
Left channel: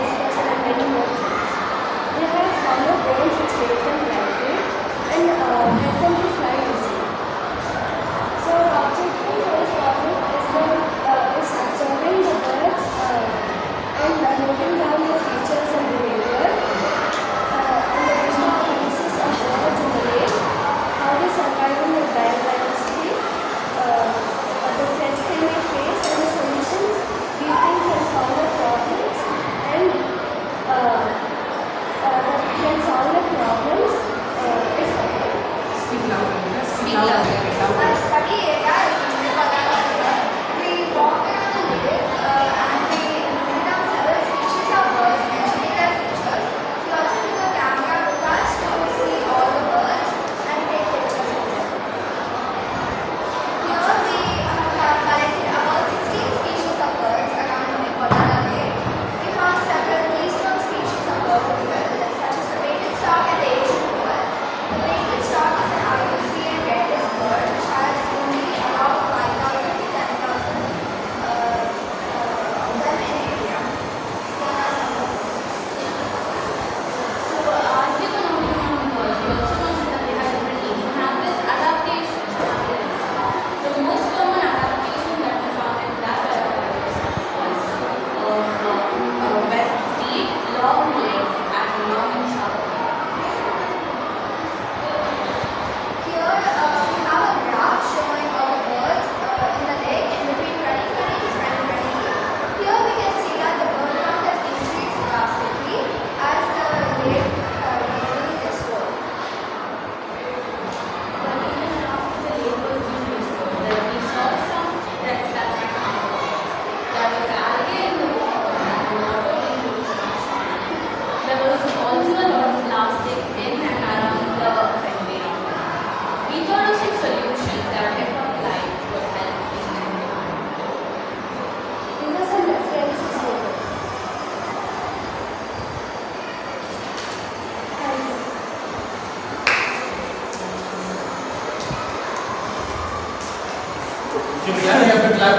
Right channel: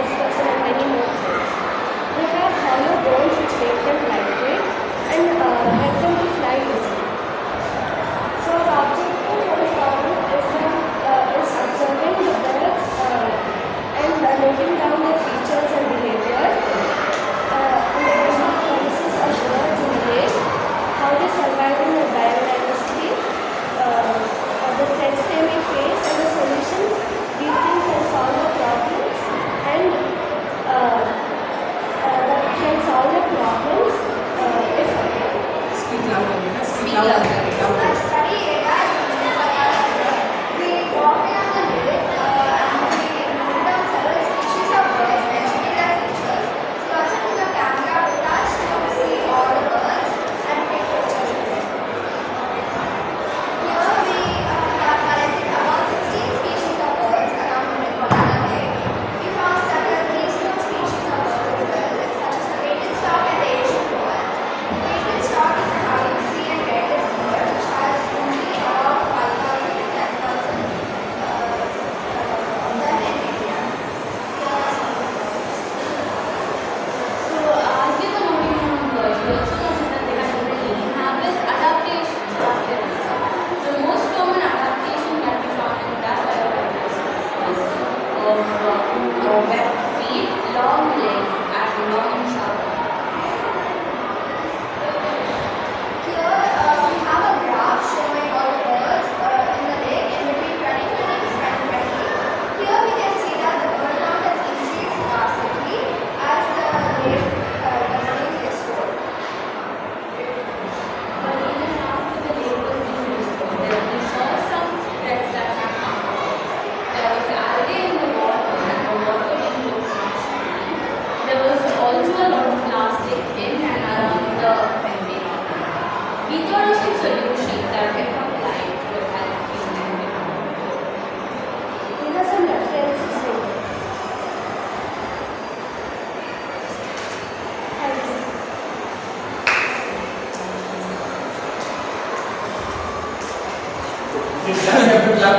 You clap, you have to clap.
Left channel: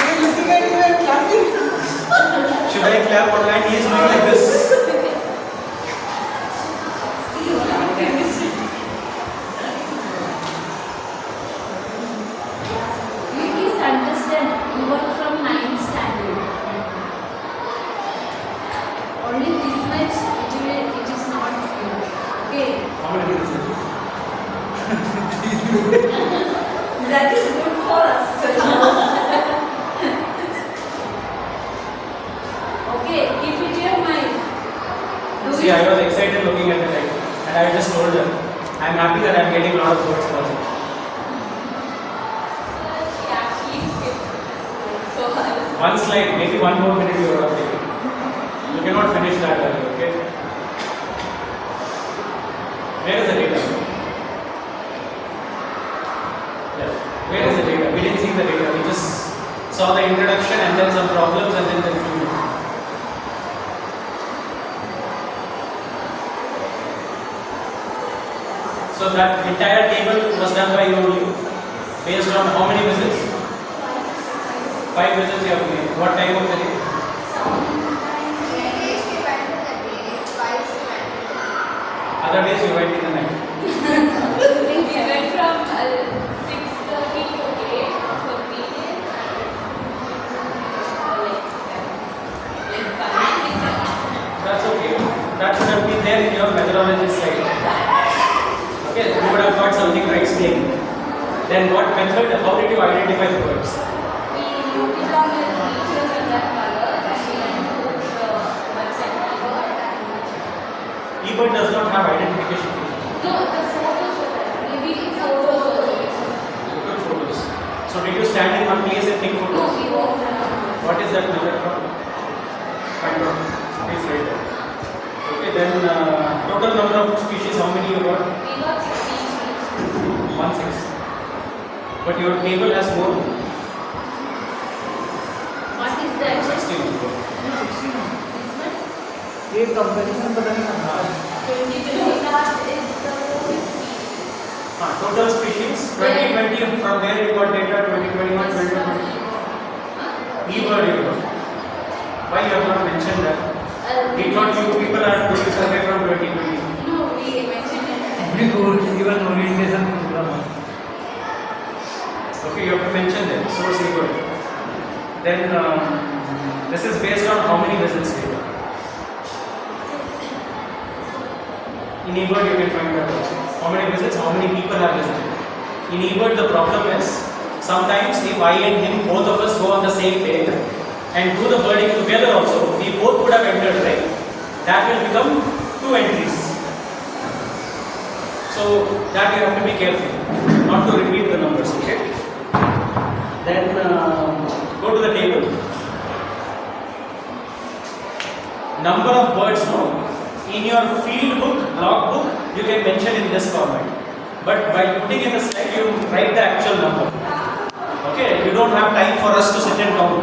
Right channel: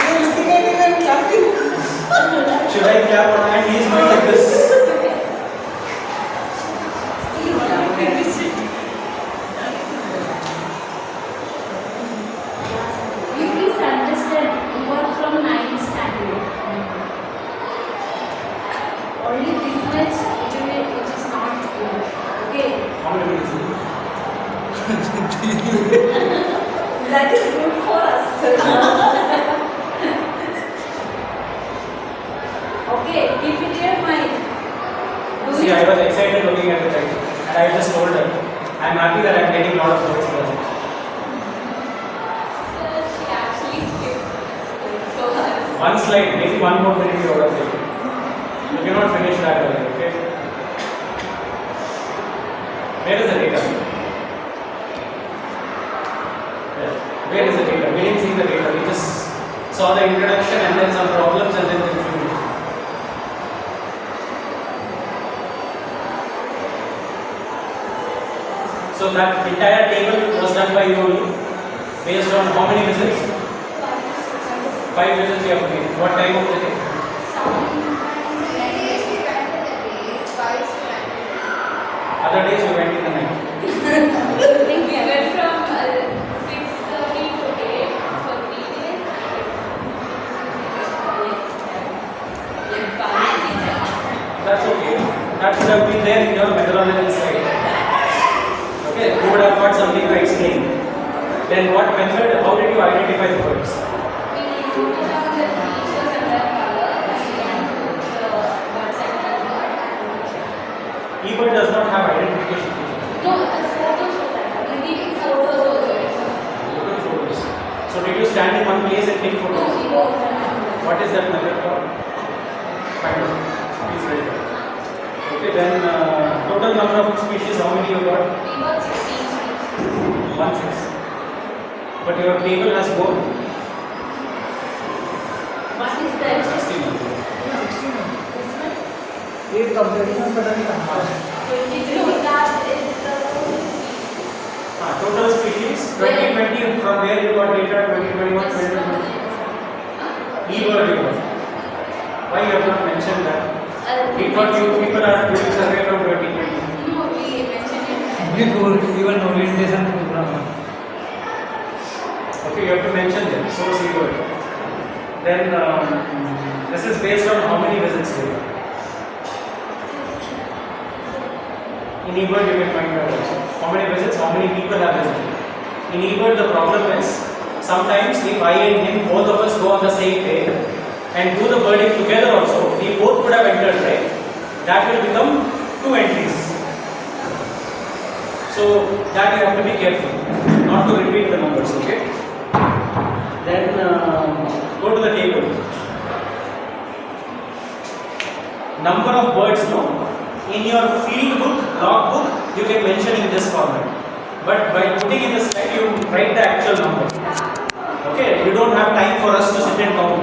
You're looking at him and clapping. Should I clap or not? He is doing like this. You please understand, you are from 9th standard. Only this much, it is not enough. Okay? How many minutes? That is good for us. Okay, keep it in your mind. See, I was excited looking at the time, and I just told her, I am happy that I am getting a lot of words for it. One slide, maybe 1 more minute you would have taken. You cannot finish that early, okay? Where is the data? Yes. Where is the data? We didn't see the data. We just saw the introduction and then some problems and then the conclusion. So that entire table was done by you only, based on how many visits? 5 visits you have made. What time of the day? Other days you went in the night. We went from 6:30 to 8 for 3 days. That's okay. That should have been there in your methodology slide. Okay, you would have got something to explain. Then what method, how did you identify the words? We put down the features and the color, and we can put the website number and eBird does not have identification feature. no, the photos were there. We take photos also. Look at photos. So did you stand in one place and take No, photos? we go around. What is that method called? Kind of. Please write that. Okay, then total number of species, how many you got? We got 16. 16. But your table has more. What is that? 16. This one? ये comparison पता नहीं कहाँ है. 22. That is the Total species 2020 from where you got data 2021 2022. eBird you got. Why you have not mentioned that? We thought you people are doing survey from 2020. No, we mentioned it. We go even orientation program. Okay, you have to mention them. So eBird. Then this is based on how many visits you did. In eBird you can find that also. How many visits, how many people have visited. In eBird the problem is, sometimes if I and him, both of us go on the same page and do the birding together also, we both would have entered, right? That will become 2 entries. So that you have to be careful, not to repeat the numbers, okay? Then go to the table. Number of birds, no? In your field book, log book, you can mention in this format. But while putting in the slide, you write the actual number. Okay, you don't have time for us to sit and count.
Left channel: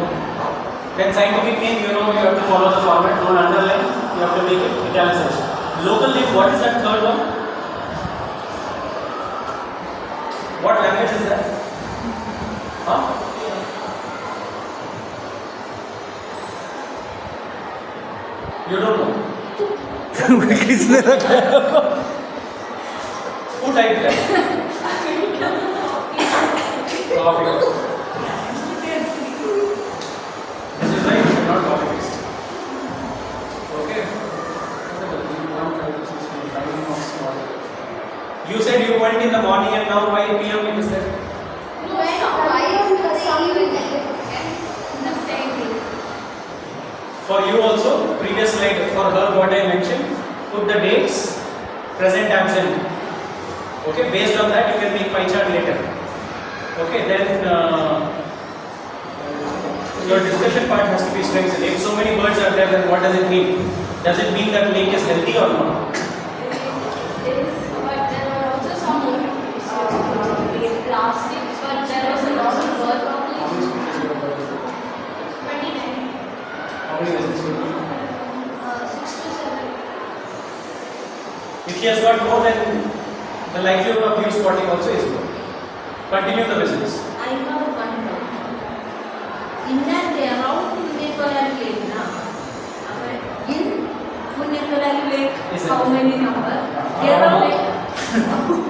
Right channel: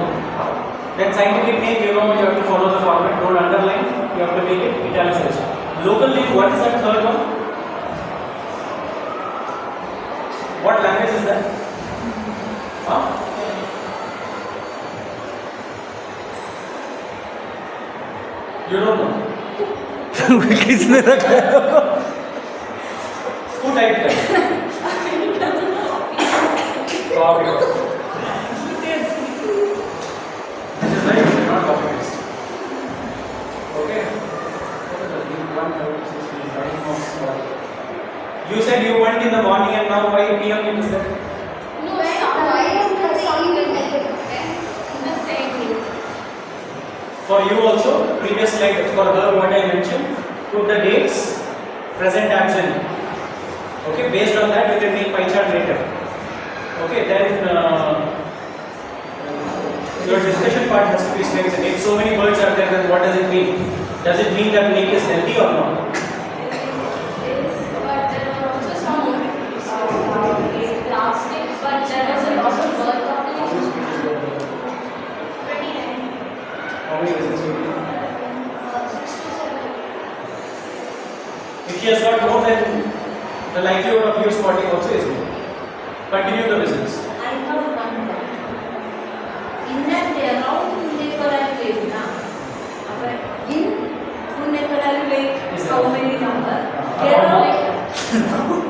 Then scientific name, you know, you have to follow the format. Don't underline. You have to make it italicized. Local name, what is that third one? What language is that? Huh? You don't know. किसने रखा है? Who typed that? Copy. This is right, not copy paste. Okay. You said you went in the morning and now by PM it is there. No, why is the song the same? For you also, previous slide for her what I mentioned, put the dates, present, absent. Okay, based on that you can make pie chart later. Okay, then your discussion part has to be strengthened. If so many birds are there, then what does it mean? Does it mean that lake is healthy or not? But there were also some plastic, but there was a lot of bird population. 29. How many visits you do? 6 to 7. If she has got more, then the likelihood of you spotting also is more. Continue the visits. I have one doubt. In and around Punnekolari Lake, na? In Punnekolari Lake, how many number? There are like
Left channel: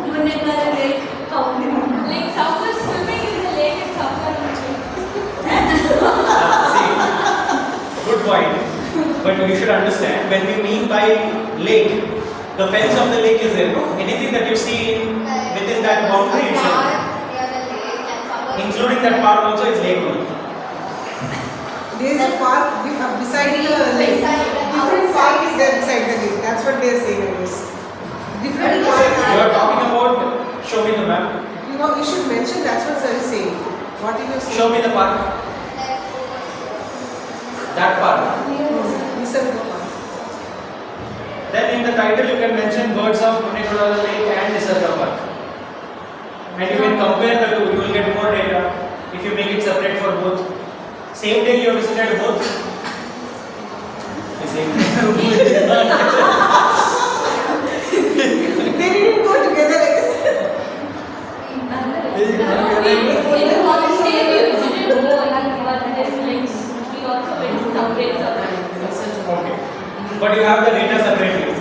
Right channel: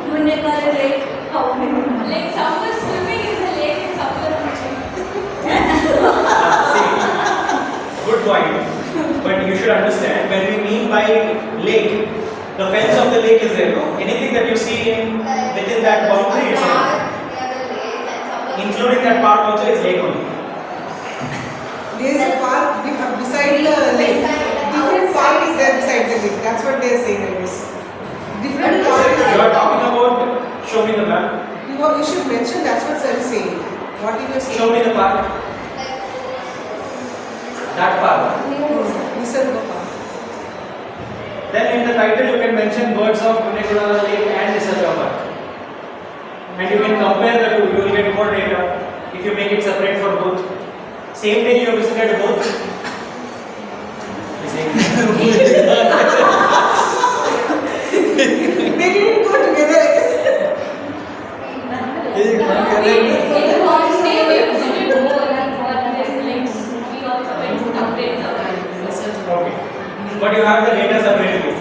Punnekolari Lake, how many number? Like some are swimming in the lake and some are swimming. Good point. But you should understand, when we mean by lake, the fence of the lake is there, no? Anything that you see within that boundary itself, including that park also, is lake only. There is a park beside the lake. Different park is there beside the lake. That's what they are saying, I guess. Different park. You are talking about, show me the map. You should mention that's what sir is saying. What you are saying. Show me the park. That park. Nisarga Park. Then in the title you can mention words of Punnekolari Lake and Nisarga Park. And you can compare the two, you will get more data if you make it separate for both. Same day you have visited both. They didn't go together, I guess. Okay. But you have the data separately.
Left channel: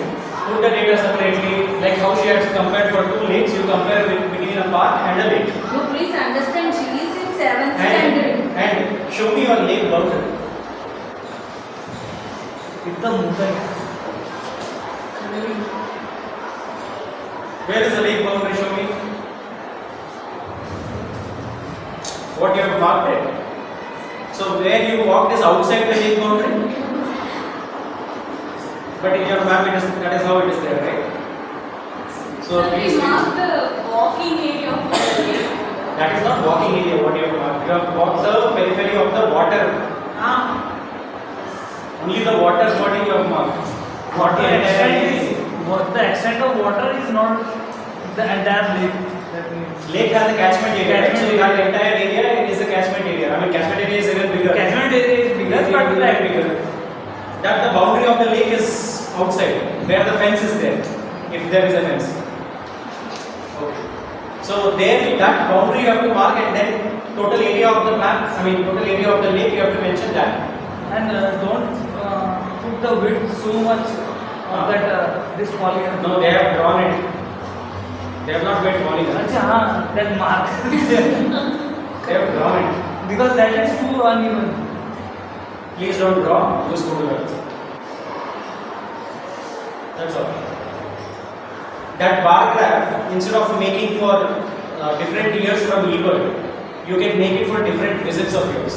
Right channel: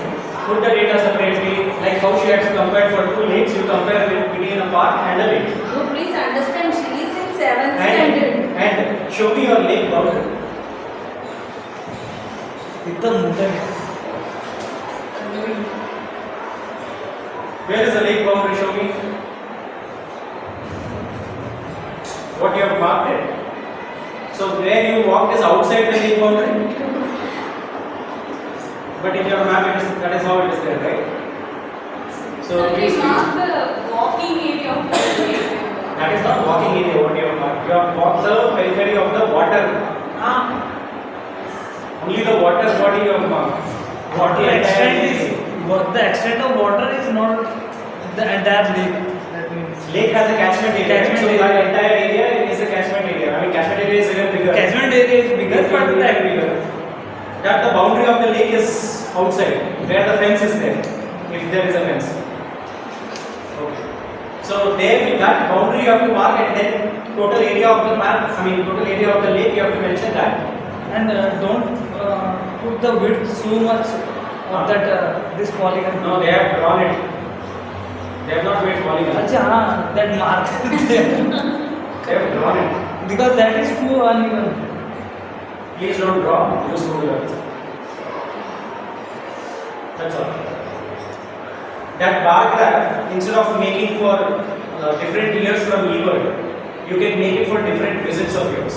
Put the data separately, like how she has compared for two lakes, you compare between a park and a lake. You please understand, she is in 7th standard. And show me your lake boundary. Where is the lake boundary? Show me. What you have marked it. So where you walked is outside the lake boundary. But in your map, that is how it is there, right? So please. Mark the walking area of the lake. That is not walking area. What you have marked. You have walked the periphery of the water. Only the water body you have marked. What the extent of water is not the entire lake. That means lake has a catchment area. Right? So that entire area is a catchment area. I mean, catchment area is even bigger. Catchment area is bigger, but bigger. That the boundary of the lake is outside, where the fence is there, if there is a fence. Okay. So there, that boundary you have to mark, and then total area of the map. I mean, total area of the lake you have to mention that. And don't put the width so much that this polygon. No, they have drawn it. They have not made polygon. That mark. They have drawn it. Because that is too uneven. Please don't draw. Use Google. That's all. That bar graph, instead of making for different years from leeward, you can make it for different visits of yours.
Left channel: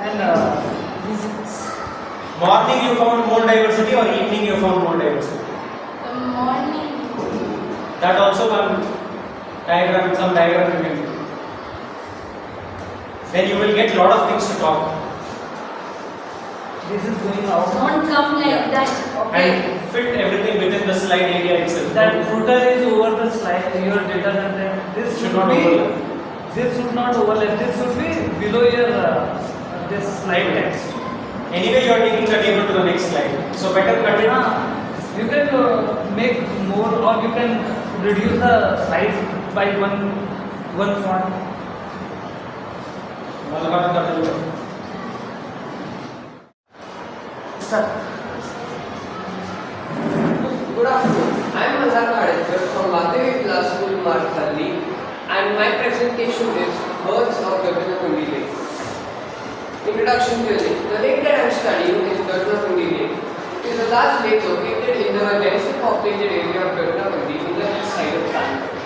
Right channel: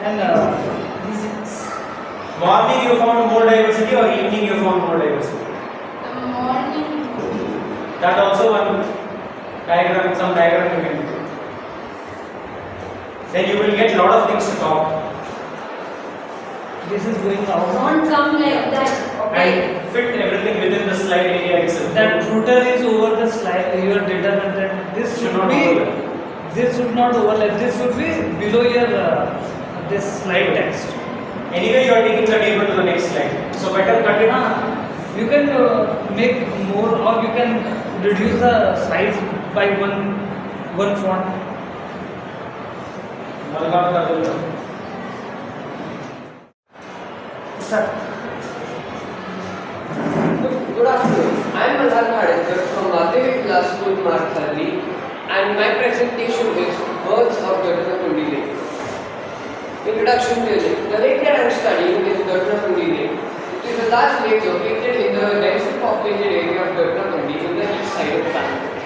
And morning you found more diversity or evening you found more diversity? The morning. That also one diagram, some diagram you can do. Then you will get lot of things to talk. This is going out. Don't come like that. Okay. And fit everything within the slide area itself. That footer is over the slide, your data content. This should not be. This should not overlap. This should be below your this slide text. Anyway, you are taking the table to the next slide. So better cut it. You can make more, or you can reduce the size by one font. start. Good afternoon. I am Marathahalli from Vagdevi Vilas School, Marathahalli, and my presentation is Birds of Vagdevi Lake. Introduction to the lake. The lake that I am studying is Vagdevi Lake. It is a large lake located in the densely populated area of Vagdevi in the east side of Bangalore.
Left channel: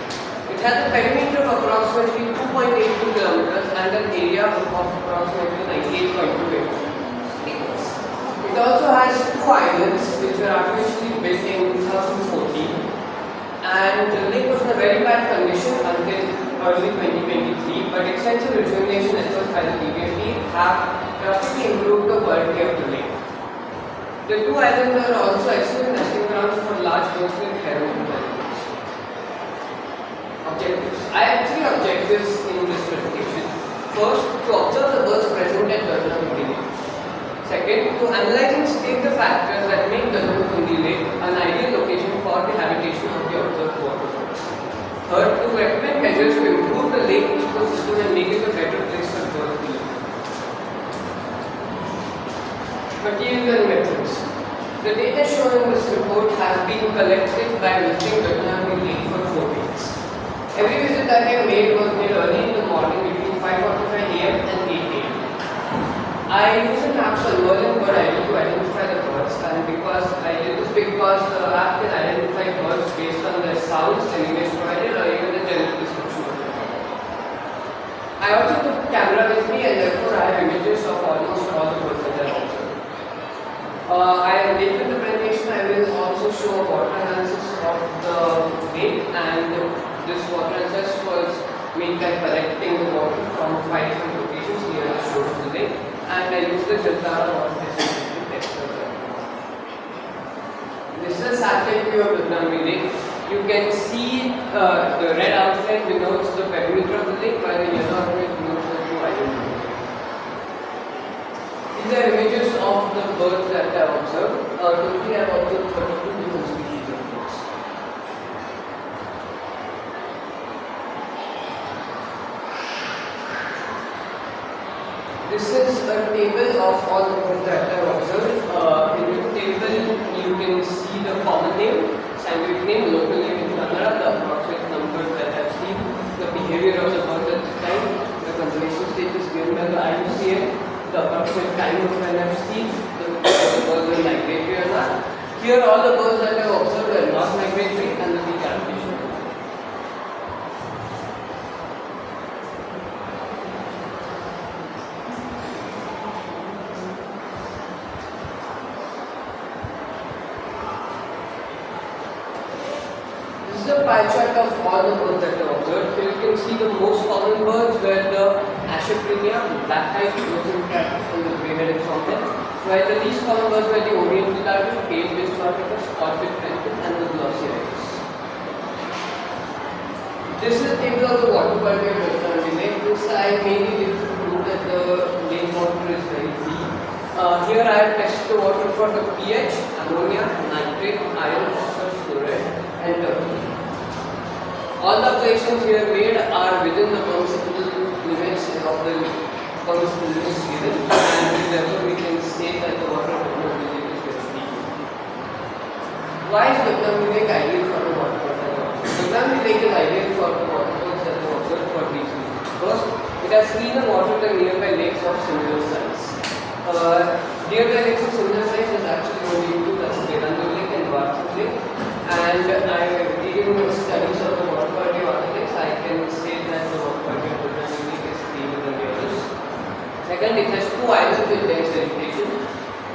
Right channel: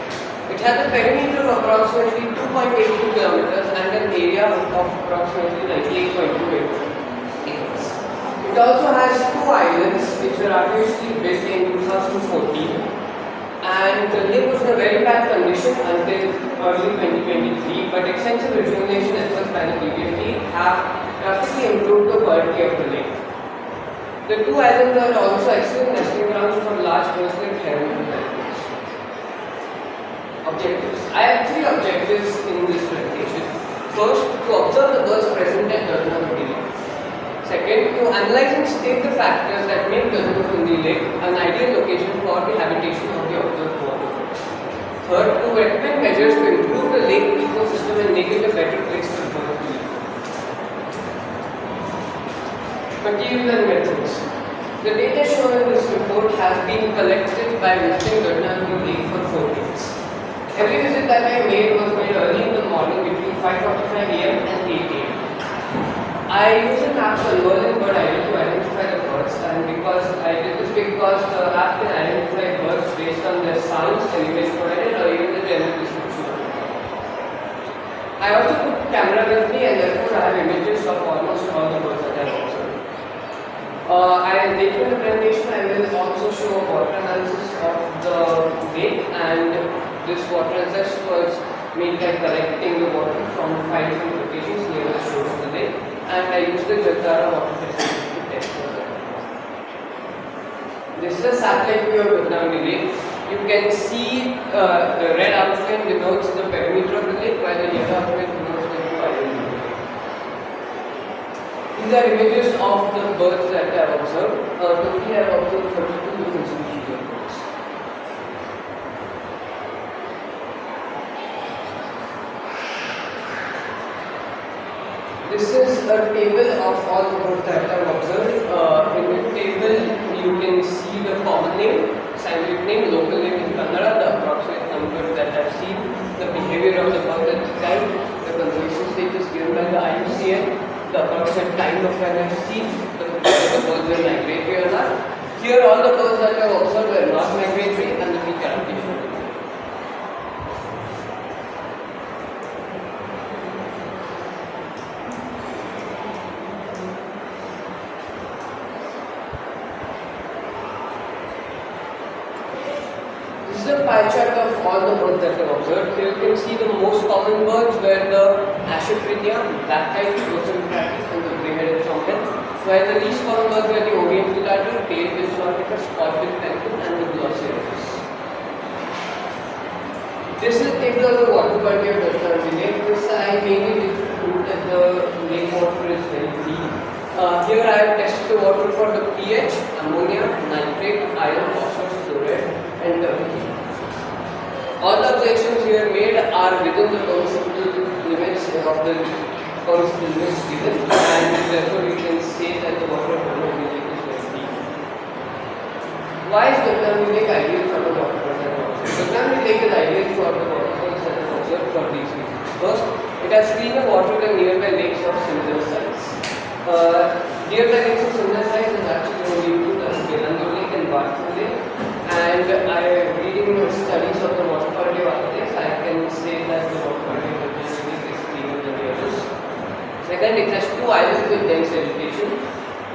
It has a perimeter of approximately 2.82 kilometers and an area of approximately 98.2 acres. It also has two islands which were artificially built in 2014, and the lake was in a very bad condition until early 2023, but extensive rejuvenation efforts by the DVFT have drastically improved the quality of the lake. The two islands are also excellent nesting grounds for large birds like heron and pelicans. Objectives. I have three objectives in this presentation. First, to observe the birds present at Vagdevi Lake. Second, Second, to analyze and state the factors that make Marathahalli Lake an ideal location for the habitation of the observed waterfalls. Third, to recommend measures to improve the lake ecosystem and make it a better place for birds to live. Material and methods. The data shown in this report has been collected by visiting Vagdevi Lake for 4 days. Every visit that I made was made early in the morning between 5:45 AM and 8 AM. I use an app called Whirling Bird ID to identify the birds, and because I did this because the app can identify birds based on their sounds and image provided or even the general description of the bird. I also took a camera with me and therefore I have images of almost all the birds that I observed. Later in the presentation I will also show a water analysis of the lake, and this water analysis was made by collecting the water from 5 different locations near the shore of the lake, and I used the TVRAMACHANDra water testing to test for that. This is a satellite view of Vagdevi Lake. You can see the red outline denotes the perimeter of the lake, while the yellow outline denotes the two islands. These are images of the birds that I have observed. Totally I have observed 32 different species of birds. This is a table of all the birds that I have observed. In the table you can see the common name, scientific name, local name in Kannada, the approximate number that I have seen, the behavior of the bird at the time, the conservation status given by the IUCN, the approximate time of when I have seen whether the birds were migratory or not. Here all the birds that I have observed were not migratory and the peak adaptation. This is a pie chart of all the birds that I have observed. Here you can see the most common birds were the Asheprinia, black-eyed, rosencrantz, and the grey-headed songbill, while the least common birds were the oriental darter, pale-billed sorticus, spot-billed penguin, and the glossy ibis. This is a table of the water quality of Vagdevi Lake. This I mainly did to prove that the lake water is very clean. Here I have tested the water for the pH, ammonia, nitrate, iron, phosphorus, fluoride, and terpene. All the observations here made are within the permissible limits of the permissible limits given, and therefore we can say that the water of Vagdevi Lake is very clean. Why is Vagdevi Lake ideal for the water quality? Vagdevi Lake is ideal for the waterfalls that are observed for these reasons. First, it has cleaner water than nearby lakes of similar size. Nearby lakes of similar size is actually only two, that's Vagdevi Lake and Marathahalli Lake. And reading studies of the water quality of other lakes, I can say that the water quality of Vagdevi Lake is cleaner than the others. Second, it has 2 islands with dense vegetation.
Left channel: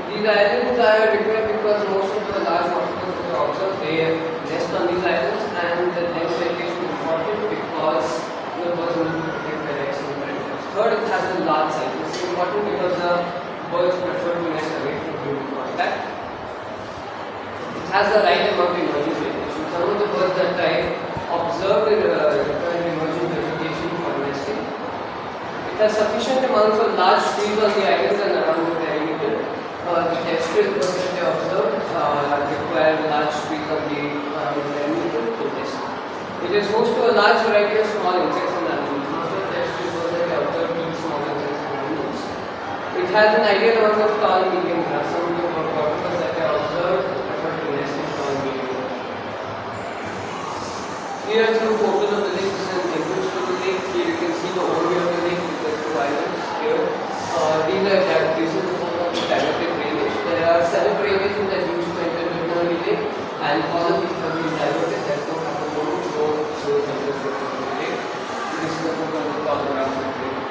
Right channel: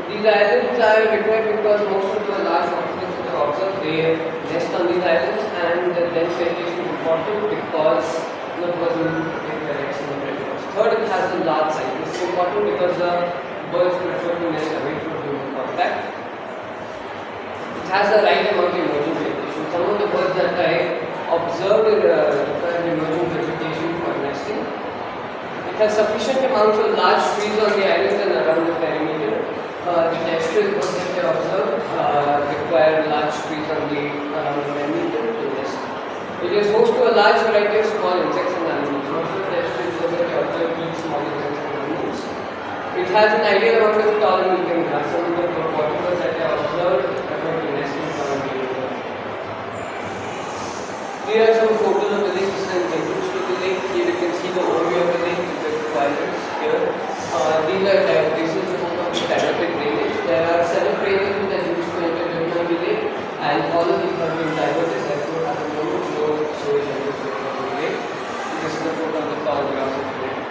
These islands are required because most of the large waterfalls that are observed, they nest on these islands, and the dense vegetation is important because the birds will protect their eggs from predators. Third, it has a large size. This is important because the birds prefer to nest away from human contact. It has the right amount of emerging vegetation. Some of the birds that I observed require emerging vegetation for nesting. It has sufficient amounts of large trees on the islands and around the perimeter. The terrestrial birds that I observed require large trees on the around the perimeter to nest. It is host to a large variety of small insects and animals. Most of the terrestrial birds that I observed eat small insects and animals. It has an ideal amount of tall and medium grass. Some of the waterfalls that I observed prefer to nest in tall and medium grass. Here are some photos of the lake and entrance to the lake. Here you can see the overview of the lake with the 2 islands here. This is the photo of the diverted drainage. There are 7 drainages that used to enter the lake, and all of these have been diverted. Therefore, at the moment, no sewage enters the lake. This is the photo of the tall grass of the lake.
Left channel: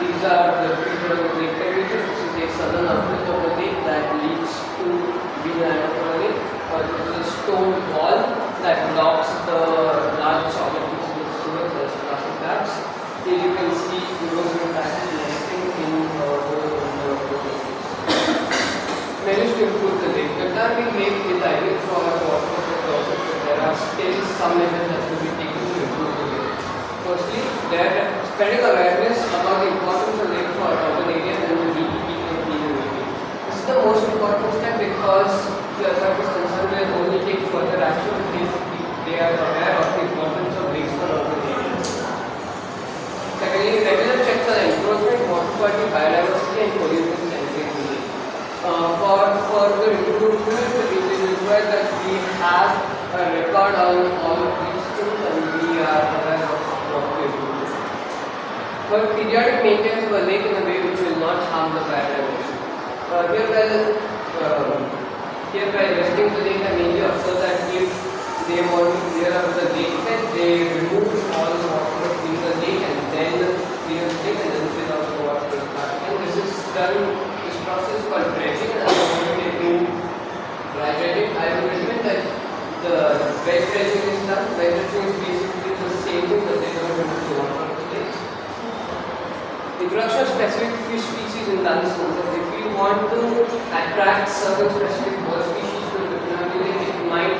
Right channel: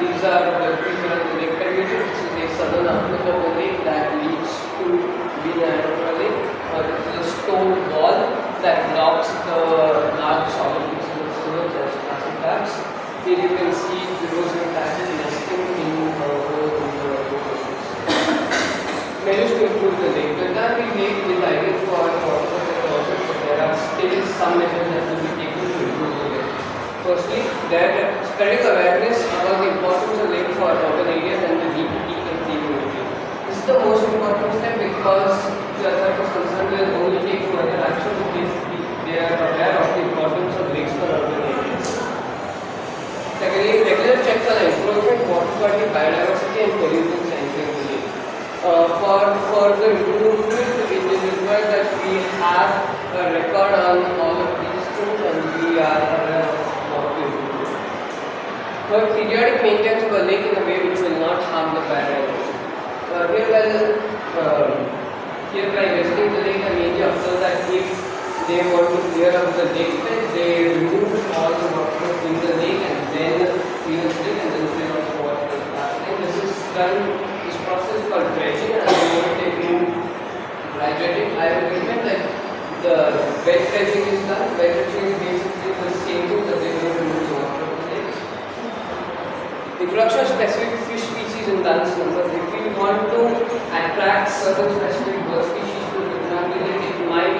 These are the picture of the lake perimeter. This is a southern outlet of the lake that leads to Vilas Lake. This is a stone wall that blocks the large solid pieces of sewage as plastic bags. Here you can see rivers and cattle nesting in the measures to improve the lake. Vagdevi Lake is ideal for water process, but there are still some measures that will be taken to improve the lake. Firstly, there is spreading awareness about the importance of lake for urban areas and the DEP enforcement, water quality, biodiversity, and pollution sampling unit. For the improvement, it is required that we have a record on all of these things and we are aware of what we do. But periodic maintenance of a lake in a way which will not harm the biodiversity. Hereby visiting the lake, I mainly observe that if they want to clear out the lake bed, they remove all the water in the lake and then clean the lake and then fill out the water. And this is done, this process called dredging, and I will take in gradually. I will recommend that the bed dredging is done. Bed dredging is basically the same thing that they do not remove the water of the lake. Introduction of specific fish species in dance numbers. If we want to attract certain specific bird species to the Lake, it might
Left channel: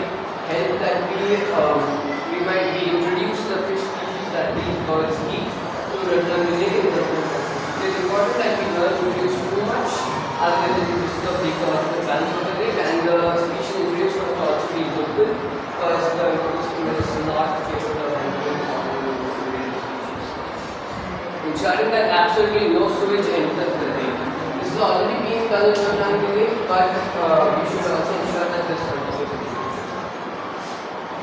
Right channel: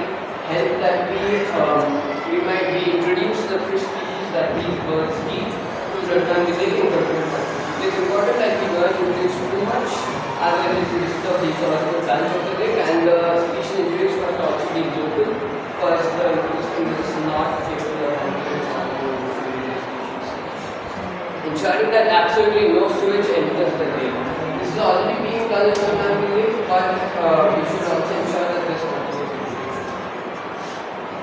help that we might reintroduce the fish species that these birds eat to the Lake. It is important that we don't introduce too much, otherwise we disturb the ecological balance of the lake, and the species introduced must also be good because the ecosystem is not capable of handling ensuring that absolutely no sewage enters the lake. This is already being done in Marathahalli lake, but we should also ensure that this happens.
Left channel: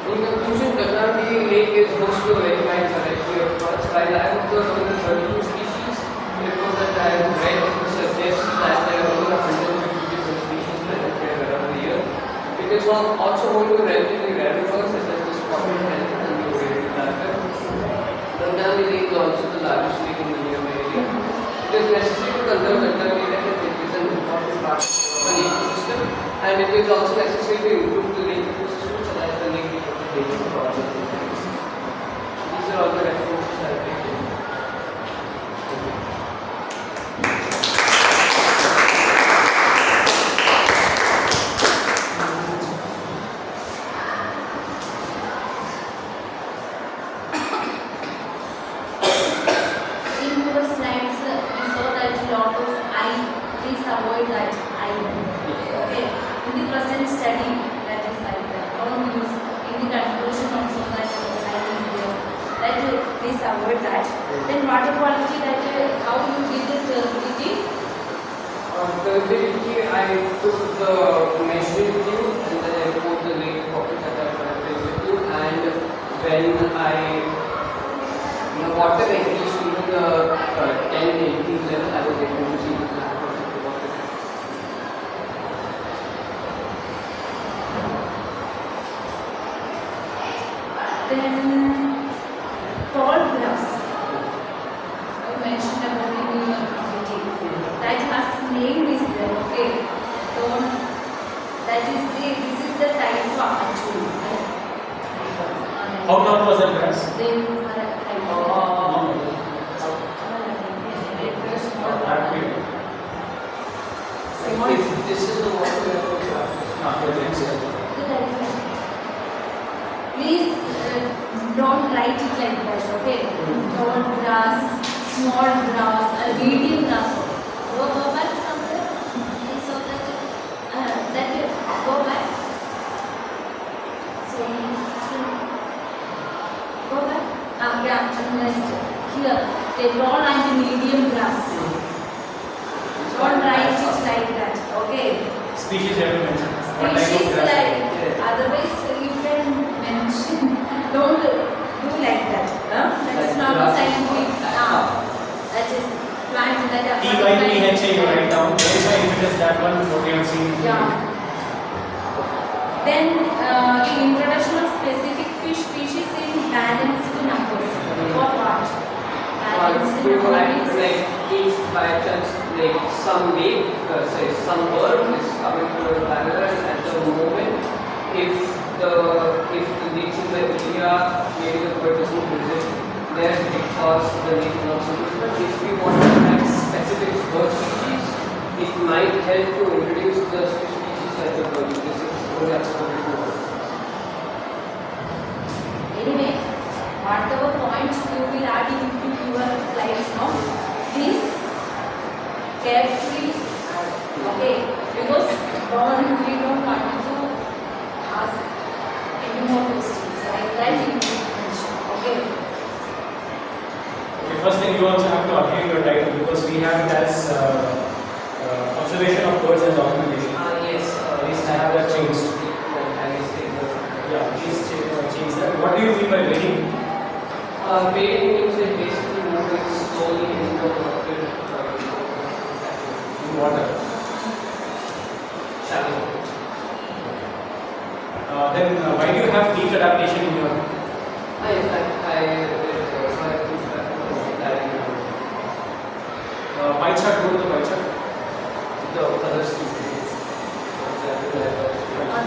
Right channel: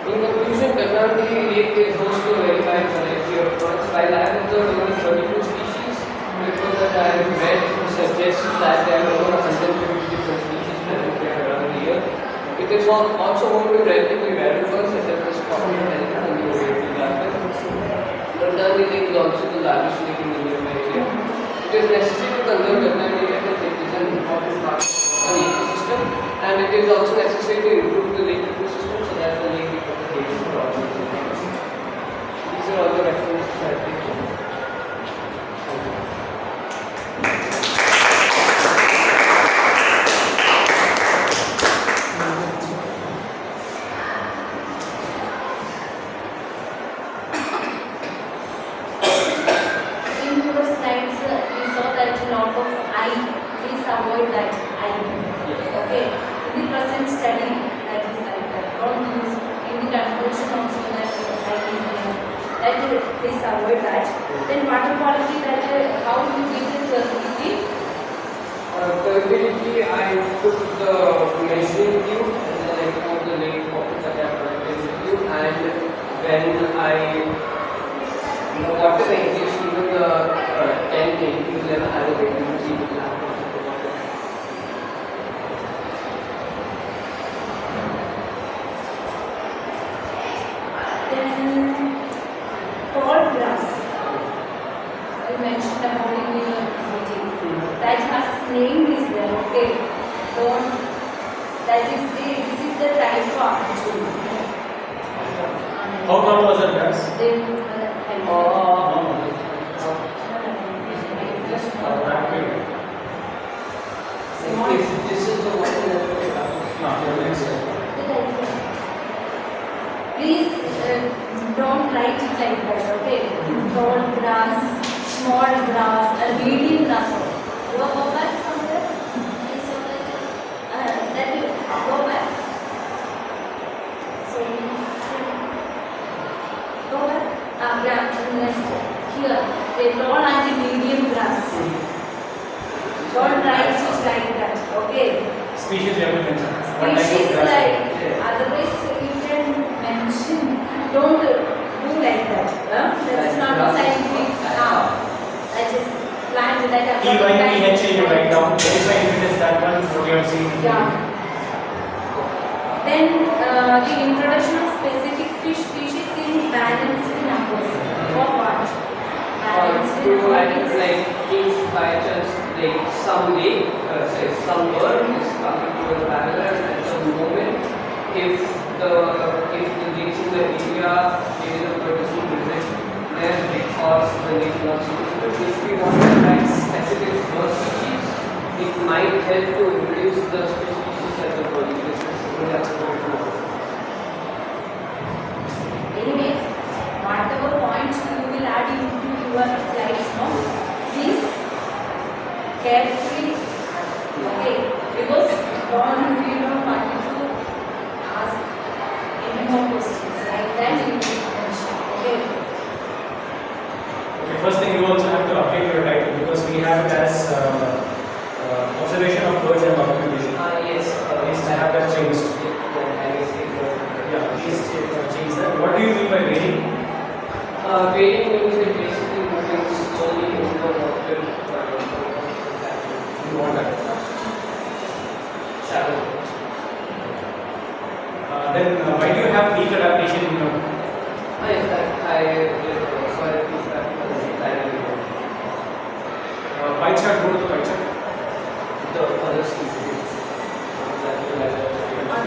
In conclusion, Marathahalli lake is host to a very wide variety of birds. While I have observed only 32 species, reports that I have read suggest that there are over 150 different species that appear around the year. It is also home to relatively rare birds such as the spotted elephant and the ovate rabbit. Marathahalli lake is also the largest lake in the nearby area. It is necessary to conserve Marathahalli lake as it is an important part of the ecosystem, and it is also necessary to improve the lake ecosystem so that the lake becomes a haven for all. These are all the references I have taken. Please avoid that. Then water quality, that how you get the turbidity? Turbidity, I took the measuring tube and then I put the lake water that I collected with you, and when the water reaches even 10 kg level, I was able to see the lake. Then tall grass. I mentioned about it in your meeting. That a name is there, okay? So that is this is the type of actually. How long was that grass? Then This is the one. Please don't write it like that, okay? Tall grass, small grass, medium grass. Go back somewhere. So that you go back. So go back. Next here, the tall and medium grass. Don't write it like that, okay? Species you have to mention. Species like, otherwise you can mention, don't do like that. That is not a scientific, that is plant that are TYPHA you write down, verify if it is that one what you have seen. Yeah. Then the introduction of specific fish species in balanced numbers. For what? Balanced numbers. Like if by chance like some lake, say some bird is coming to a paradise at some moment, if the lakes in the area maybe the bird is not present there because the lake is not suitable. If we want to attract specific bird species, it might help to introduce the species like the bird. This is what I have to do. Anyway, whatever points you will add into your slides now, please carefully, okay, because we don't want to ask any more questions like that you will mention, okay? The first thing you also have to update your title because we have it as observation of birds and documentation. Yes, Please have that changed. Yeah, please change that. What do you mean by wading? Wading means like basically moving slowly in the water. In water. Shallow. Then why do you have peak adaptation in your? I Pie chart, go to the pie chart. the other species.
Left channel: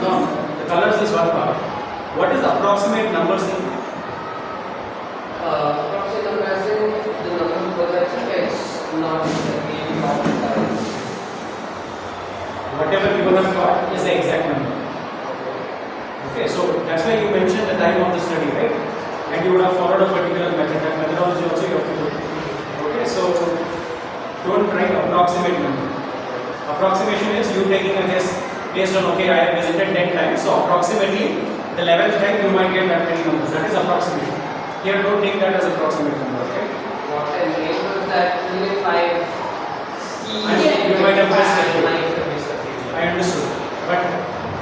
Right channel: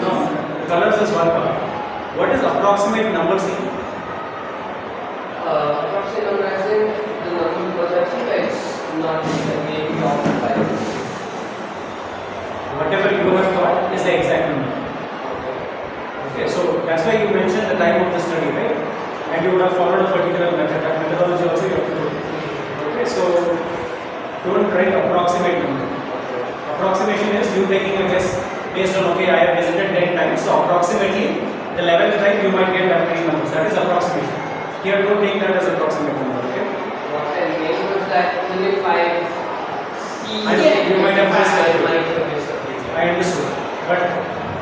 No, the colors is one part. What is approximate number C? Approximate number as in the number, because I think it's not the main top five. Whatever you have got is the exact number. Okay, so that's why you mentioned the time of the study, right? And you would have followed a particular method. That methodology also you have to do. Okay, so don't write approximate number. Approximation is you taking a guess based on, okay, I have visited 10 times, so approximately the 11th time you might get that 3 numbers. That is approximation. Here don't take that as approximate number, okay? What I meant was that even if I see You might have missed a few. I might have missed a few. I understood. But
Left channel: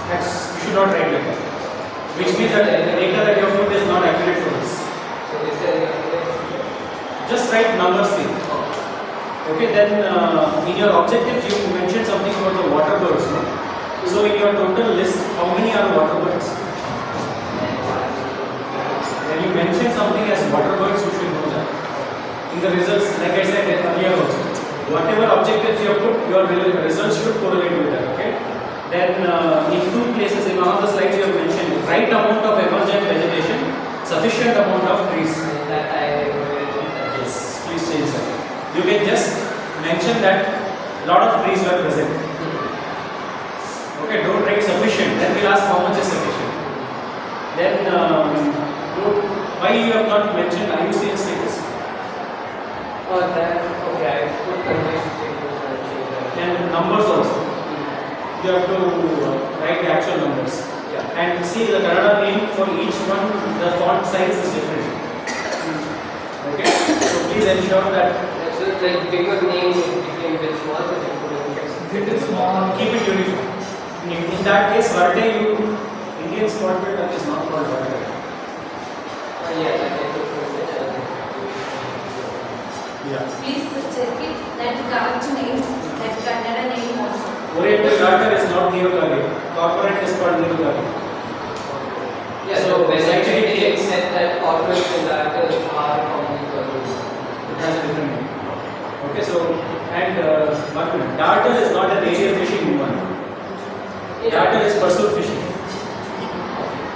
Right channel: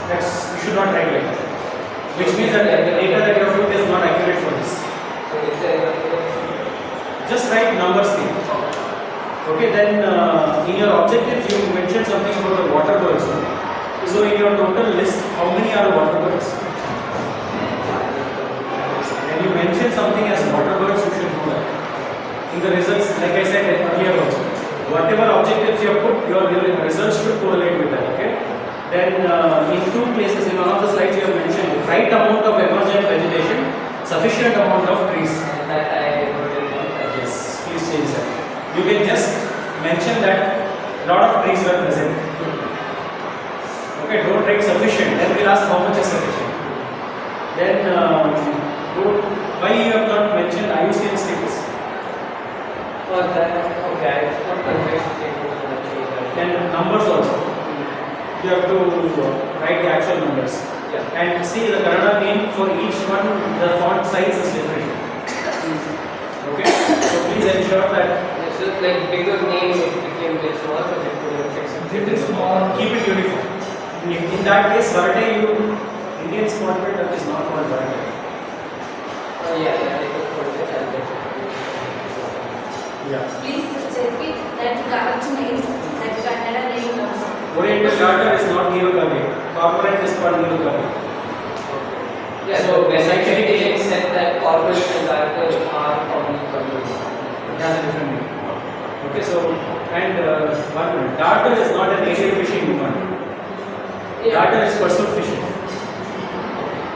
that's, you should not write like that. Which means that the data that you have put is not accurate for this. So is there Just write numbers here. Okay, then in your objectives you mentioned something about the water birds. No? So in your total list, how many are water birds? When you mention something as water birds, you should know that. In the results, like I said earlier also, whatever objectives you have put, your results should correlate with that. Okay. Then in 2 places, in one of the slides you have mentioned right amount of emergent vegetation, sufficient amount of trees. Yes, please change that. You can just mention that lot of trees were present. Okay, don't write sufficient. Then we'll ask how much is sufficient. Then why you have not mentioned IUCN status? that okay, I put countries And numbers also. You have to write the actual numbers. Yeah. And see the Kannada name for each one, the font size is different. Okay, so please ensure that. So like bigger name it became bit small, so they put It is small. Keep it uniform. In that case, Varte, Indian spot that is not called Varte. yeah, that I took from it. Yeah. Please check it that correct name, that Kannada name also. Oriental Garter is not Neogale. Corporate is called Neogale. Yeah, so when I checked it, it said that corporate and directors are commonly called. It has a different name. Okay, so and one minute. Darter is not an aerial fishing one. Darter is pursuit fishing.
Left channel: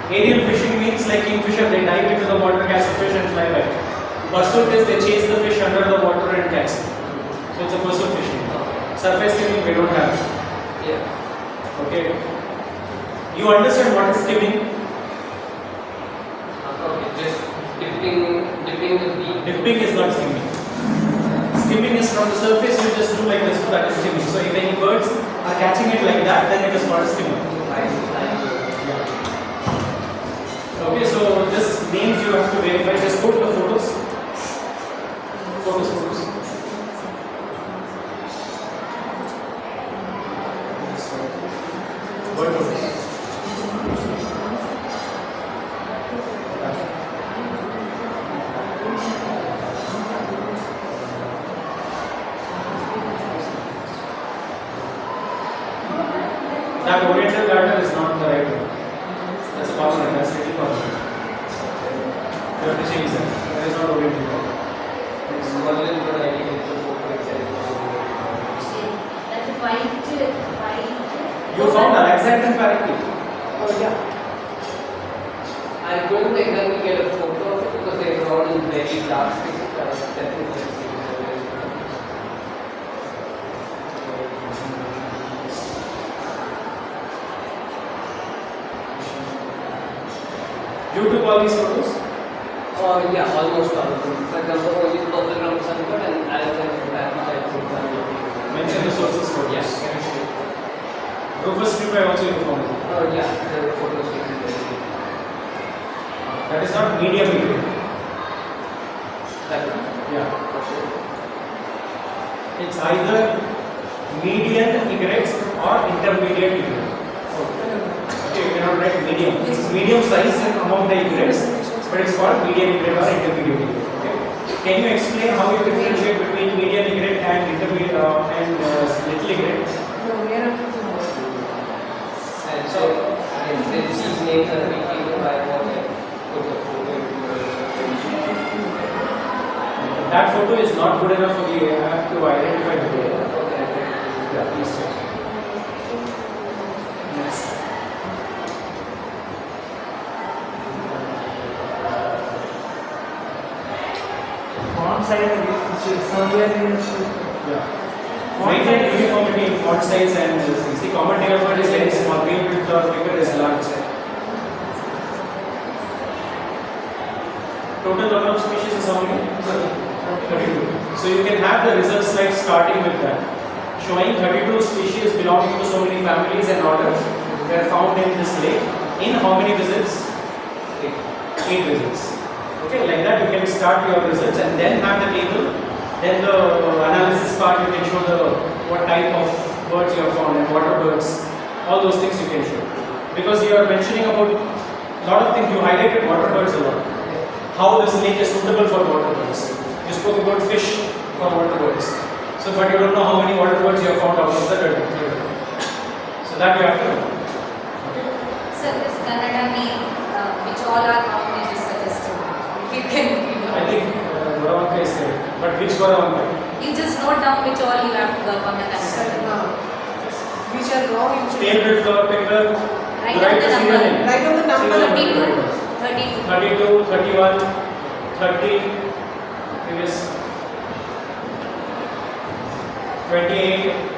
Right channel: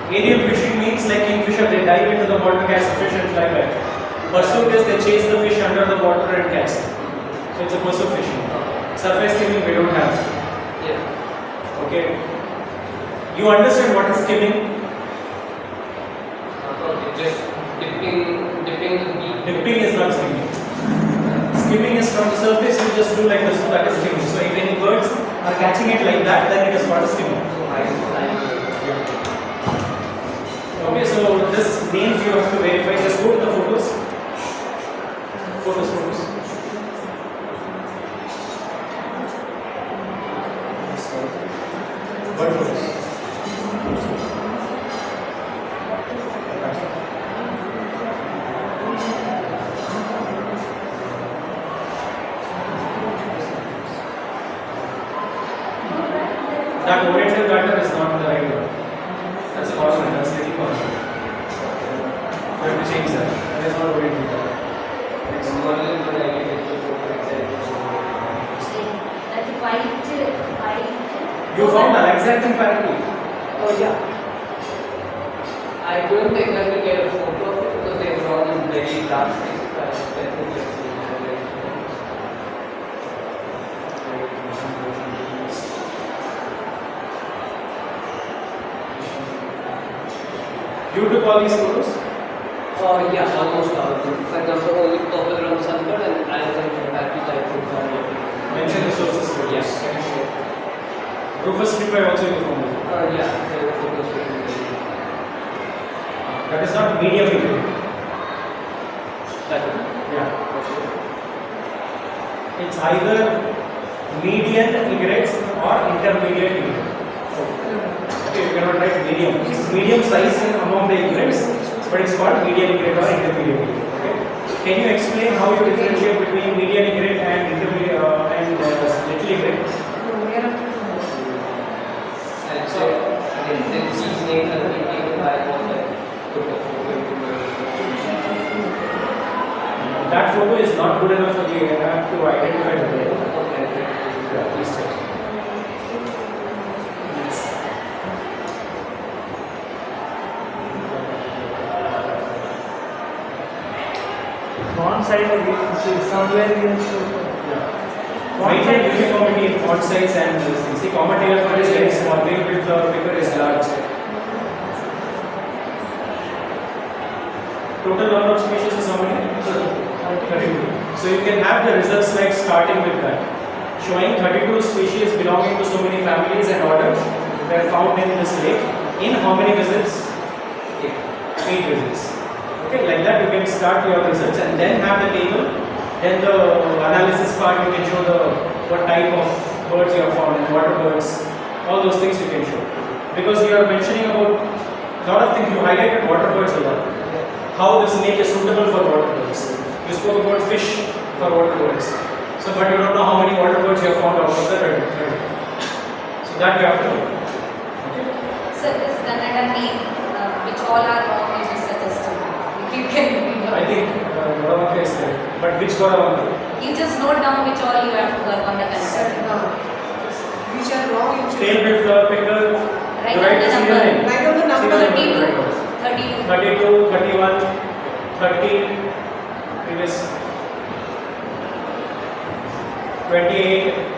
Aerial fishing means like kingfisher, they dive into the water, catch a fish and fly back. Pursuit is they chase the fish under the water and catch it. So it's a pursuit fishing. Surface skimming we don't have. Yeah. Okay. You understand what is skimming? Okay, just dipping the beak. Dipping is not skimming. Skimming is from the surface, you just do like this, so that is skimming. So if any birds are catching it like that, then it is not a skimming. Yeah. Okay, so this names you have to verify. Just go to the photos. Photos. Bird photos. That oriental garter is not the right one. That's corporate, that's little corporate. You have to change that. That is not oriental garter. That white. You found Alexandrian parakeet. Oh yeah. I couldn't exactly get a photo of it because they were all in very dark space. You took all these photos? Yeah, almost all of them. For example, only TVRAMACHANDra and Alexandrian parakeet I think are Mention the sources for yes. Rufus stripper also you found. Yeah, the photos taken. That is not medium video. That one. Yeah. It's either median egrets or intermediate egrets. Okay, you cannot write medium. It's medium size among the egrets, but it's called median egret or intermediate egret. Okay. Can you explain how you differentiate between median egret and intermediate and little egret? So, again, these names are being given by what I put the photo into That photo is not good enough for the app to identify the data. Yeah, please check. Font size somewhere we have to. Yeah. Maintain uniformity in font size and see common data word is very small, main width or bigger is large. Total number of species is how many? 32. So you can have the results like starting with that, showing 32 species belonging to so many families and orders were found in this lake. In how many visits? 8 visits. Okay, like that you can start your results and then have the table. Then the analysis part you can show the what type of birds you have found and water birds, all those things you can show. Because you are mentioning about a lot of things, you highlighted water birds a lot. How this lake is suitable for water birds. You spoke about fish for water birds. So, but you don't know how many water birds you have found out of the 30. So that you have to know. Sir, this Kannada name, which all are wrong, is suggested. If you can, I think Goravanka is correct. But which Goravanka? you just note down which all you have to work on the Kannada. Which are wrong, you should Scale with your finger. Write down the number. write down the number. 32, 32, 31, 30, previous 28.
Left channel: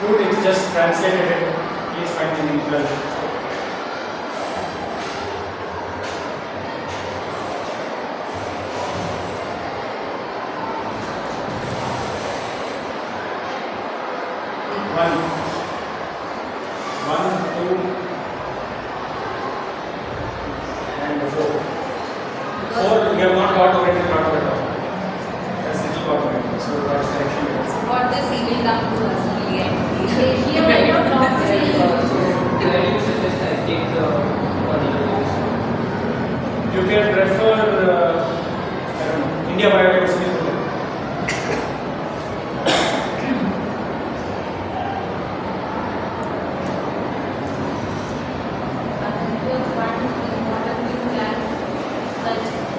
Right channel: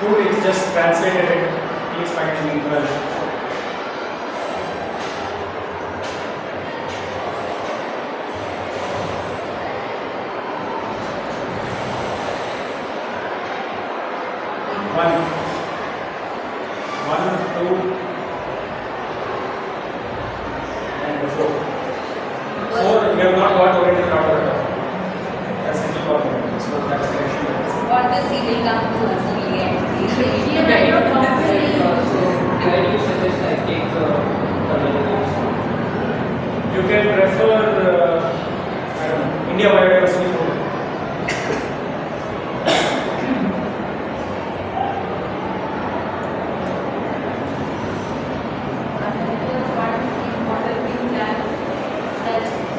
Good, it's just translated it. Please find it in 12. One, two, and 4. 4, you have not got already, not got all. That's little got already. So that's the correction. what this he will come to us, we will get. So, where do you suggest I take the analysis? You can refer I don't know, India Biodiversity.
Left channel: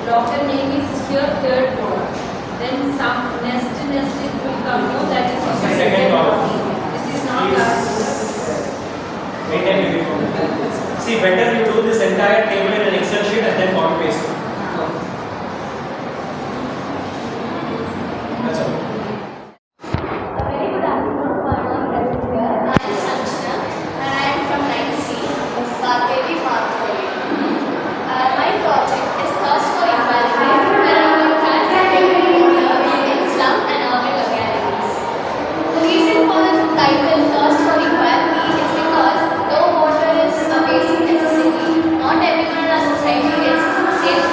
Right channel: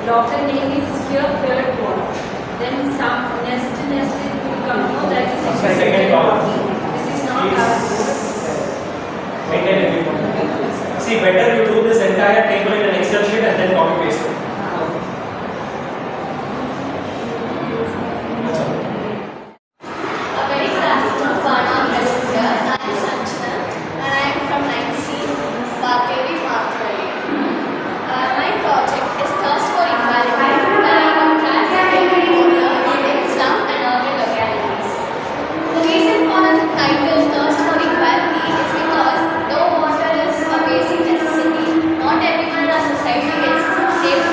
Daughter name is here, third one. Then some nest it will come. No, that is second column. This is not See, better you do this entire table in an Excel sheet and then copy paste it. That's all. A very good afternoon for our present here. I am Sanchana and I am from 9C, Vagdevi Marathahalli. My project is Thirst for Environment, where I am classified water in slum and urban localities. The reason for the title Thirst for Equality is because though water is a basic necessity, not everyone in our society gets safe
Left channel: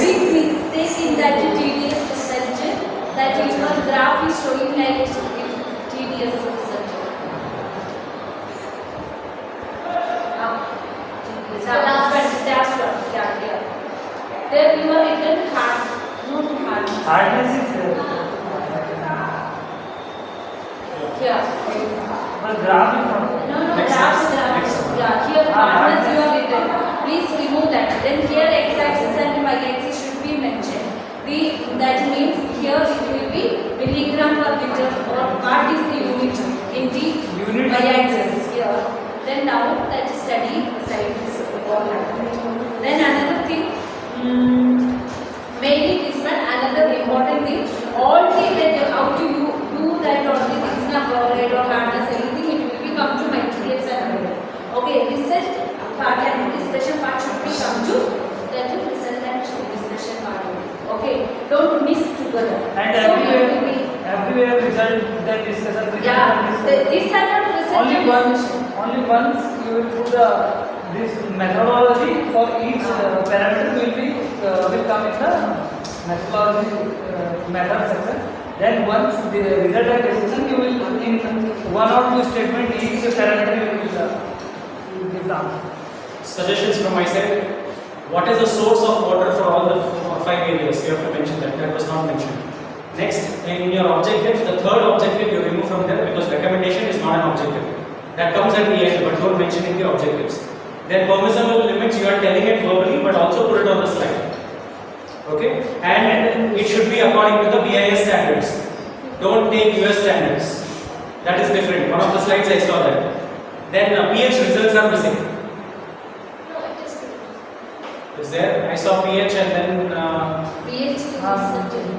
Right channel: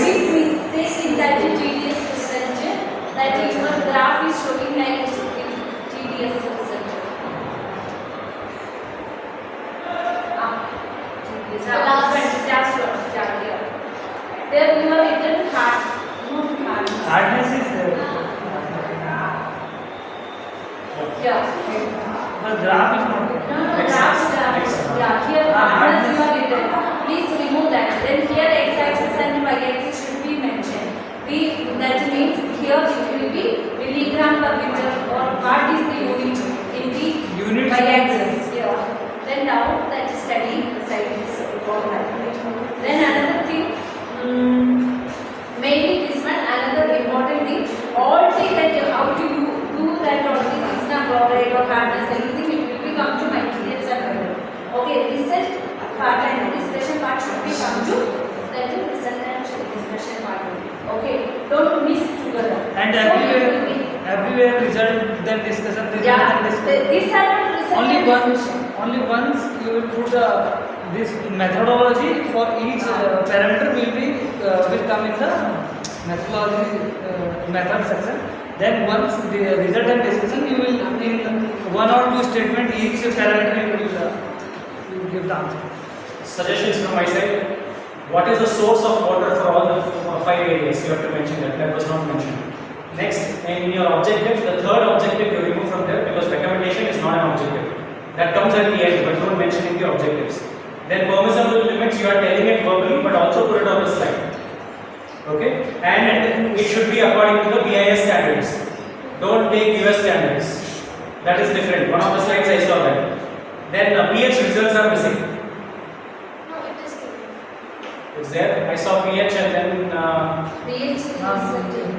big mistake in that tedious procedure that your graph is showing like tedious procedure. Tedious. Last one, that's what. Yeah. There you are written hard, not hard. Hardness is there. Yeah. The graph is not. No, graph. Yeah, here hardness you are written. Please remove that. Then here x-axis and y-axis should be mentioned. That means here it will be milligram per liter or what is the unit in the y-axis. Yeah. Then now that study aside this problem. Then another thing, mainly this one, another important thing, all the that how do you do that all the things now chloride or hardness anything it will be come to materials and weather. Okay, research part and discussion part should be come to that research and discussion part only. Okay, don't miss together. And so everywhere result then discussion. Yeah, these are not result. Only once you will put this methodology for each parameter will come in the methodology method section. Then once the result and discussion, you will in one or two statement each parameter you will give the answer. Suggestions from my side. What is the source of water for all the 5 areas? You have to mention that. That was not mentioned. Next, in your objective, the third objective you remove from there because recommendation is not an objective. That comes at the end, but don't mention in the objectives. Then permissible limits, you are telling it verbally, but also put it on the slide. Okay? And it should be according to the BIS standards. Don't take US standards. That is different. One of the slides I saw that. Then pH results are missing. No, it is good. Is there? I saw pH and then pH is subject.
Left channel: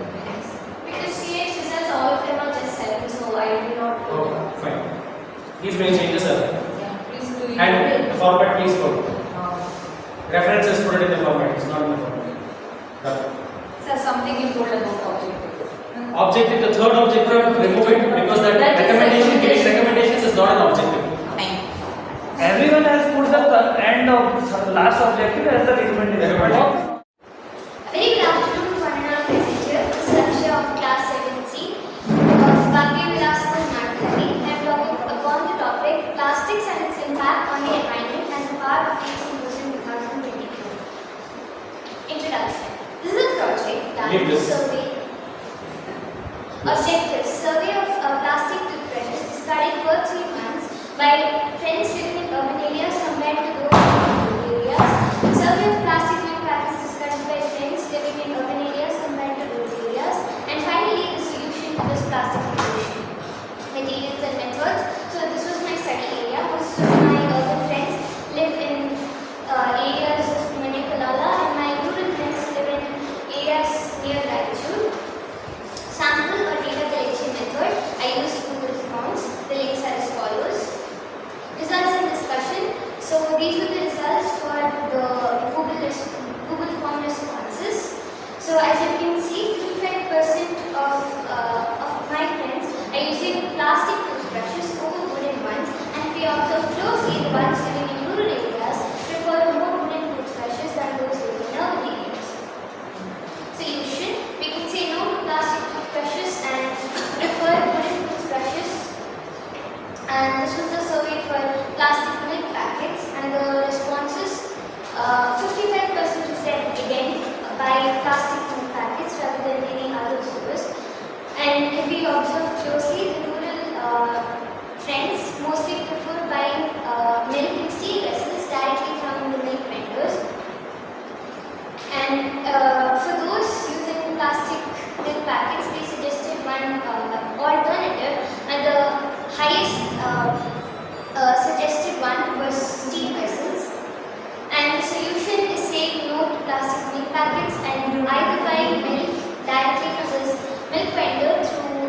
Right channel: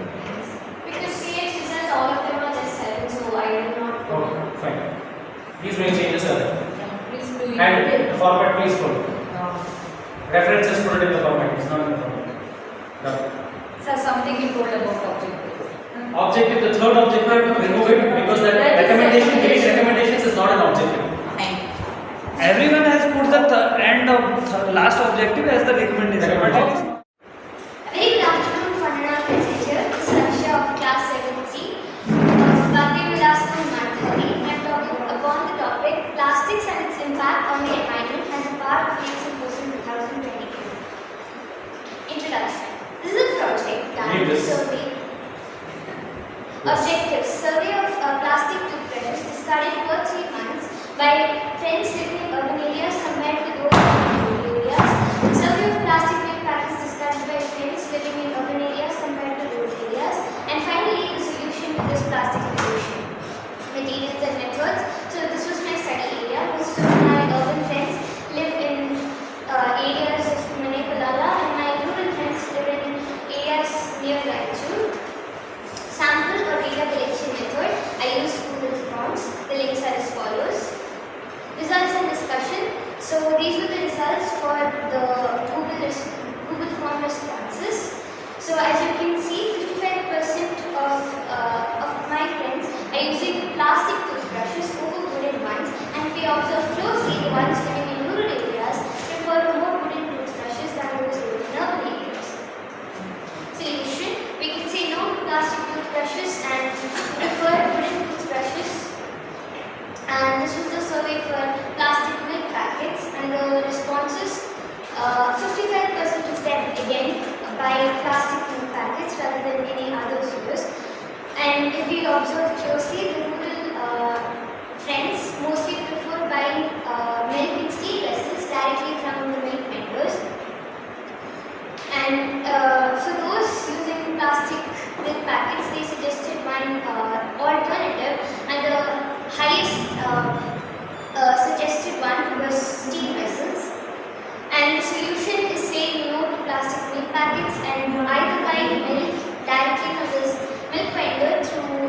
Because pH results, all of them are just 7, so I do not go. oh, fine. These may changes are there. Yeah, please do it. And format please follow. References put it in the format, it's not in the format. Yeah. So something you told about objective. Objective, the third objective, remove it because that recommendation, giving recommendations is not an objective. Everyone has put the end of last objective as the recommendation. Very good afternoon to honorable passenger. This is Arsha of class 7C of Vagdevi, Vilas and Marathahalli. I am talking upon the topic plastics and its impact on the environment as a part of the Symposium 2024. Introduction. This is a project that will survey objectives. Survey of plastic toothbrushes studied for 3 months by friends living in urban areas compared to those living in rural areas. Survey of plastic milk packets discussed by friends living in urban areas compared to rural areas. And finally, the solution to this plastic pollution. Materials and methods. So this was my study area. Most of my urban friends live in areas of Marathahalli and my rural friends live in areas near Raichur. Sample or data collection method. I use Google Forms. The links are as follows. Results and discussion. So these were the results for the Google Form responses. So as you can see, 55% of my friends are using plastic toothbrushes over wooden ones, and if we observe closely, the ones living in rural areas prefer more wooden toothbrushes than those living in urban areas. Solution: we can say no to plastic toothbrushes and prefer wooden toothbrushes. And this was the survey for plastic milk packets, and the responses, 55% of them again buy plastic milk packets rather than any other source. And if we observe closely, the rural friends mostly prefer buying milk in steel vessels directly from the milk vendors. And for those using plastic milk packets, they suggested one alternative, and the highest suggested one was steel vessels. And the solution is saying no to plastic milk packets and either buying milk directly from this milk vendor through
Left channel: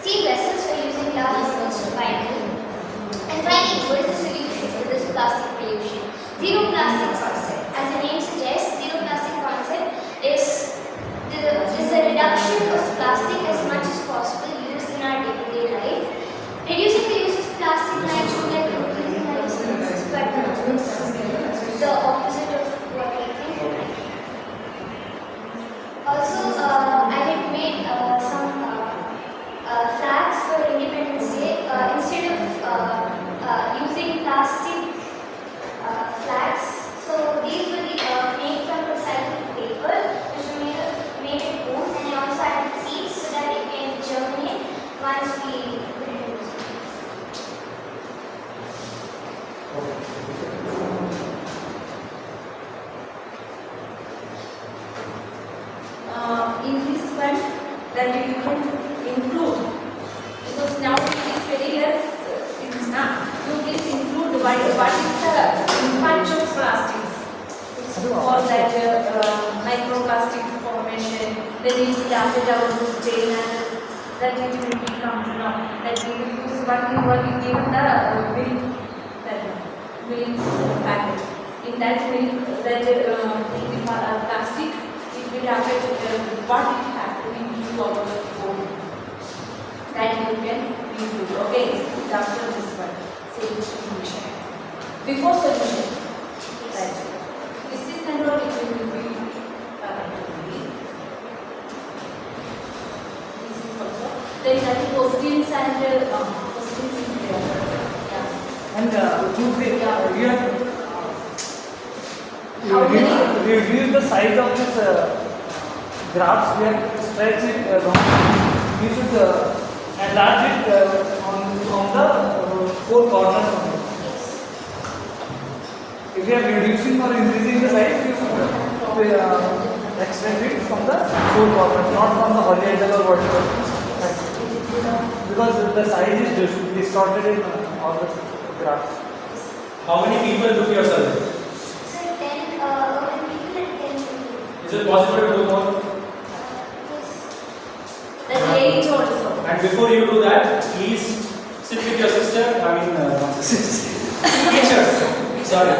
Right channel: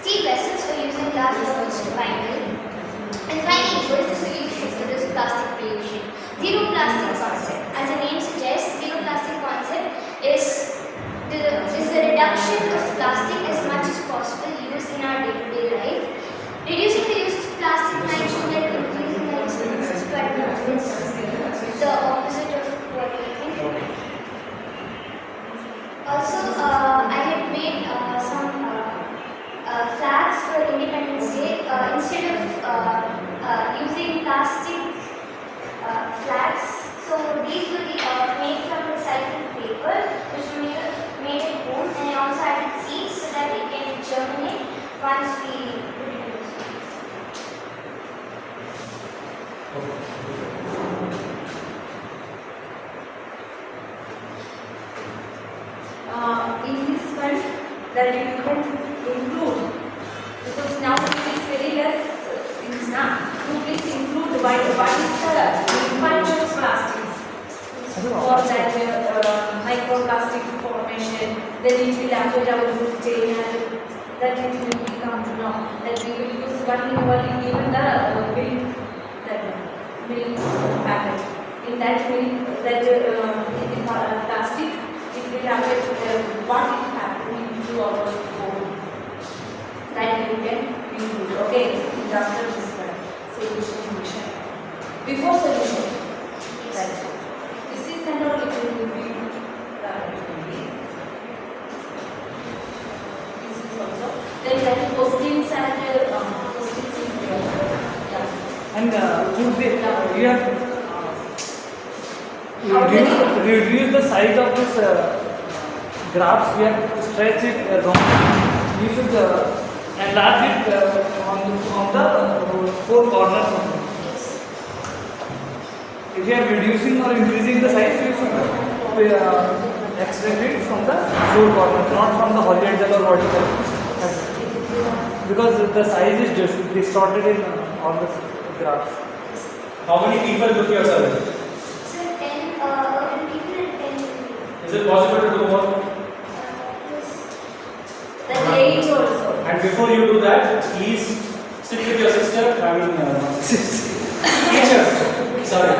steel vessels or using large amounts to buy milk. And finally, what is the solution to this plastic pollution? Zero plastic concept. As the name suggests, zero plastic concept is the reduction of plastic as much as possible used in our day-to-day life. Reducing the use of plastic might seem like increasing our expenses, but it's the opposite of that you can include, because now it is very less things now. You please include what is the impact of plastics for that microplastic formation, then it will affect our food chain and that it will become that we will use what you given the milk, that milk packet. In that milk, that plastic, it will affect what it happens to our body. That you can include. Okay, after this one, solution. Before solution, that's it. This is the not it will be. This is also. Then you have the postings and postings is there. Yeah. And you have reduce the size of this graphs. We have to stretch it wrong. You should enlarge it on the four corners. If you are reducing or increasing the size, you should extend it from the four corners, not from the horizontal or vertical. Because the size is just distorted in all the graphs. How many people took your survey? Sir, 10 people and 10 people. Is it possible to do more? The age also. And before you do that, please sit with your sister, teachers. Sorry.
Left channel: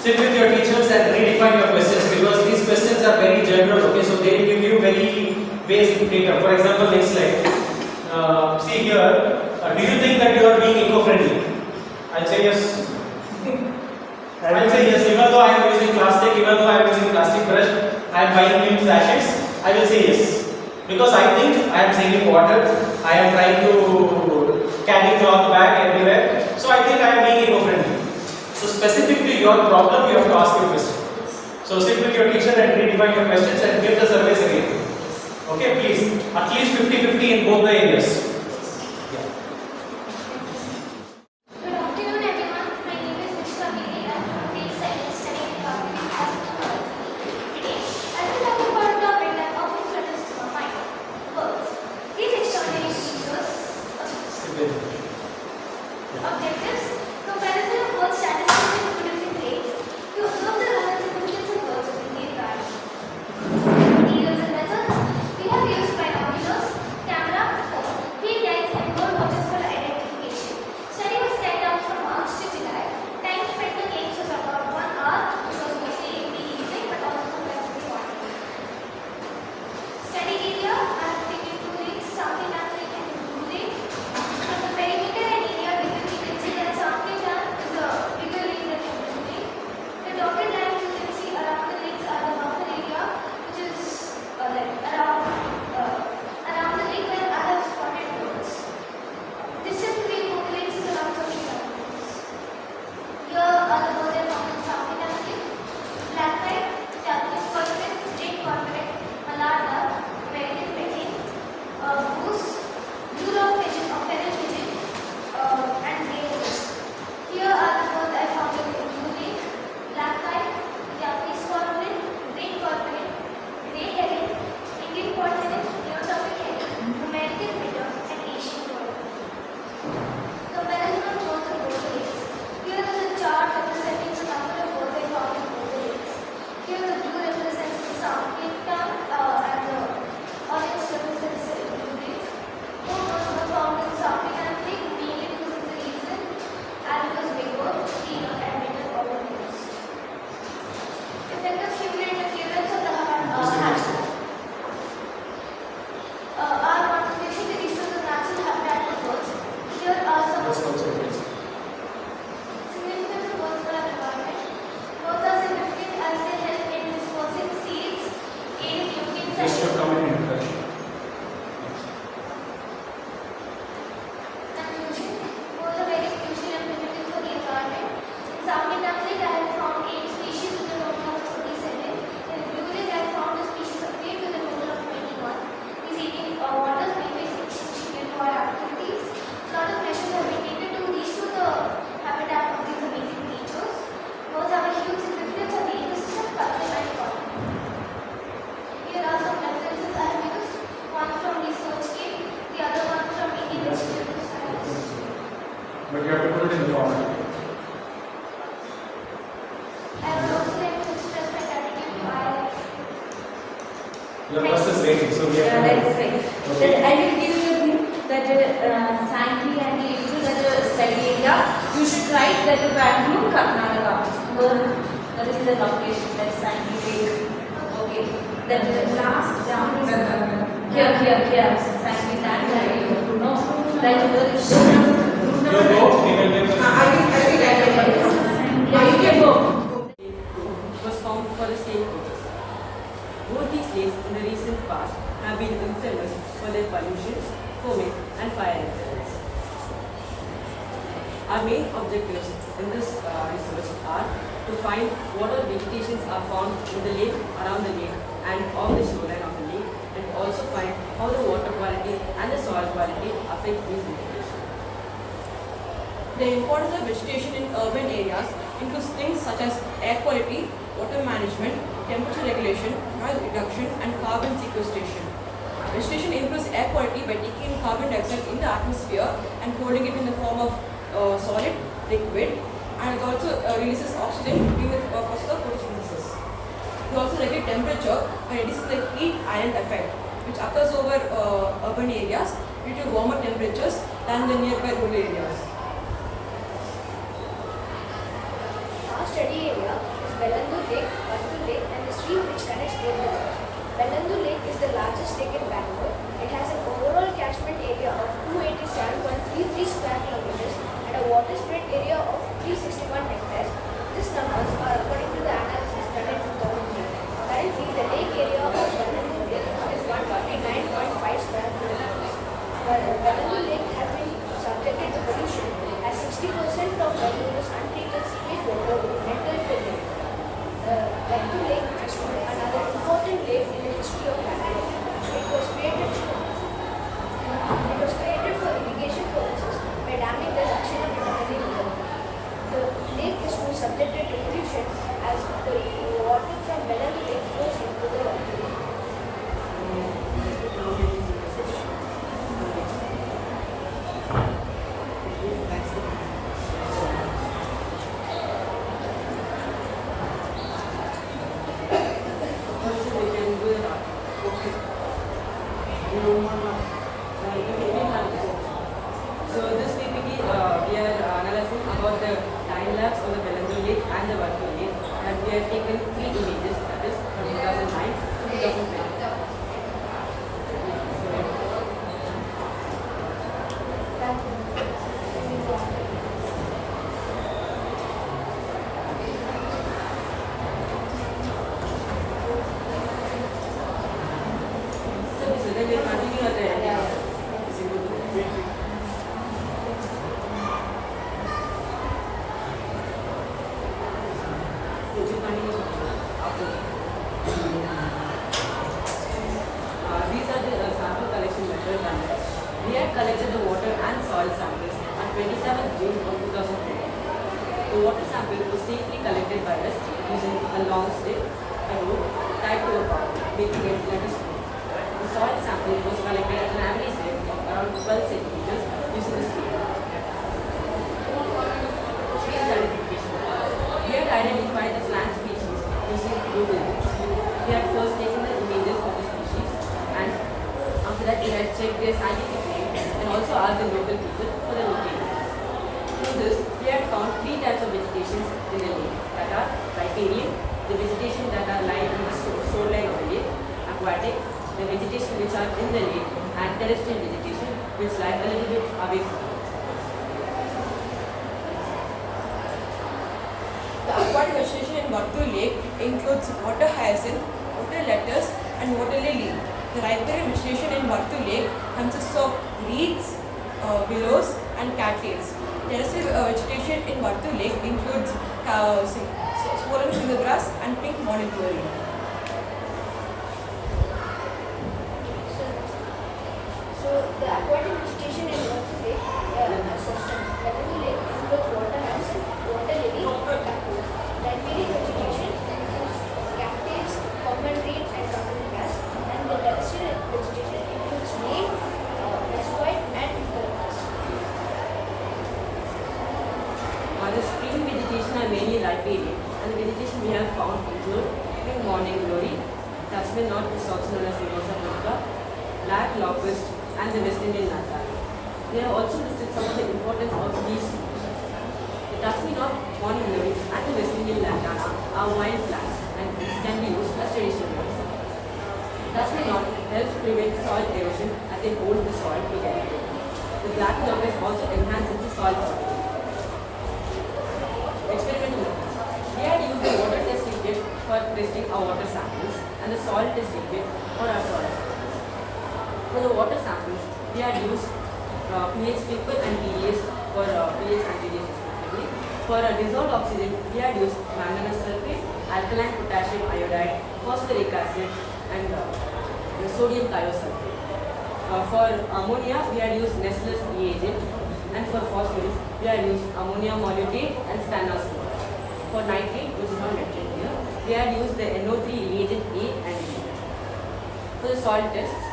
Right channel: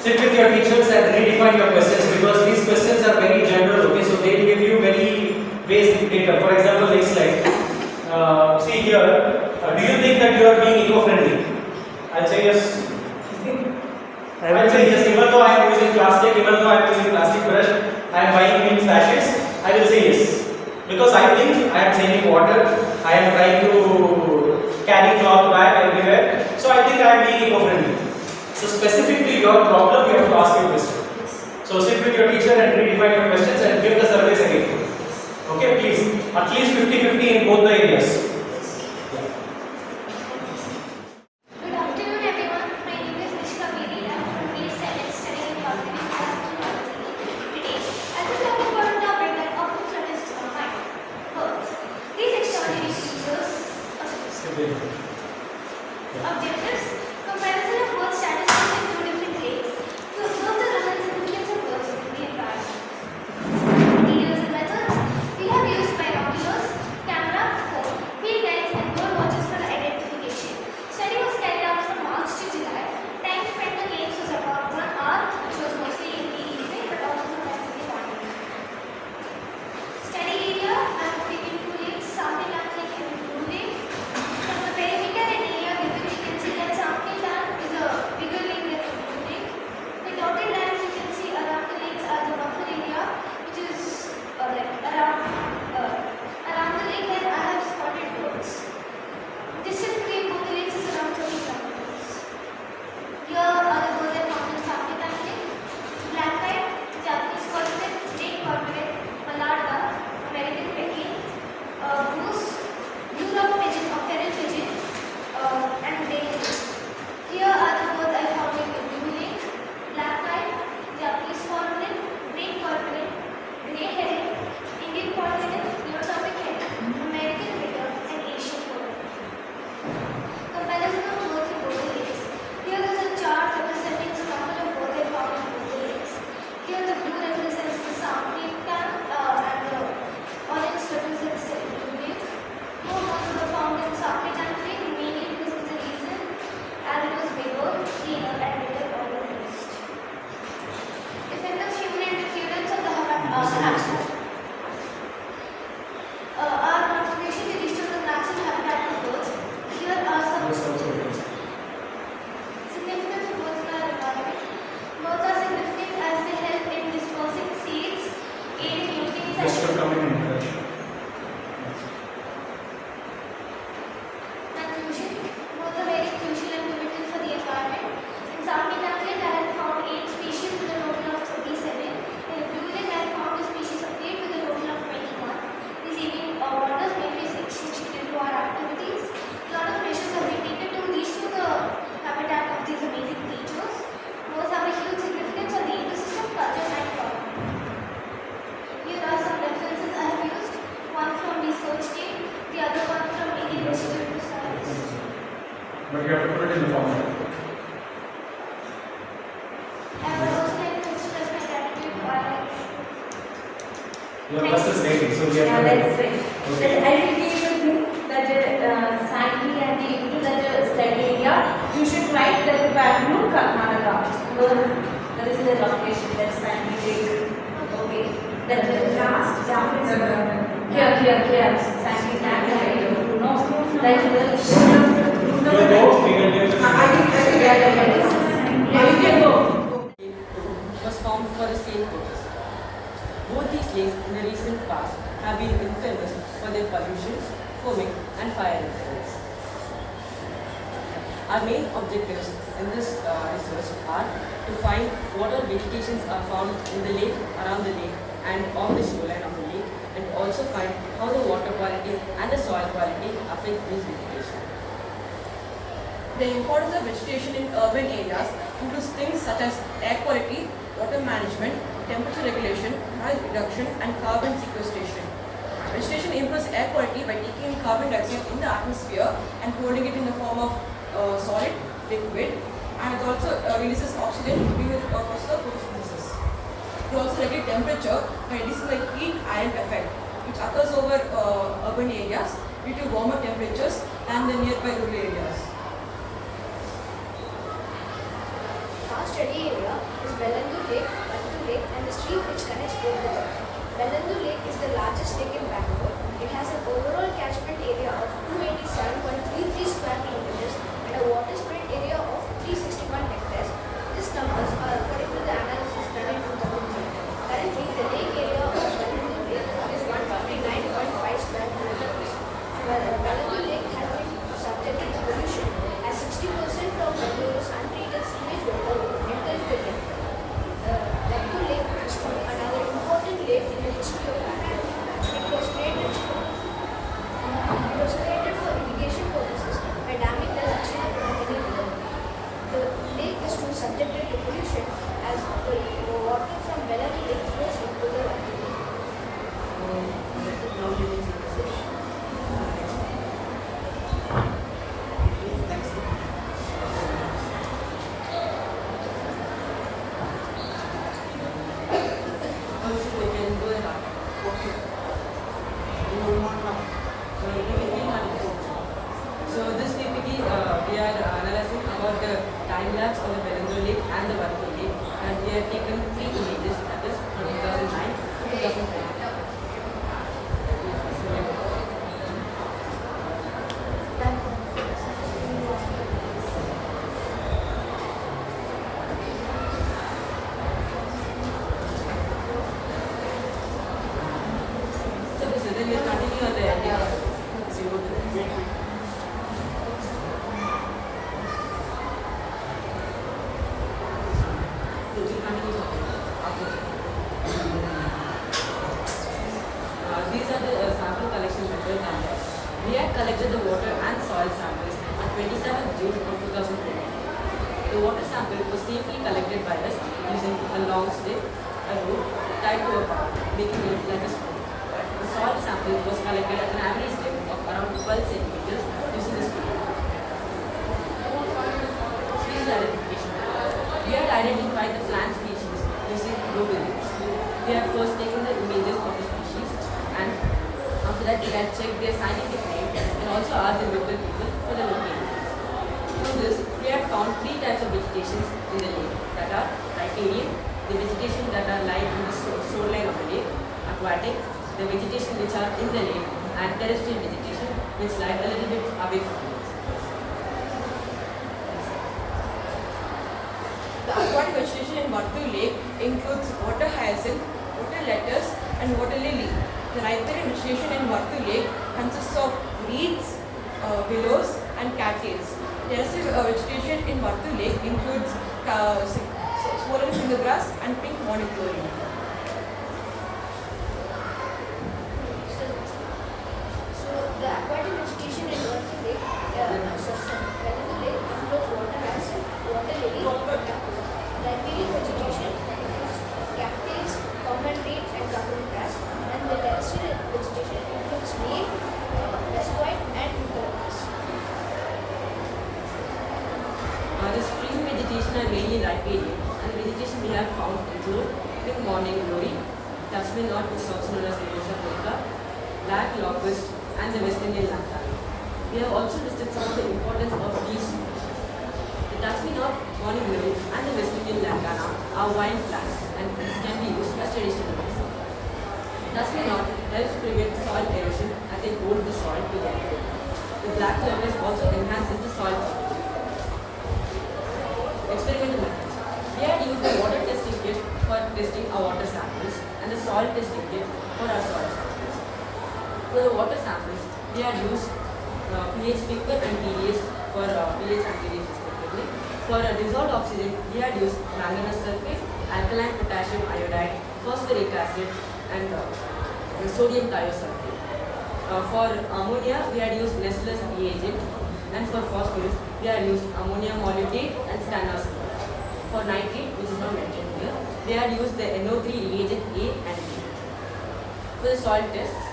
Sit with your teachers and redefine your questions, because these questions are very general. Okay, so they will give you very basic data. For example, next slide. See here. Do you think that you are being eco-friendly? I'll say yes. I'll say yes. Even though I am using plastic, even though I am using plastic brush, I am buying new slashes. I will say yes, because I think I am saving water. I am trying to carry cloth bag everywhere. So I think I am being eco-friendly. So specifically your problem, you have to ask your question. So sit with your teacher and redefine your questions and give the surveys again. Okay, please. At least 50-50 in both the areas. Good afternoon, everyone. My name is Mishka Bedi. I'm from grade 7 studying in Vagdevi. Today, I will talk about a topic that often flutters to my mind: birds. These extraordinary creatures. Objectives: comparison of bird statistics in two different grades to observe the role and significance of birds in the environment. Materials and methods: we have used binoculars, camera, phone. Your first is rating, so we Yeah, have that's right. Okay. Then I will give you a thing that Sankey and the into that study area. You should write that Bangalore, Karnataka. That is the location that Sankey Lake. Okay. Then the last here. Sankey Lake. No, that is You go, we can give was formed for the same purpose. Both these lakes in the recent past have been infamous for their pollution, foaming, and fire incidents. Our main objectives in this research are to find what all vegetations are found in the lake, around the lake, and on the shoreline of the lake, and also find how the water quality and the soil quality affect these vegetation. The importance of vegetation in urban areas includes things such as air quality, water management, temperature regulation, noise reduction, and carbon sequestration. Vegetation improves air quality by taking in carbon dioxide in the atmosphere and holding it in the form of solid, liquid, and it also releases oxygen during the process of photosynthesis. It also regulates temperature by reducing the heat island effect, which occurs over urban areas due to warmer temperatures than the nearby rural areas. Our study area is Bellandur Lake, Vagdevi Lake, and the stream which connects both the lakes. Bellandur Lake is the largest lake in Bangalore. It has an overall catchment area of 287.33 square kilometers and a water spread area of 361 hectares. These numbers are according to the analysis done in 2003. Currently, the lake area of Bellandur Lake is 159.5 square kilometers. Bellandur Lake has been subjected to pollution as 60% of Bangalore's untreated sewage water enters the lake. Vagdevi Lake is another important lake in the history of Bangalore. It was created for irrigation purposes by damming the Lakshmi Marathahalli river. The lake is now subjected to pollution as the water from Vagdevi Lake flows into the Vagdevi Lake. So this PPT, we are analyzing about the time lapse on the Bellandur Lake and the Vagdevi Lake, and we have taken 3 images, that is from 2009 to 2010. So then we continue on the these are the sample collection methods and we had collected the water and soil samples on 27th June of 2020. The water sample was safely collected by us using a long stick, a rope tied to a pump, making it like a spoon. The soil sample was collected at an average depth of around 12 centimeters using a spoon. Species identification. We had identified the plant species using Google Maps. We had first taken the images of the species and after that we had checked their scientific name and also asked the local people for the location. From this, we had found 3 types of vegetation in the lake that are riparian, the vegetation that are lying in the shoreline of the lake, aquatic, the vegetation which are in the lake, and terrestrial vegetation which lie a little bit away from the lake. The aquatic vegetation in Vagdevi Lake includes water hyacinth, water lettuce, and water lily. The riparian vegetation in Vagdevi Lake consists of reeds, willows, and cattails. Terrestrial vegetation in Vagdevi Lake includes swollen finger grass and pink morning glory. So the aquatic vegetation in Vagdevi Lake, Vagdevi Lake includes water hyacinth, water lily, riparian vegetation includes cattails, common reed, and common grass, and the terrestrial vegetation includes neem, mesquite, and eucalyptus. The spring vegetation are mainly riparian, and the vegetation we have found include pink morning glory, Tasman Knot, which is also known as Mimosa Pudica, Black Locust, and the West Indian lantana. We have also listed some of the importance of these species. The Tasman Knot, morning glory, and the West Indian lantana are wild plants, and this can be used as traditional medicine. Tasman Knot helps prevent soil erosion as they hold the soil together. The black locust also enhances the soil fertility. Experimental methods. We had used the water testing kit for testing our water samples and the soil testing kit for our soil samples. For the water samples, we had used pH people and TDS for pH and TDS respectively. For dissolved oxygen, we had used manganese sulfate, alkaline potassium iodide, phosphoric acid, and sodium thiosulfate. For ammonia, we had used Nestle's reagent, and for phosphorus, we had used ammonia molybdate and stannous water. For nitrate, which is not mentioned here, we had used the NO3 reagent A and B. For the soil tests,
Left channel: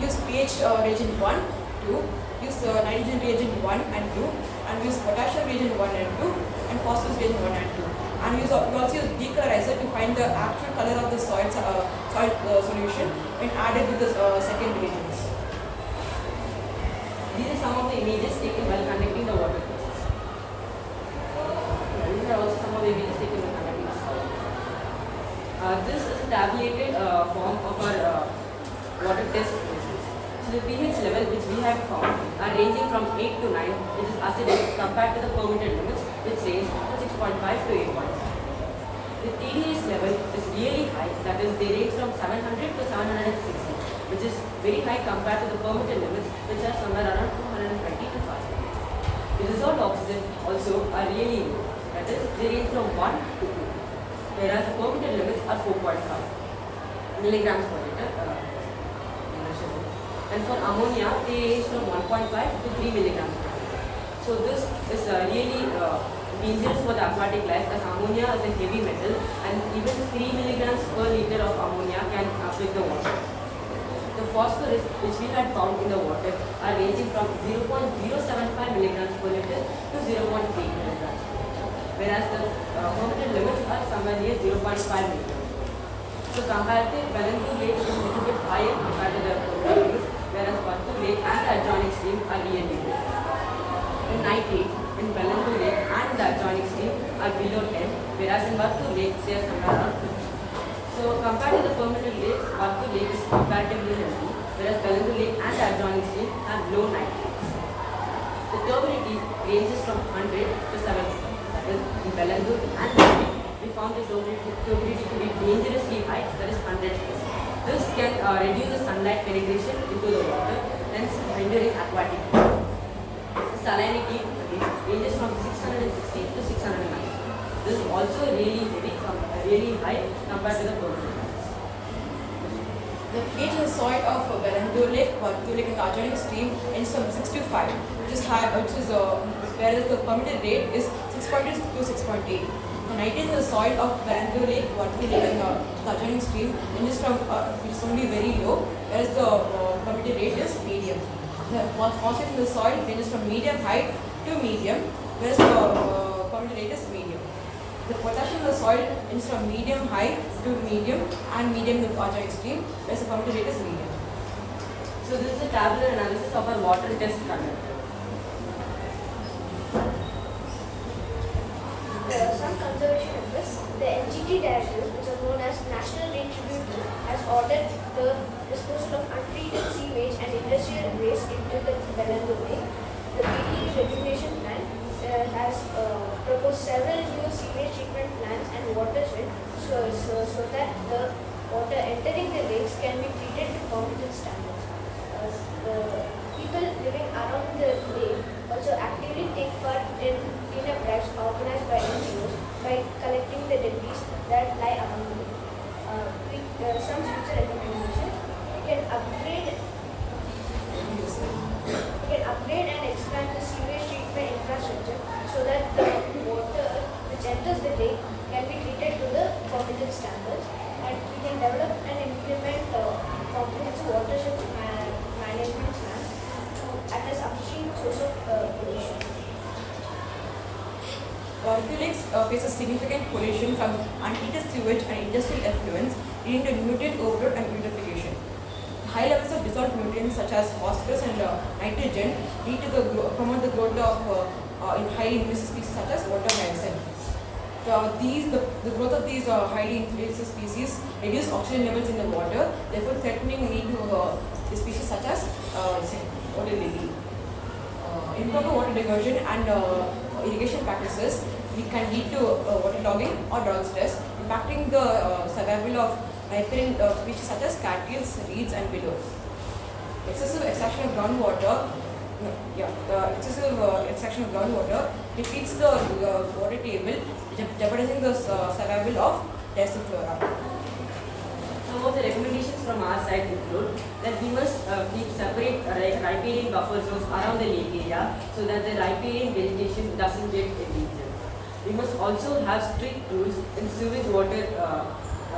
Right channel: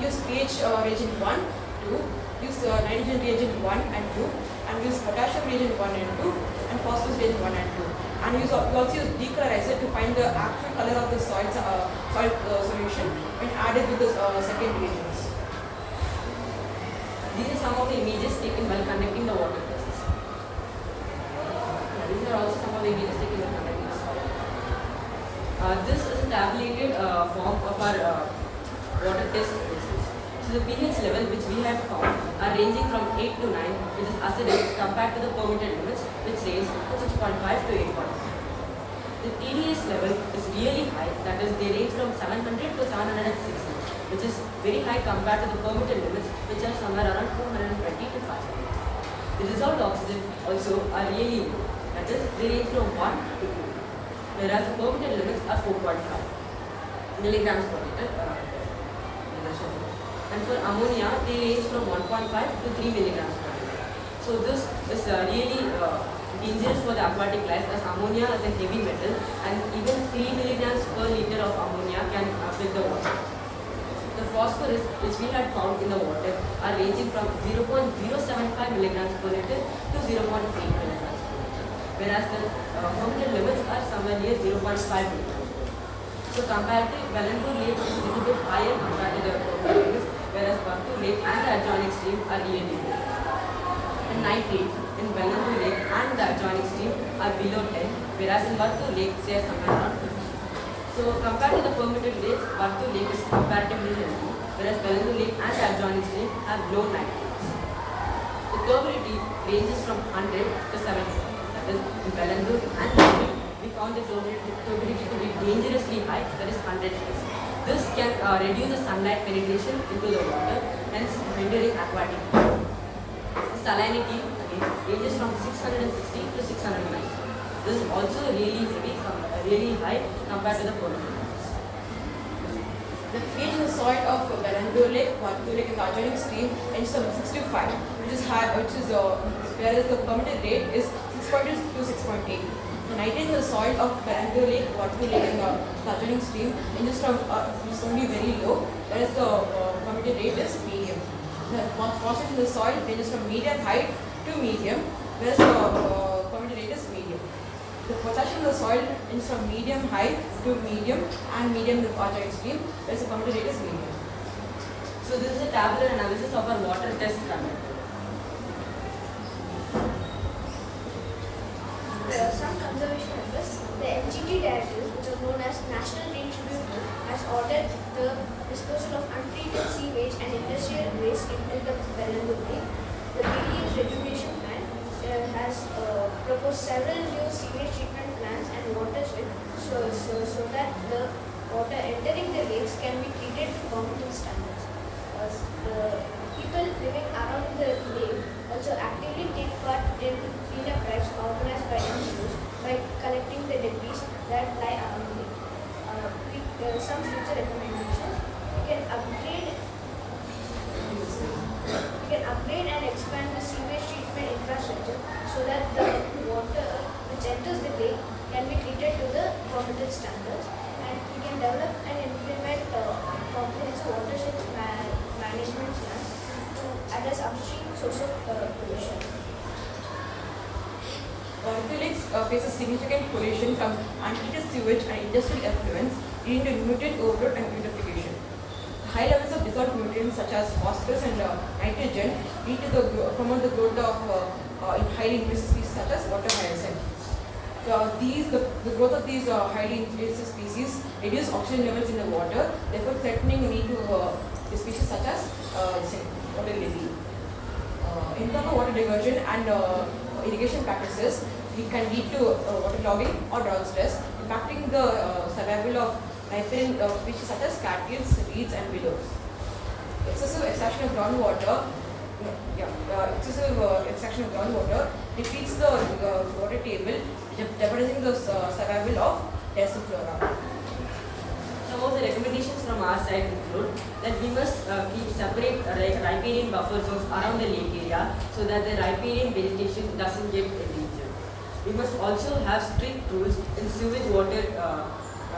use pH reagent 1, 2, use nitrogen reagent 1 and 2, and use potassium reagent 1 and 2, and phosphorus reagent 1 and 2. And we also use decolorizer to find the actual color of the soil solution when added with the second reagents. These are some of the images taken while conducting the water tests. These are also some of the images taken while conducting the soil. This is a tabulated form of our water test results. So the pH level which we have found are ranging from 8 to 9, which is acidic compared to the permitted limits, which range from 6.5 to 8.5. The TDS level is really high, that is they range from 700 to 760, which is very high compared to the permitted limits, which are somewhere around 220 to 500. The dissolved oxygen also are really low, that is they range from 1 to 2, whereas the permitted limits are 4.5 milligrams per liter. And for ammonia, they range from 1.5 to 3 milligrams per liter. So this is really dangerous for the aquatic life, as ammonia is a heavy metal, and even 3 milligrams per liter of ammonia can affect the water. The phosphorus which we had found in the water are ranging from 0.075 milligrams per liter to 0.8 milligrams per liter, whereas the permitted limits are somewhere near 0.5 milligrams. So comparative, Bellandur Lake is a little bit higher compared to the permitted limits, whereas Battu Lake and the adjoining stream are really good. The nitrate in Bellandur Lake and the adjoining stream are below 10, whereas in Battu Lake they are somewhere around 50. So compared to the permitted lakes, Battu Lake is comparatively healthy, whereas Bellandur Lake and the adjoining stream have low nitrates. The turbidity ranges from 100 to 70, that is in Bellandur and the lake, we found this turbidity to be dangerously high, that is 100 days. This can reduce the sunlight penetration into the water, hence rendering aquatic. The salinity ranges from 660 to 690. This is also really high compared to the permitted limits. The pH in the soil of Bellandur Lake, Battu Lake, and the adjoining stream ranges from 6 to 5, whereas the permitted rate is 6.2 to 6.8. The nitrate in the soil of Bellandur Lake, Battu Lake, and the adjoining stream ranges from which is only very low, whereas the permitted rate is medium. The phosphorus in the soil ranges from medium high to medium, whereas the permitted rate is medium. The potassium in the soil ranges from medium high to medium and medium in the adjoining stream, whereas the permitted rate is medium. So this is a tabular analysis of our water test conducted. There are some conservation efforts. The NGT directors, which are known as National Green Tribute, has ordered the disposal of untreated sewage and industrial waste into the Bellandur Lake. The BDA regulation plan has proposed several new sewage treatment plants and watershed so that the water entering the lakes can be treated to permitted standards. The people living around the lake also actively take part in cleanup drives organized by NGOs by collecting the debris that lie around the lake. There are some future recommendations. We can upgrade and expand the sewage treatment infrastructure so that the water which enters the lake can be treated to the permitted standards, and we can develop and implement comprehensive watershed management plans to address upstream source of pollution. Battu Lake faces significant pollution from untreated sewage and industrial effluents, leading to nutrient overload and eutrophication. High levels of dissolved nutrients such as phosphorus and nitrogen lead to promote the growth of highly invasive species such as water hyacinth. The growth of these highly invasive species reduce oxygen levels in the water, therefore threatening need to the species such as water lily. Improper water diversion and irrigation practices can lead to waterlogging or drought stress, impacting the survival of riparian species such as cattails, reeds, and willows. Excessive extraction of groundwater depletes the water table, jeopardizing the survival of terrestrial flora. Some of the recommendations from our side include that we must keep separate riparian buffer zones around the lake area so that the riparian vegetation doesn't get endangered. We must also have strict rules in sewage water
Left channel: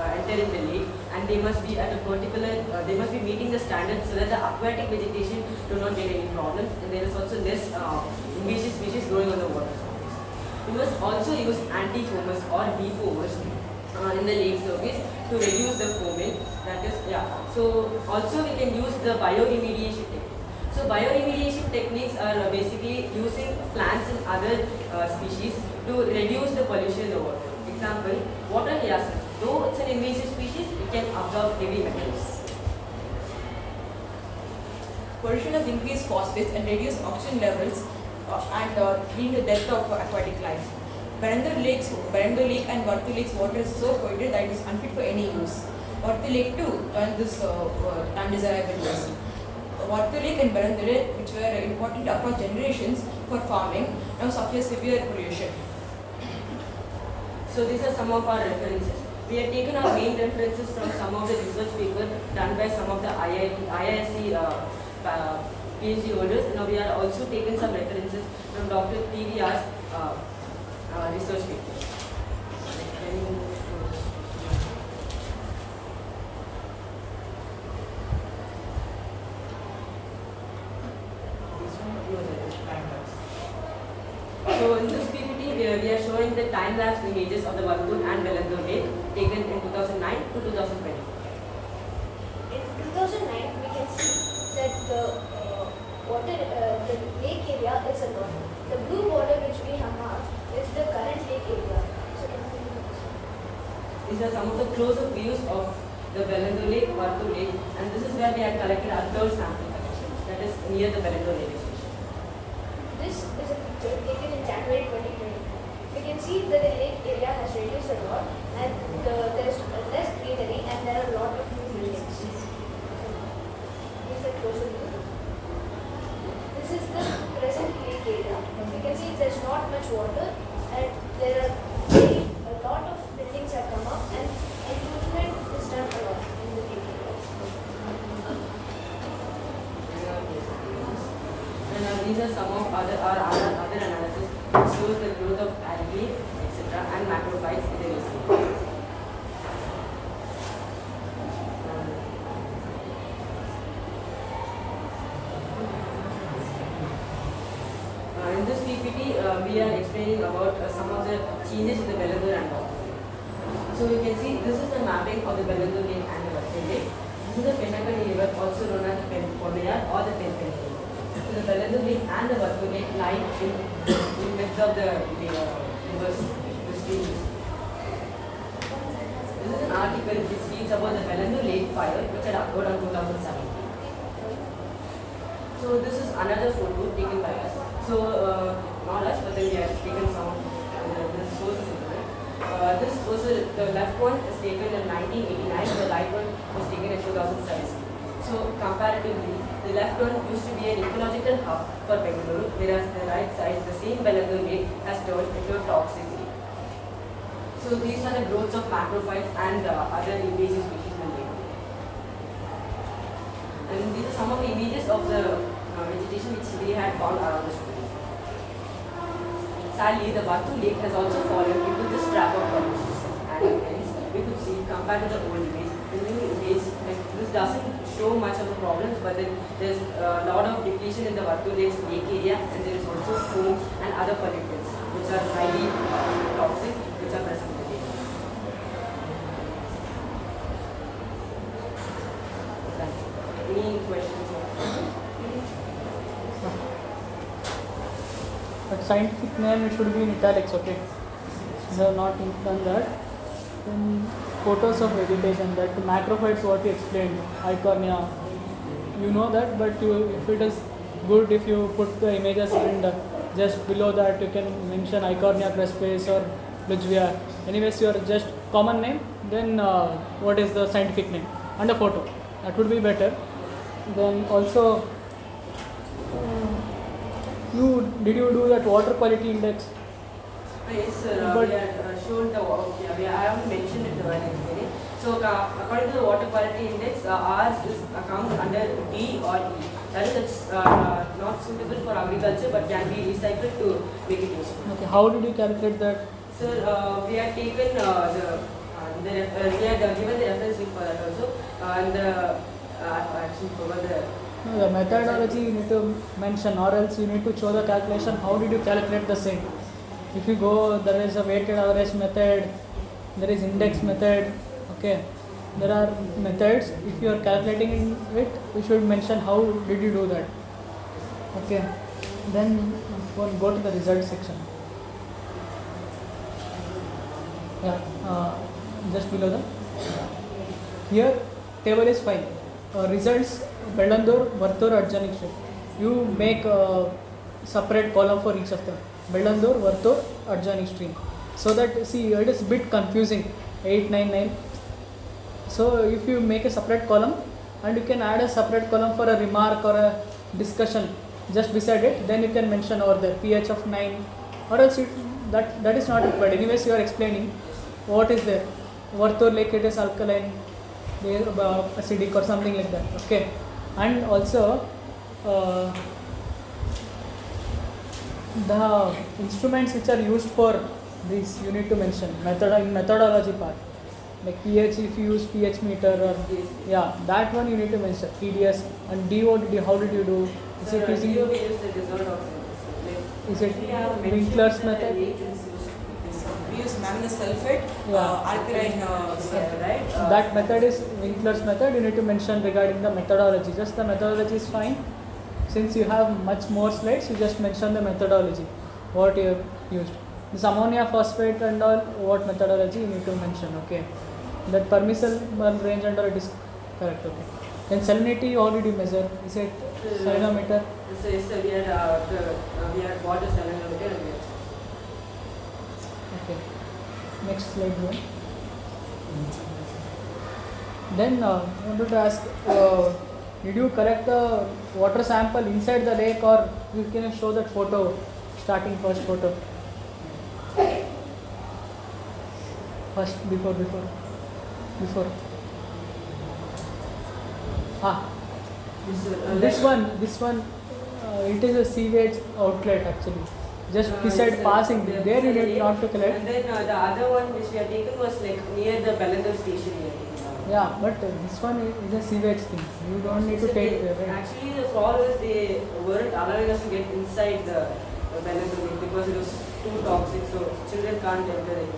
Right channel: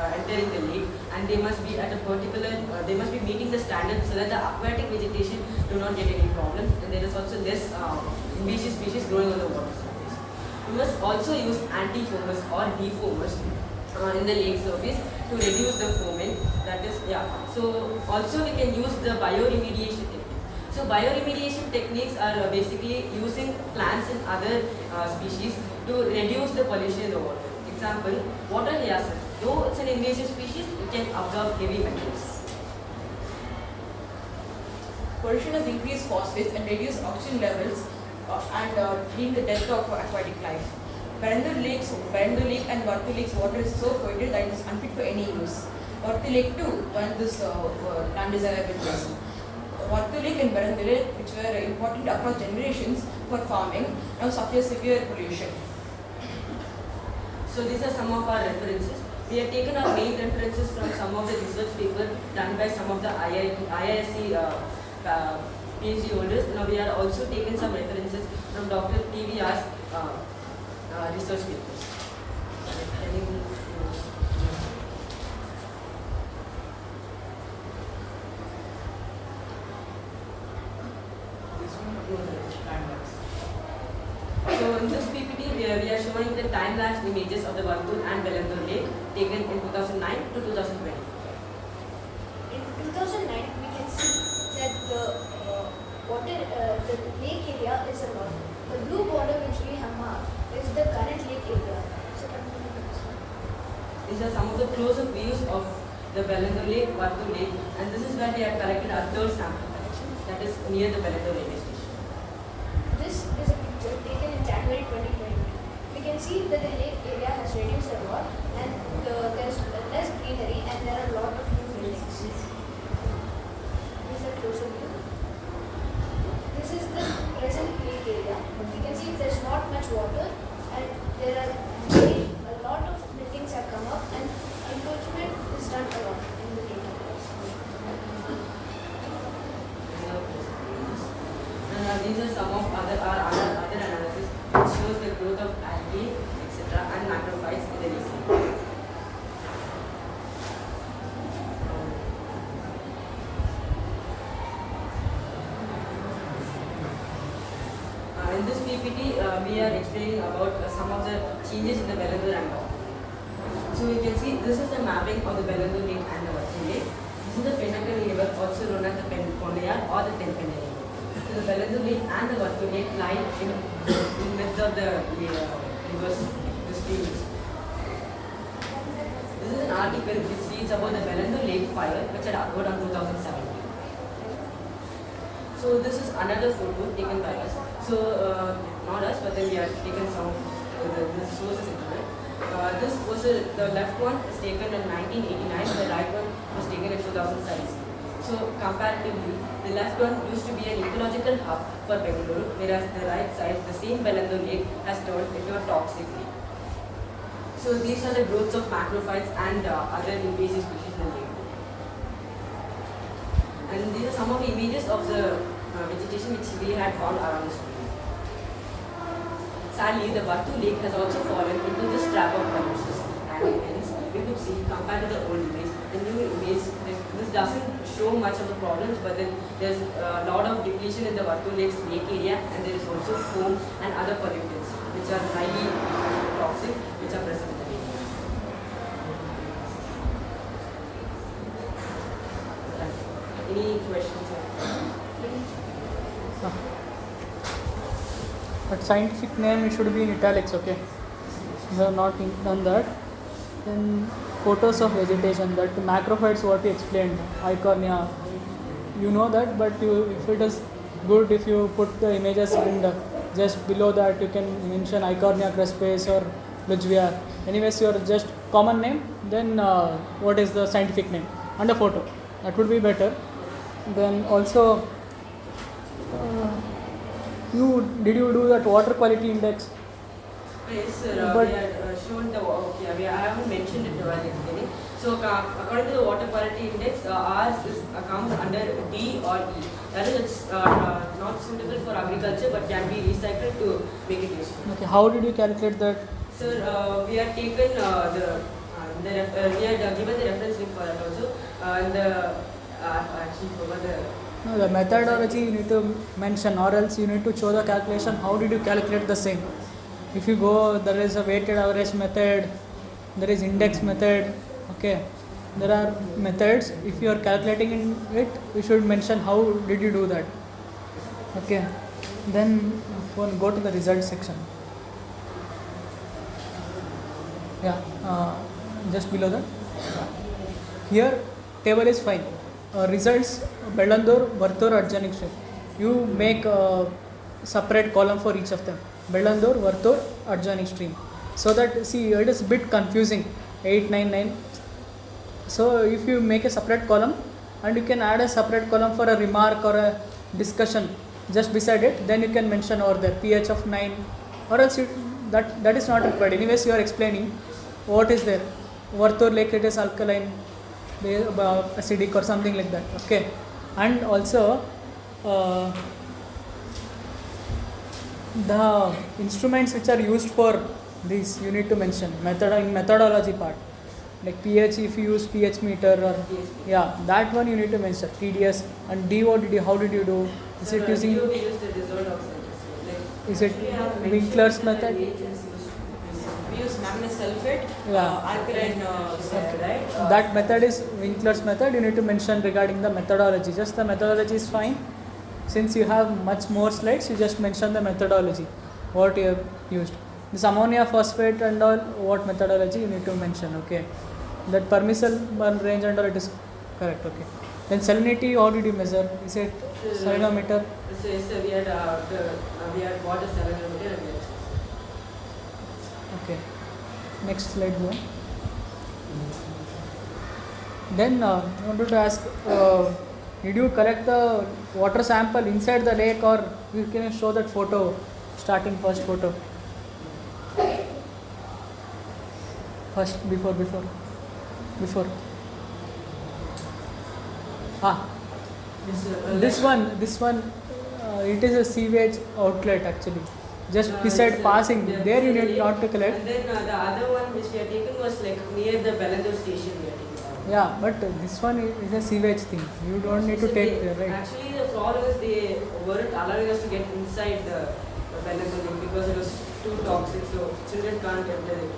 entering the lake, and they must be at a particular, they must be meeting the standards so that the aquatic vegetation do not get any problems, and there is also less invasive species growing on the water surface. We must also use anti-foamers or defoamers in the lake surface to reduce the foaming. That is, So also we can use the bioremediation technique. So bioremediation techniques are basically using plants and other species to reduce the pollution in the water. Example, water hyacinth. Though it's an invasive species, it can absorb heavy metals. Pollution has increased phosphates and reduced oxygen levels and leading to death of aquatic life. Barandar Lake and Vartu Lake's water is so polluted that it is unfit for any use. Vartu Lake too joined this undesirable list. Vartu Lake and Barandar Lake, which were important across generations for farming, now suffer severe pollution. So these are some of our references. We have taken our main references from some of the research papers done by some of the IISC PhD holders. Now we are also taken some references from Dr. TVR's research papers. So in this PPT, we are showing the time-lapse images of the Vartur and Velandur Lake taken in 2009 to 2020. In 2009, we can see that the lake area is a lot. The blue border which we have marked is the current lake area. These are some of the close-up views of the Velandur Lake, Vartur Lake, and this is where we have collected our third sample collection, that is near the Velandur Lake station. This is a picture taken in January 2020. We can see that the lake area has reduced a lot and there's less greenery and there are a lot of new buildings. These are closer view. This is the present lake area. We can see there's not much water and there are a lot of buildings have come up and encroachment is done a lot in the lake area. And these are some of other analysis which shows the growth of algae, etc. and macrophytes in the lake. In this PPT, we are explaining about some of the changes in the Velandur and Vartur. So you can see this is the mapping of the Velandur Lake and the Vartur Lake. This is the Pennakanni River, also known as the Ponayar or the Penpenni River. So the Velandur Lake and the Vartur Lake lie in midst of the rivers, the streams. This is an article which reads about the Velandur Lake fire which had occurred on 2017. So this is another photo taken by us. So not us, but then we have taken some of the sources internet. This was the left one is taken in 1989. The right one was taken in 2017. So comparatively, the left one used to be an ecological hub for Bengaluru, whereas the right side, the same Velandur Lake, has turned into a toxic lake. So these are the growths of macrophytes and other invasive species in the lake. And these are some of the images of the vegetation which we had found around the stream. Sadly, the Vartur Lake has also fallen into this trap of pollution. And hence, we could see, compared to the old image, the new image, this doesn't show much of the problems, but then there's a lot of depletion in the Vartur Lake's lake area, and there is also foam and other pollutants, which are highly toxic, which are present in the lake. Any questions? But scientific name it should be in italics, okay? So not on that. Then photos of vegetation, that the macrophytes what you explained, Icornia, you know that, but if it is good if you put the images and just below that you can mention Icornia crespes or Ludwia. Anyways, your just common name, then what is the scientific name and a photo. That would be better. Then also, did you do that water quality index? Yes, sir. But we have shown the. I haven't mentioned it while explaining. So, according to the water quality index, ours comes under D or E. That is, it's not suitable for agriculture, but can be recycled to make it useful. Okay, how did you calculate that? Sir, we had taken we had given the reference link for that also, and actually forgot the. No, the methodology you need to mention, or else you need to show the calculation. How did you calculate the same? If you go, there is a weighted average method, there is index method. Okay, there are methods. If you are calculating it, you should mention how did you do that. Okay, then go to the result section. Yeah, just below that. Here, table is fine. Results, Bellandur, Vartur, Organic Stream. You make a separate column for each of them. Bellandur, Vartur, Organic Stream. So that, see, it is a bit confusing. 8, 9, 9. So if you make a separate column and you can add a separate column for a remark or a discussion just beside it, then you can mention over there pH of 9, or else that is not required. Anyways, you are explaining what is there. Vartur Lake, it is alkaline, acidic or something like that. Okay, and also the instruments which are used for this you need to mention in methodology part, like pH, if you use pH meter or yeah, that one you need to mention. TDS and DO, how did you do? Is it using? Is it Winkler's method? We use manganese sulfate, alkaline right? That method is Winkler's method. You need to mention regarding the methodology. Just the methodology is fine. Since you have much more slides, you just mention the methodology, what you have used. This ammonia phosphate and all, what methodology you need to mention. Okay, that permissible range and all, it is correct. Okay. Then salinity, how did you measure? Is it salinometer? So yes, sir, we had bought a salinometer and yes. Okay. Next slide, one. Then I wanted to ask, did you collect the water sample inside the lake, or you can show that photo, starting first photo? First, before. This one, it is a sewage outlet actually. Just beside passing, there you need not to collect. And then the other one which we had taken was like near the Bellandur station here. Yeah, but this one is a sewage thing. You don't need to take it, right? Actually, the problem is they weren't allowing us to get inside the Bellandur lake because it was too toxic, so children can't enter it.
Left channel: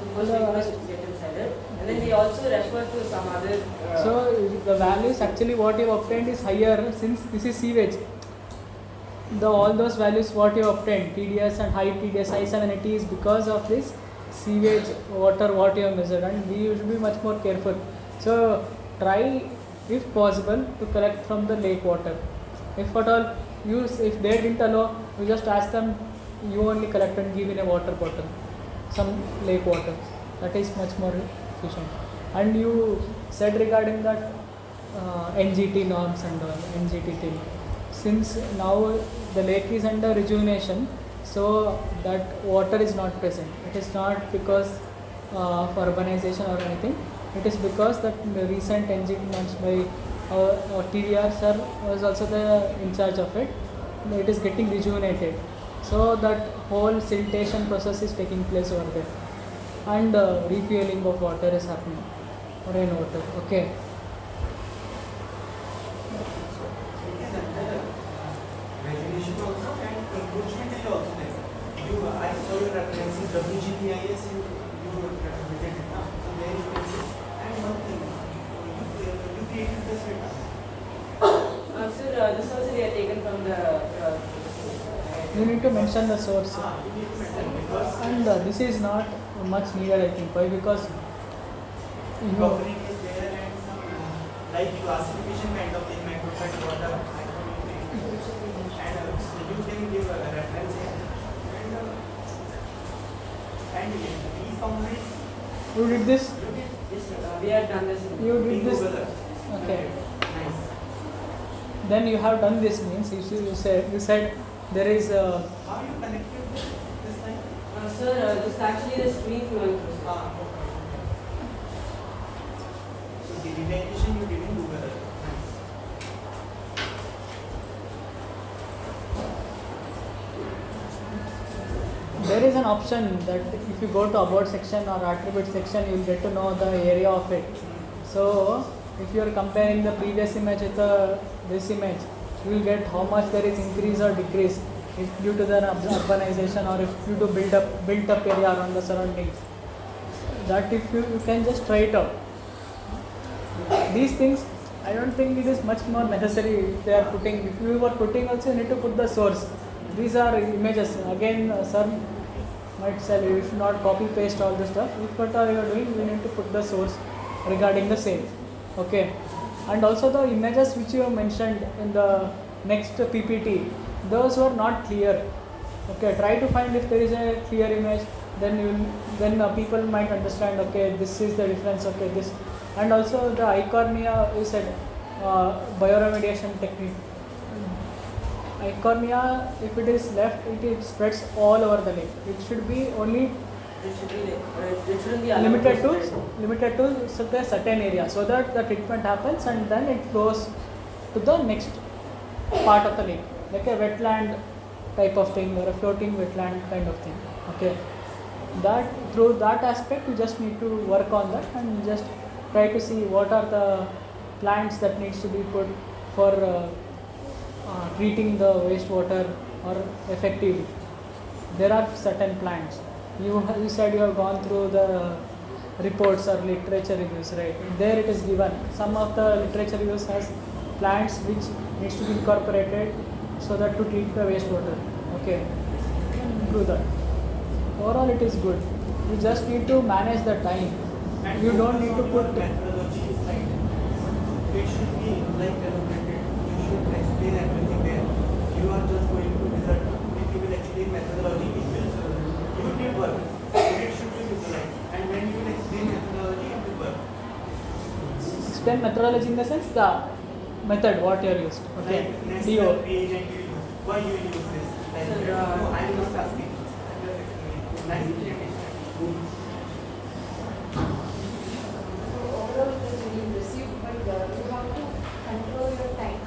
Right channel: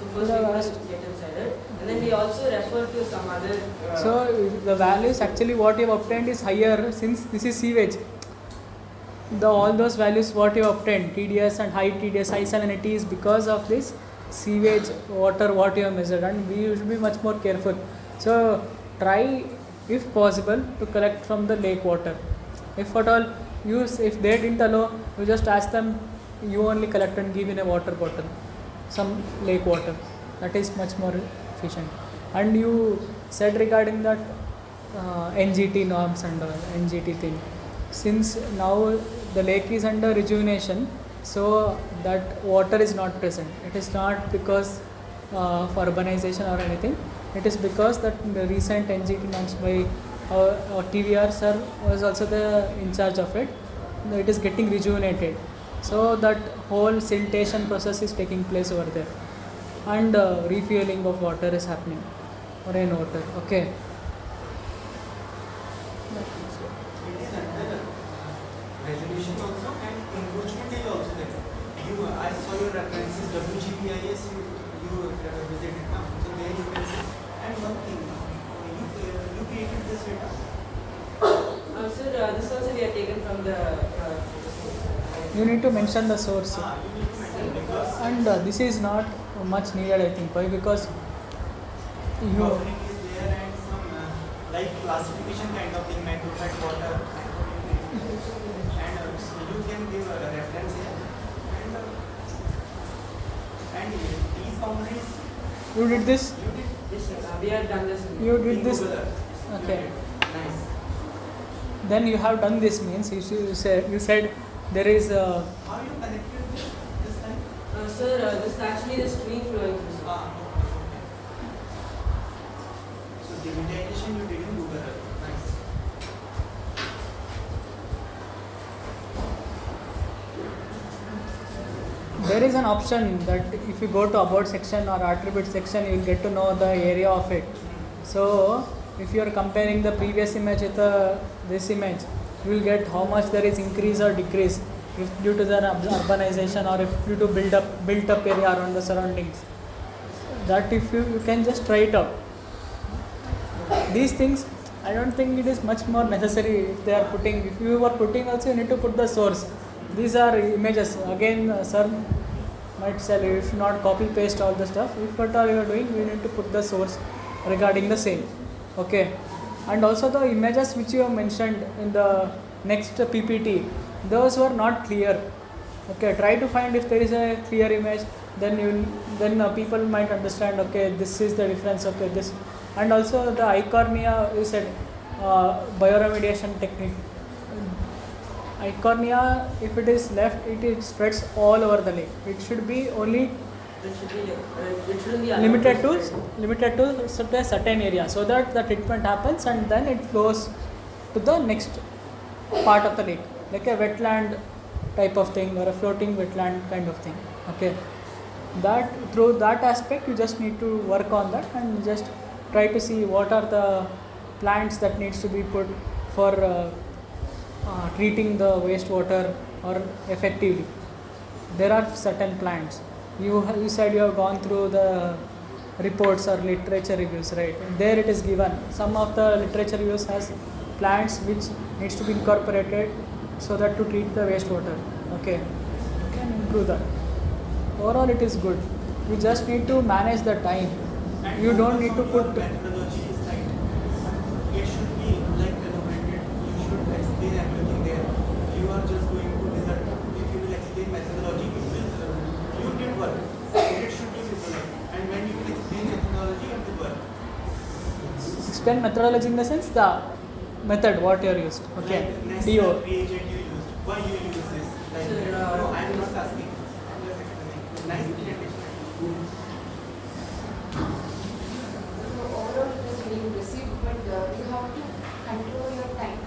So first we must get inside it, and then we also refer to some other. So the values actually what you have obtained is higher since this is sewage. All those values what you have obtained, TDS and high TDS, high salinity, is because of this sewage water what you have measured, and we should be much more careful. So try, if possible, to collect from the lake water. If at all if they didn't allow, you just ask them, you only collect and give in a water bottle, some lake water. That is much more efficient. And you said regarding that NGT norms and NGT thing. Since now the lake is under rejuvenation, so that water is not present. It is not because of urbanization or anything. It is because that the recent NGT norms by our TVR sir was also in charge of it. It is getting rejuvenated. So that whole siltation process is taking place over there. And refueling of water is happening. Rainwater. Okay. Resolution also and encroachment is also there. You, as for your references, WGPIS, you visited now. So there you can see. And one thing, you created the setup. You need to mention the source. And this is not much needed, I think. Why? Because Buffering is there and some like classification kind of thing, macrophyte water, and you can give a reference here. And these components. You did this? Yes, sir. We have done this. You did this? Okay. Nice. Then you have done this means you said there is a. How you connected this time? Sir, this is actually the stream flowing through. So digitization you didn't do that. Nice. There is an option that if you go to about section or attribute section, you will get to know the area of it. So if you are comparing the previous image with this image, you will get how much there is increase or decrease if due to the urbanization or if due to built up area around the surroundings. That if you can just try it out. These things, I don't think it is much more necessary if they are putting. If you are putting also, you need to put the source. These are images. Again, sir might tell you if not copy paste all the stuff. If what are you doing, we need to put the source regarding the same. Okay. And also the images which you have mentioned in the next PPT, those were not clear. Okay. Try to find if there is a clear image. Then people might understand. Okay, this is the difference. Okay, this. And also the icornia, you said bioremediation technique. Icornia, if it is left, it spreads all over the lake. It should be only limited to a certain area, so that the treatment happens and then it flows to the next part of the lake, like a wetland type of thing or a floating wetland kind of thing. Okay, that through that aspect you just need to work on that and just try to see what are the plants that needs to be put for treating the wastewater or effectively. There are certain plants. You said you have gone through the reports or literature reviews, right? There it is given. Some of the literature reviews has plants which needs to be incorporated so that to treat the wastewater. Okay, you can do that. Overall, it is good. You just need to manage the time. You don't need to put. Methodology is right. It should be like elaborated. You should explain everything there. You are just going to result. If you will explain methodology, you did work. It should be visualized. And when you will explain methodology, it will work. Explain methodology in the sense the method what you are used. Okay. Like next DO. reagent you use. Why you use this? Like, no, I am just asking. I am just explaining. Nice presentation. Overall it is being received, but you have to control your time.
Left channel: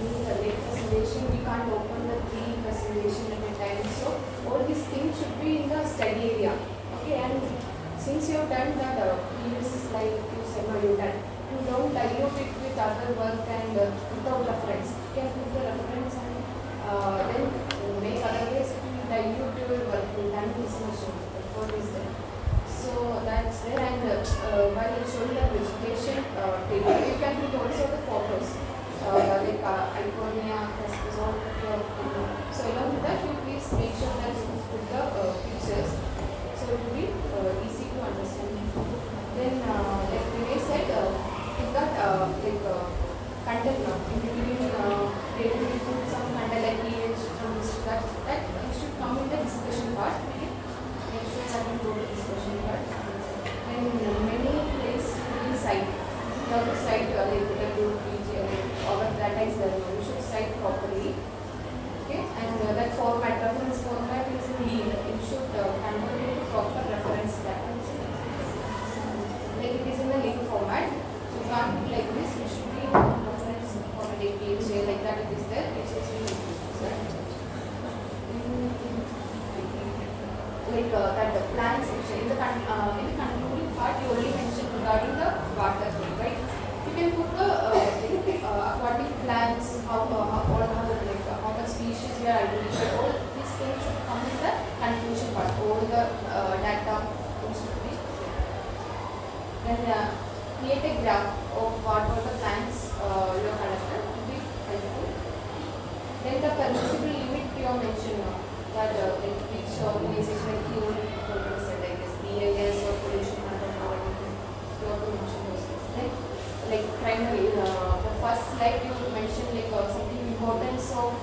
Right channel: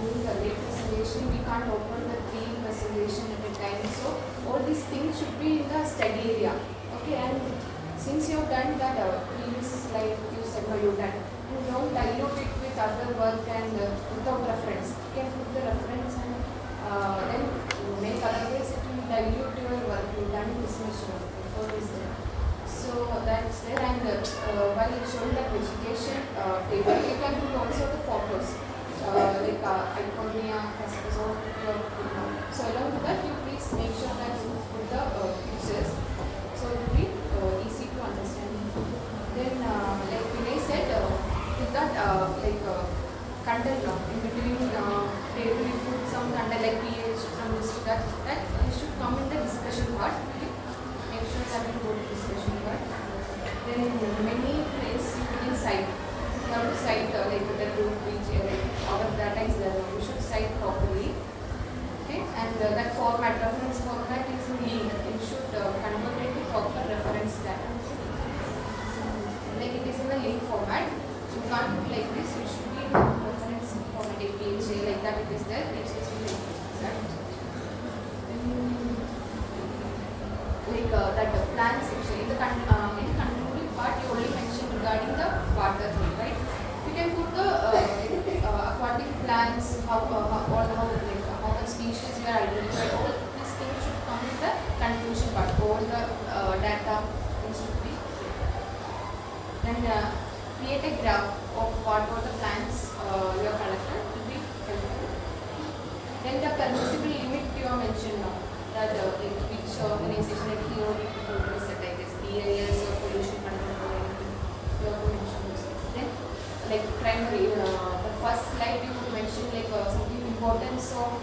During the late presentation, we can't open the 3 presentation at a time. So all these things should be in the study area. Okay, and since you have done that previous slide, you said you done. You don't dilute it with other work and without reference. You can put the reference and then make otherwise it will dilute your work. You done this much before is there. So that's there, and while you show the vegetation table, you can put also the photos like iconia, so along with that you please make sure that you put the pictures so it will be easy to understand. Then like Vinay said, put that content in between, maybe you put some content like pH from this to that it should come in the discussion part. Make sure that you go to discussion part. Then many place in site. You have to cite like the group which our data is level. You should cite properly. Okay, and that format, reference format is in lead. You should convert it to proper reference data. Like it is in a link format. You can't be like this. You should be in reference format APHA like that. It is there. It is in right. Like that plant section in the concluding part you only mentioned regarding the water, right? You can put the aquatic plants, how the species you are identified. All these things should come in the conclusion part. All the data should be there. Then create a graph of what all the plants you are collected will be helpful. Then the permissible limit you have mentioned now, that like each organization like here set like this BIS or pollution control or anything, you have to mention those things. Then like crime rate, the first slide you mentioned like something importance of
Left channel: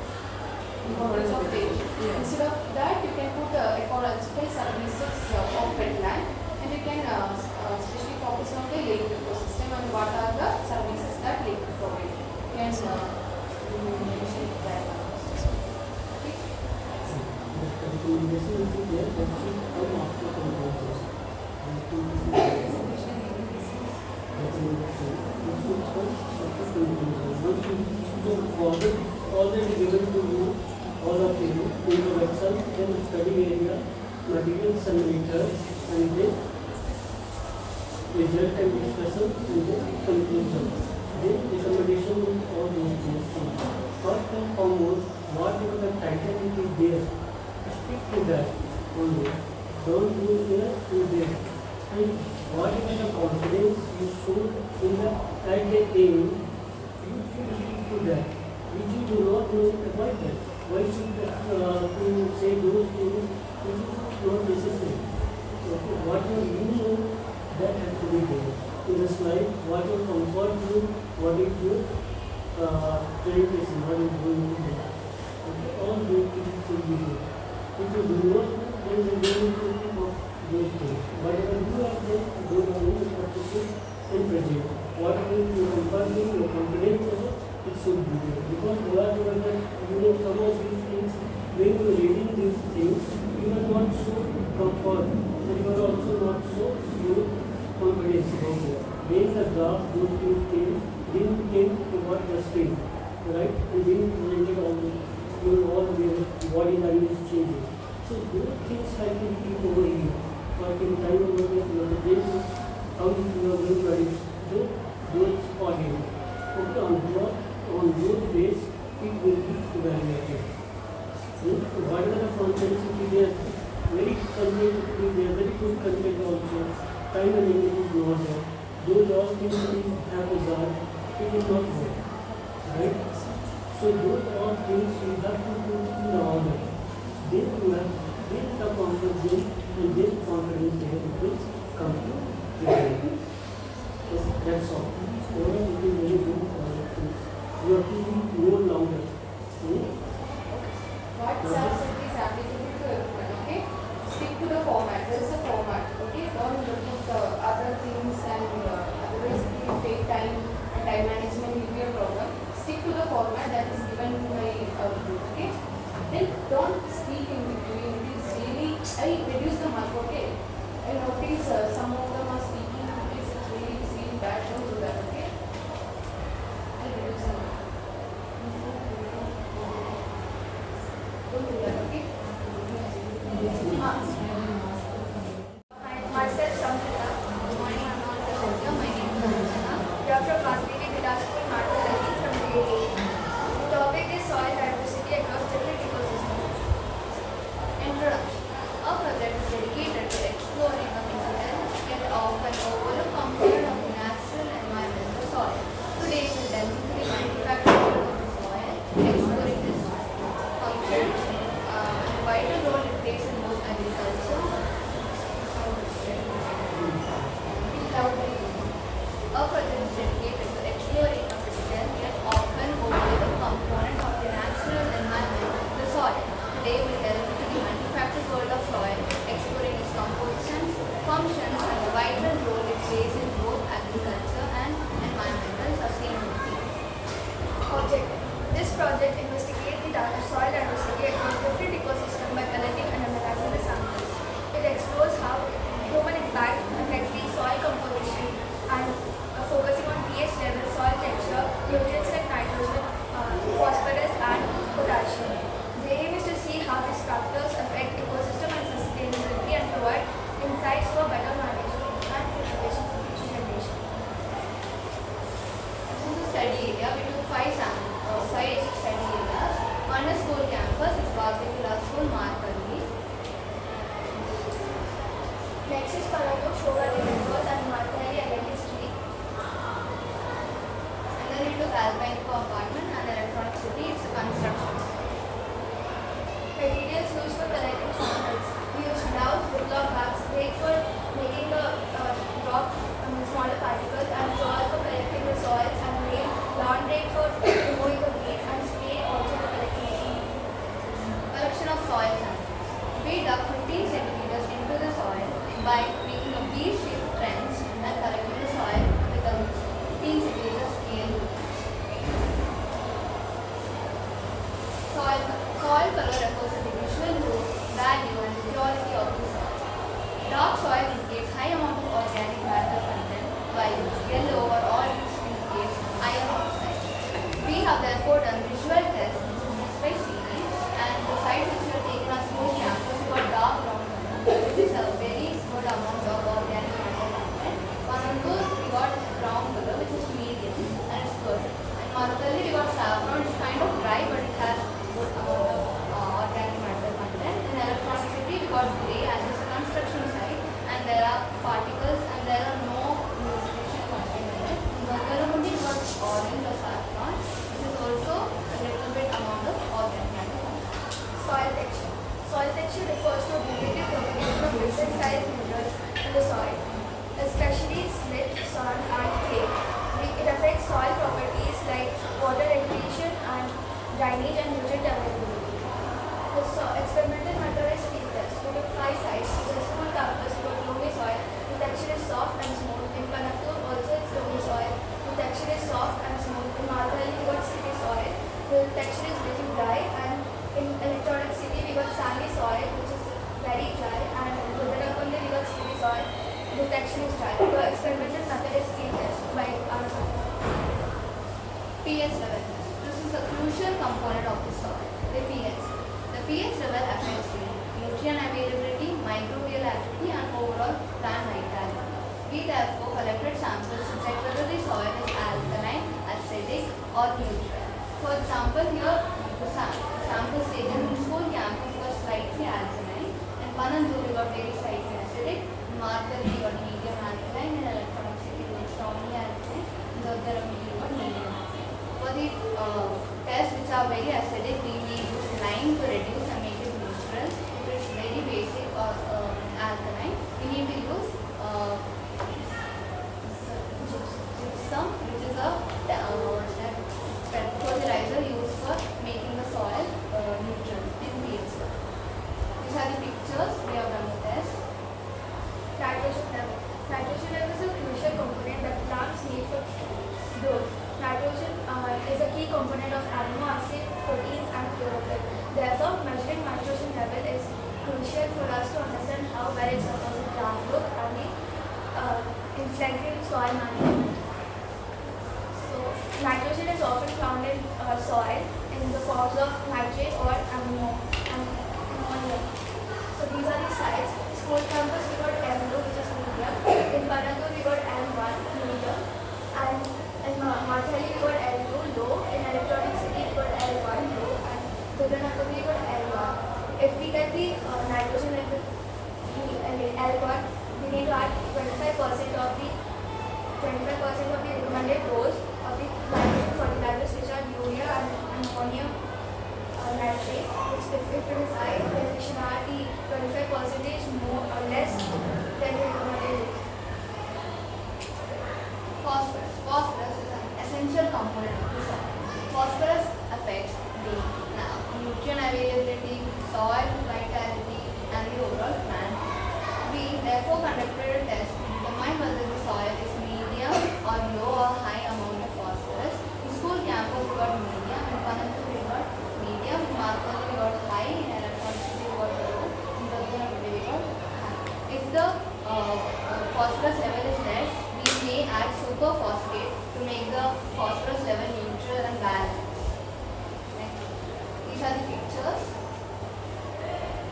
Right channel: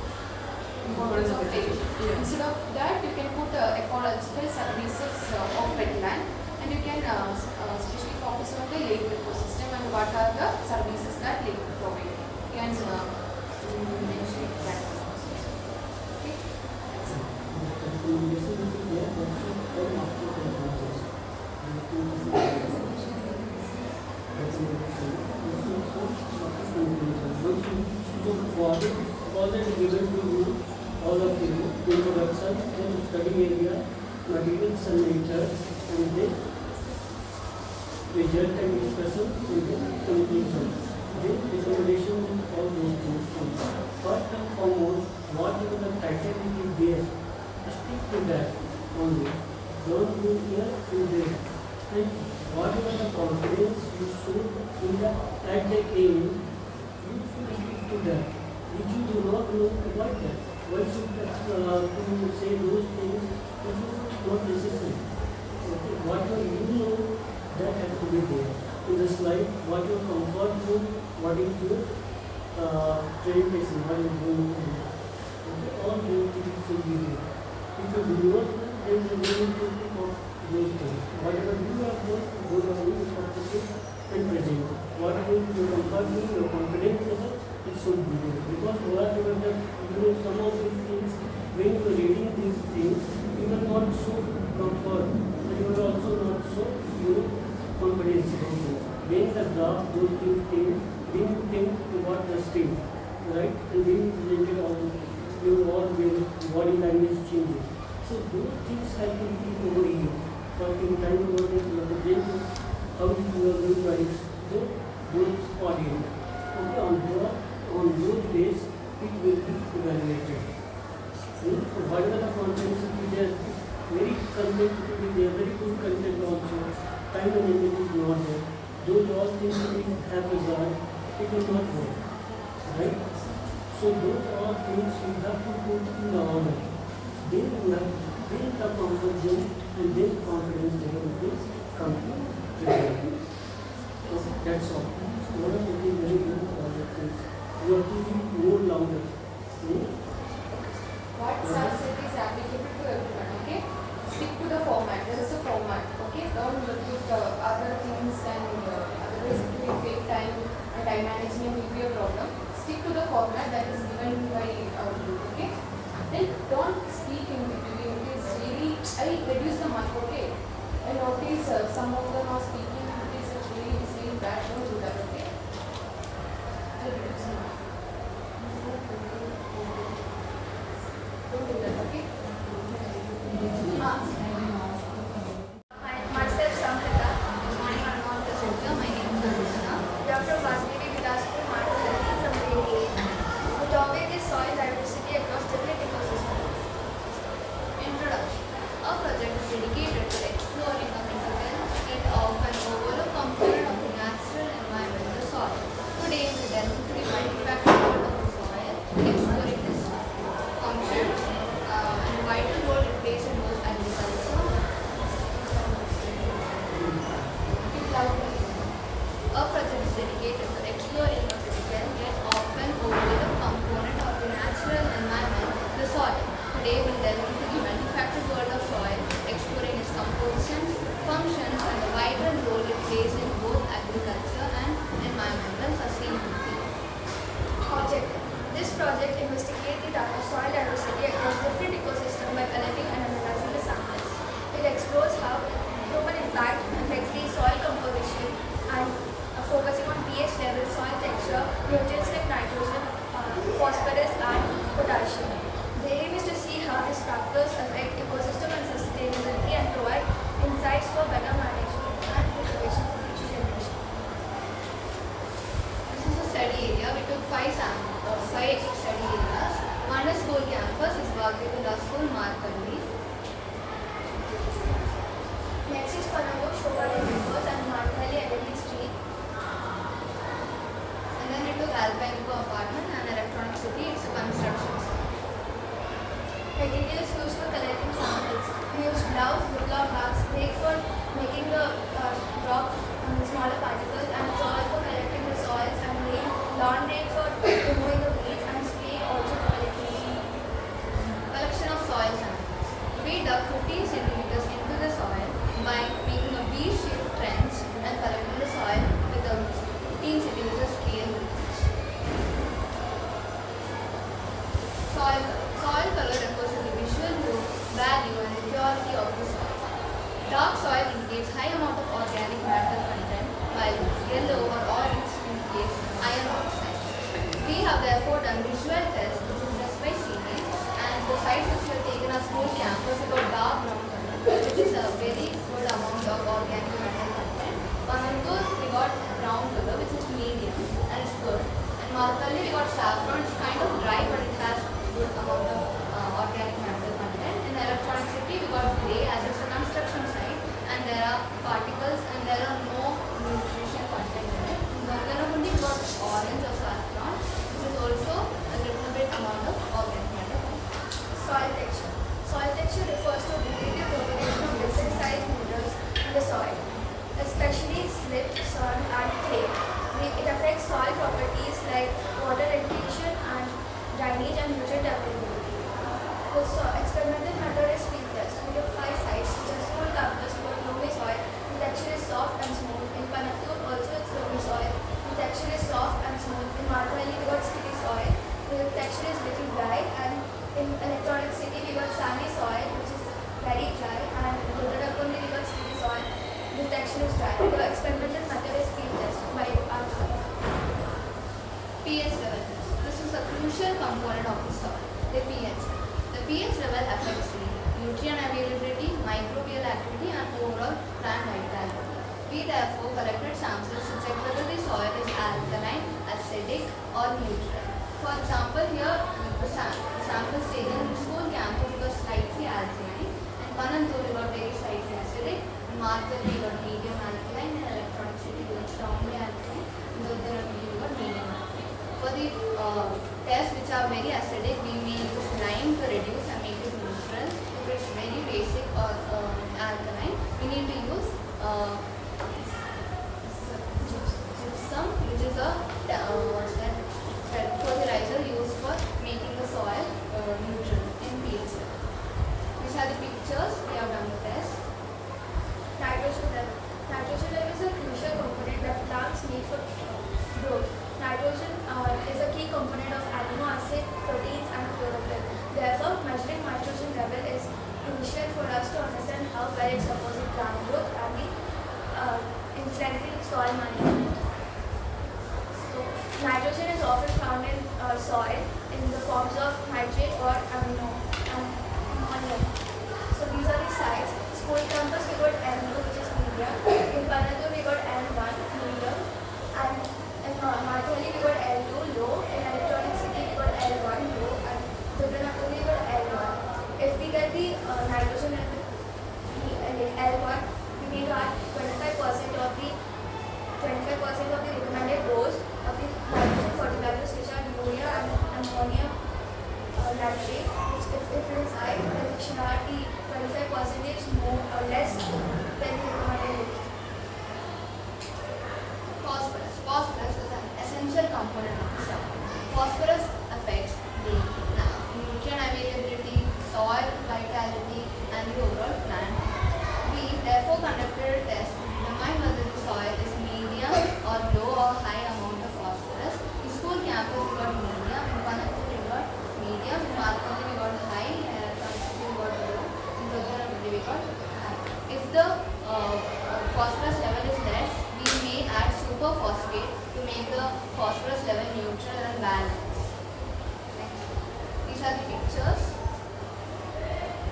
data. Instead of that you can put ecological services of wetland, and you can especially focus on the lake ecosystem and what are the services that lake provide. You can mention that. Already given to you, all of you, introduction and study area, materials and methods, and then result and discussion, and then conclusion. Then recommendation with all those things. First and foremost, whatever the title is there, stick to that only. Don't go here to there. And whatever the confidence you should in the at the aim, you should stick to that. If you do not know, avoid that. Why should you say those things which is not necessary? Okay. Whatever you know, that has to be there. In the slide, what your comfort zone, what is your presentation, what is going on there. Okay. All those things should be there. If you do not know, then you need to think of those things. Whatever you have done, those are only practices and present. What is your comfort zone, your confidence level, it should be there. Because whatever that, some of these things, when you are reading these things, you will not show comfort, and you will also not show your confidence about it. When the draft those things, then you think about the state, right? And being related on your all body language changes. So those things have to be over here. For in time over the brain, how you are going to reach those audience. Okay, on those days, it will be evaluated. Whatever the content will be there, very content will be there, very good content also. Time and energy is not there. Those all things we have resolved, it is not work. Right? So those all things we have to put in the order. Then we have then the comfort zone and then confidence level will come to reality. That's all. Whenever it is very good project, you have to be more louder. What subset is applicable to everyone, okay? Stick to the format. There is a format, okay? Don't look at other things and otherwise it will take time and time management will be a problem. Stick to the format that is given by our group, okay? Then don't speak in between. It is really, I reduce the mark, okay? I notice some of them are speaking, it is really bad. Don't do that, okay? I reduce the mark. Don't do that, okay? Myself, Samhita. Good morning, I'm not presenter. My name is Anjana. We are from Vagdevi, Vilas, Marathahalli from grade 8. The topic is soil diversity across different ecosystems. Introduction. Our project is dedicated to exploring a difficult yet often overlooked component of the natural environment, the soil. Today we will delve into the manufacture of the soil, exploring its functions and the vital role it plays in both agriculture. Our project is dedicated to exploring a critical yet often overlooked component of the natural environment, the soil. Today we will delve into the manufactured world of soil, exploring its compositions, functions, and the vital role it plays in both agriculture and environmental sustainability. Object. This project investigates the soil diversity across different ecosystems by collecting and analyzing the samples. It explores how human impact affects the soil composition and focusing on pH level, soil texture, nutrients like nitrogen, phosphorus, and potassium. The aim is to see how these factors affect ecosystem and sustainability and provide insights for better management and conservation for future generations. This is a study area. We took 5 study areas. One is school campus, is Vagdevi School, Marathahalli. Next is Panago, Shogadi Campus and Marathahalli Identity Street. And then we took Alpine Apartment and Electronic City, it's a construction. sun, and clay. It affects soil properties like water retention and drainage and nutrient availability. The experimental method is field test. We took 5 sites, which are school campus, we got loamy soil, the texture is soft and smooth. In Kanaktur also it's loamy soil, the texture is soft and smooth. In Marathahalli we got sticky soil, the texture is little dry, and in Electronic City we got sandy soil, which is very dry, and in Vagdevi we got sticky soil, the texture is dry. The experimental method is field test by our pH level. This is a crucial component of the soil, the pH. The pH level affects the nutrient availability, microbial activity, and overall plant vitality. We therefore collected samples to check whether the soil is alkaline, acidic, or neutral. For example, here the samples taken in the school campus got slightly alkaline, and Panandur got very slightly acidic, Marathahalli got medium alkaline, and Electronic City got strongly alkaline, and Vagdevi got medium alkaline. For the tests which are very acidic, we may use lime to reduce and make it neutral. If it's very basic or alkaline, we need to use gypsum, which is a fertilizer used for making the soil neutral in pH level. These are the pictures we have done the test. Nitrogen level. Nitrogen level is a crucial component that plants need for growth. Nitrogen is a key component of amino acid, proteins, and chlorophyll. Therefore, measuring nitrogen level is crucial for us to understand how well it supports plant growth and the influencing soil management. So, nitrogen is often found in soil in the forms of nitrate or ammonia. So, these are the sites. School campus we got N2, which is medium. In Panandur we got N1, medium. And in Marathahalli we got L2, low. In Electronic City we got L1, low. And Vagdevi we got L1. If we get the nitrogen level L1, we need to add 25% of the recommended dose of the nitrogen fertilizers, which are urea and ammonium nitrate. Which if it is high, then it should not be 25% more or less than the recommended. Phosphorus. Phosphorus is an essential component of the soil. Phosphorus affects the nutrient availability, soil vitality, and the overall plant. We therefore conducted a test to determine whether the soil is medium or low or high amount of phosphorus. In school campus we got medium, in Panandur we got medium, in Marathahalli we got high, in Electronic City we got low, in Vagdevi we got high. If the phosphorus level is less, we may add superphosphate to make the phosphorus level neutral and balanced. Next. These are the pictures.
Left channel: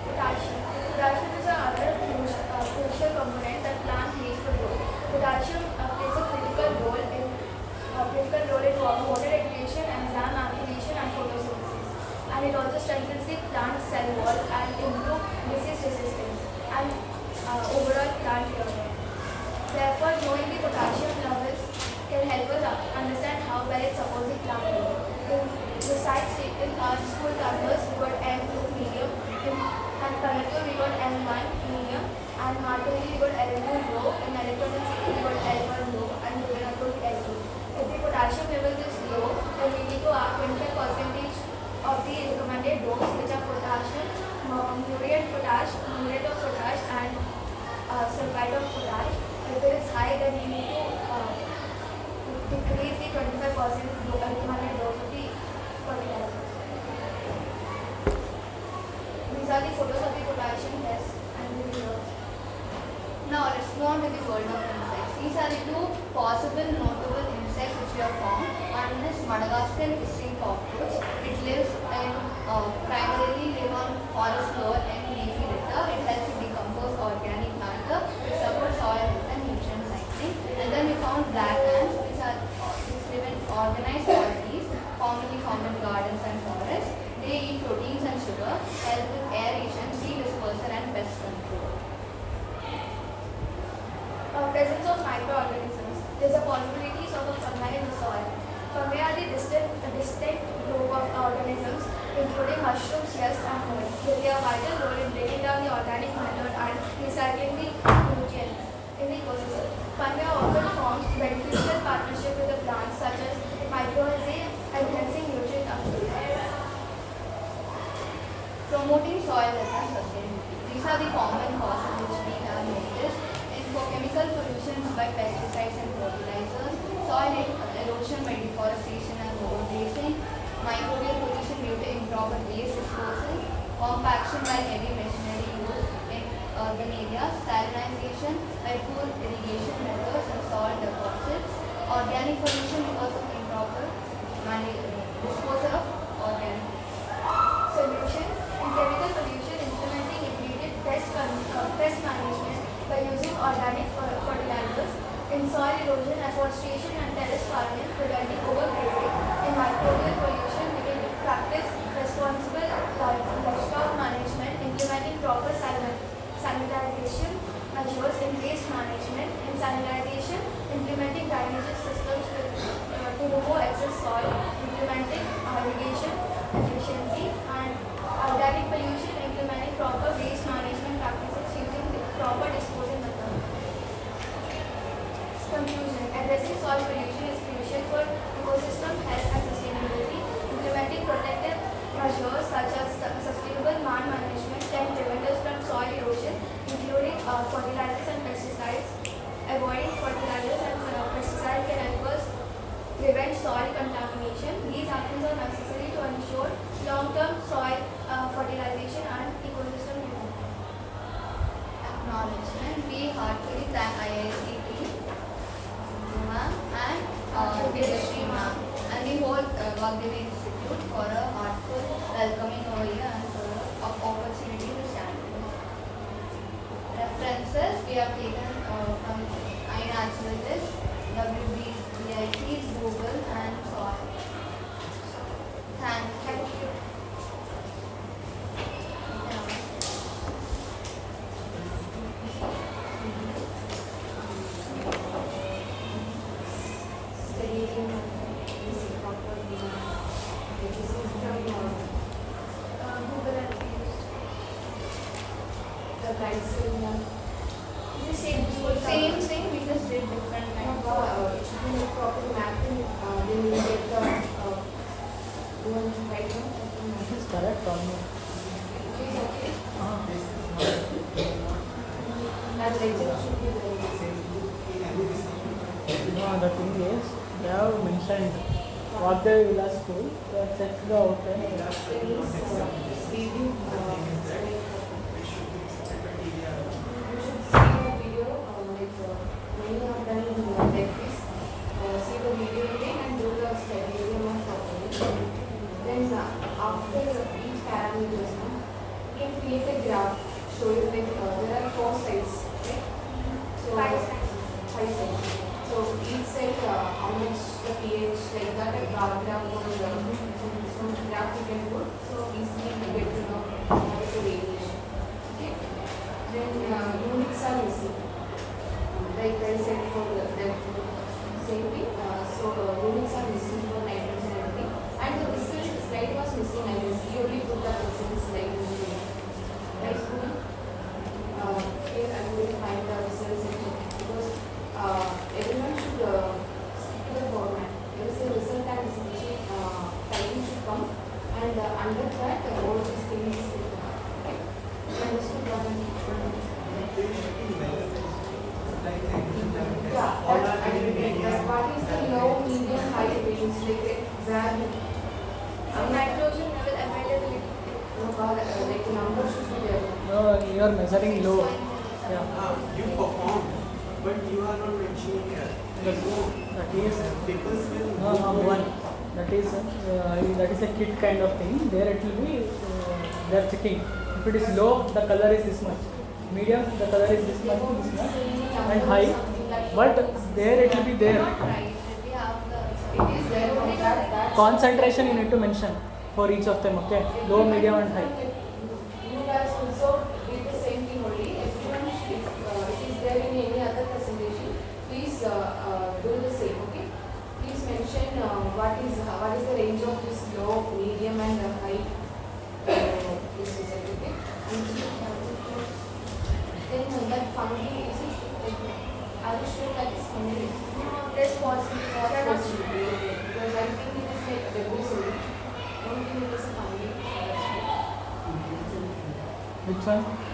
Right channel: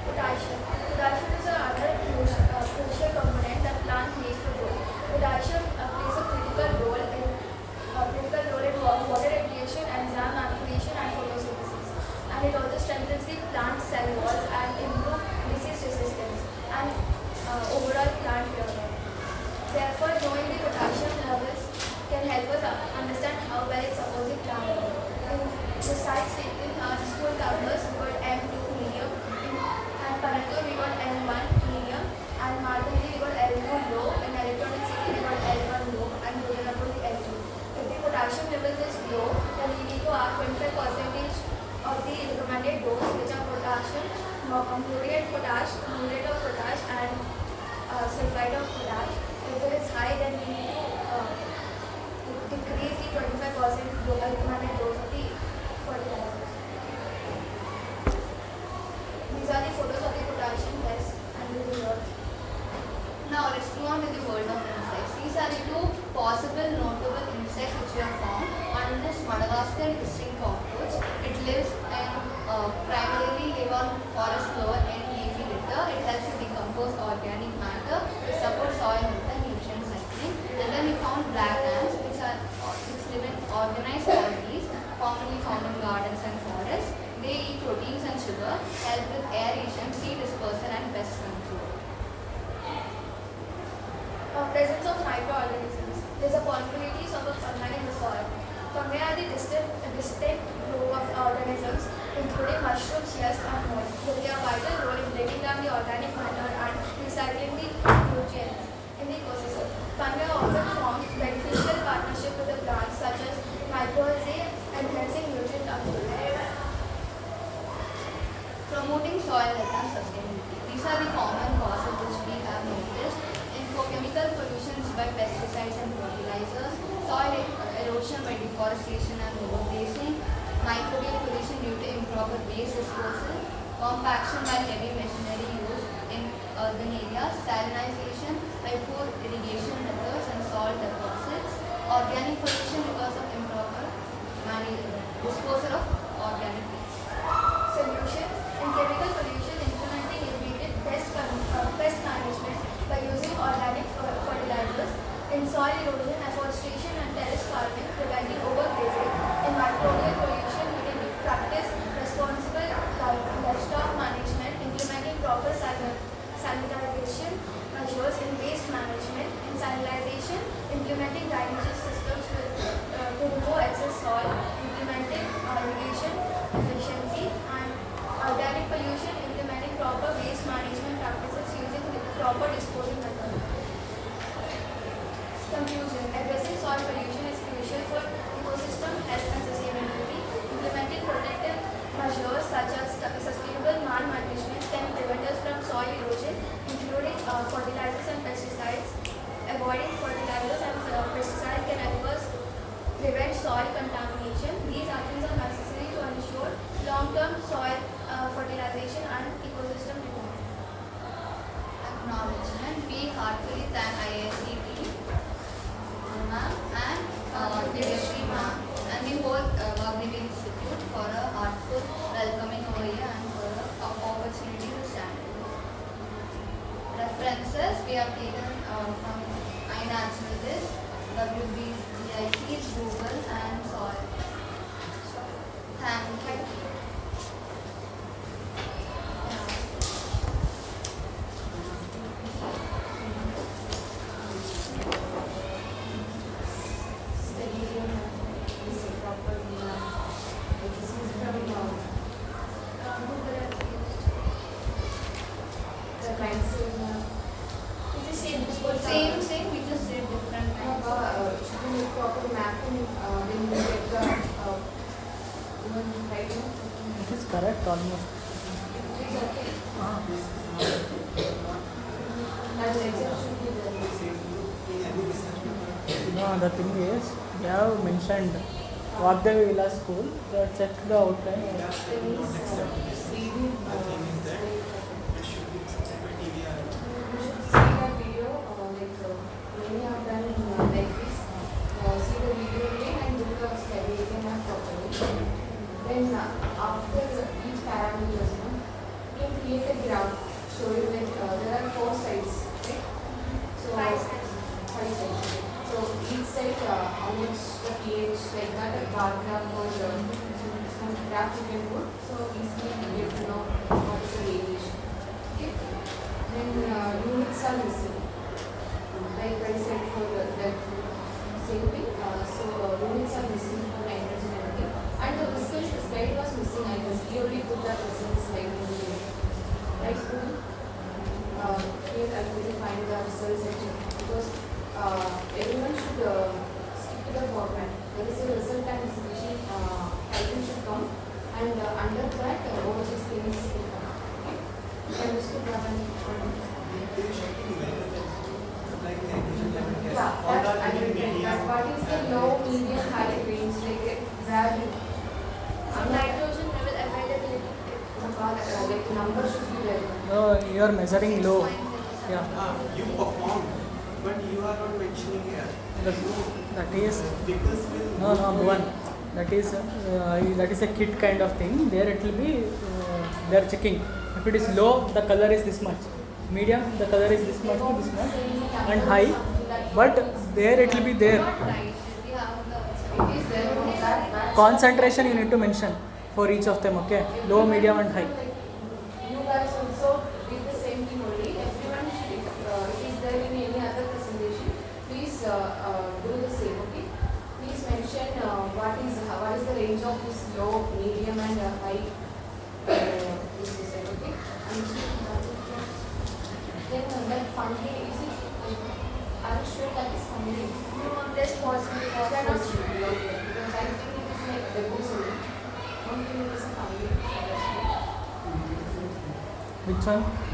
Potassium. Potassium is another crucial component that plants need for growth. Potassium plays a critical role in water regulation, enzyme activation, and photosynthesis. And it also strengthens the plant cell wall and improves disease resistance and overall plant development. Therefore, knowing the potassium levels can help us understand how well it supports the plant growth. In the site taken our school campus, we got M2 medium, and Panandur we got N1 medium, and Marathahalli we got L2 low, in Electronic City we got L1 low, and Vagdevi L2. If the potassium level is low, then we need to add 25% of the recommended dose, which are potassium, muriate of potash, and sulfide of potash. If it is high, then we need to decrease the 25% recommended dose of the fertilizers. These are the photos of the potassium test and the results. Now let's go on to the world of insects. These are the two possible notable insects which we have found. One is Madagascar hissing cockroach. It lives in primarily live on forest floor and leafy litter. It helps to decompose organic matter to support soil health and nutrient cycling. And then we found black ants which live in organized colonies, commonly found in gardens and forests. They eat proteins and sugar, help with aeration, seed dispersal, and pest control. Presence of microorganisms. There is a possibility of a fungi in the soil. Fungi are the distinct group of organisms, including mushrooms, yeast, and mold. They play a vital role in breaking down the organic matter and recycling the nutrients in the ecosystem. Fungi are often formed Promoting soil health and sustainability. These are the common causes which we have noticed. For chemical pollutions by pesticides and fertilizers, soil erosion by deforestation and overgrazing, microbial pollution due to improper waste disposal, compaction by heavy machinery used in urban areas, salinization by poor irrigation methods and salt deposits, organic pollution because of improper disposal of organic waste. Solutions in chemical pollution, implementing immediate pest management by using organic fertilizers, in soil erosion, afforestation and terrace farming, preventing overgrazing, in microbial pollution, we can practice responsible livestock management, implementing proper sanitization measures in waste management, in sanitization, implementing drainage systems to remove excess soil, implementing irrigation efficiency, and organic pollution, implementing proper waste management practices using proper disposal methods. Conclusion: addressing soil pollution is crucial for ecosystem health and sustainability. Implementing protective measures such as sustainable land management can prevent us from soil erosion, including fertilizers and pesticides. Avoiding fertilizers and pesticides can help us prevent soil contamination. These actions are necessary to ensure long-term soil fertilization and ecosystem development. Acknowledgement. We heartily thank IISC team, ma'am, and Vagdevi ma'am, and the whole Vagdevi Institute for a heartful welcoming over here and for an opportunity to stand. References we have taken from iNaturalist, WBIT's Google and Soil. Thank you. Same thing, we just did different kinds. It is correct almost. No, the thing is, they have mentioned Vagdevi Vilas school, they have checked the outline. You are measuring low. Yeah. You perform, but you are not mentioning here. That is one. That is a kit kind of thing. There it will be. They are checking. If it is low, the color is this much. Medium, the color is this much, and high. But there it will be there. Concentration you need to mention for each of them. Okay. Low, medium, and high. You guys also did the same thing only. Everyone, if is there in any other presentation, please do the same. Okay. Please mention what is the range of this low, medium, and high. This is it. Okay. Then that fungi is it? Are you sure that is fungi? No, less possible. Cannot be. Because I think it is like debris only. Don't think it is fungi. Which one? Which one?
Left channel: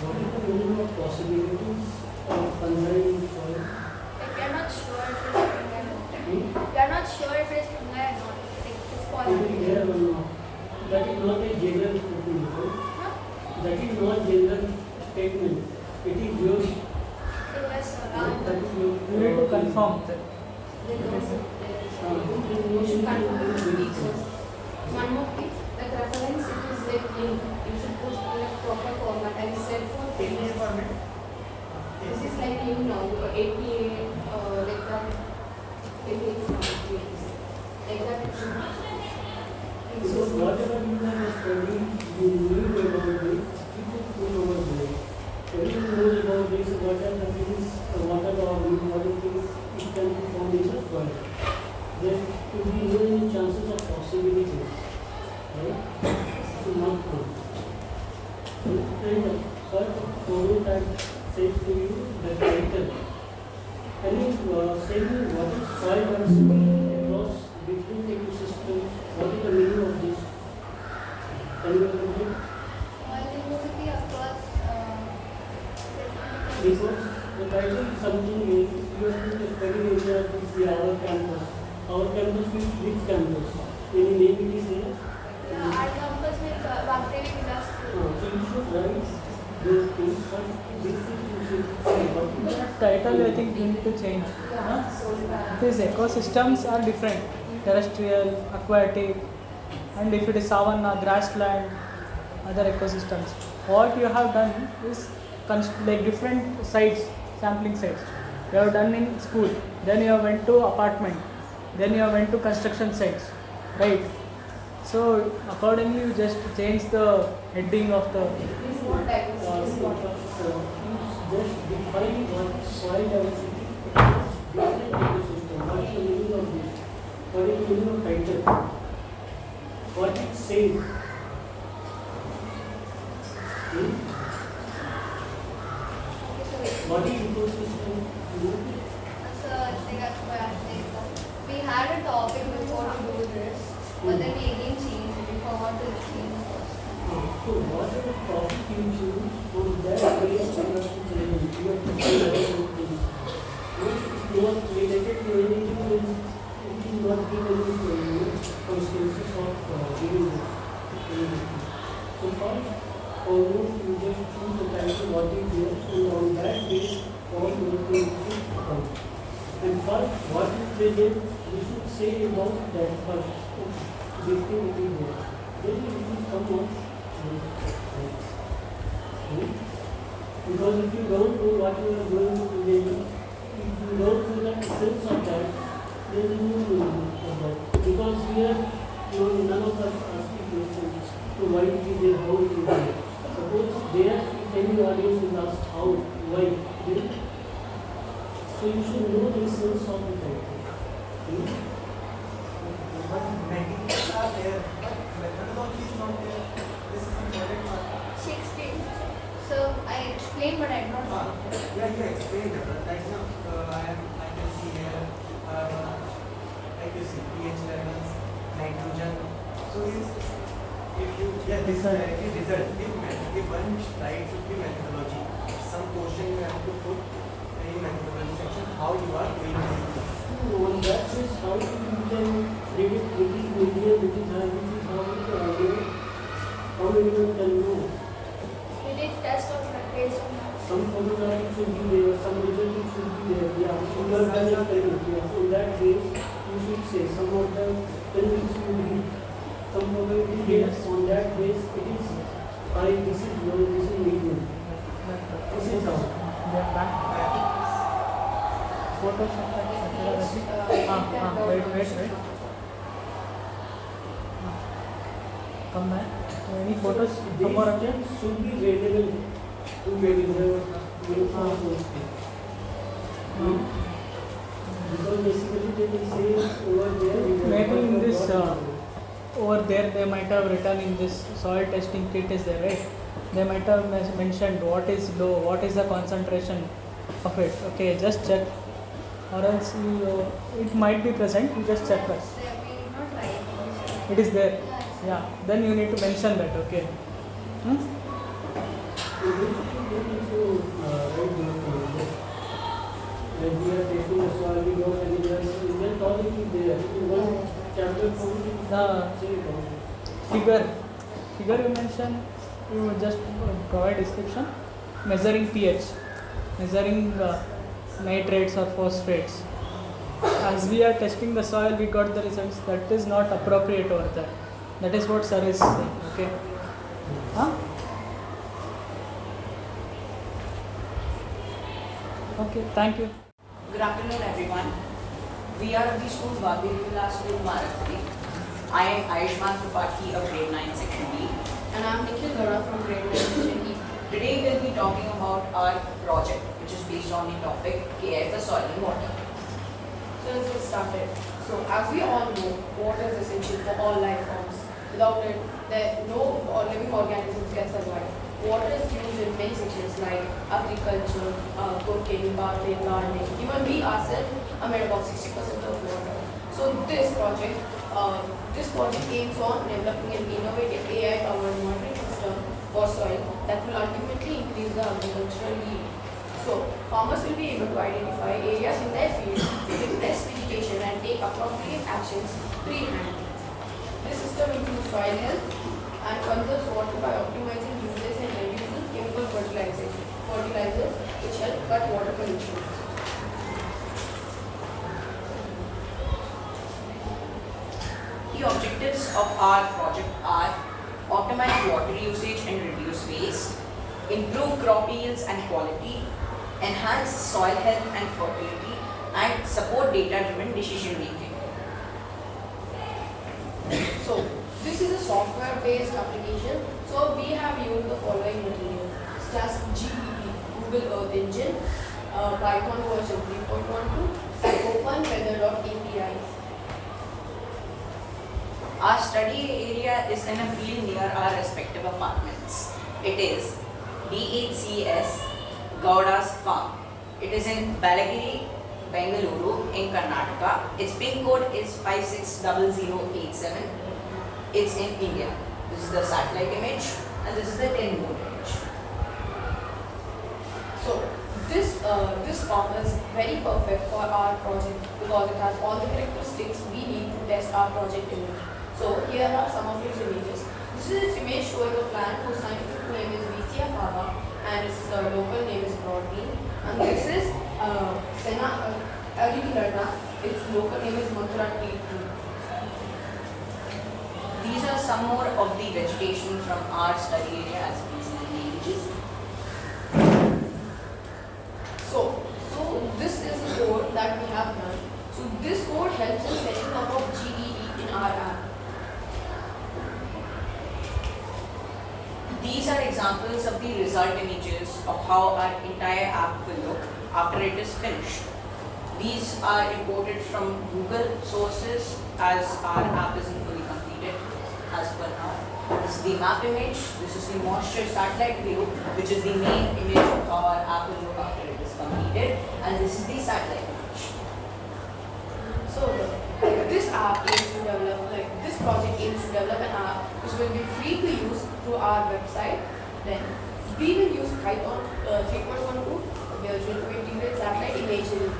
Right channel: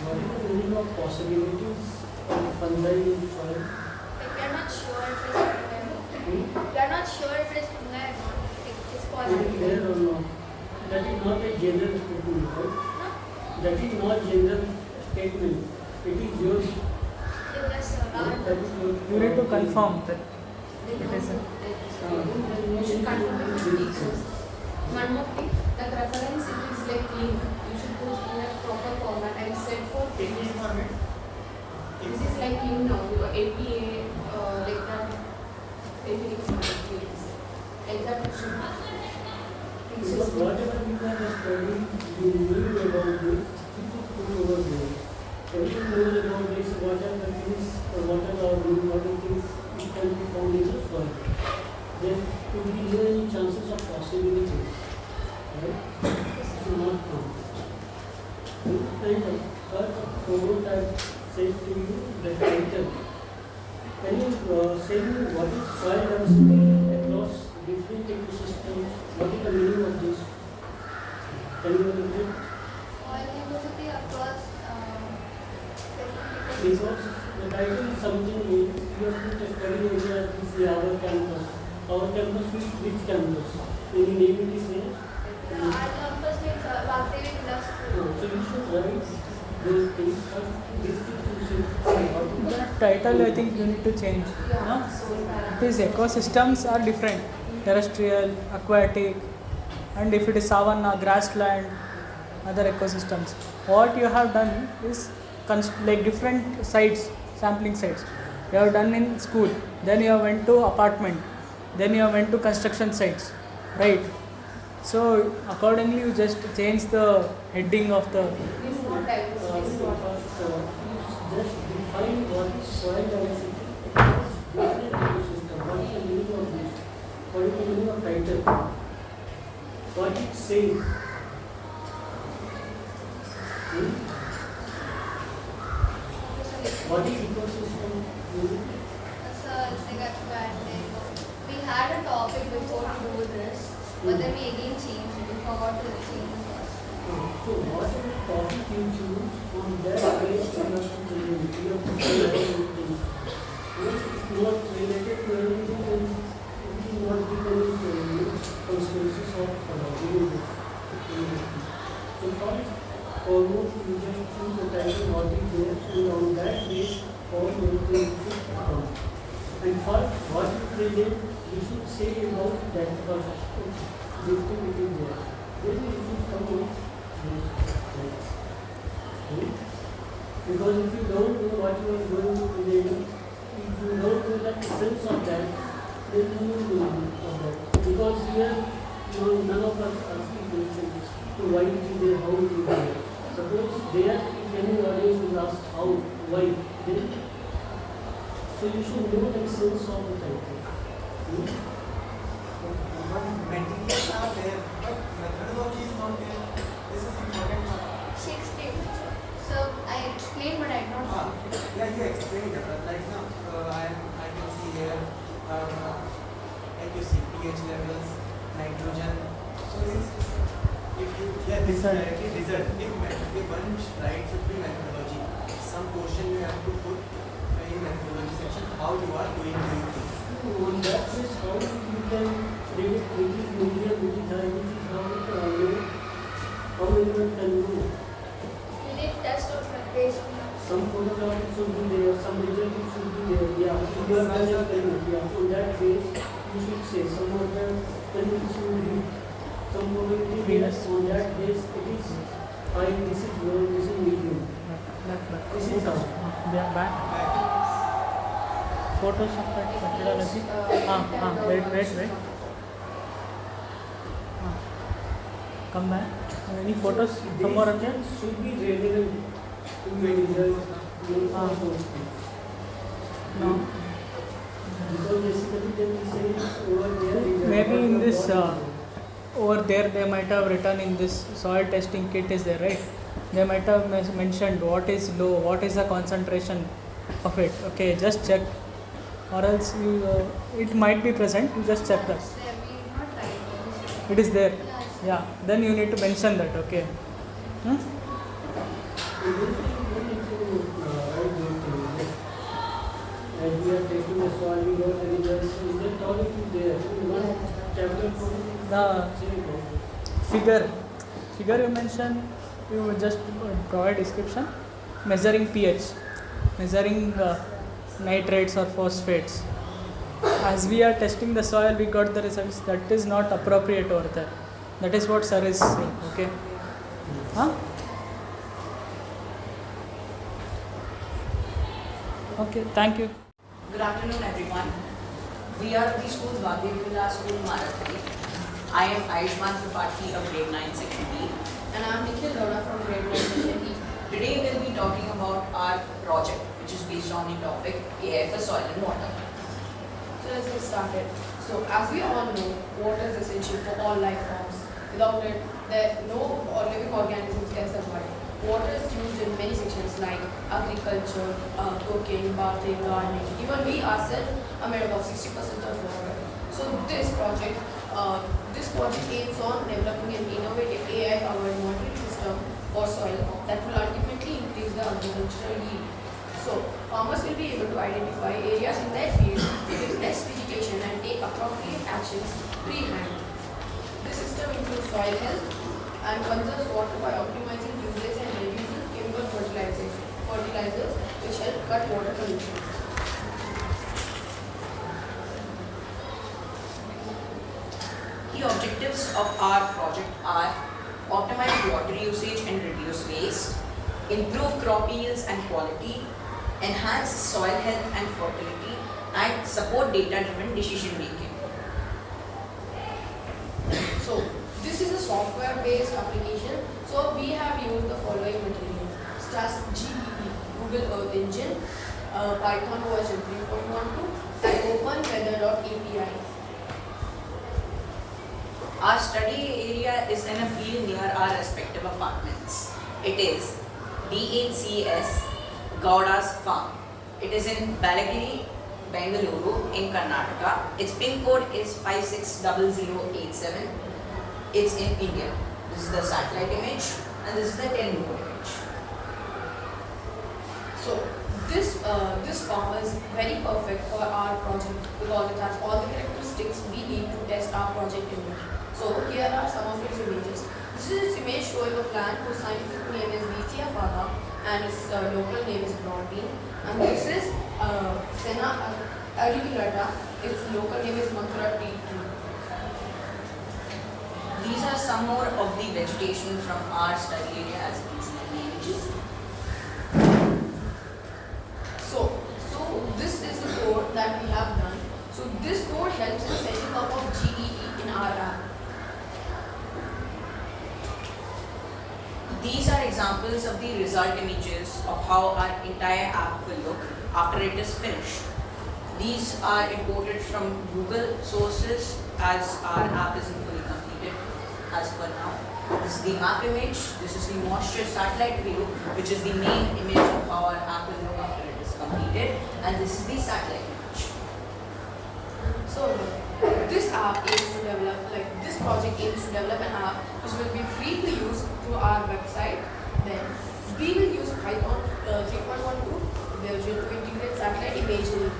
What is the meaning of possibilities of fungi in soil? We are not sure if it is fungi. We are not sure if it is fungi or not. It is Is possible. it there or not? That is not a general statement, right? That is not general statement. It is your. Yes, sir. That is your. You need to confirm that it is. You should confirm with the teachers. One more thing, the reference it is like link. You should put in a proper format and set for table format. This is like you know your APA like that. APA like that. Because whatever you are studying, you knew about this, you could put over there. Everyone knows about this, what are the things, what are the important things it can be found in the soil. Then if we know any chances of possibilities, right? So not true. And the first prototype says to you the title. Can you say me what is soil diversity across different ecosystems? What is the meaning of this? Can you repeat? Soil diversity across Because the title is something else. You have to study area of this our campus. Our campus is which campus? Any name it is there? our campus like Vagdevi, Vilas. So you should write those things. This thing you should say about it. The title I think you need to change. Huh? These ecosystems are different. Terrestrial, aquatic, and if it is savanna, grassland, other ecosystems. What you have done is like different sites, sampling sites. You have done in school, then you went to apartment, then you went to construction sites, right? So accordingly you just change the heading of the Just define what is soil diversity across different ecosystems. What is the meaning of this? What is the meaning of title? What it says? What is ecosystem? So it's like we had a topic before to do this, but then we again changed it. We forgot to change the first. So what is the topic you choose on that base you have to change? You have to say everything. If it's not related to anything, then it will not give any consequences of giving it. So first, almost you just choose the title what is there, and on that base all your things should come. And first, what you present, you should say about that first. This thing it is there. Then it will come out. Because if you don't know what you are going to present, if you don't know the essence of that, then you won't know about it. Because here, none of us asking questions to why it is there, how it is there. Suppose there, if any audience is asked how, why, then, so you should know the essence of the title. But methods are there, but methodology is not there. This is important. She explained. So I explained, but I don't know. Yeah, you explained it. Right now, I can see here, like you see pH levels, nitrogen. So if you, yeah, this is directly result. If one slide should be methodology, some question you have to put in methodology section how you are doing this. On that is how you can predict which is medium, which is high, which is how anyone can know. We did test of based on that. Some photographs should be there, some result should be there. Yeah, you have done experiment. Yeah, on that case, you should say some of the things you need. Some probability yes, on that base it is high, this is low, this is medium. This is how. Photos of that methodology. Wait. Come back. Any photos? Some more objects should be relevant to your result. Because basically they will say over there. Maybe in this over there they might have written in this soil testing kit is there, right? They might have mentioned what is low, what is the concentration of it. Okay, just check, or else it might be present. You just check that. It is there. Yeah. Then you need to mention that. Okay. You need to write those things. Like we are taking the soil, we don't have any then topic is there. One chapter Figure you mention, you just provide description. Measuring pH, measuring nitrates or phosphates. As we are testing the soil, we got the results. That is not appropriate over there. That is what sir is saying. Okay. Huh? Okay, thank you. Good afternoon, everyone. We are of the school Vagdevi, Vilas, school Marathahalli. I am Ayushman Tripathi of grade 9 section B. And I am Nikhil Lora from grade 9 section E. Today we will be talking about our project, which is based on the topic AI for soil and water. So let's get started. So as we all know, water is essential for all life forms. Without it, no living organisms can survive. Water is used in many sections like agriculture, cooking, bathing, gardening. Even we ourselves are made up of 60% of water. So this project aims on developing an innovative AI-powered monitoring system for soil that will ultimately increase the agricultural yield. So farmers will be able to identify areas in their field with less vegetation and take appropriate actions pre-hand. This system improves soil health and conserves water by optimizing usage and reduces chemical fertilizers which help cut water pollution. The objectives of our project are optimize water usage and reduce waste, improve crop yields and quality, enhance soil health and fertility, and support data-driven decision making. So this is a software-based application. So we have used the following material, such as GEE, Google Earth Engine, Python version 3.12, and OpenWeather.api. Our study area is in a field near our respective apartments. It is DHCS Gowda's farm. It is in Balagiri, Bengaluru in Karnataka. Its pin code is 560087. It's in India. This is the satellite image and this is the 10 mode image. So this farm is very perfect for our project because it has all the characteristics we need to test our project image. So here are some of its images. This is its image showing a plant whose scientific name is Vicia fava and its local name is broadbean. And this is Senna auriculata. Its local name is Mathura tea tree. These are some more of the vegetation from our study area as we see in the images. So this is the code that we have done. So this code helps in setting up of GEE in our app. These are examples of the result images of how our entire app will look after it is finished. These are imported from Google sources as our app isn't fully completed as per now. This is the map image, this is the moisture satellite view, which is the main image of how our app will look after it is completed, and this is the satellite image. So this app aims to develop, this project aims to develop an app which will be free to use through our website. Then we will use Python 3.12 version to integrate satellite imagery.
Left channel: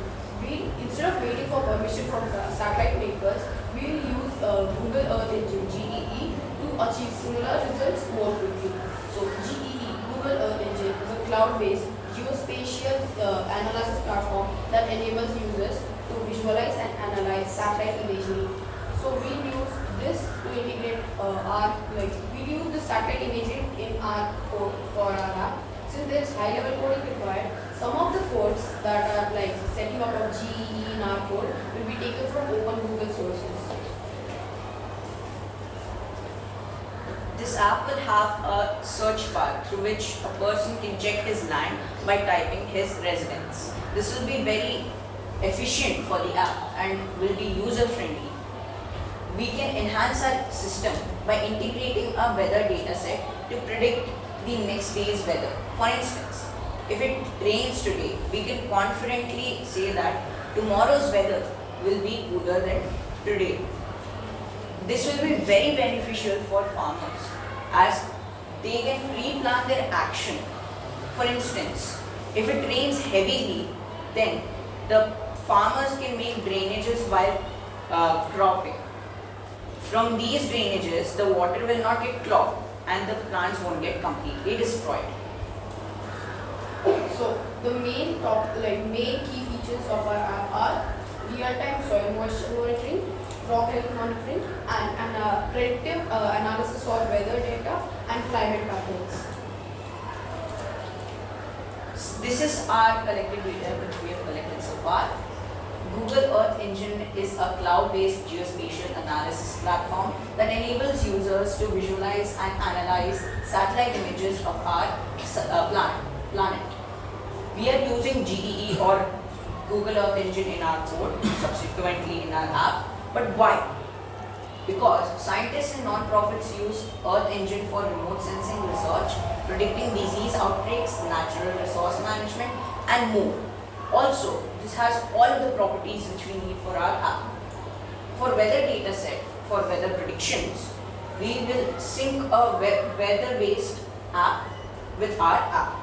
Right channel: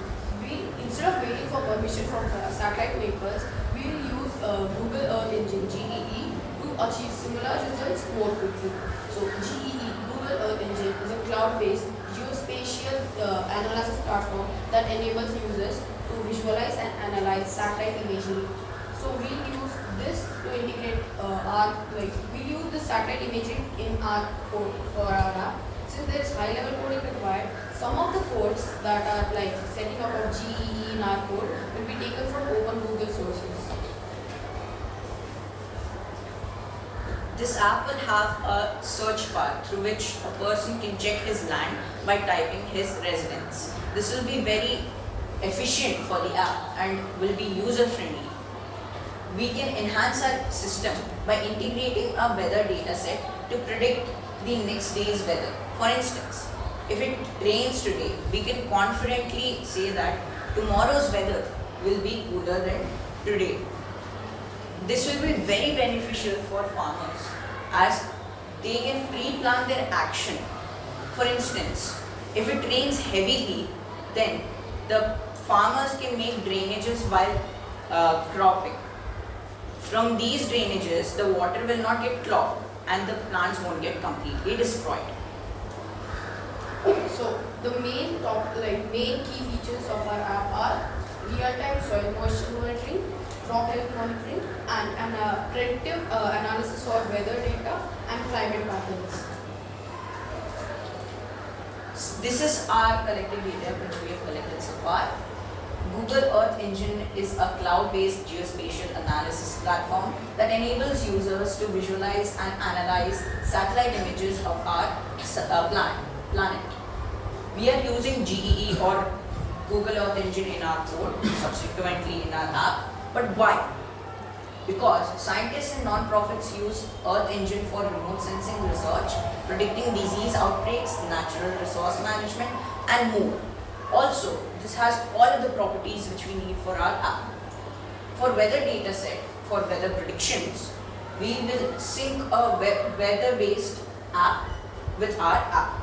Instead of waiting for permission from satellite makers, we will use Google Earth Engine GEE to achieve similar results more quickly. So GEE, Google Earth Engine, is a cloud-based geospatial analysis platform that enables users to visualize and analyze satellite imagery. So we use this to integrate we use the satellite imagery in our code for our app. Since there is high-level coding required, some of the codes that are setting up of GEE in our code will be taken from open Google sources. This app will have a search bar through which a person can check his land by typing his residence. This will be very efficient for the app and will be user-friendly. we can enhance our system by integrating a weather data set to predict the next day's weather. For instance, if it rains today, we can confidently say that tomorrow's weather will be cooler than today. This will be very beneficial for farmers as they can pre-plan their action. For instance, if it rains heavily, then the farmers can make drainages while cropping. From these drainages, the water will not get clogged and the plants won't get completely destroyed. So the main key features of our app are real-time soil moisture monitoring, crop health monitoring, and predictive analysis for weather data and climate patterns. This is our collected data which we have collected so far. Google Earth Engine is a cloud-based geospatial analysis platform that enables users to visualize and analyze satellite images of our planet. We are using GEE or Google Earth Engine in our code, subsequently in our app. But why? Because scientists and non-profits use Earth Engine for remote sensing research, predicting disease outbreaks, natural resource management, and more. Also, this has all of the properties which we need for our app. For weather data set, for weather predictions, we will sync a weather-based app with our app.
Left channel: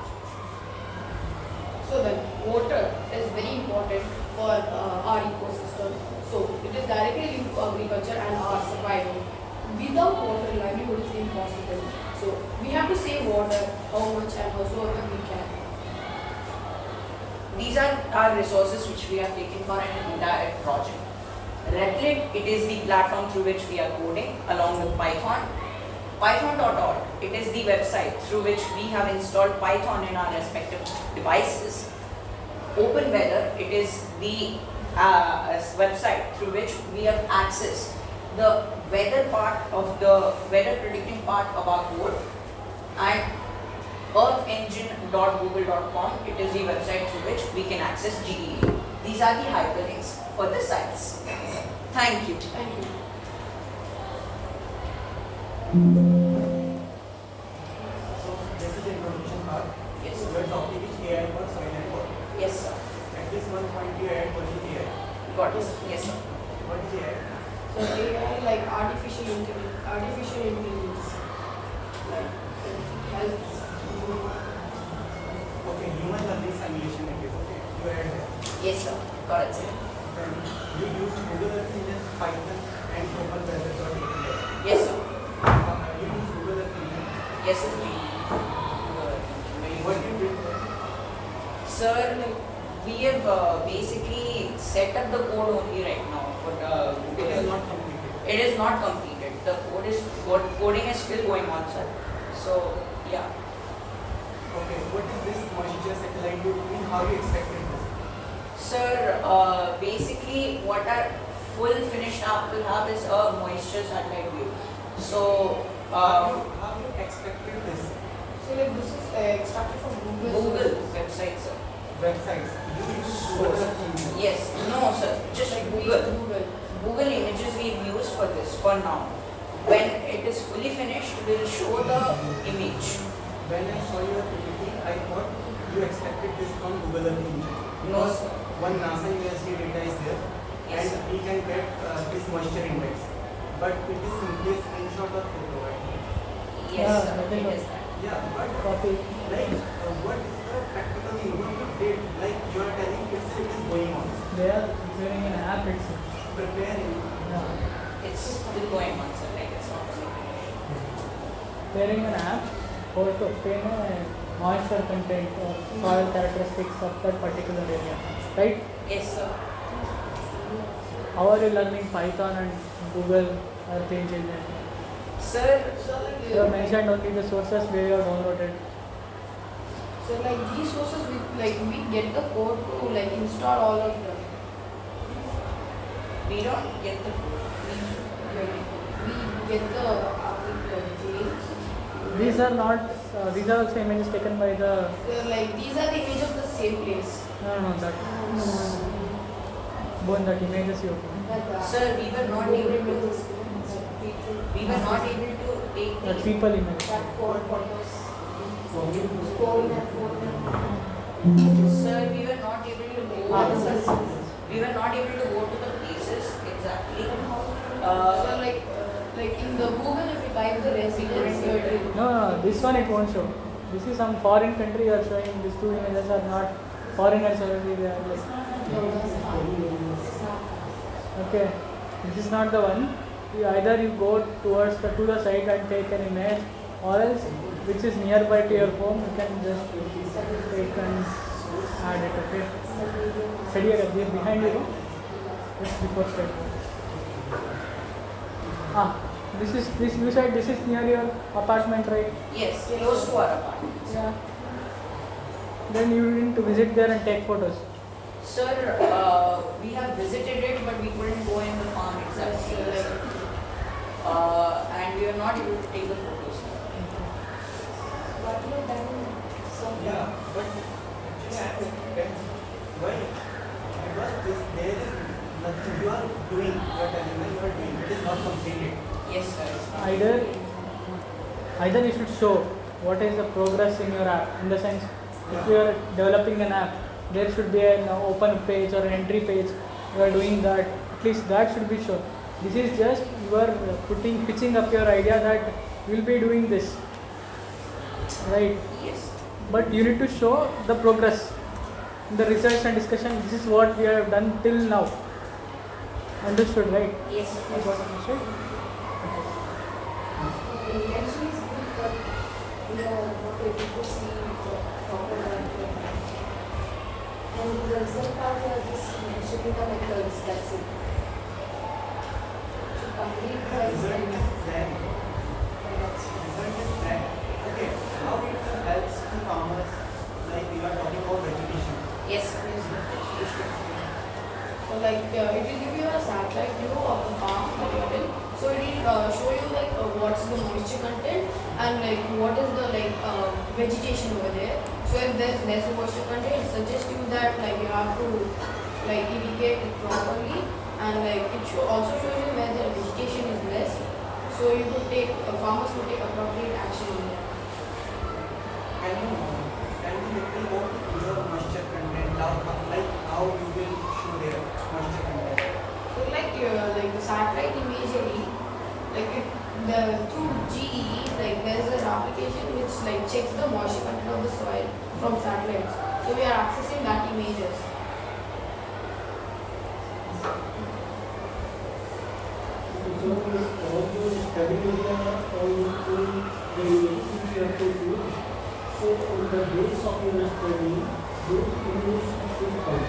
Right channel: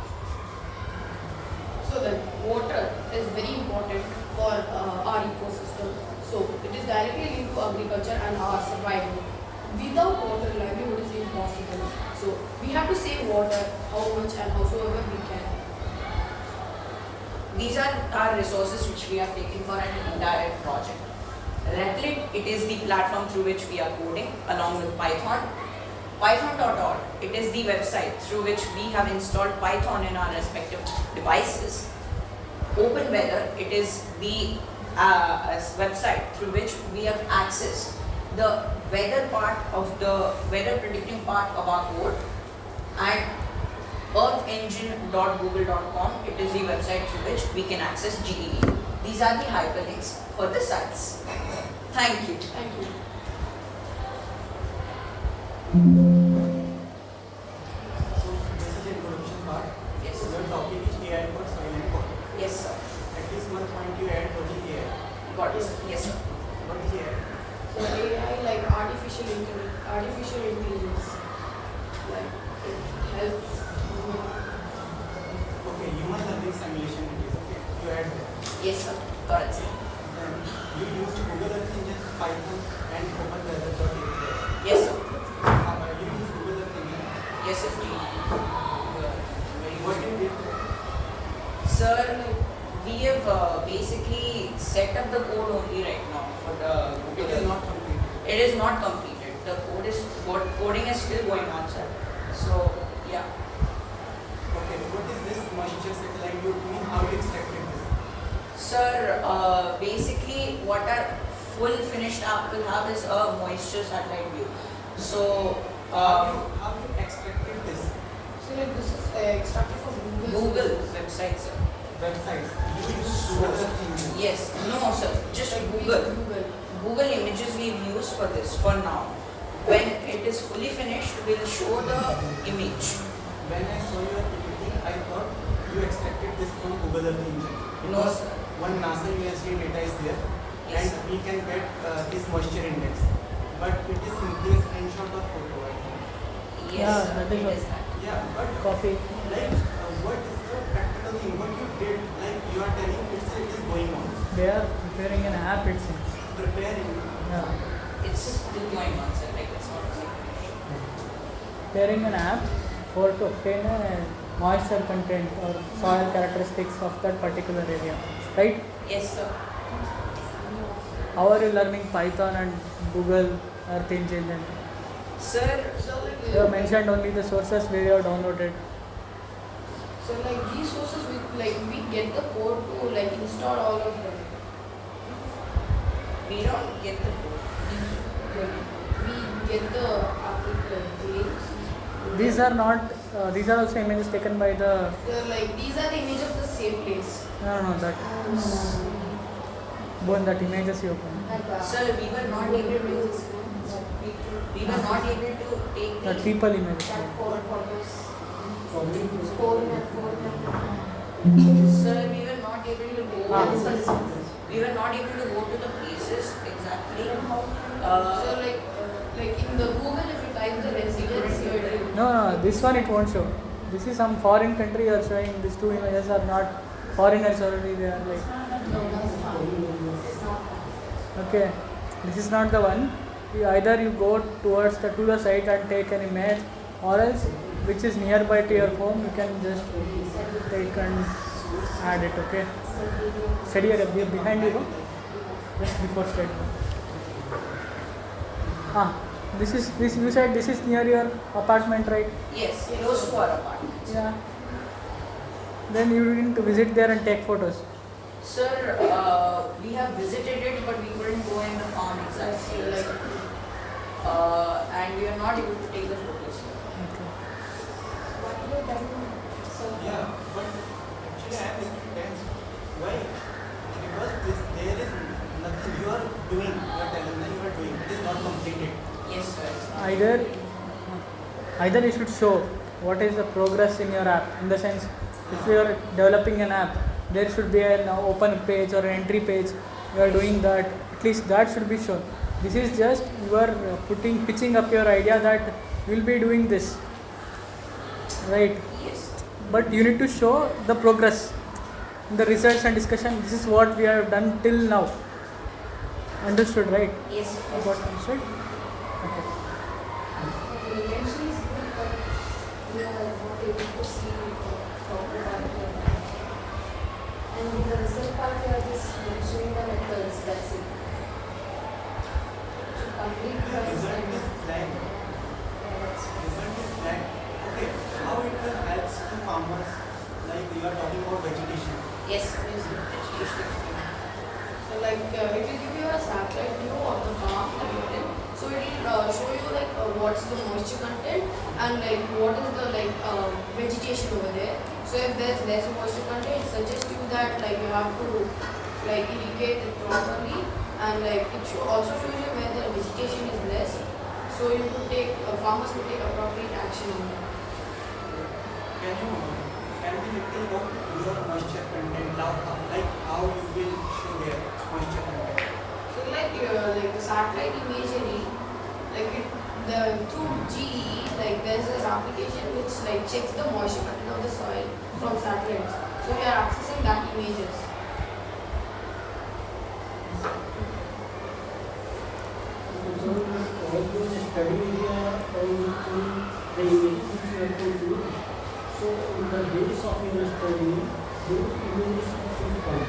So then, water is very important for our ecosystem. So it is directly linked to agriculture and our survival. Without water, livelihood is impossible. So we have to save water how much and howsoever we can. These are our resources which we have taken for an entire project. Replit, it is the platform through which we are coding along with Python. Python.org, it is the website through which we have installed Python in our respective devices. OpenWeather, it is the website through which we have accessed the weather part of the weather predicting part of our code. And earthengine.google.com, it is the website through which we can access GEE. These are the hyperlinks for the sites. Thank you. Thank you. So this is the introduction part. Yes. So your topic is AI for soil and water. Yes, sir. At least one point you add what is AI. Got it. Yes, sir. What is AI? So AI like artificial intelligence, like it helps. Okay, human learning simulation it is okay. You add that. Yes, sir. Got it, sir. Then you use Google Earth Engine, Python, and Total Weather for data. Yes, sir. You use Google Earth Engine. Yes, sir. What you did? Sir, we have basically set up the code only right now for the Google. It is not completed. It is not completed. The coding is still going on, sir. So, yeah. Okay, what is this moisture satellite you mean? How you expected this? Sir, basically what our full finished app will have is a moisture satellite view. So, how you expected this? So like this is extracted from Google website, sir. Websites. You use Google Earth Engine. Yes. No, sir. Just Google. Google images we've used for this for now. When it is fully finished, we'll show the image. When I saw your PPT, I thought you expected this from Google Earth Engine. No, Because sir. one NASA USD data is there, Yes, and sir. we can get this moisture index. But it is simply a screenshot of photo, I think. Yes, Yeah, sir. that is It right. is that. Yeah, but Copy. like, what is the practical thing? What you did? Like you are telling it is going on. They are preparing an app itself. Preparing. Yeah. It's still going on, sir. Like it's not fully finished. Preparing an app for to obtain a moisture content or soil characteristics of that particular area. Right? Yes, sir. How are you learning Python and Google Earth Engine? And Sir, you have mentioned only the sources where you have downloaded. So like these sources we get the code to like install all of them. we don't get the code. We get the links. These are not. These are also images taken by the. So like these are the image of the same place. No, that. Both that images you open. Sir, we were not able to take That people image. Sir, we were not able to go. We were not able to go to the places exactly. So like in the Google, if you type the residence, it will. No, this one it won't show. This is some foreign country you are showing. These two images are not foreigners already. They are like. Okay, this is not the one. Either you go towards to the site and take an image, or else which is nearby to your home, you can just take and add it. Okay. Study behind you, just before study. This is you said this is near your apartment, right? Yes, close to our apartment. Yeah. Then you need to visit there and take photos. Sir, we have visited it, but we couldn't go in the farm exactly. And we were not able to take the photos. What you have done so far? Yeah, but actually I am depends. Why? Because there is nothing you are doing. You are telling me you are doing. It is not completed. Yes, sir. Either you should show what is the progress in your app. In the sense, if you are developing an app, there should be an open page or an entry page. You are doing that. At least that should be shown. This is just you are pitching up your idea that you will be doing this, right? Yes. But you need to show the progress. In the research and discussion, this is what we have done till now. Understood, right? Yes. Understood? Eventually, we are not able to see the proper one. And the result part, we are just mentioning the methods, that's it. To complete the experiment. Okay, how it will help to farmers, like we are talking about vegetation. Yes, vegetation. So like it will give you a satellite view of the farm that you are in. So it will show you like what's the moisture content and like what is the vegetation over there. So if there's less moisture content, it suggests you that like you have to like irrigate it properly, and like it also shows you where the vegetation is less. So you could take farmers could take appropriate action in there. Can you little about your moisture content now, like how you will show their moisture content? So like the satellite imagery, like through GE, like there's an application which like checks the moisture content of the soil from satellites. So we are accessing that images. So all the study area and the images which you have to do. So on the base of your study, those images should come.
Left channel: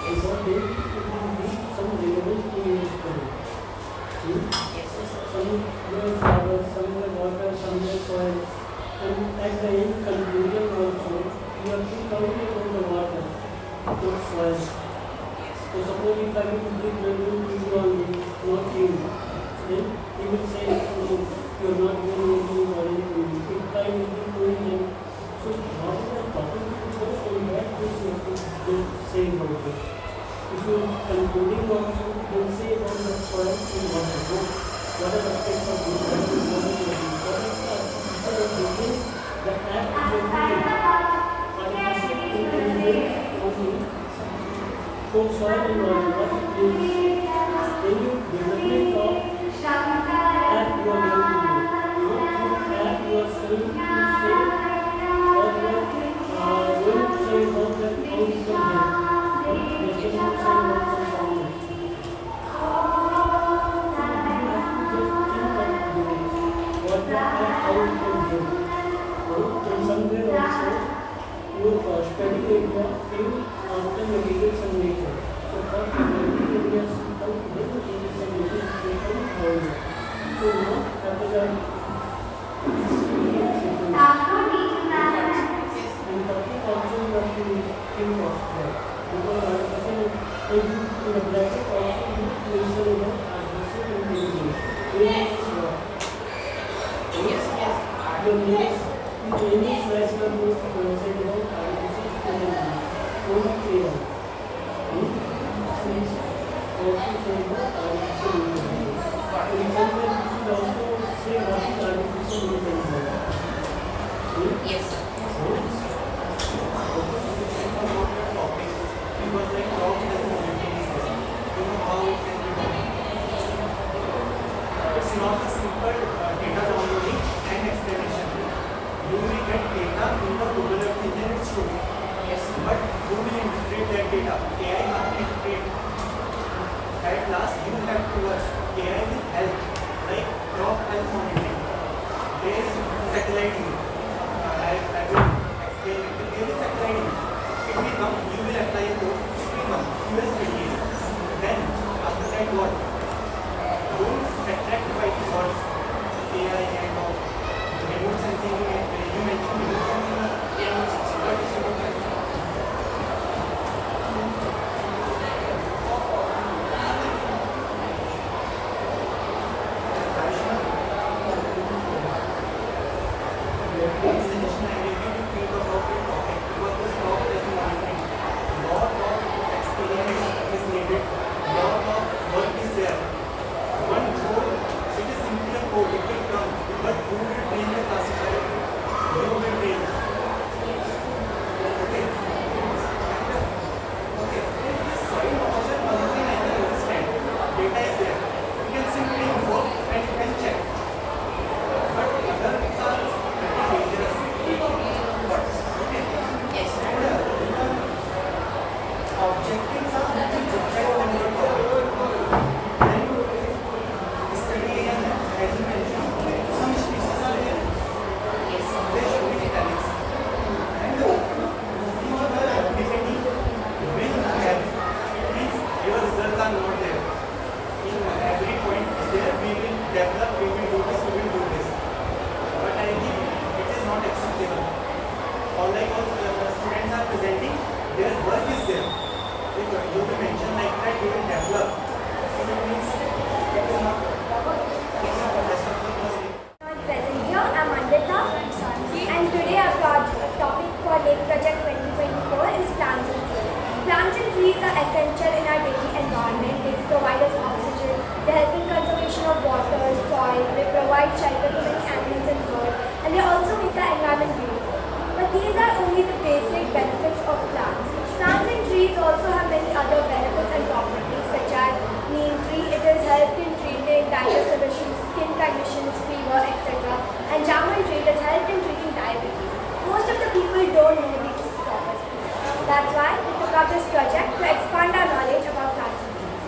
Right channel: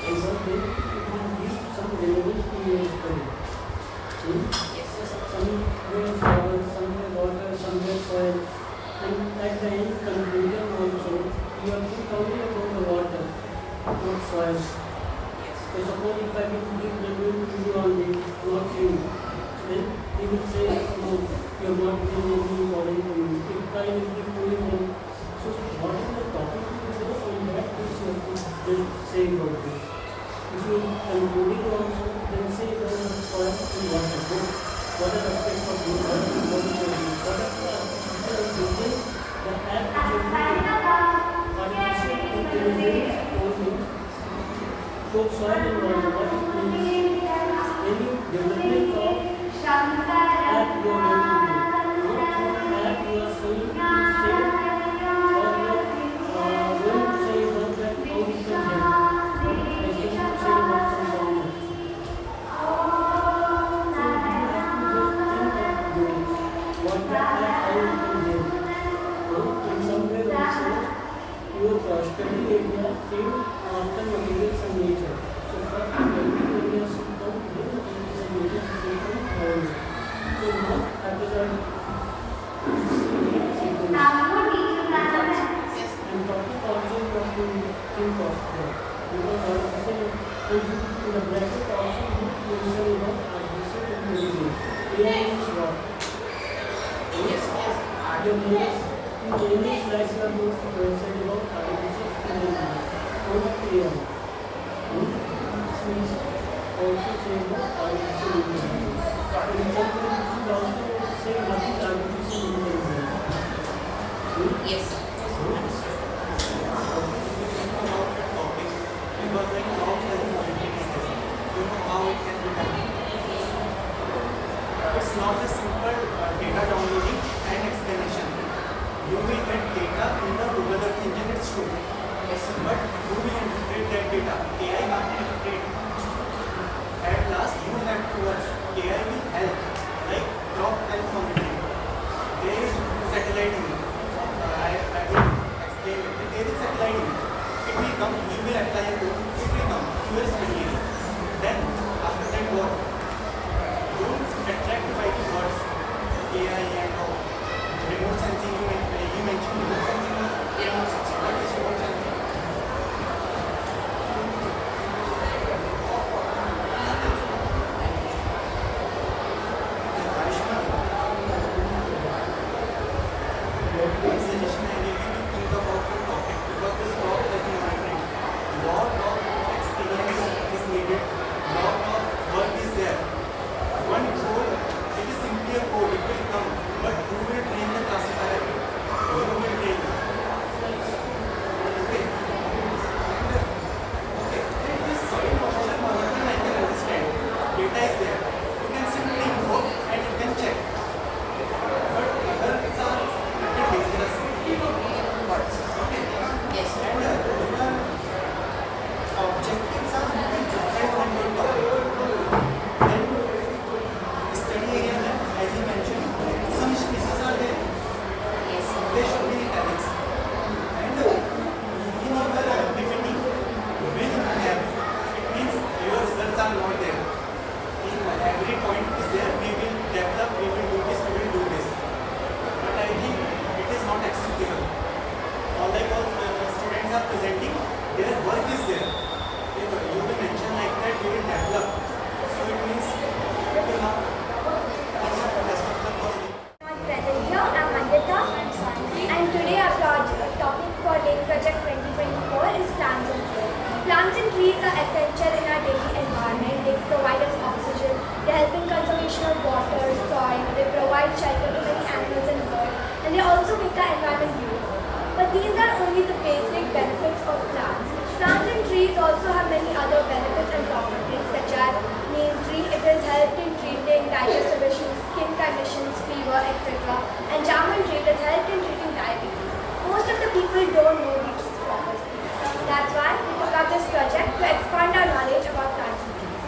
And the base it will be some relevant to your study. Some will flowers, some will water, some will soil. And at the end conclusion also, you have to calculate on the water, not soil. So suppose if I will give relevant to you only, not you, then he will say, oh, you are not doing anything or anything. If I will be doing them, so what is the topic so in that case you have to then say about it. If you are concluding also, then say about the soil and water. What are the aspects of this? What is the difference? The app is artificial intelligence only. So soil and water, what is any development of app you are going to do? What app you are saying to say, or going to say about that how you can help? What is the say about some problem? What the app how you can help? In somewhere also, your study area in after materials and nature. So first material areas should come, then materials and nature should come around it. So not capital and topic also you have to think of that. Because in the bracket also you mention about artificial intelligence. AI is what? Yes. The next English likes the most said about artificial intelligence. What AI? Yes. Because like crops has a maintenance, you know how it can be done. It's not a simple data downloading and explanation. You will get data in the Google Earth engine it's true. Yes. But who will interpret that data? AI not interpret. At last you have to work. AI will help. Like crop health monitoring. There is satellite view. I will explain it. There is satellite view. It will come, you will apply a code, it will come, you will split it. Then, after that what? Don't attract by the words, AI and remote sensing, you mentioned remote sensing. Remote sensing. What is remote sensing? Plants and trees are essential in our daily environment. They provide us oxygen, they help in conservation of water, soil, they provide shelter to many animals and birds, and they also make the environment beautiful. But these are only the basic benefits of plants. Plants and trees also have many other benefits and properties, such as neem tree, it has helped in treating digestive issues, skin conditions, fever, etc. And jamun tree, it has helped in treating diabetes. Most of the people don't know these properties. That's why we took up this project to expand our knowledge about plants and trees.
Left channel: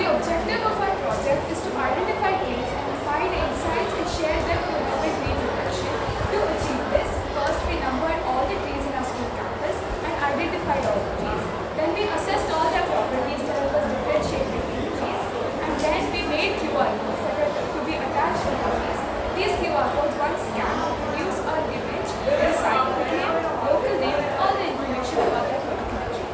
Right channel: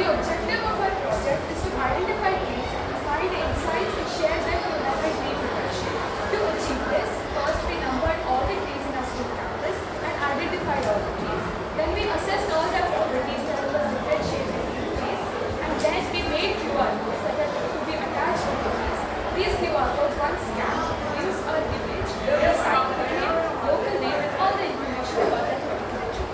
The objective of our project is to identify trees and find insights and share them to promote tree protection. To achieve this, first we numbered all the trees in our school campus and identified all the trees. Then we assessed all their properties to help us differentiate between the trees. And then we made QR codes that could be attached to the trees. These QR codes, once scanned, produce our image, the site name, local name, all the information about the particular tree.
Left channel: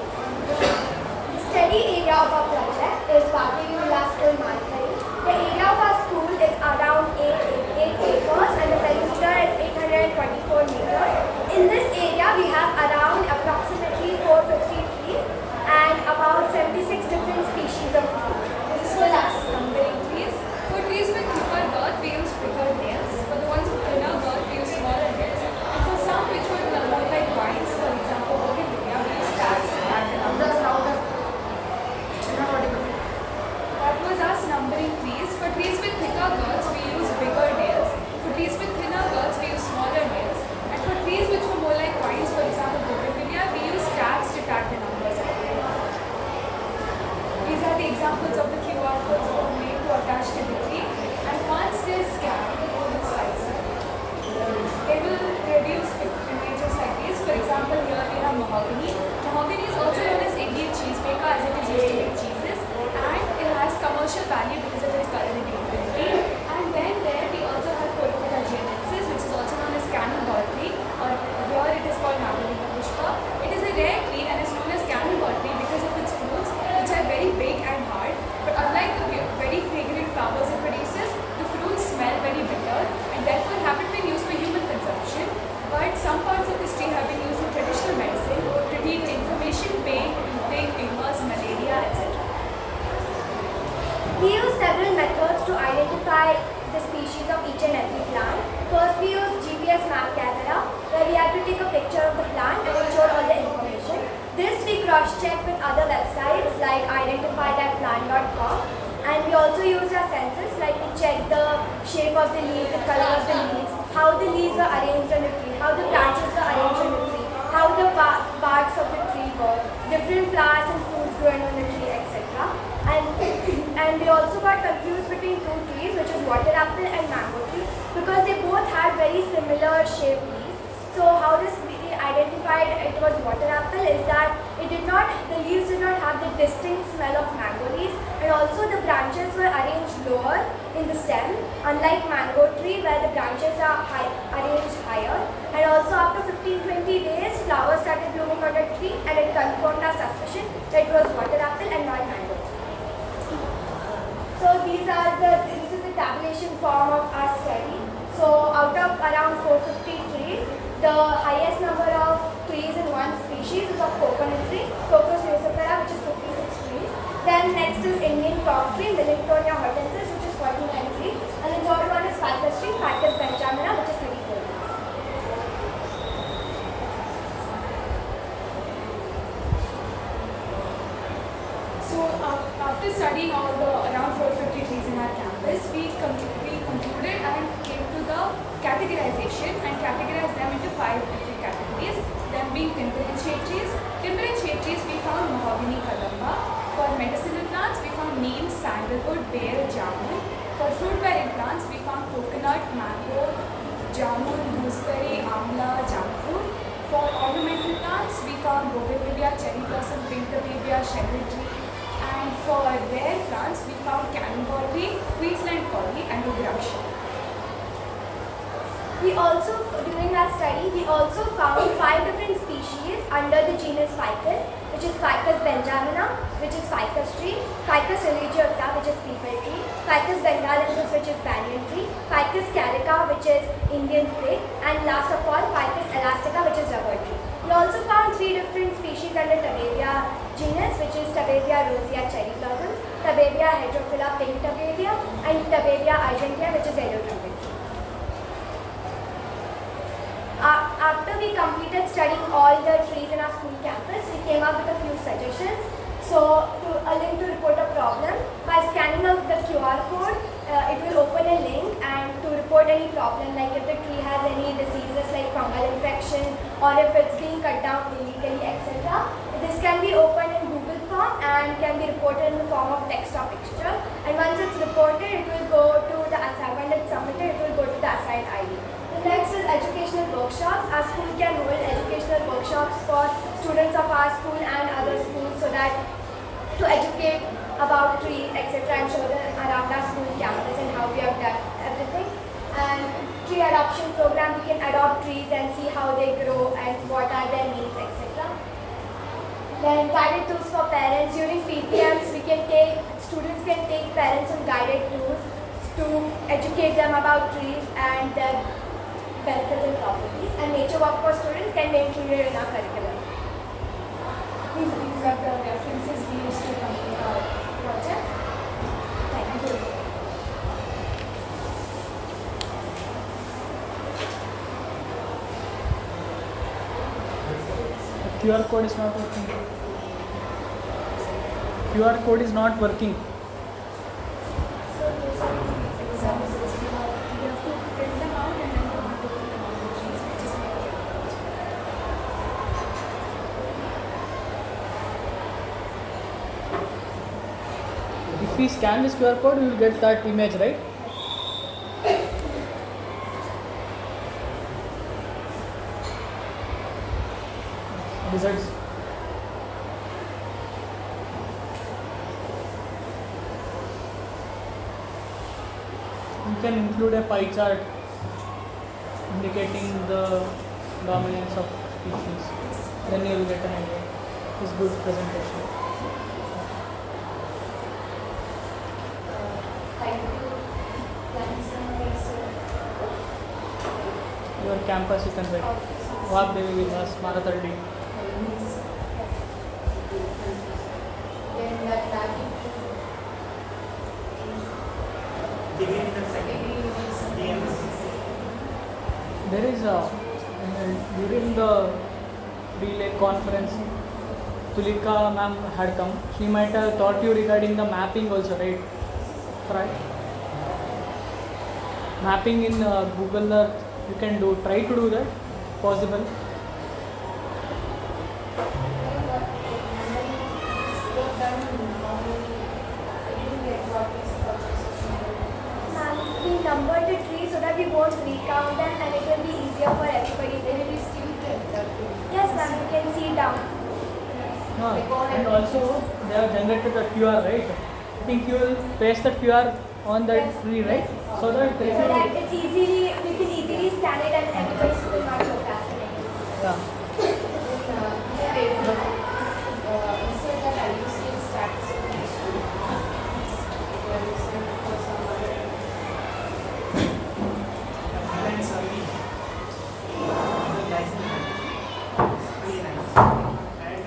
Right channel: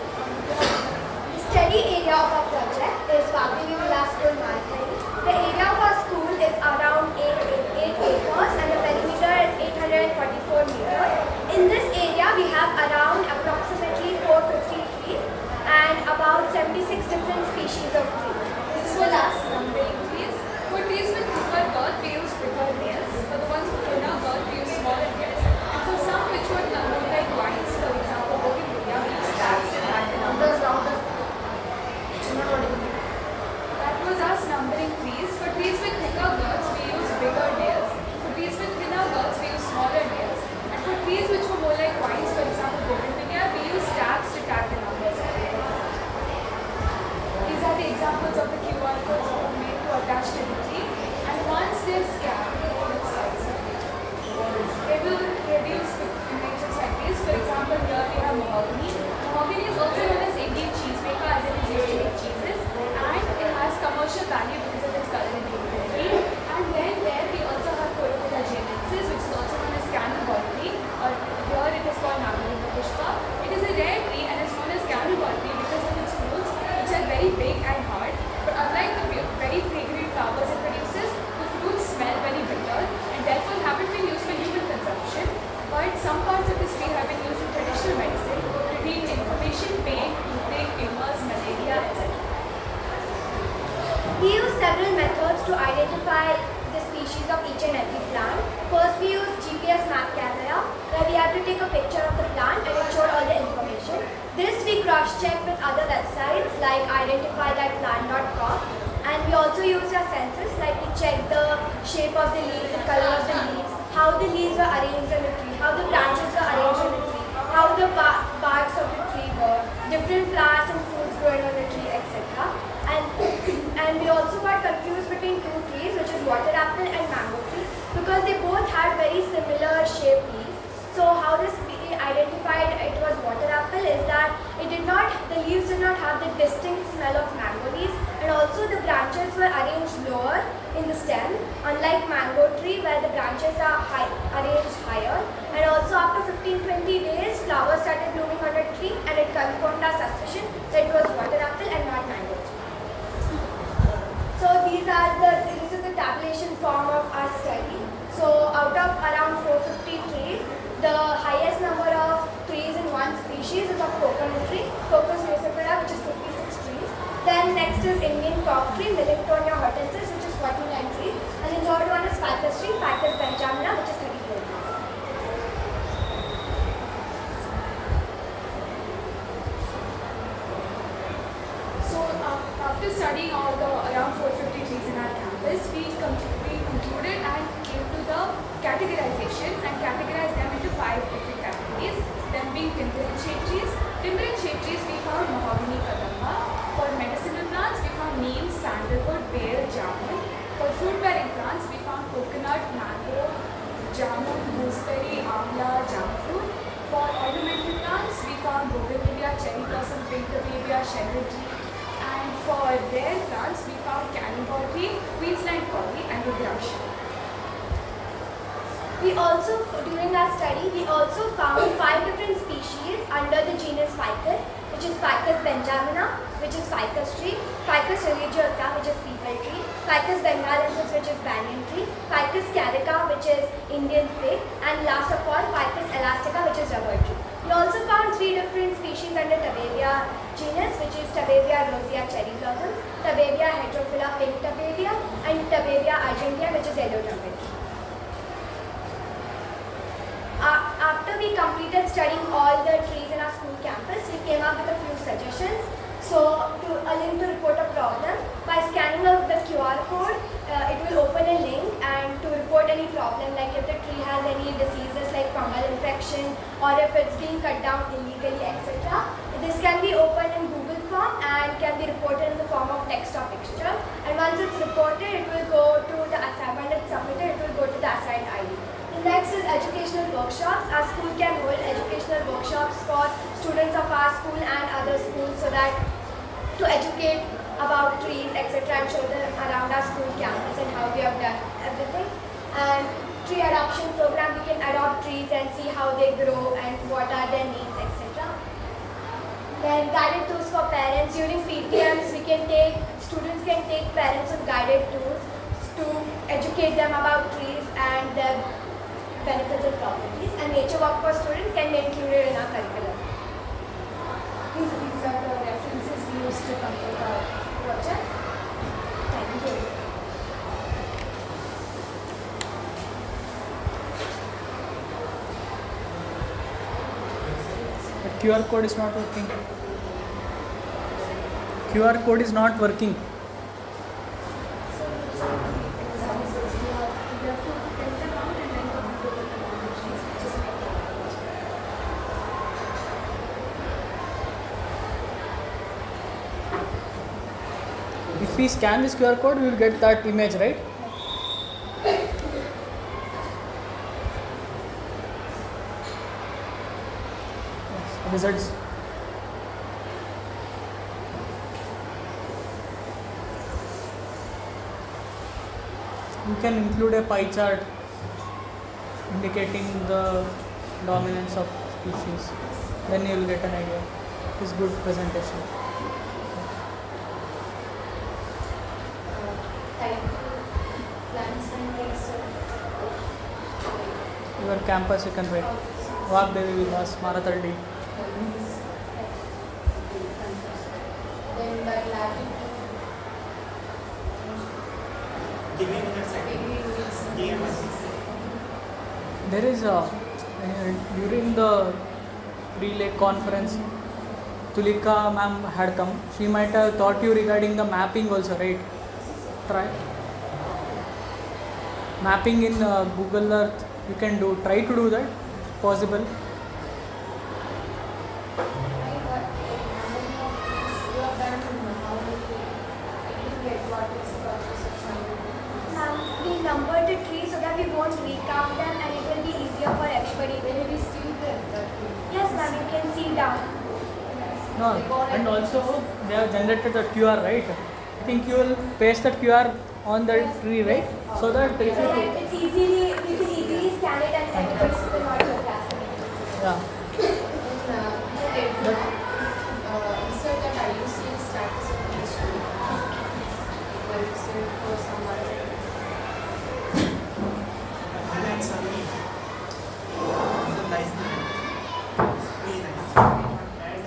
The study area of our project is Vagdevi Vilas School, Marathahalli. The area of our school is around 8 acres and the perimeter is 844 meters. In this area, we have around approximately 450 trees and about 76 different species of trees. This is the last numbering trees. For trees with thicker girth, we use bigger nails. For the ones with thinner girth, we use smaller nails. And for some which would look like vines, for example, bougainvillea, we use tabs and that was us numbering trees. For trees with thicker girths, we use bigger nails. For trees with thinner girths, we use smaller nails. And for trees which were more like vines, for example, bougainvillea, we use tabs to tag the numbers. These are the examples of the QR codes that were made to attach to the tree. And once they scan both sides, they will produce images like this. For example, here we have mahogany. Mahogany is also known as Indian cheesemaker as it is used to make cheeses. And it has commercial value because of its culinary ability. And then there we also have Corona genesis, which is also known as cannonball tree, or here it is called Nagarika Pushpa. It is a rare tree and is known as cannonball tree because of its fruits, which are very big and hard. But unlike the very fragrant flowers it produces, the fruits smell very bitter and therefore haven't been used for human consumption. But some parts of this tree have been used in traditional medicine to treat inflammation, pain, toothache, tumors, malaria, etc. We use several methods to identify the species of each and every plant. First we used GPS map camera, where we had to take a picture of the plant and it showed all the information. This we cross-checked with other websites like identifythatplant.com, and we also used our senses, like we checked the shape of the leaf, the color of the leaves, how the leaves are arranged on the tree, how the branches are arranged on the tree, how the parts of the tree were, different flowers and fruits growing on the tree, etc. And we also got confused between two trees, which is water apple and mango tree, because they both had very similar shaped leaves. So how this we identified it was water apple is that the leaves did not have the distinct smell of mango leaves, and also the branches were arranged lower in the stem, unlike mango tree where the branches are arranged higher. And also after 15-20 days, flowers started blooming on the tree, and it confirmed our suspicion that it was water apple and not mango tree. So this is the tabulation form of our study. So out of around 450 trees, the highest number of trees in one species is of coconut tree, Cocos nucifera, which is 56 trees. Then next is Indian cork tree, Millingtonia hortensis, which is 49 trees. And the third one is Ficus tree, Ficus benjamina, which is 34 trees. So after studying all the around 450 trees in our campus, we concluded and came to the categorization and categorized them into 5 different categories. Them being timberland shade trees. Timberland shade trees we found mahogany kadamba. For medicinal plants we found neem, sandalwood, bear, jamun. For fruit bearing plants we found coconut, mango, jamun, gooseberry, amla, jackfruit. For ornamental plants we found bougainvillea, cherry blossom, pink tabibia, sherwood tree. And for rare plants, we found cannonball tree, Queensland collie, and rudraksha. During our study, we also found 5 different species under the genus Ficus, which is Ficus benjamina, which is ficus tree, Ficus religiosa, which is peepal tree, Ficus bengalensis, which is banyan tree, Ficus carica, which is Indian fig, and last of all, Ficus elastica, which is rubber tree. We also found 3 different species under Tabelia genus, which is Tabelia rosea, cherry blossom, Tabelia heterophylla, pink tabelia, and Tabelia argentea, which is yellow trumpet tree. After we completed studying all the trees in our school campus, we came up with a few suggestions. So, a link to report a problem. By scanning the QR code, it will open a link, and to report any problem, like if the tree has any diseases like fungal infection, or if it's being cut down illegally, etc. This can be opened in Google form and can be reported in the form of text or picture. And once it's reported, it will go to the assignment. When it's submitted, it will go to the assigned ID. The next is educational workshops. Our school can hold educational workshops for students of our school and other schools, so that to educate about trees, etc., and show them around our school campus and how we have done everything. And tree adoption program, we can adopt trees and see how they grow and what are their needs, etc. Then guided tours for parents. During PTMs, students can take parents on guided tours to educate them about trees and their benefits and properties. And nature walk for students can be included in our curriculum. These are the references we used to complete our project. Thank you. QR code is not working. QR code is not working. If we scan this QR code, we will get that image, right? Results. You can include a pie chart indicating the dominance of species. Then you will get an idea. It's good presentation. Your campus you can write. Vagdevi, Vilas, Marathahalli. Then that lab. Give me a second. There is during the relay conference, Tulika ma'am had come. She might have taught you regarding the mapping also, right? Try mapping in Google Earth. You can do. Try to do that. Possible. We number the trees so that we won't recount them and it will be easier for everybody. Yes, ma'am, you can see down. No, and also they have generated the QR, right? I think you will paste the QR on that tree, right? So that So that it's easily, we can easily scan it and everybody will not procrastinate. Yeah. Insert that I use in status information. Like insert for someone. Nice survey. So nice. Very nice. And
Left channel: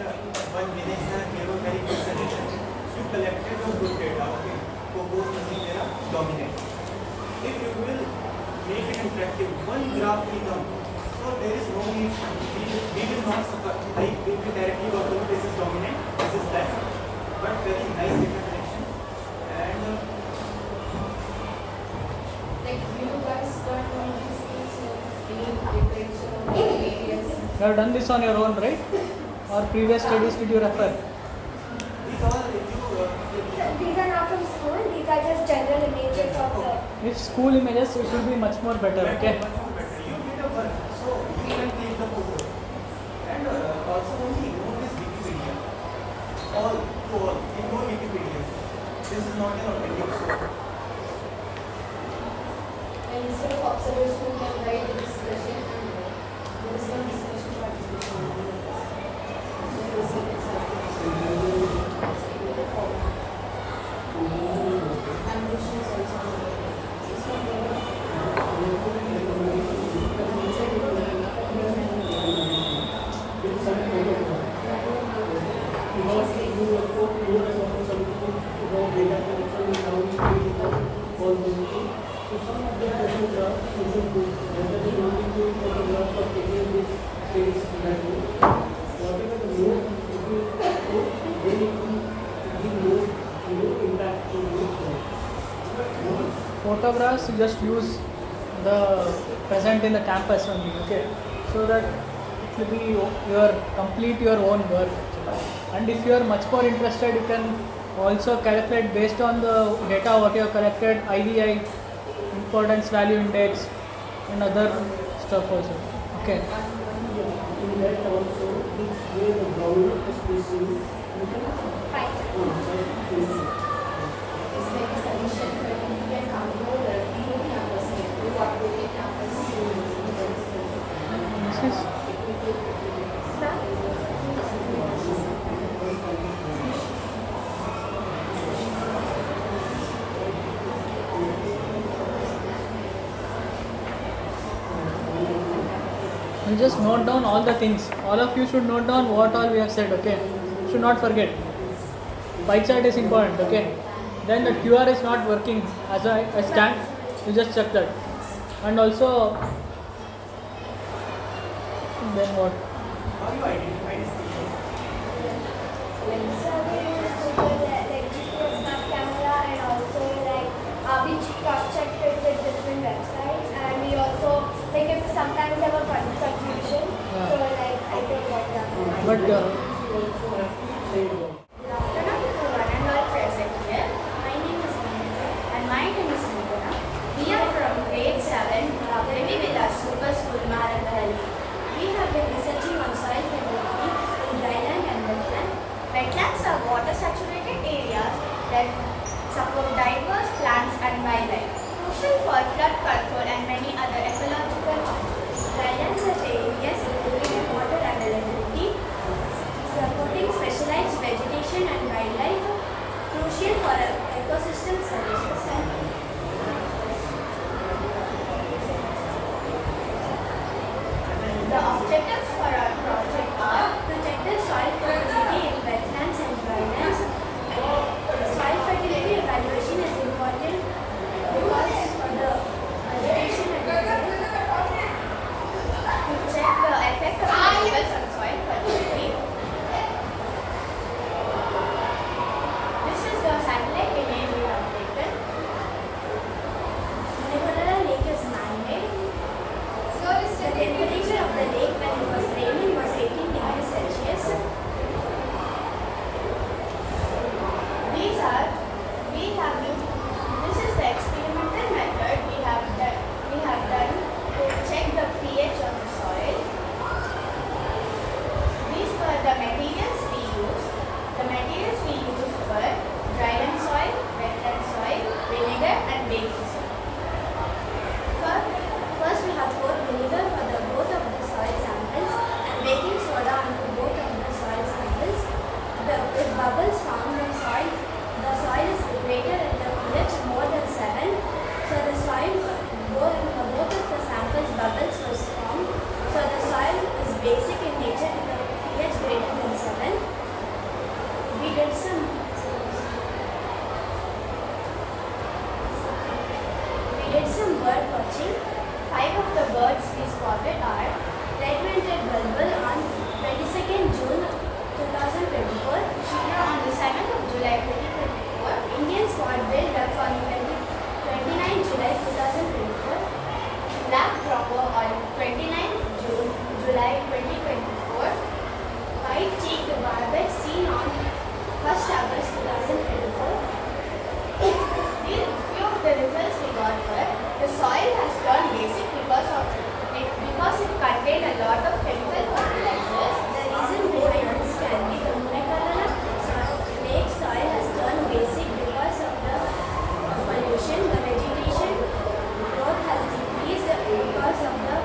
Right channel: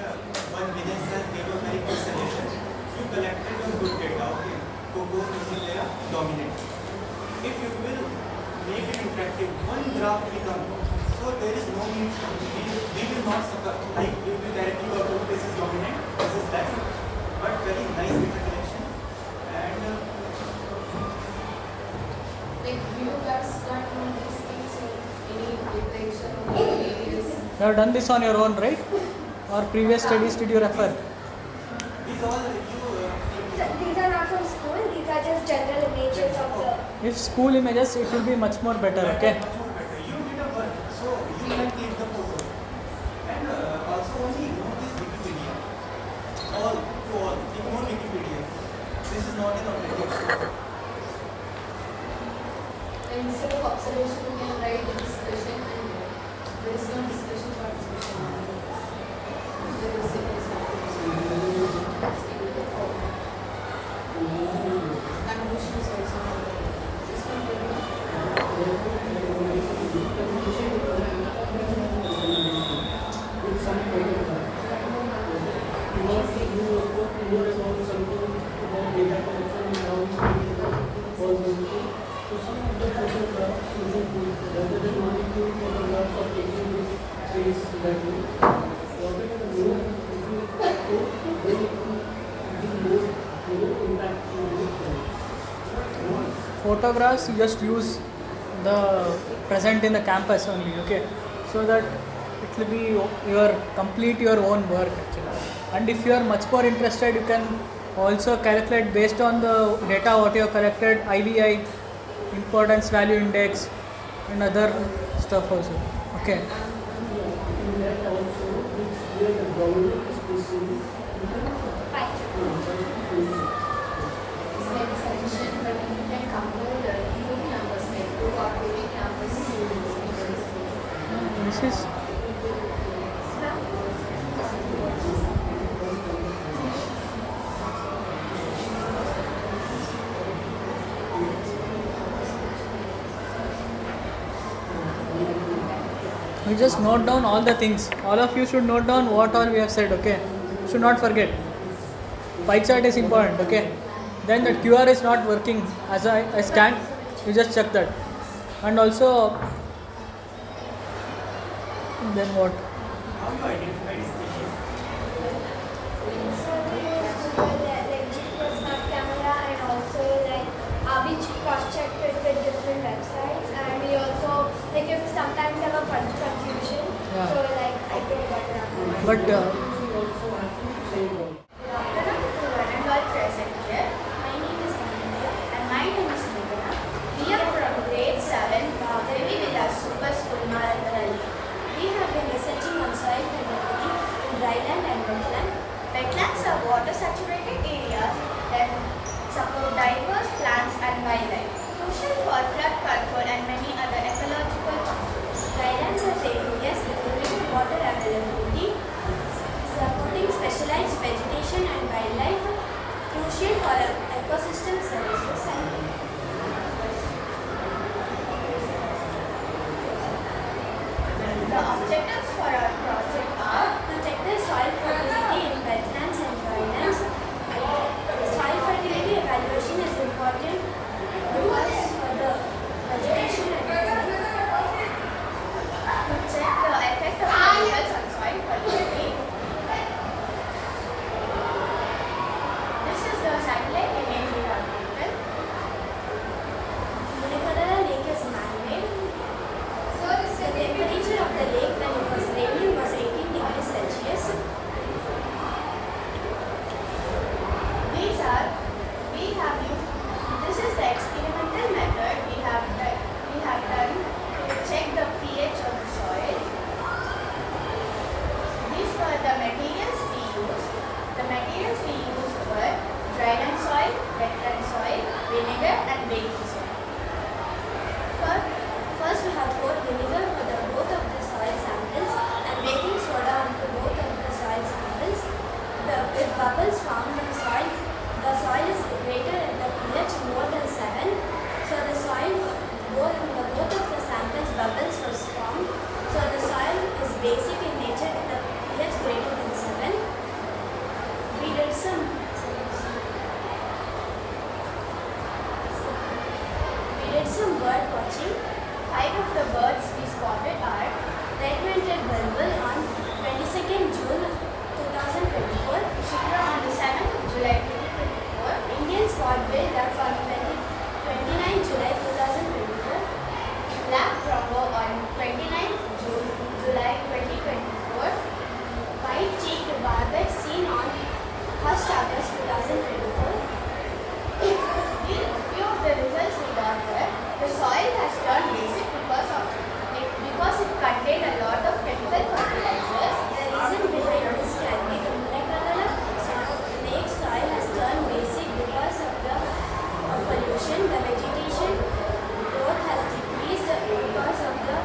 one village has given very good suggestion. You collected the good data, okay, to go something there dominant. If you will make it interactive, one graph will come. So there is no need, we will not suffer. Like we will directly go to this is dominant, this is left. But very nice interaction. And Like you guys got these things in detection of areas. You have done this on your own, right? Or previous studies did you refer? These are not from school, these are just general images of the... If school images, it will be much more better, okay? you did a work, so we can click the photo. And also only use this Wikipedia. All to all, ignore Wikipedia. This is not an authentic source. And instead of observation, you can write the discussion and there is no discussion participation. There is a animation is also Photographs, you just use the present in the campus only, okay? So that it will be complete your own work actually. And if you are much more interested, you can also calculate based on the data what you have collected, IVI, importance value index, and other stuff also. Okay. In that also, where the ground is facing, It's like extension, but you can compare the unit numbers, like two operating numbers. This is you just note down all the things. All of you should note down what all we have said, okay? Should not forget. Pie chart is important, okay? Then the QR is not working as I scanned, you just check that. And also, then what? How you identify species? So we use Google like GPS map camera and also like we cross-checked it with different websites and we also like if sometimes have a confusion, so like I can get that. But Good afternoon everyone and well present here. My name is Anita and my name is Mugana. We are from grade 7 Vagdevi Vilas Super School Marathahalli. We have been researching on soil fertility in dryland and wetland. Wetlands are water-saturated areas that support diverse plants and wildlife, crucial for flood control and many other ecological purposes. Drylands are areas with limited water availability, supporting specialized vegetation and wildlife, crucial for ecosystem services and the objectives for our project are to check the soil fertility in wetlands and drylands. Soil fertility evaluation is important because for the vegetation and baking soda. First we have poured vinegar for both of the soil samples and baking soda onto both of the soil samples. With bubbles found in soil, the soil is rated in the pH more than 7. So the soil, both of the samples bubbles were formed. So the soil is basic in nature with a pH greater than 7. We did some bird watching. 5 of the birds we spotted are red-winged bulbul on 22nd June 2024, Shikra on the 7th of July 2024, Indian spot-bill duck on 29th July 2024, black crumbo on 29th July 2024, white-cheeked barbet seen on 1st August 2024. Few of the results we got were the soil has turned basic because it contained a lot of chemical fertilizers. The reason behind this can be the Marathahalli lake soil has turned basic because of the pollution. The vegetation growth has decreased because of the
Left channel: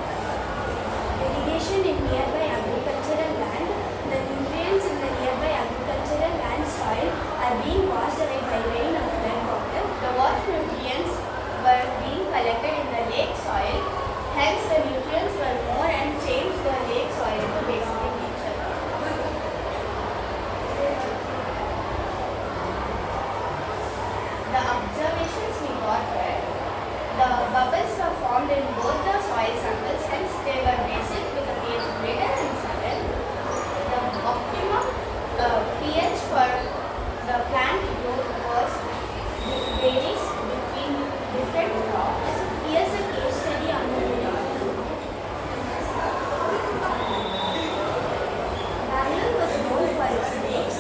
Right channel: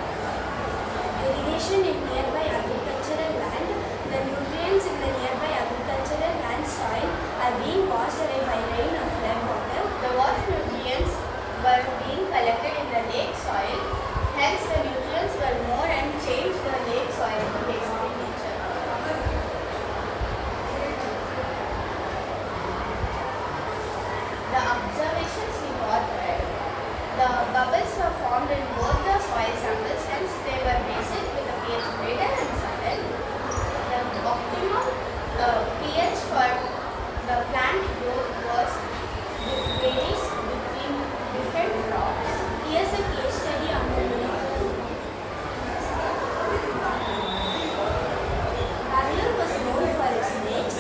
irrigation in nearby agricultural land. The nutrients in the nearby agricultural land soil are being washed away by rain and flood water. The water nutrients were being collected in the lake soil. Hence, the nutrients were more and changed the lake soil to basic in nature. The observations we got were the bubbles were formed in both the soil samples, hence they were basic with a pH greater than 7. The optimum pH for the plant growth varies between different crops. Here's a case study on the Bangalore was known for its lakes.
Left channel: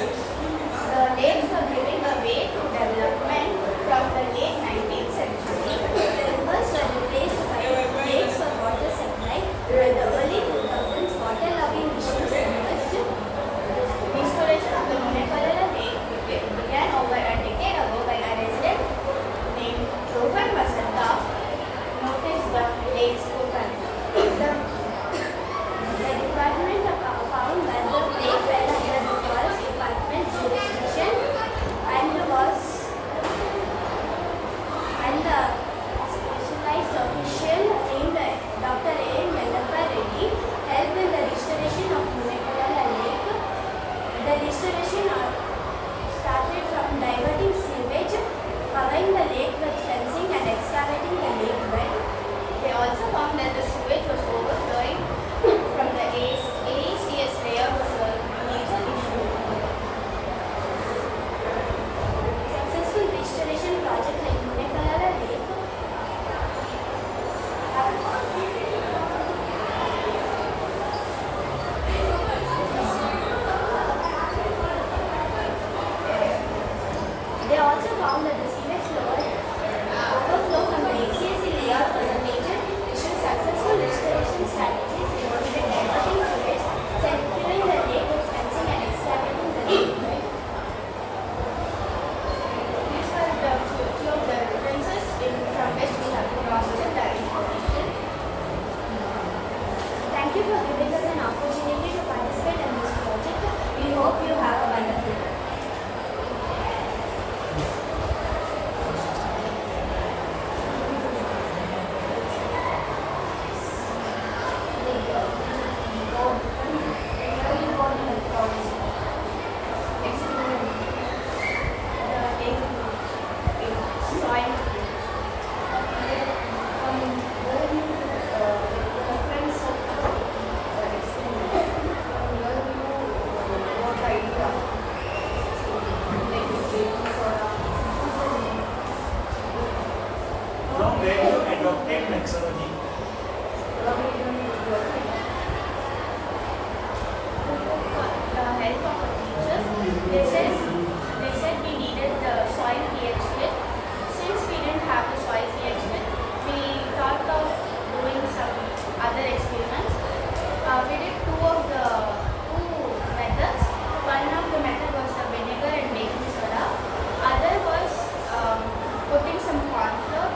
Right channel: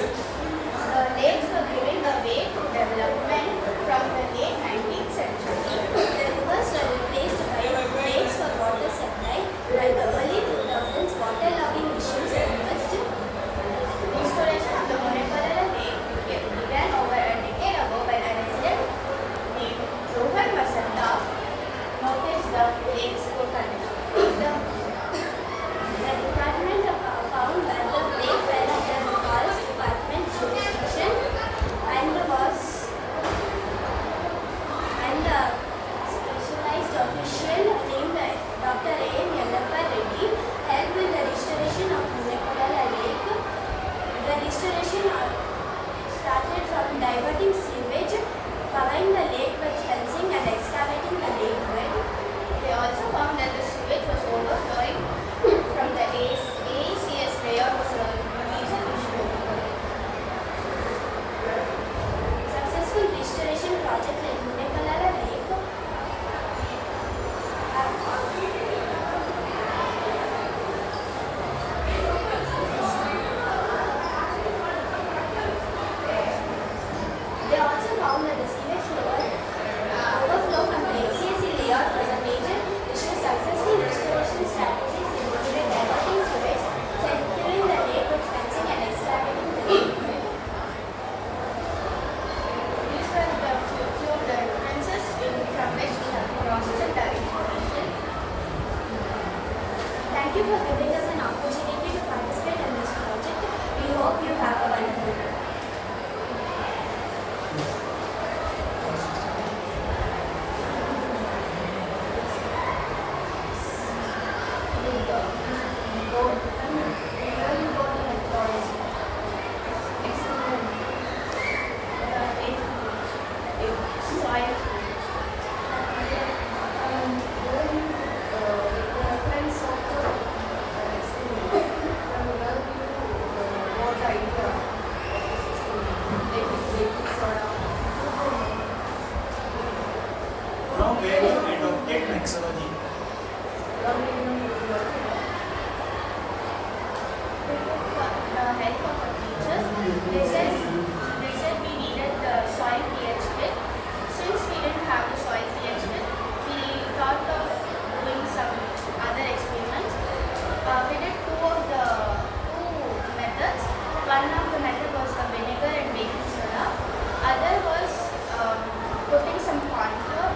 The lakes were giving a way to development from the late 19th century. The rivers were replaced by lakes for water supply. By the early 2000s, waterlogging missions emerged. Restoration of the Marathahalli lake began over a decade ago when a resident named Rohan Vasanta noticed the lake's potential. The department found that the lake fell under the forest department jurisdiction and the specialized official named Dr. A. Yellappa Reddy helped in the restoration of Marathahalli lake. The restoration started from diverting sewage, covering the lake with fencing and excavating the lake bed. They also found that the sewage was overflowing from the AICS layer was a major issue. Successful restoration project in Marathahalli lake They also found that the sewage overflow from the ACSC layout was a major issue. Successful restoration strategies included diverting sewage, securing the lake with fencing and excavating the lake bed. These were the few of the references from which we have cross-checked our information. Thank you for giving us an opportunity to participate in this project. We hope you have a wonderful day. From where you adopted methodology? They said we needed the soil pH kit. Since we didn't have the soil pH kit, we thought of doing some other experiments. We did two methods. One of the method was the vinegar and baking soda. Other was putting some corn flour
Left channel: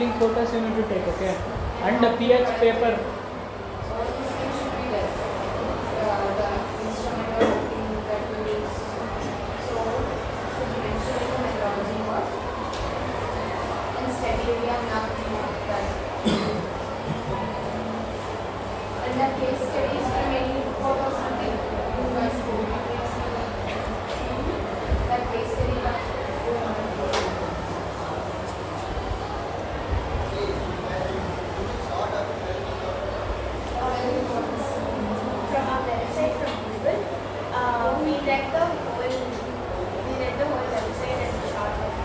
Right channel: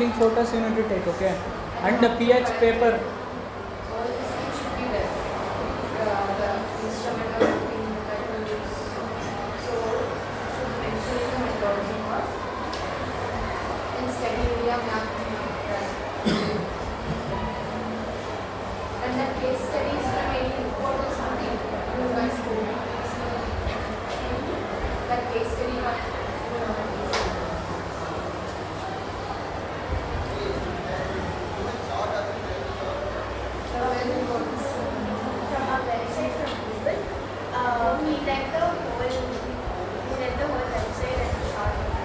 sampling photos you need to take, okay? And the pH paper. All these things should be there. The instrument or something that you use. So, should mention the methodology part. In study area, map that. And the case studies for any report or something, you guys could do. That case study part. From our website from Google, we read the whole website and shortened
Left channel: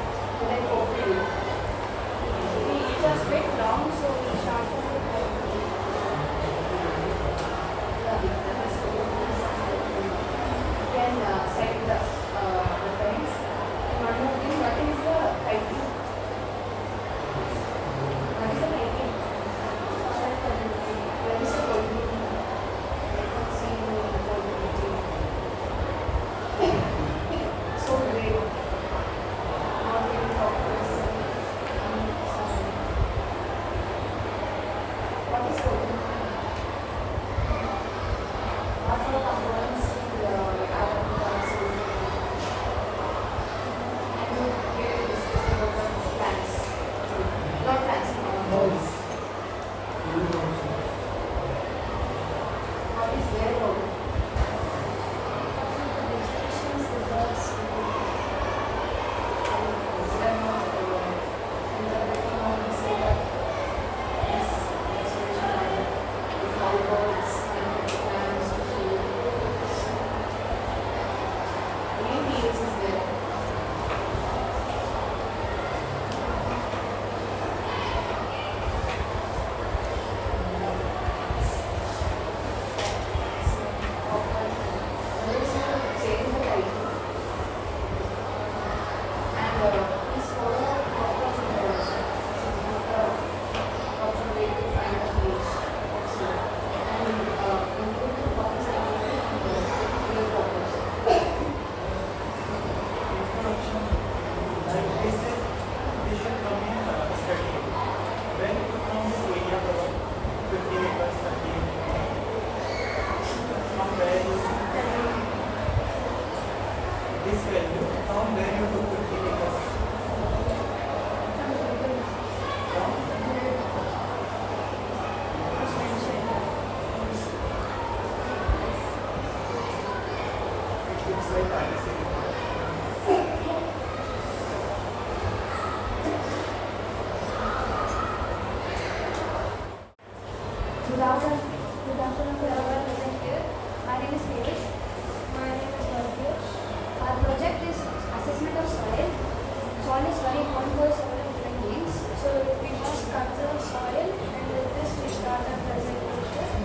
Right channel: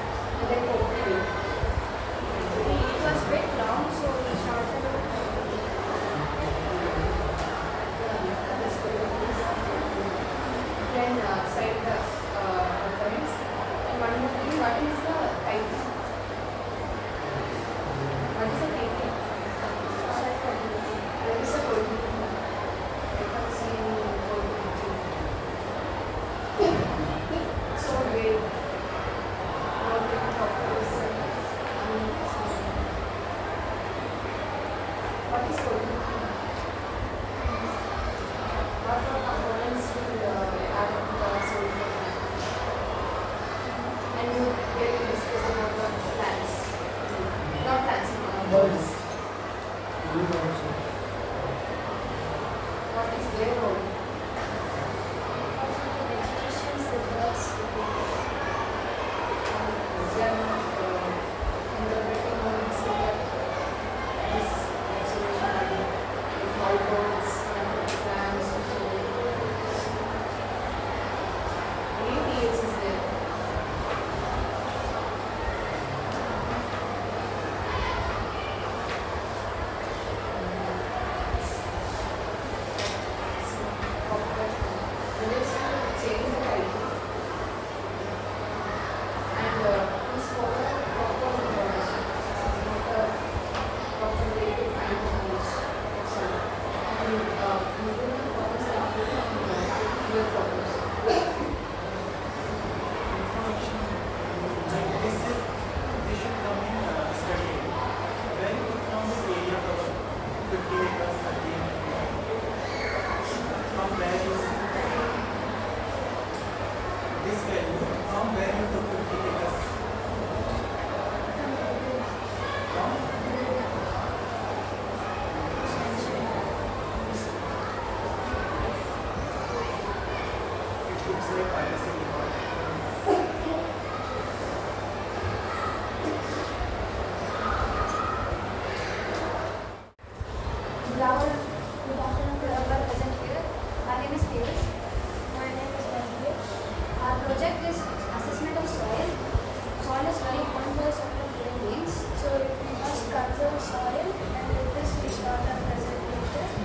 and then opened it. It was a bit long, so we shortened it. Then cite the reference. And one more thing, what is the title? What is the title? What is the code? I can't see any code. So great. Now we can talk to this. What is code? What are components to the atom console? And we will discuss about the plants. Not plants, birds. What is their role? Vegetations, the birds, They are not interpreting or say that this observation line is how birds and plants also. Many pH is there. They should come in study. When you form this area of 50 acres, 30 from where you this value, from where you took 50 acres. It looks like IISC. Good afternoon to everyone present here. My name is Piyush. My name is Vagdevi. Our project is assessment of soil. Soil is very important for several different things. So we must conserve soil, and with this we start our presentation.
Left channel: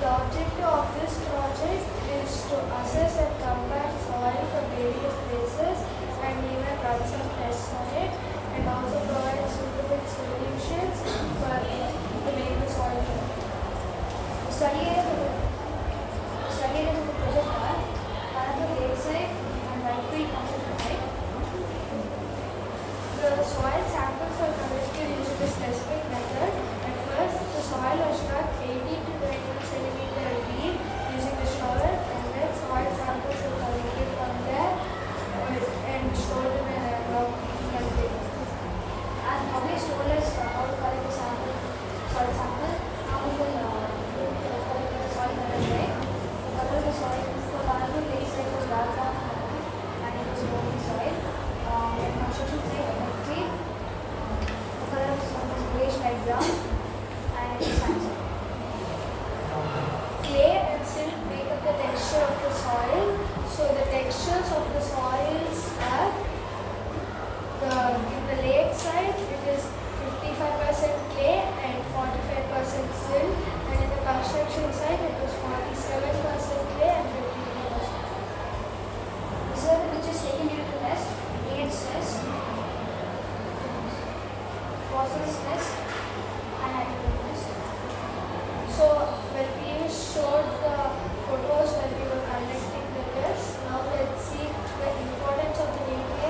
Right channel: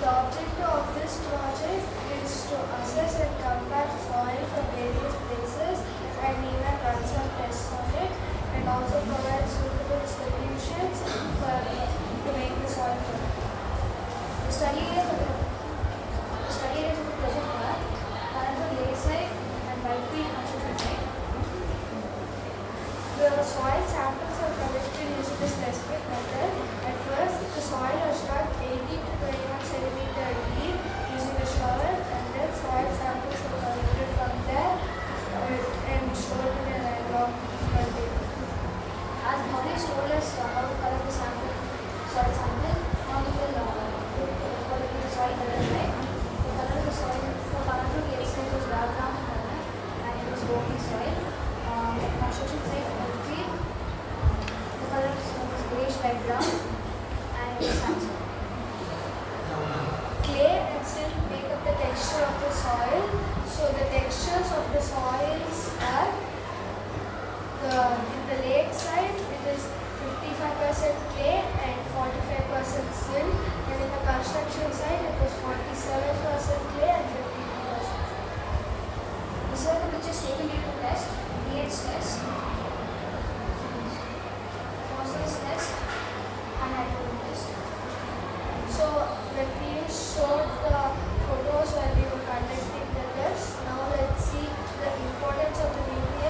The objective of this project is to assess and compare soil from various places and even run some tests on it, and also provide suitable solutions for to make the soil fertile. The study areas of the project are Marathahalli lakeside and Vagdevi construction site. The soil samples are collected using a specific method. At first, the soil was cut 80 to 21 centimeter deep using a shovel, and then soil samples were collected from there and stored in an envelope container. As Bhavesh told us how to collect the soil sample, now we will collect the soil color, right? The color of the soil, the color of the lakeside was dark brown and it was loamy soil. At construction site, the color of the soil was grayish light brown and it was sandstone. Clay and silt make up the texture of the soil. So the textures of the soils are in the lake side it is 55% clay and 45% silt, and in the construction side it was 47% clay and 52%. These are the pictures taken during the test, pH test, phosphorus test, and nitrogen test. So when we showed the photos when we were conducting the test, now let's see the importance of the nutrients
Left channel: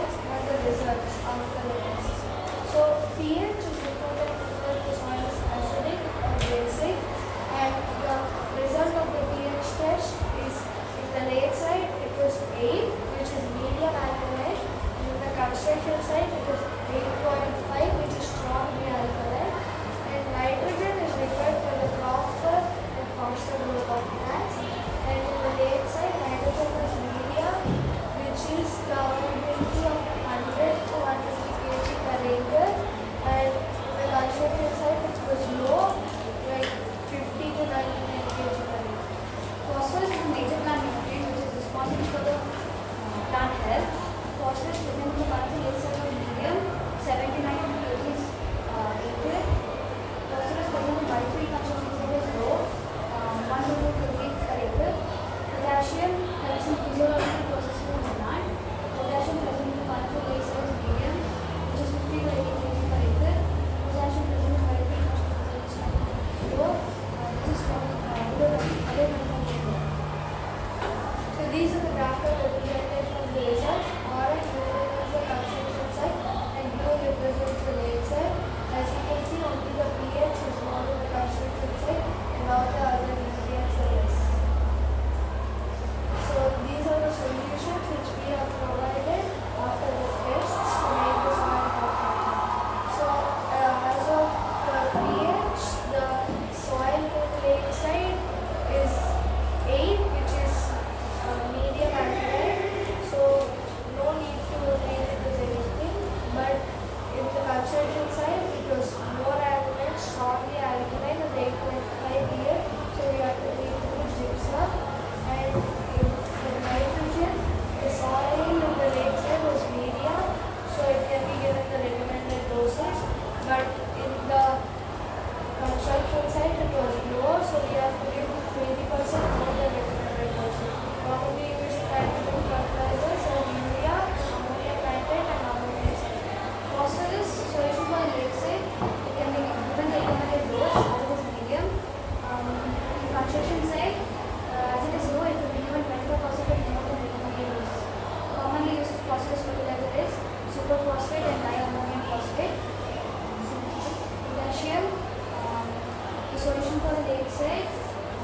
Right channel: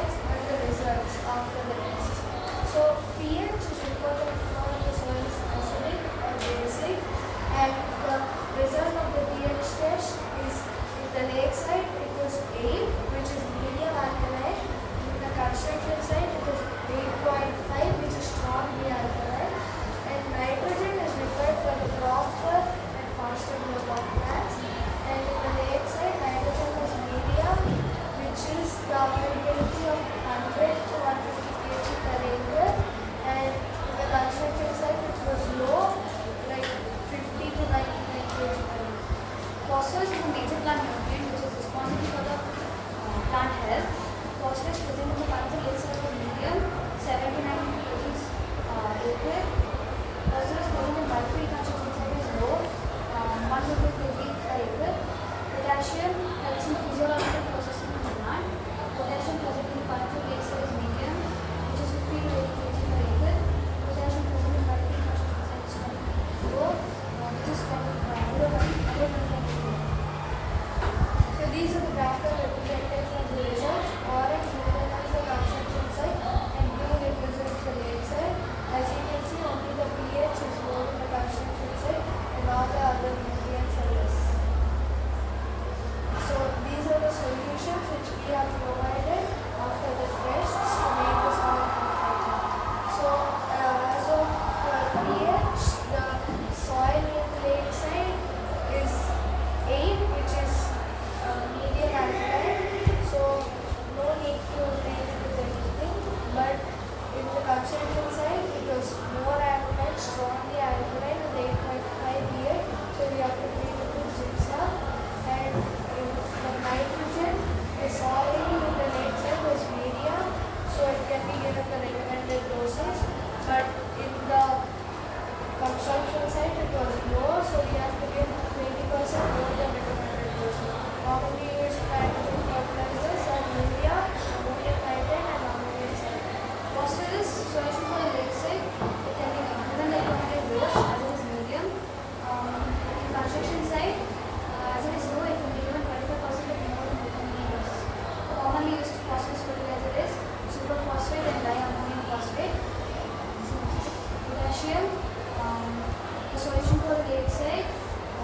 solution for the lakeside,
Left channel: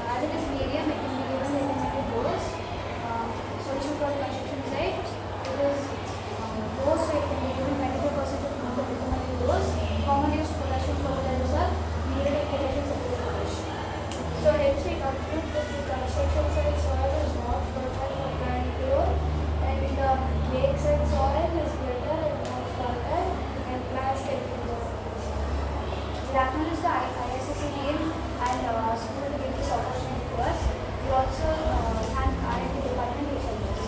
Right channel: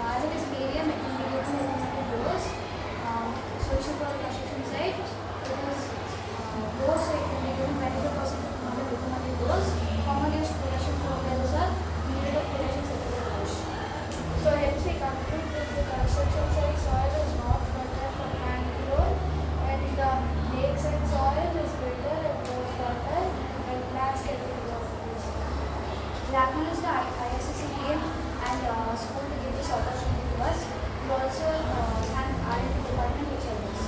as it is medium, it can be given in limited dose. Solution for the construction site, it is dose, so it can be given 25% of the recommended dose. Common use potassium fertilizers are needed of potassium fertilization. So hence we conclude that the construction site soil is not fertile for plant growth, and the lakeside soil is better and more fertile, and plants can grow. We acknowledge the IISC team and school to give this opportunity to us. We also thank R&D department which helped us.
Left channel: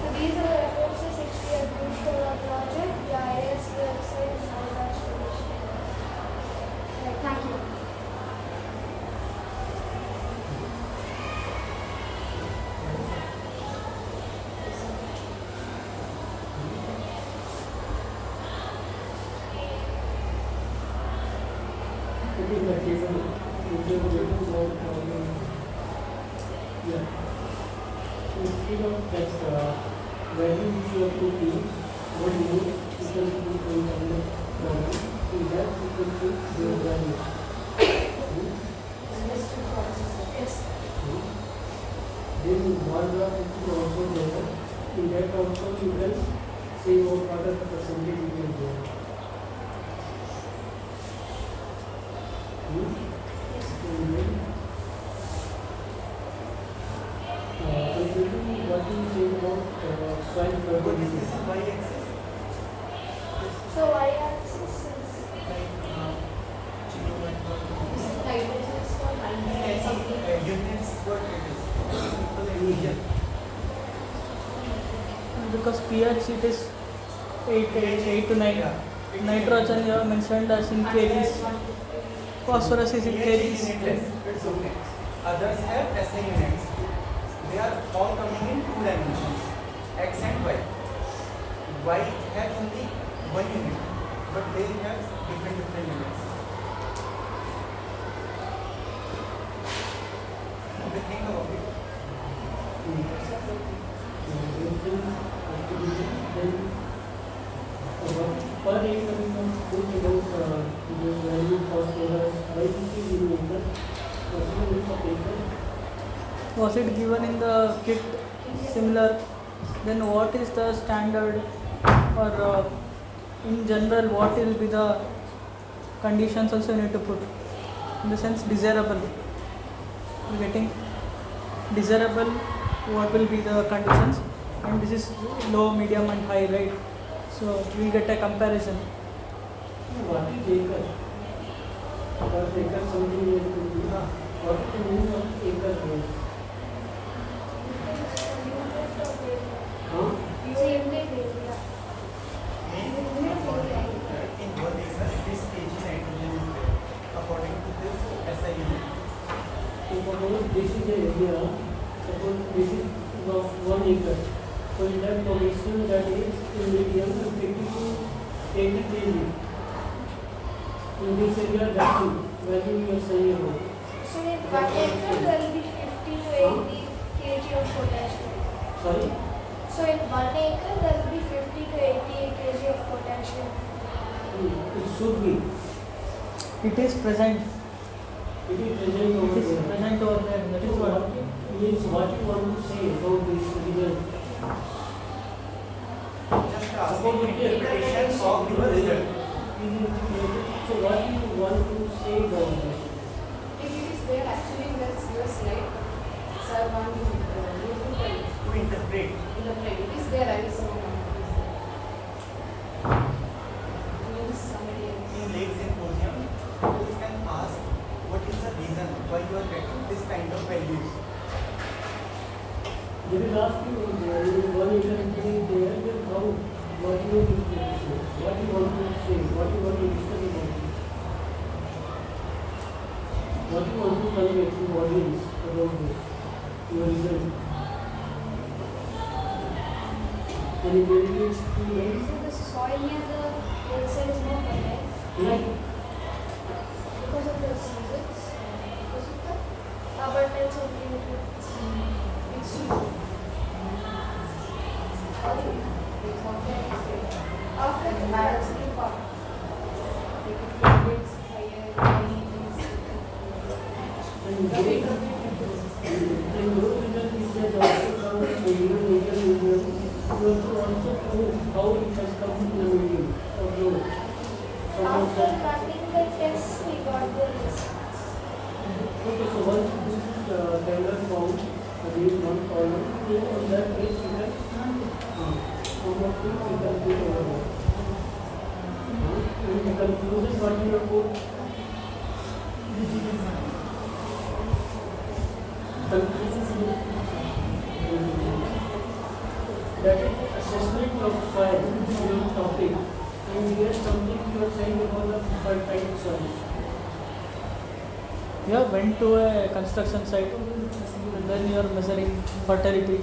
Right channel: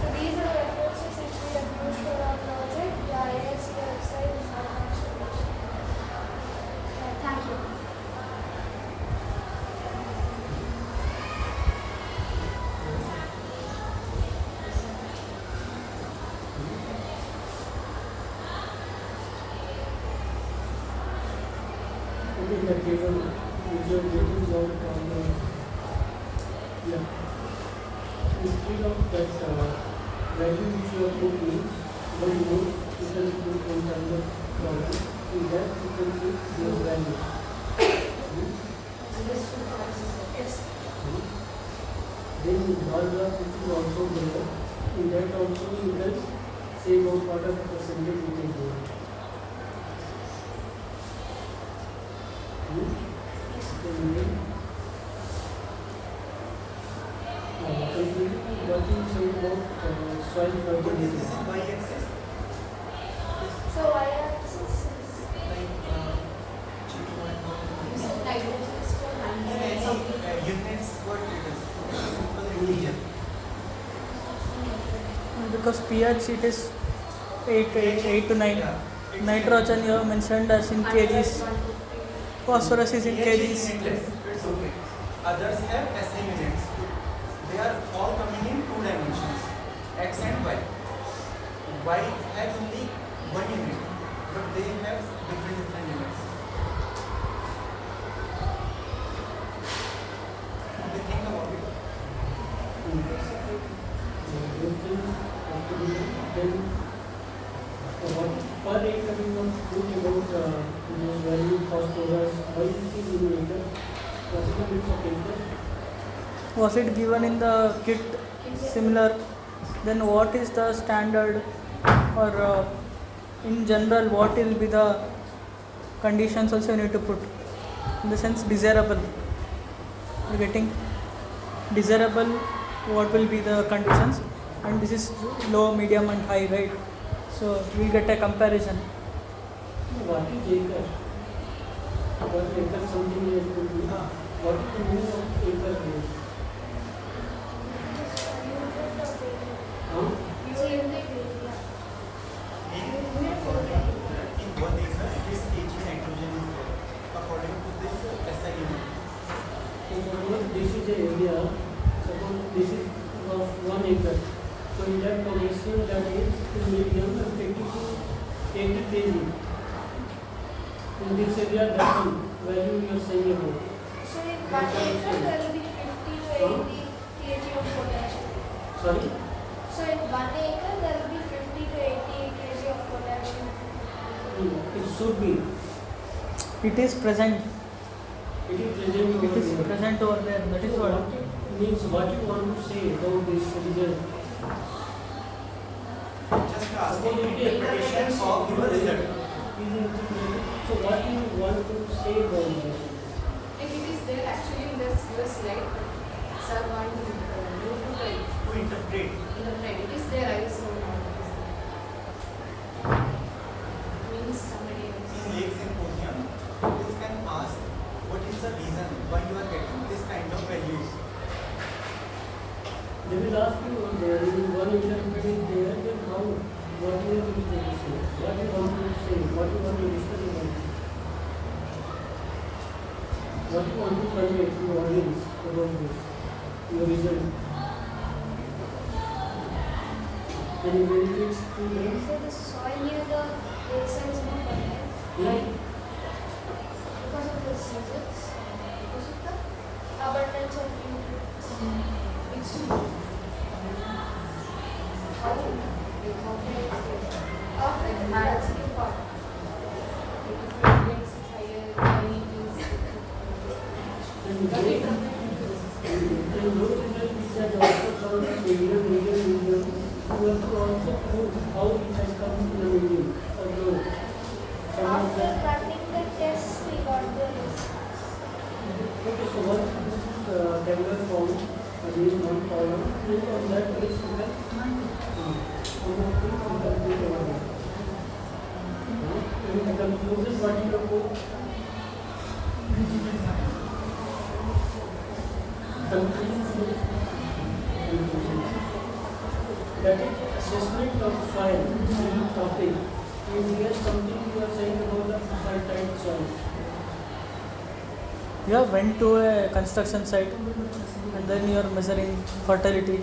So these are the resources which we have used for our project. The IISC website is attached to this. Thank you. It is a given, if you are getting more problem, yeah. Instead of that value which you are taking, then you can put in another problem. In that you can take their value. Then wall graph which is also there, in that also you can say what part of the percentage you can do. What do you say about soil fertility? This is y-axis. So y-axis is units what it is. Simple region. Because pH it is 8 to 9. Nitrogen you have mentioned as in kgs. Phosphorus is in kgs. It's okay. Others have SI units. They are all coming in 2 dimensions, x and y. Y has only 1 unit, but they have different units. They think about it. Per acre we want to think about the value phosphorus. Why is it in acre? Phosphorus of acre. Was it given in the kit similar? Then what is the standard, or in general what will be the conditions also you need to put? In the sense desirable. You getting desirable? What will be the conditions? And this is low, medium, and high, right? So we will get a comparison. What is acre? Because acre something is what is the meaning of acre here? In 1 acre, this kg nitrogen is there. According to this SI unit. So suppose this is the area, suppose this is of 1 acre. So in that condition that is in medium and 80 kg. In this area that value you are saying about. So in 1 acre there will be 50 to 80 kg of potassium. Sorry? So in 1 acre there will be 50 to 80 kg of potassium. It should be. It is present. It is present over It is there. present over there. That is So what. what means what you want to say about this result? Just asking interpretation of your result. So what do you want to say about that? If it is there actually in the slide, sir, one to interpret. It is there, I was wrong. Means somebody else. In late symposium, you can ask what is the reason why you are getting this kind of values. They will ask you there is 1 acre if it is there, then how, what you want to say, what you want to say, what you want to discuss about it. What you want to convey to the audience about this, your result. Can you really explain? So the soil near the lakeside is more fertile. Yeah. Because of the seasons. Because of the abundance of nutrients. After the Marathahalli part, like if it gets higher, After running the tests, we got the results. Okay, so once this camera found again one problem, you on that case you can complete over there. In the conclusion, what you have put? That is assessment of soil topic. In here something you are saying about the fertile soil. You have went to a construction site and then you are measuring fertility.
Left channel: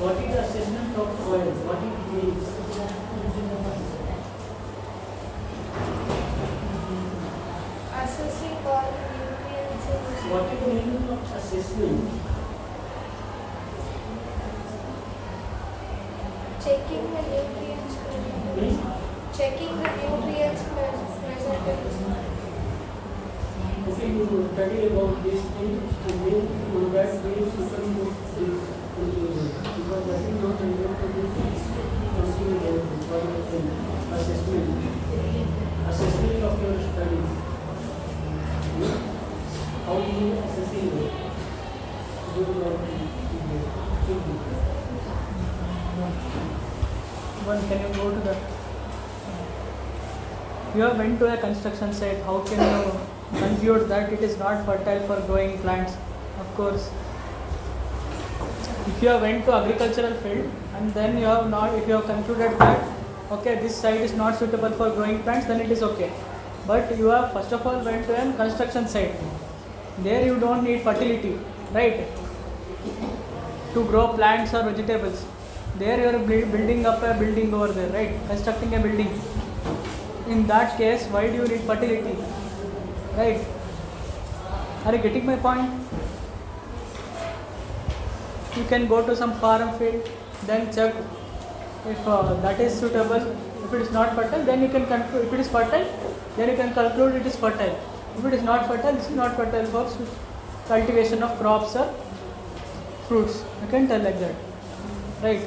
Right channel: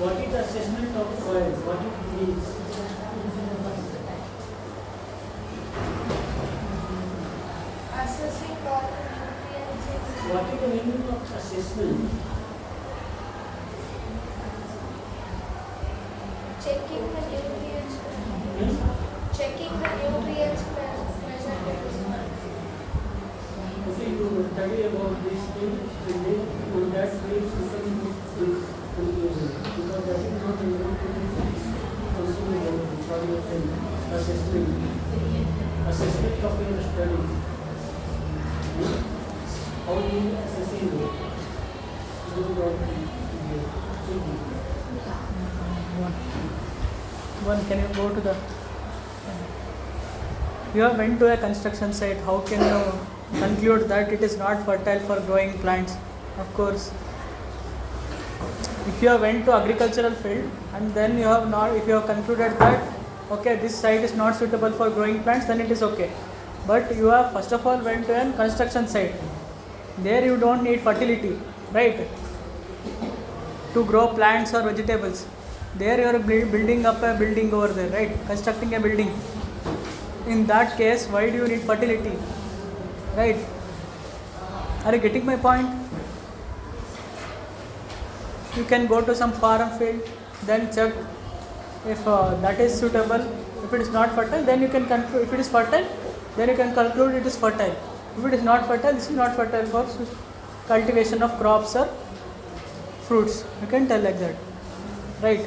What is the assessment of soil? What it means? Assessing all nutrients in the What is the meaning of assessment? checking the nutrients present. Checking the nutrients present in the soil. Okay, you study about this thing, so then on that base you can put this conclusion. Because that is not related to this consumable for your thing. Assessment of your study. How do you assessing it? Good or One, can you go to the... You have went to a construction site, how can you conclude that it is not fertile for growing plants? Of course, if you have went to agricultural field and then you have not, if you have concluded that okay, this site is not suitable for growing plants, then it is okay. But you have first of all went to a construction site. There you don't need fertility, right? To grow plants or vegetables. There you are building up a building over there, right? Constructing a building. In that case, why do you need fertility? Right? Are you getting my point? You can go to some farm field, then check if that is suitable. If it is not fertile, then you can conclude. If it is fertile, then you can conclude it is fertile. If it is not fertile, this is not fertile for cultivation of crops or fruits. You can tell like that, right?